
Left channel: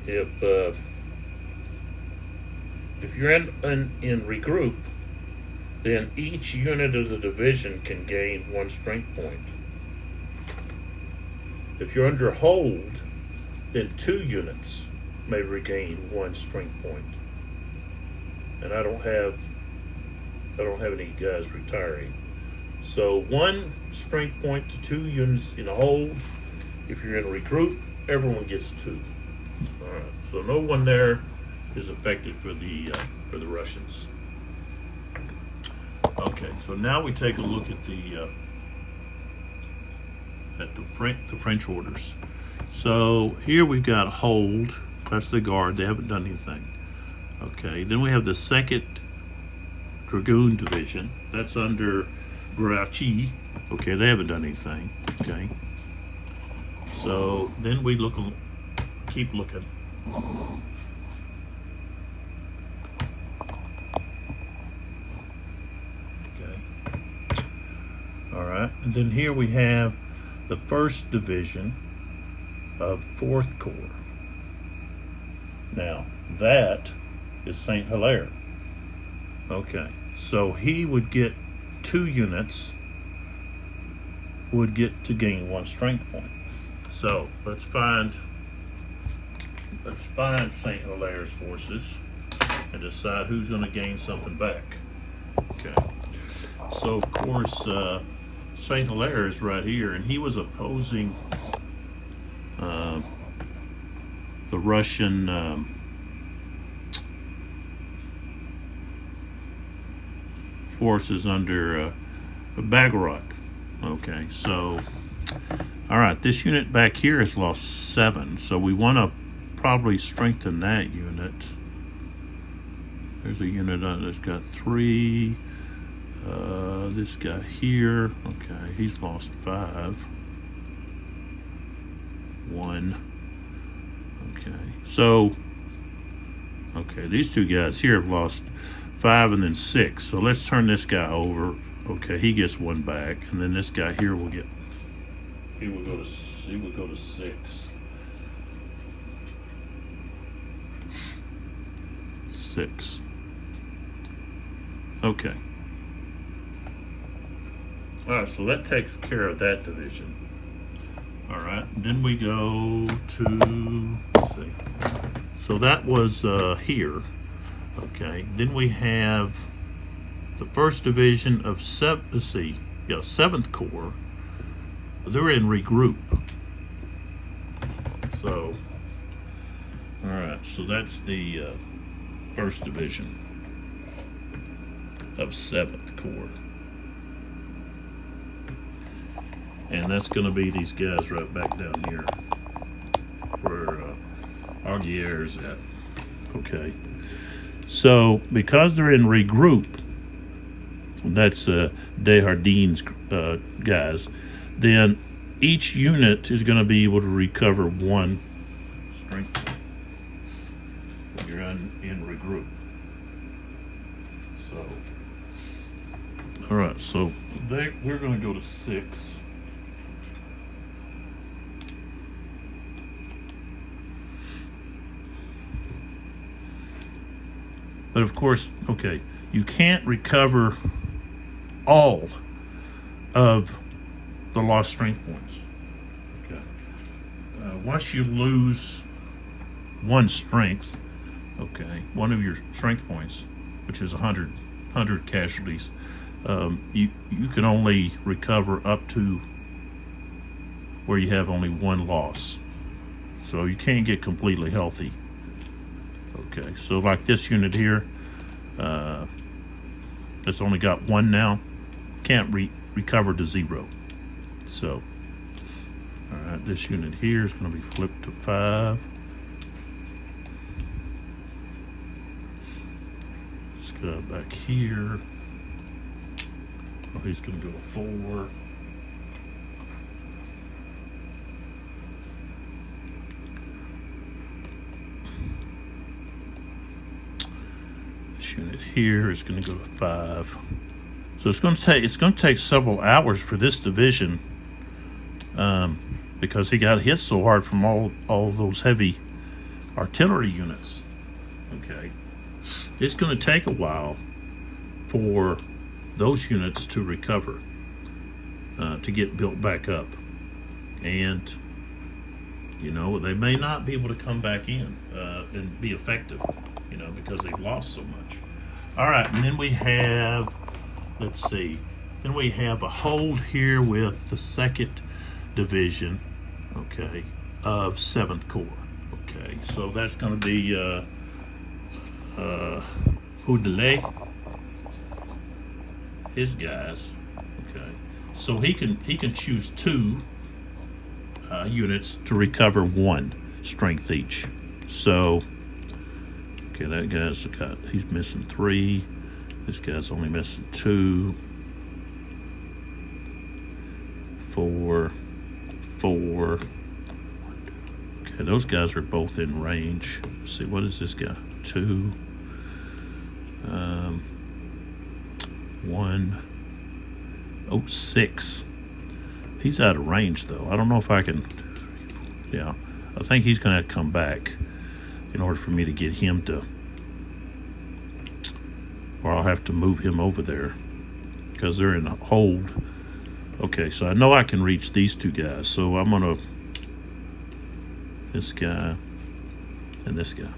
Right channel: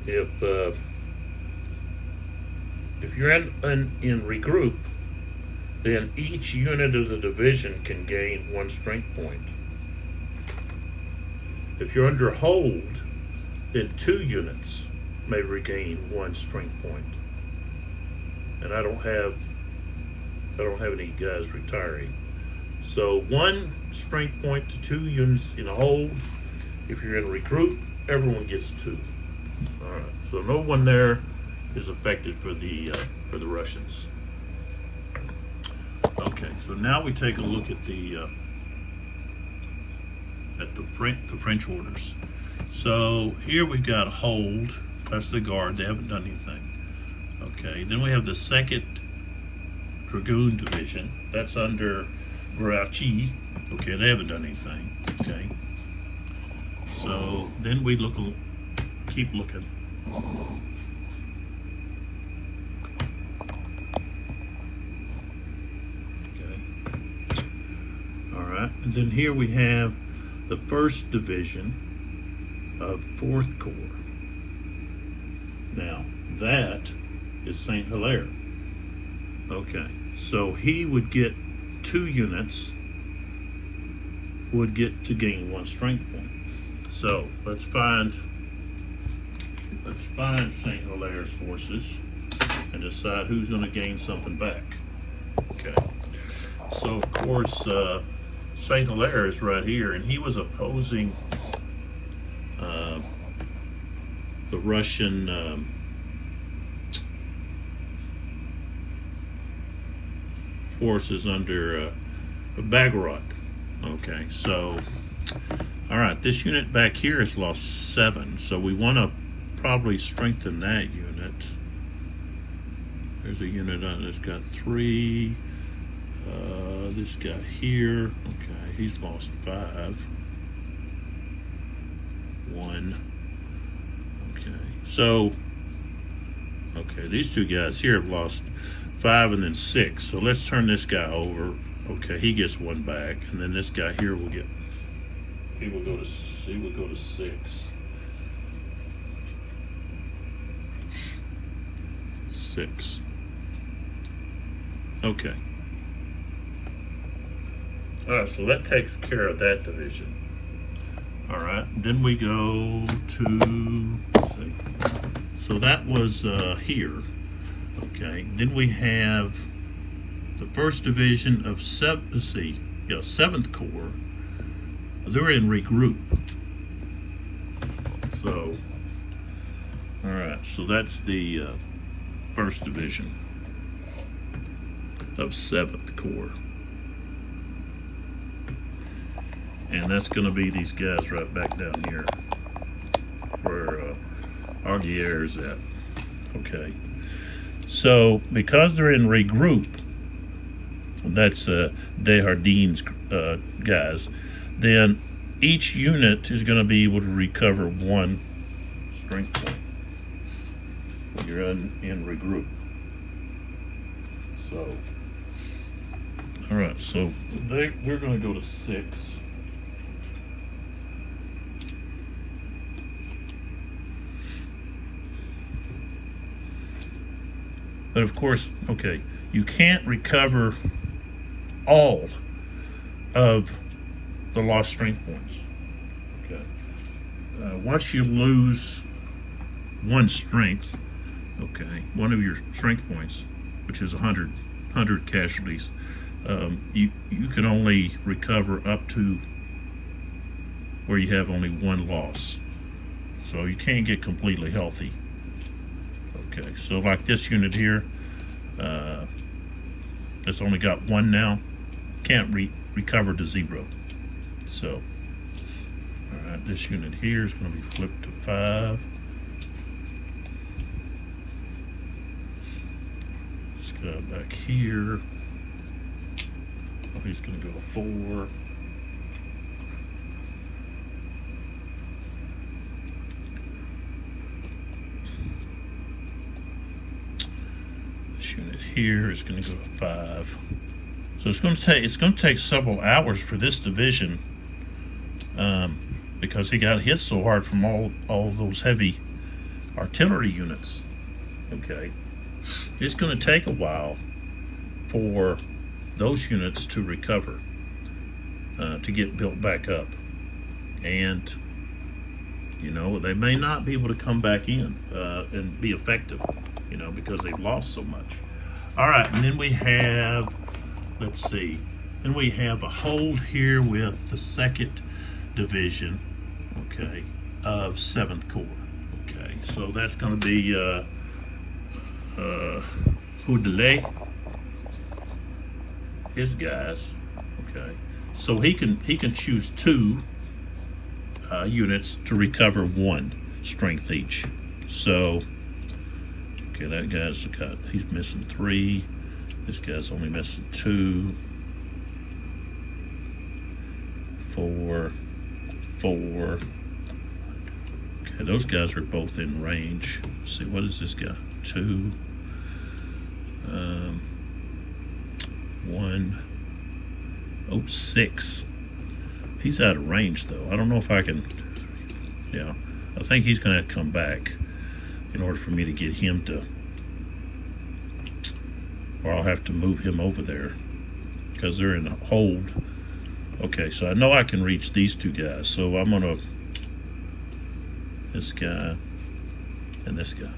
If you're in regroup, then each unit of the division can gain 1 strength point. If you're under hold, then 2 units may regain 1 strength point. And I don't have any guys retiring. So 1 strength point to 2 units in a hold. If you're in regroup, everyone gets 2. All right. So no one there is affected for the Russians. Okay. So now we take a look at the French orders. So here we've got hold. That's the guard. They haven't done anything. Okay. Then we have the 2nd Dragoon Division. That's under Grouchy. Okay, they haven't done anything. Okay. So then we keep looking. Okay. All right, and then here we have the 1st Division of 4th Corps. Now that is Saint Hilaire. Okay, so he would get 2 units would get to gain 1 strength point. So let's find Saint Hilaire's forces and decide who's going to gain something back. Okay. So of course, Saint Hilaire is right here, and he was opposing the Russian forces under Bagrat. Okay, so all right, this unit back here has lost 7, so we want to probably strengthen that unit. There's a unit that's got 3. This guy here, okay, he's lost 5. 1. Okay, so okay, these 2 guys here have lost 5 and then 6. So let's turn this guy over. Okay, he gets 1 back, and then this guy here will get. He will go to 6. 6. Okay. All right, so that takes care of that division. All right, then we go to, let's see. So that was here. Okay, then we have the 1st Division of 7th Corps. They're in regroup. So, all right, so that's the 1st Division of 7th Corps. And that's going to be these guys right back down here where Arguer's at. Okay. So, because they're in regroup, that's Desjardins guys, then each unit is going to be able to recover 1 strength point when you're in regroup. So, all right, so they're going to go to 6. But of course, okay, you can't recover all of the lost strength points. Okay. Once you lose 1 strength, okay, 1 of your strength points, which is 100 casualties, you can only recover up to where you have only 1 loss. So you can't get completely healthy. Okay, so like this unit here, it's only got 1 now, can't recover to 0. So, all right, this unit here is going to be flipped to 5. This guy back here, he's going to go to 4. This unit here is going to go to 5. So it's going to take several hours for this division, because he got hit so hard from all those heavy artillery units. Okay, it's going to take a while for those units to recover, to get built back up, and you know, they may not be able to come back in and be effective, you know, because they've lost so much. All right, and then we have, let's see, then we have a hold here with the 2nd Division, okay, of 7th Corps. Okay, so that's going to be Houdelet, his guys. Okay, so he can choose 2 units to recover 1 strength each. So, okay, that guy's he's missing 3. This guy's only missing 2, 4, 4. Okay, those guys are both in range. Let's see, what is this guy? 2, 1, oh, 6. He's out of range though. I don't know if I can, yeah, I think he's gonna have to come back in order for me to get him to, or I'll have to move him over there because they're in a hold. Okay, so I know I can reach these 2 guys, so I'm gonna, this guy and this guy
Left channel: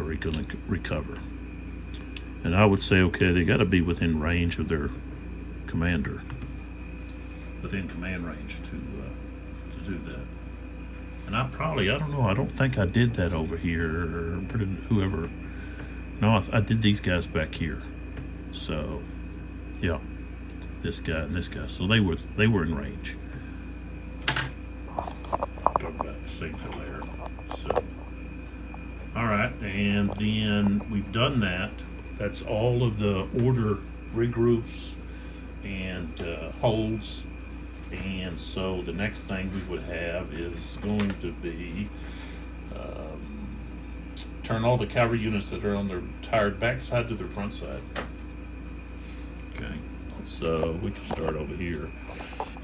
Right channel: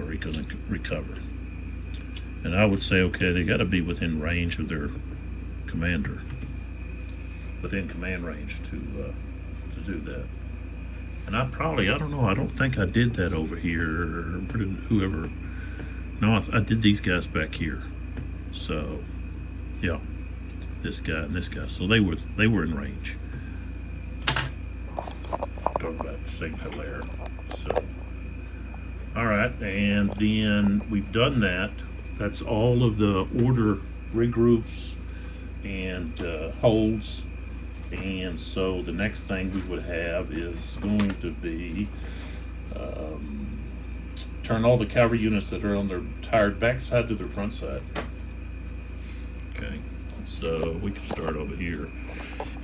are gonna recover. And I would say, okay, they got to be within range of their commander, within command range to do that. And I don't know, I don't think I did that over here, or whoever. No, I did these guys back here. So, yeah, this guy and this guy. So they were in range. Talk about signal there. So, all right, and then we've done that. That's all of the order regroups and holds. And so the next thing we would have is going to be turn all the cavalry units that are on their tired backside to their front side. Okay, so we can start over here.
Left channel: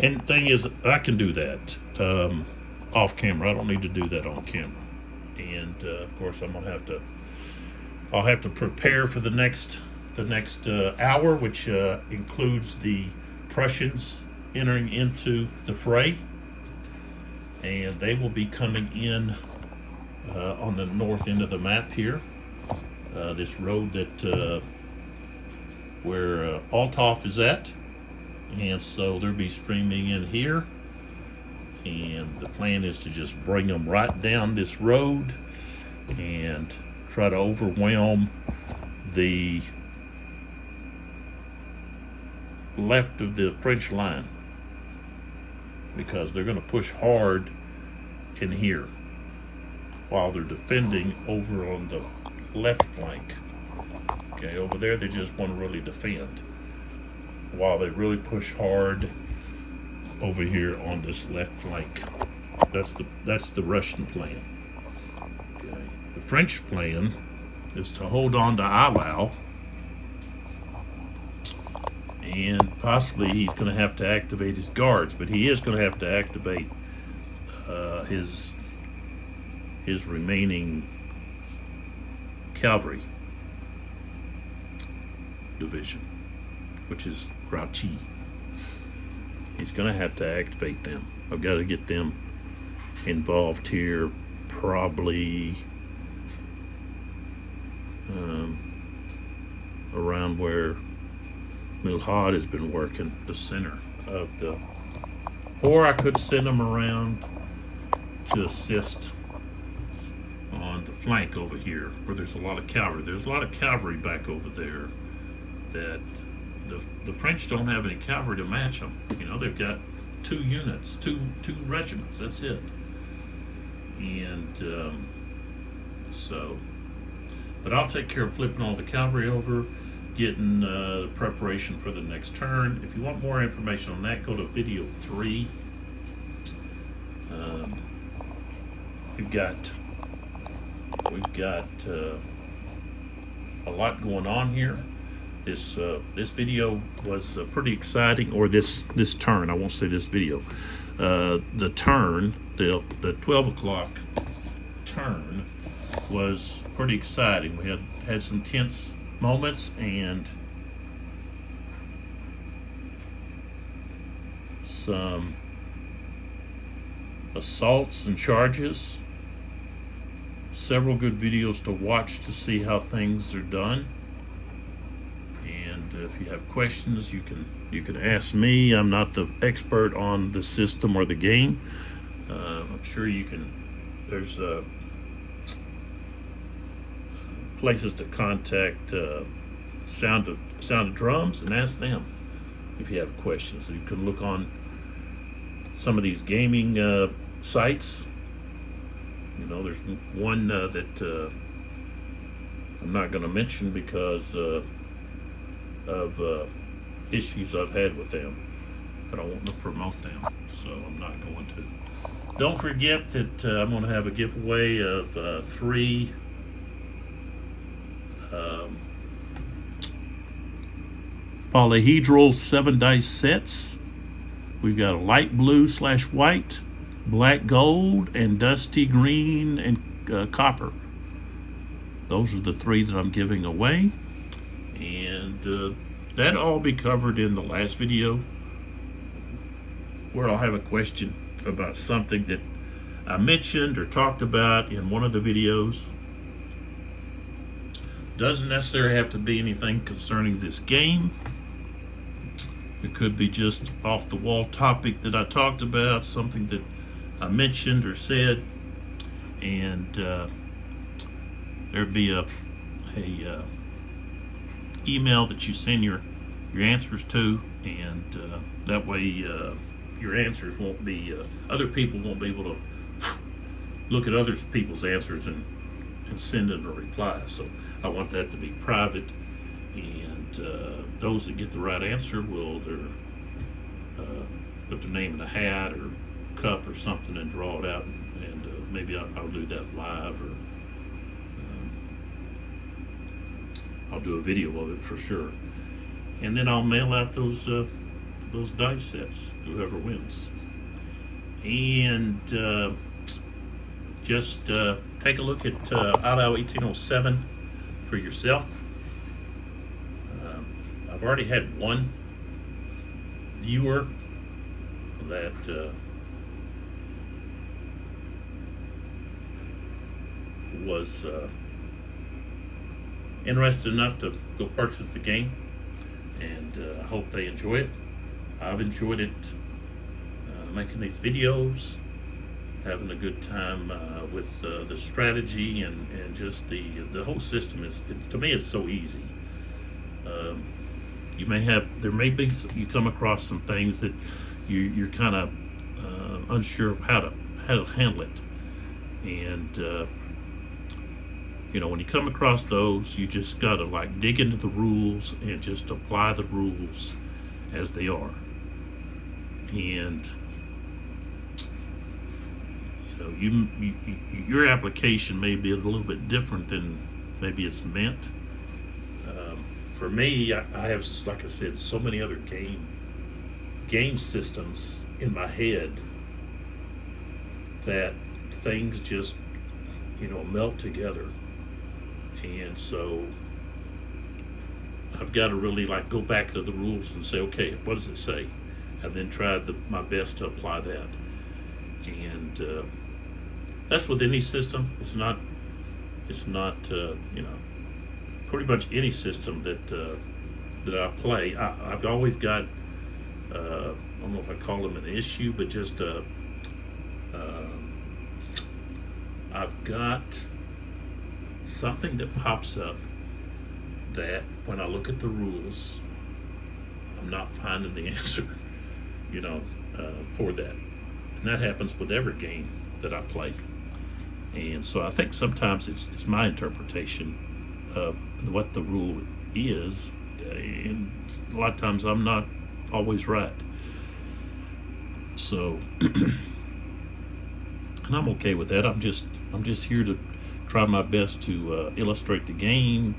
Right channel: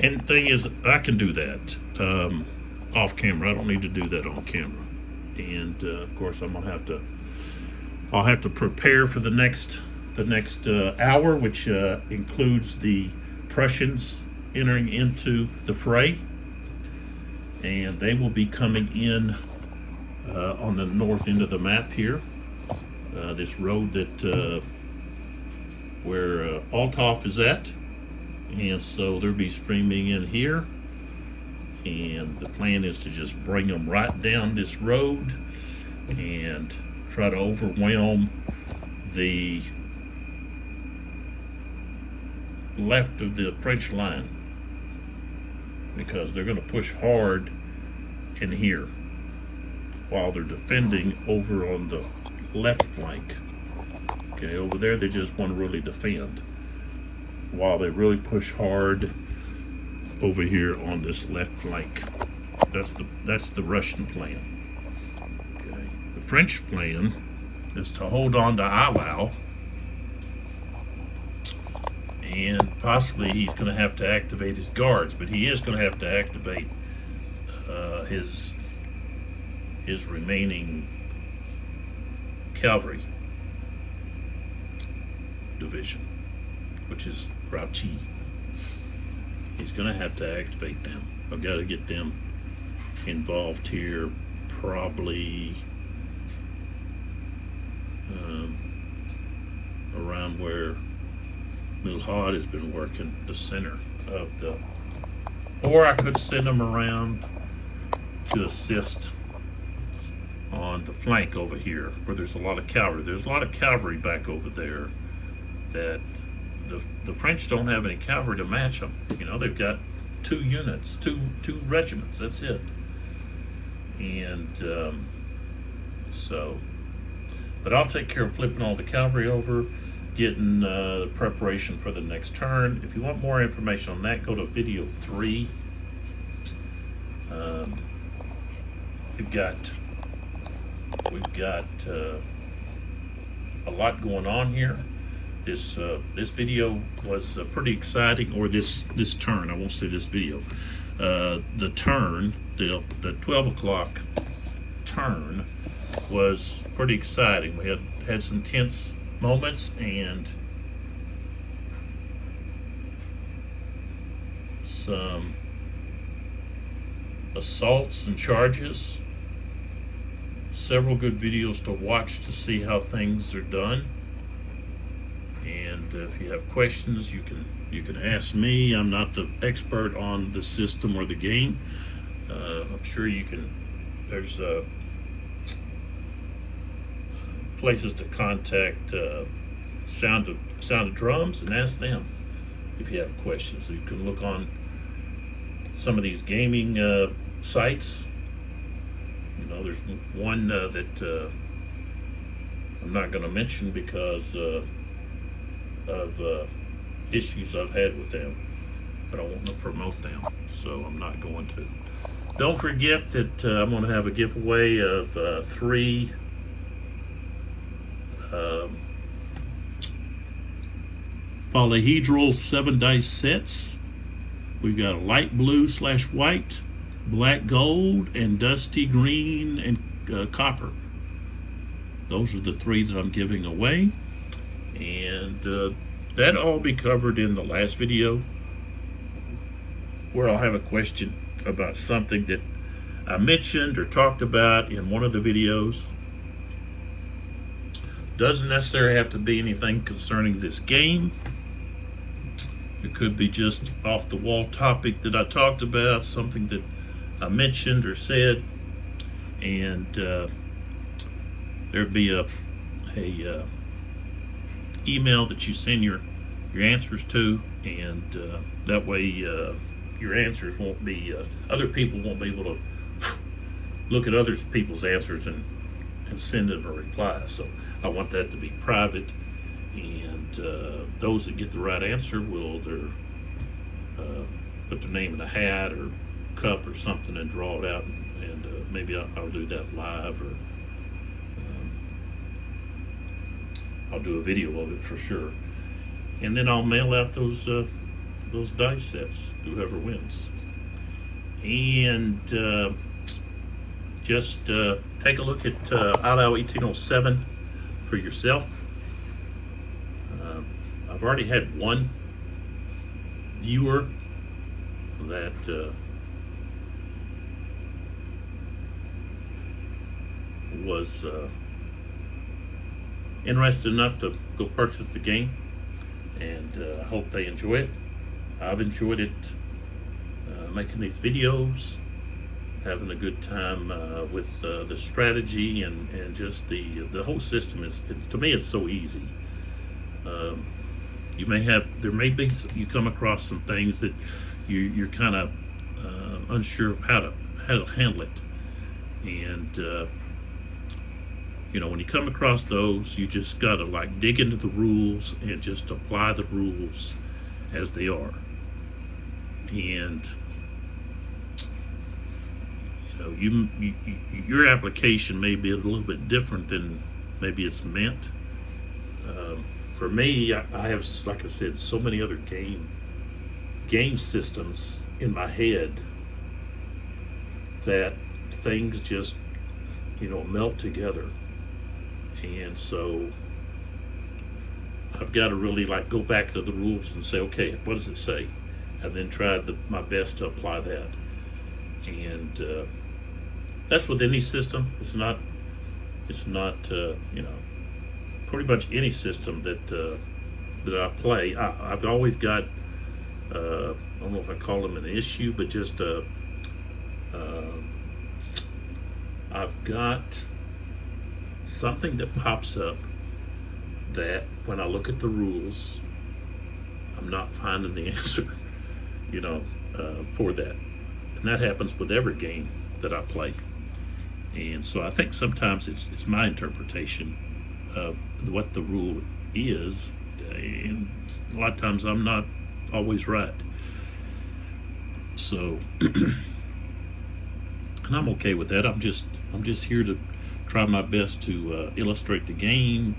And the thing is, I can do that off camera. I don't need to do that on camera. And of course, I'll have to prepare for the next hour, which includes the Prussians entering into the fray, and they will be coming in on the north end of the map here. This road that where Althoff is at, and so they'll be streaming in here. And the plan is to just bring them right down this road and try to overwhelm the left of the French line, because they're going to push hard in here while they're defending over on the left flank. Okay, over there they just want to really defend while they really push hard over here on this left flank. That's the Russian plan. Okay. The French plan is to hold on to Eylau, and possibly he's going to have to activate his guards, but he is going to have to activate his remaining cavalry division, which is Grouchy. He's going to have to activate them. I've got to get them involved here, probably around where Milhad has been working, the center of the, or I could send them around to assist on the flank over here where there's a lot of cavalry. There's a lot of cavalry back over there that the French don't have any cavalry to match them. You know, they've got two units, two regiments, that's it. And but I'll take care of flipping all the cavalry over, getting the preparation for the next turn. If you want more information on that, go to video 3. We've got a lot going on here. This video was pretty exciting, or this turn. I won't say this video. The turn, the 12 o'clock turn, was pretty exciting. We had some tense moments and some assaults and charges. Several good videos to watch to see how things are done. And if you have questions, you can ask me. I'm not the expert on the system or the game. I'm sure you can. There's places to contact Sound of Drums and ask them if you have questions. So you can look on some of these gaming sites. You know, there's one that I'm not going to mention because of issues I've had with them, but I want to promote them, so I'm not going to. Don't forget that I'm going to have a giveaway of 3 polyhedral 7-dice sets. We've got a light blue/white, black gold, and dusty green and copper. Those are the 3 that I'm giving away, and that'll all be covered in the last video, where I'll have a question about something that I mentioned or talked about in one of the videos. Doesn't necessarily have to be anything concerning this game. It could be just off the wall topic that I talked about, something that I mentioned or said, and there'd be a email that you send your answers to, and that way your answers won't be other people won't be able to look at other people's answers and send it a reply. So I want that to be private, and those that get the right answer will either put their name in a hat or cup or something and draw it out, and maybe I'll do that live, or I'll do a video of it for sure, and then I'll mail out those dice sets to whoever wins. And just take a look at Eylau 1807 for yourself. I've already had one viewer that was interested enough to go purchase the game, and I hope they enjoy it. I've enjoyed it, making these videos, having a good time with the strategy, and just the whole system is, to me, it's so easy. There may be, you come across some things that you're kind of unsure of how to handle it, and when you come across those, you just gotta like dig into the rules and just apply the rules as they are. And your application may be a little bit different than maybe it's meant. For me, I have, like I said, so many other game systems in my head that things just melt together, and so I've got to really like go back to the rules and say, okay, what does it say, and then try my best to apply that. And that's with any system. It's not pretty much any system that I play. I've always got I don't know if I call them an issue, but just I've got something that pops up that when I look at the rules, I'm not finding the answer, for that. And that happens with every game that I play. And so I think sometimes it's my interpretation of what the rule is, and a lot of times I'm not always right. So, and I'm okay with that. I'm just here to try my best to illustrate the game,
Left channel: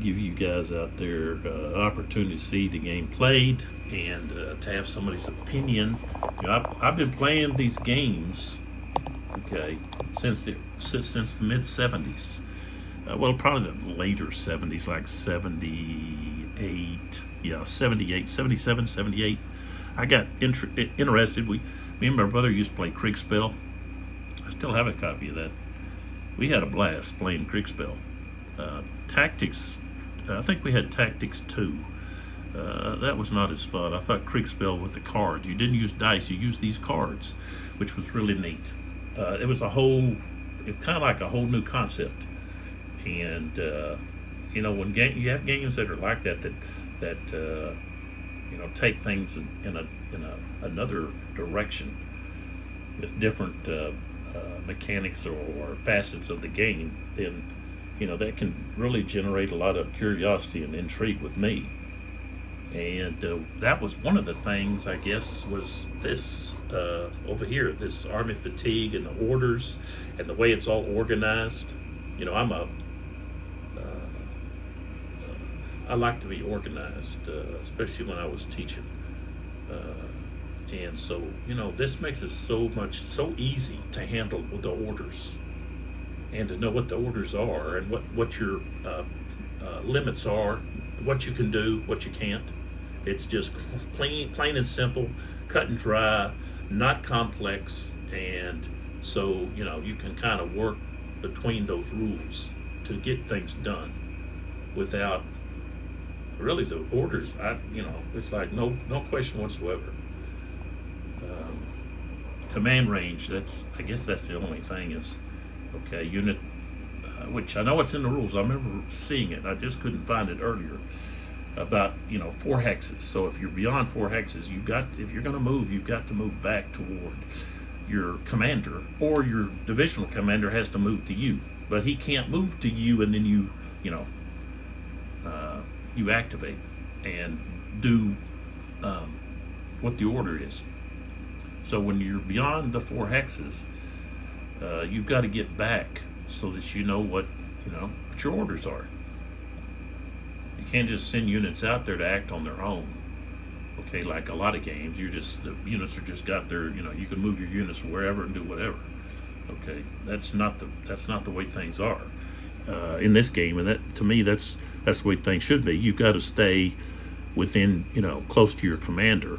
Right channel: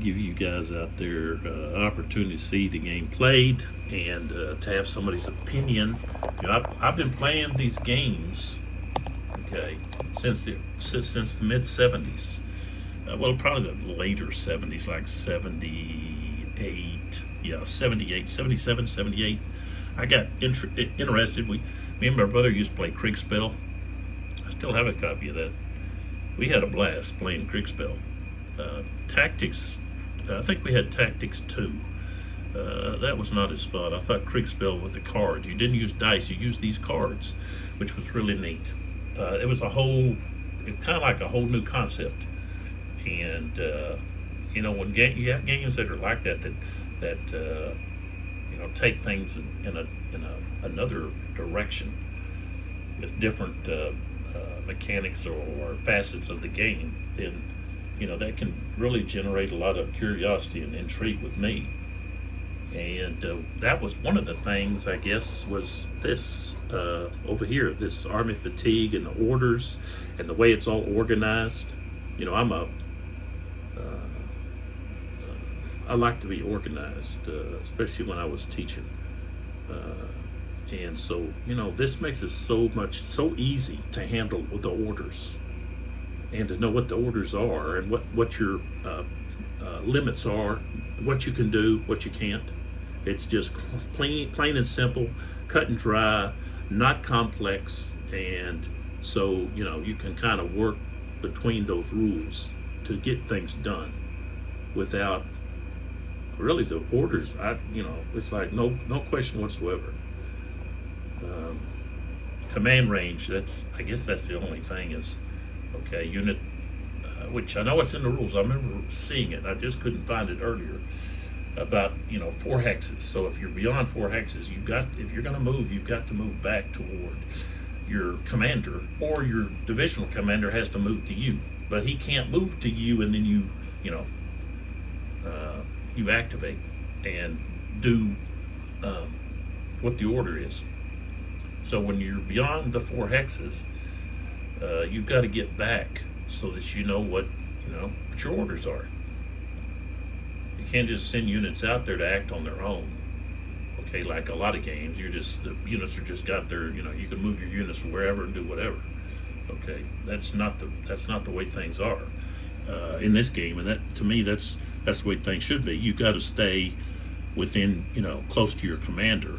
give you guys out there opportunity to see the game played, and to have somebody's opinion. I've been playing these games, okay, since the mid 70s. Well, probably the later 70s, like 78, 78, 77, 78. I got interested. Me and my brother used to play Kriegspiel. I still have a copy of that. We had a blast playing Kriegspiel. Tactics, I think we had Tactics 2. That was not as fun. I thought Kriegspiel with the cards. You didn't use dice, you used these cards, which was really neat. It was kind of like a whole new concept. And when you have games that are like that take things in another direction with different mechanics or facets of the game, then that can really generate a lot of curiosity and intrigue with me. And that was one of the things, I guess, was this over here, this army fatigue and the orders and the way it's all organized. I like to be organized, especially when I was teaching. And so, this makes it so easy to handle with the orders, and to know what the orders are, and what your limits are, what you can do, what you can't. It's just plain and simple, cut and dry, not complex, and so you can kind of work between those rules to get things done. without really the orders. It's like no question whatsoever. Command range, I guess that's the only thing is, okay, unit, which I know it's in the rules. I remember seeing it. I just couldn't find it earlier about 4 hexes. So if you're beyond 4 hexes, if you're going to move, you've got to move back toward your commander, or your divisional commander has to move to you. But he can't move to you and then you activate and do what the order is. So when you're beyond the 4 hexes, you've got to get back so that you know what your orders are. You can't just send units out there to act on their own. Okay, like a lot of games, the units are just got there. You can move your units wherever and do whatever. Okay, that's not the way things are in this game, and that, to me, that's the way things should be. You've got to stay within, close to your commander,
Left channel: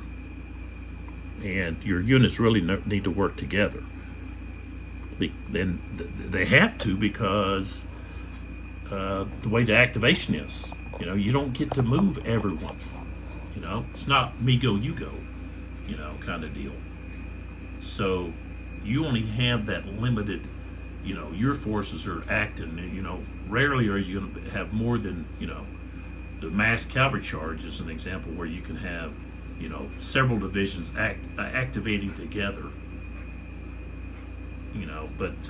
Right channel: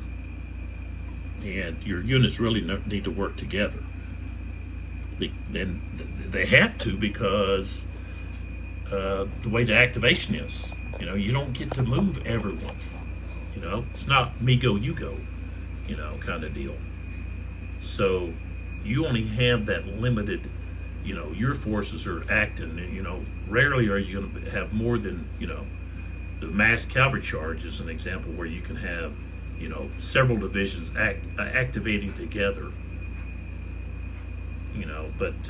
and your units really need to work together. Then they have to, because the way the activation is, you don't get to move everyone. It's not me go, you go, kind of deal. So you only have that limited, your forces are acting, rarely are you going to have more than, the mass cavalry charge is an example where you can have, several divisions activating together, but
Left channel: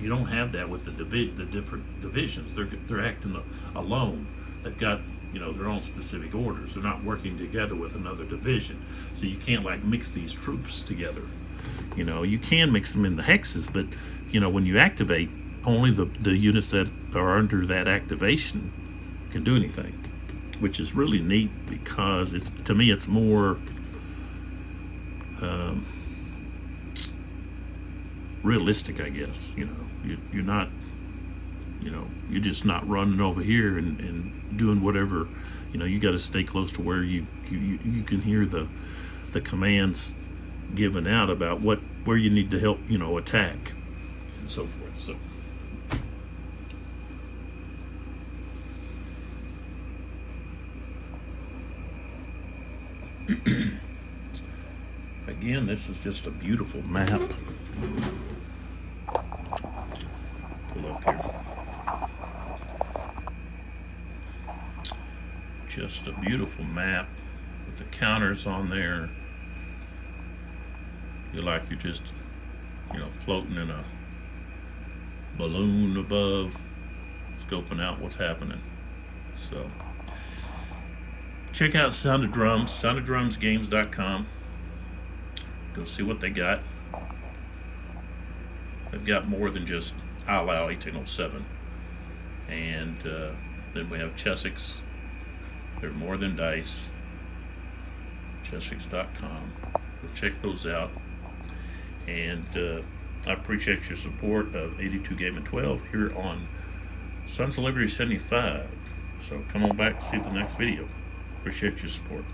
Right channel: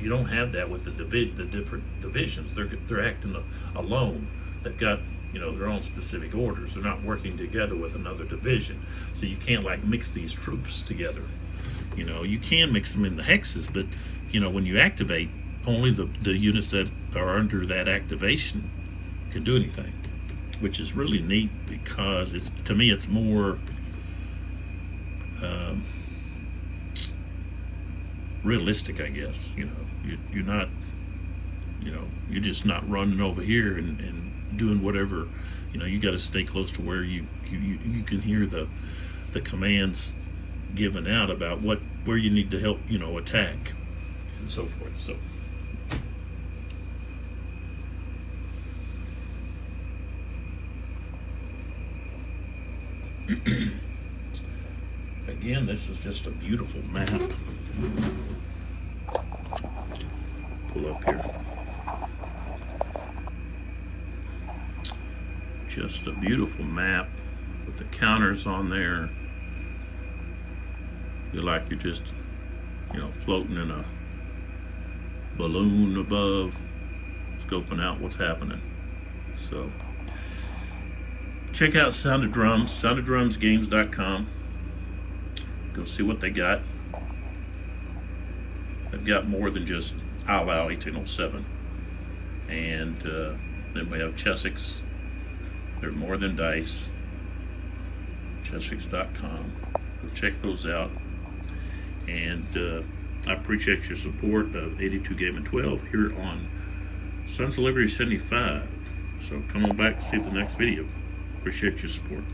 you don't have that with the different divisions. They're acting alone. They've got, their own specific orders. They're not working together with another division. So you can't mix these troops together. You can mix them in the hexes, but when you activate, only the units that are under that activation can do anything, which is really neat, because to me it's more realistic, I guess. You're not, you're just not running over here and doing whatever. You got to stay close to where you can hear the commands given out about where you need to help, attack and so forth. So again, this is just a beautiful map. Pull up here. Just a beautiful map with the counters on there. You're like you're just, floating in a balloon above, scoping out what's happening. So check out Sound of Drums, soundoffdrumsgames.com. Go see what they got. They've got more than just Eylau 1807. And then we have Chessex. They're more than dice. Chessex.com. Go check those out. And I appreciate your support of 82 Game and 12 here on Sons of Liberty 75. So come on back and see the next video. Appreciate your support.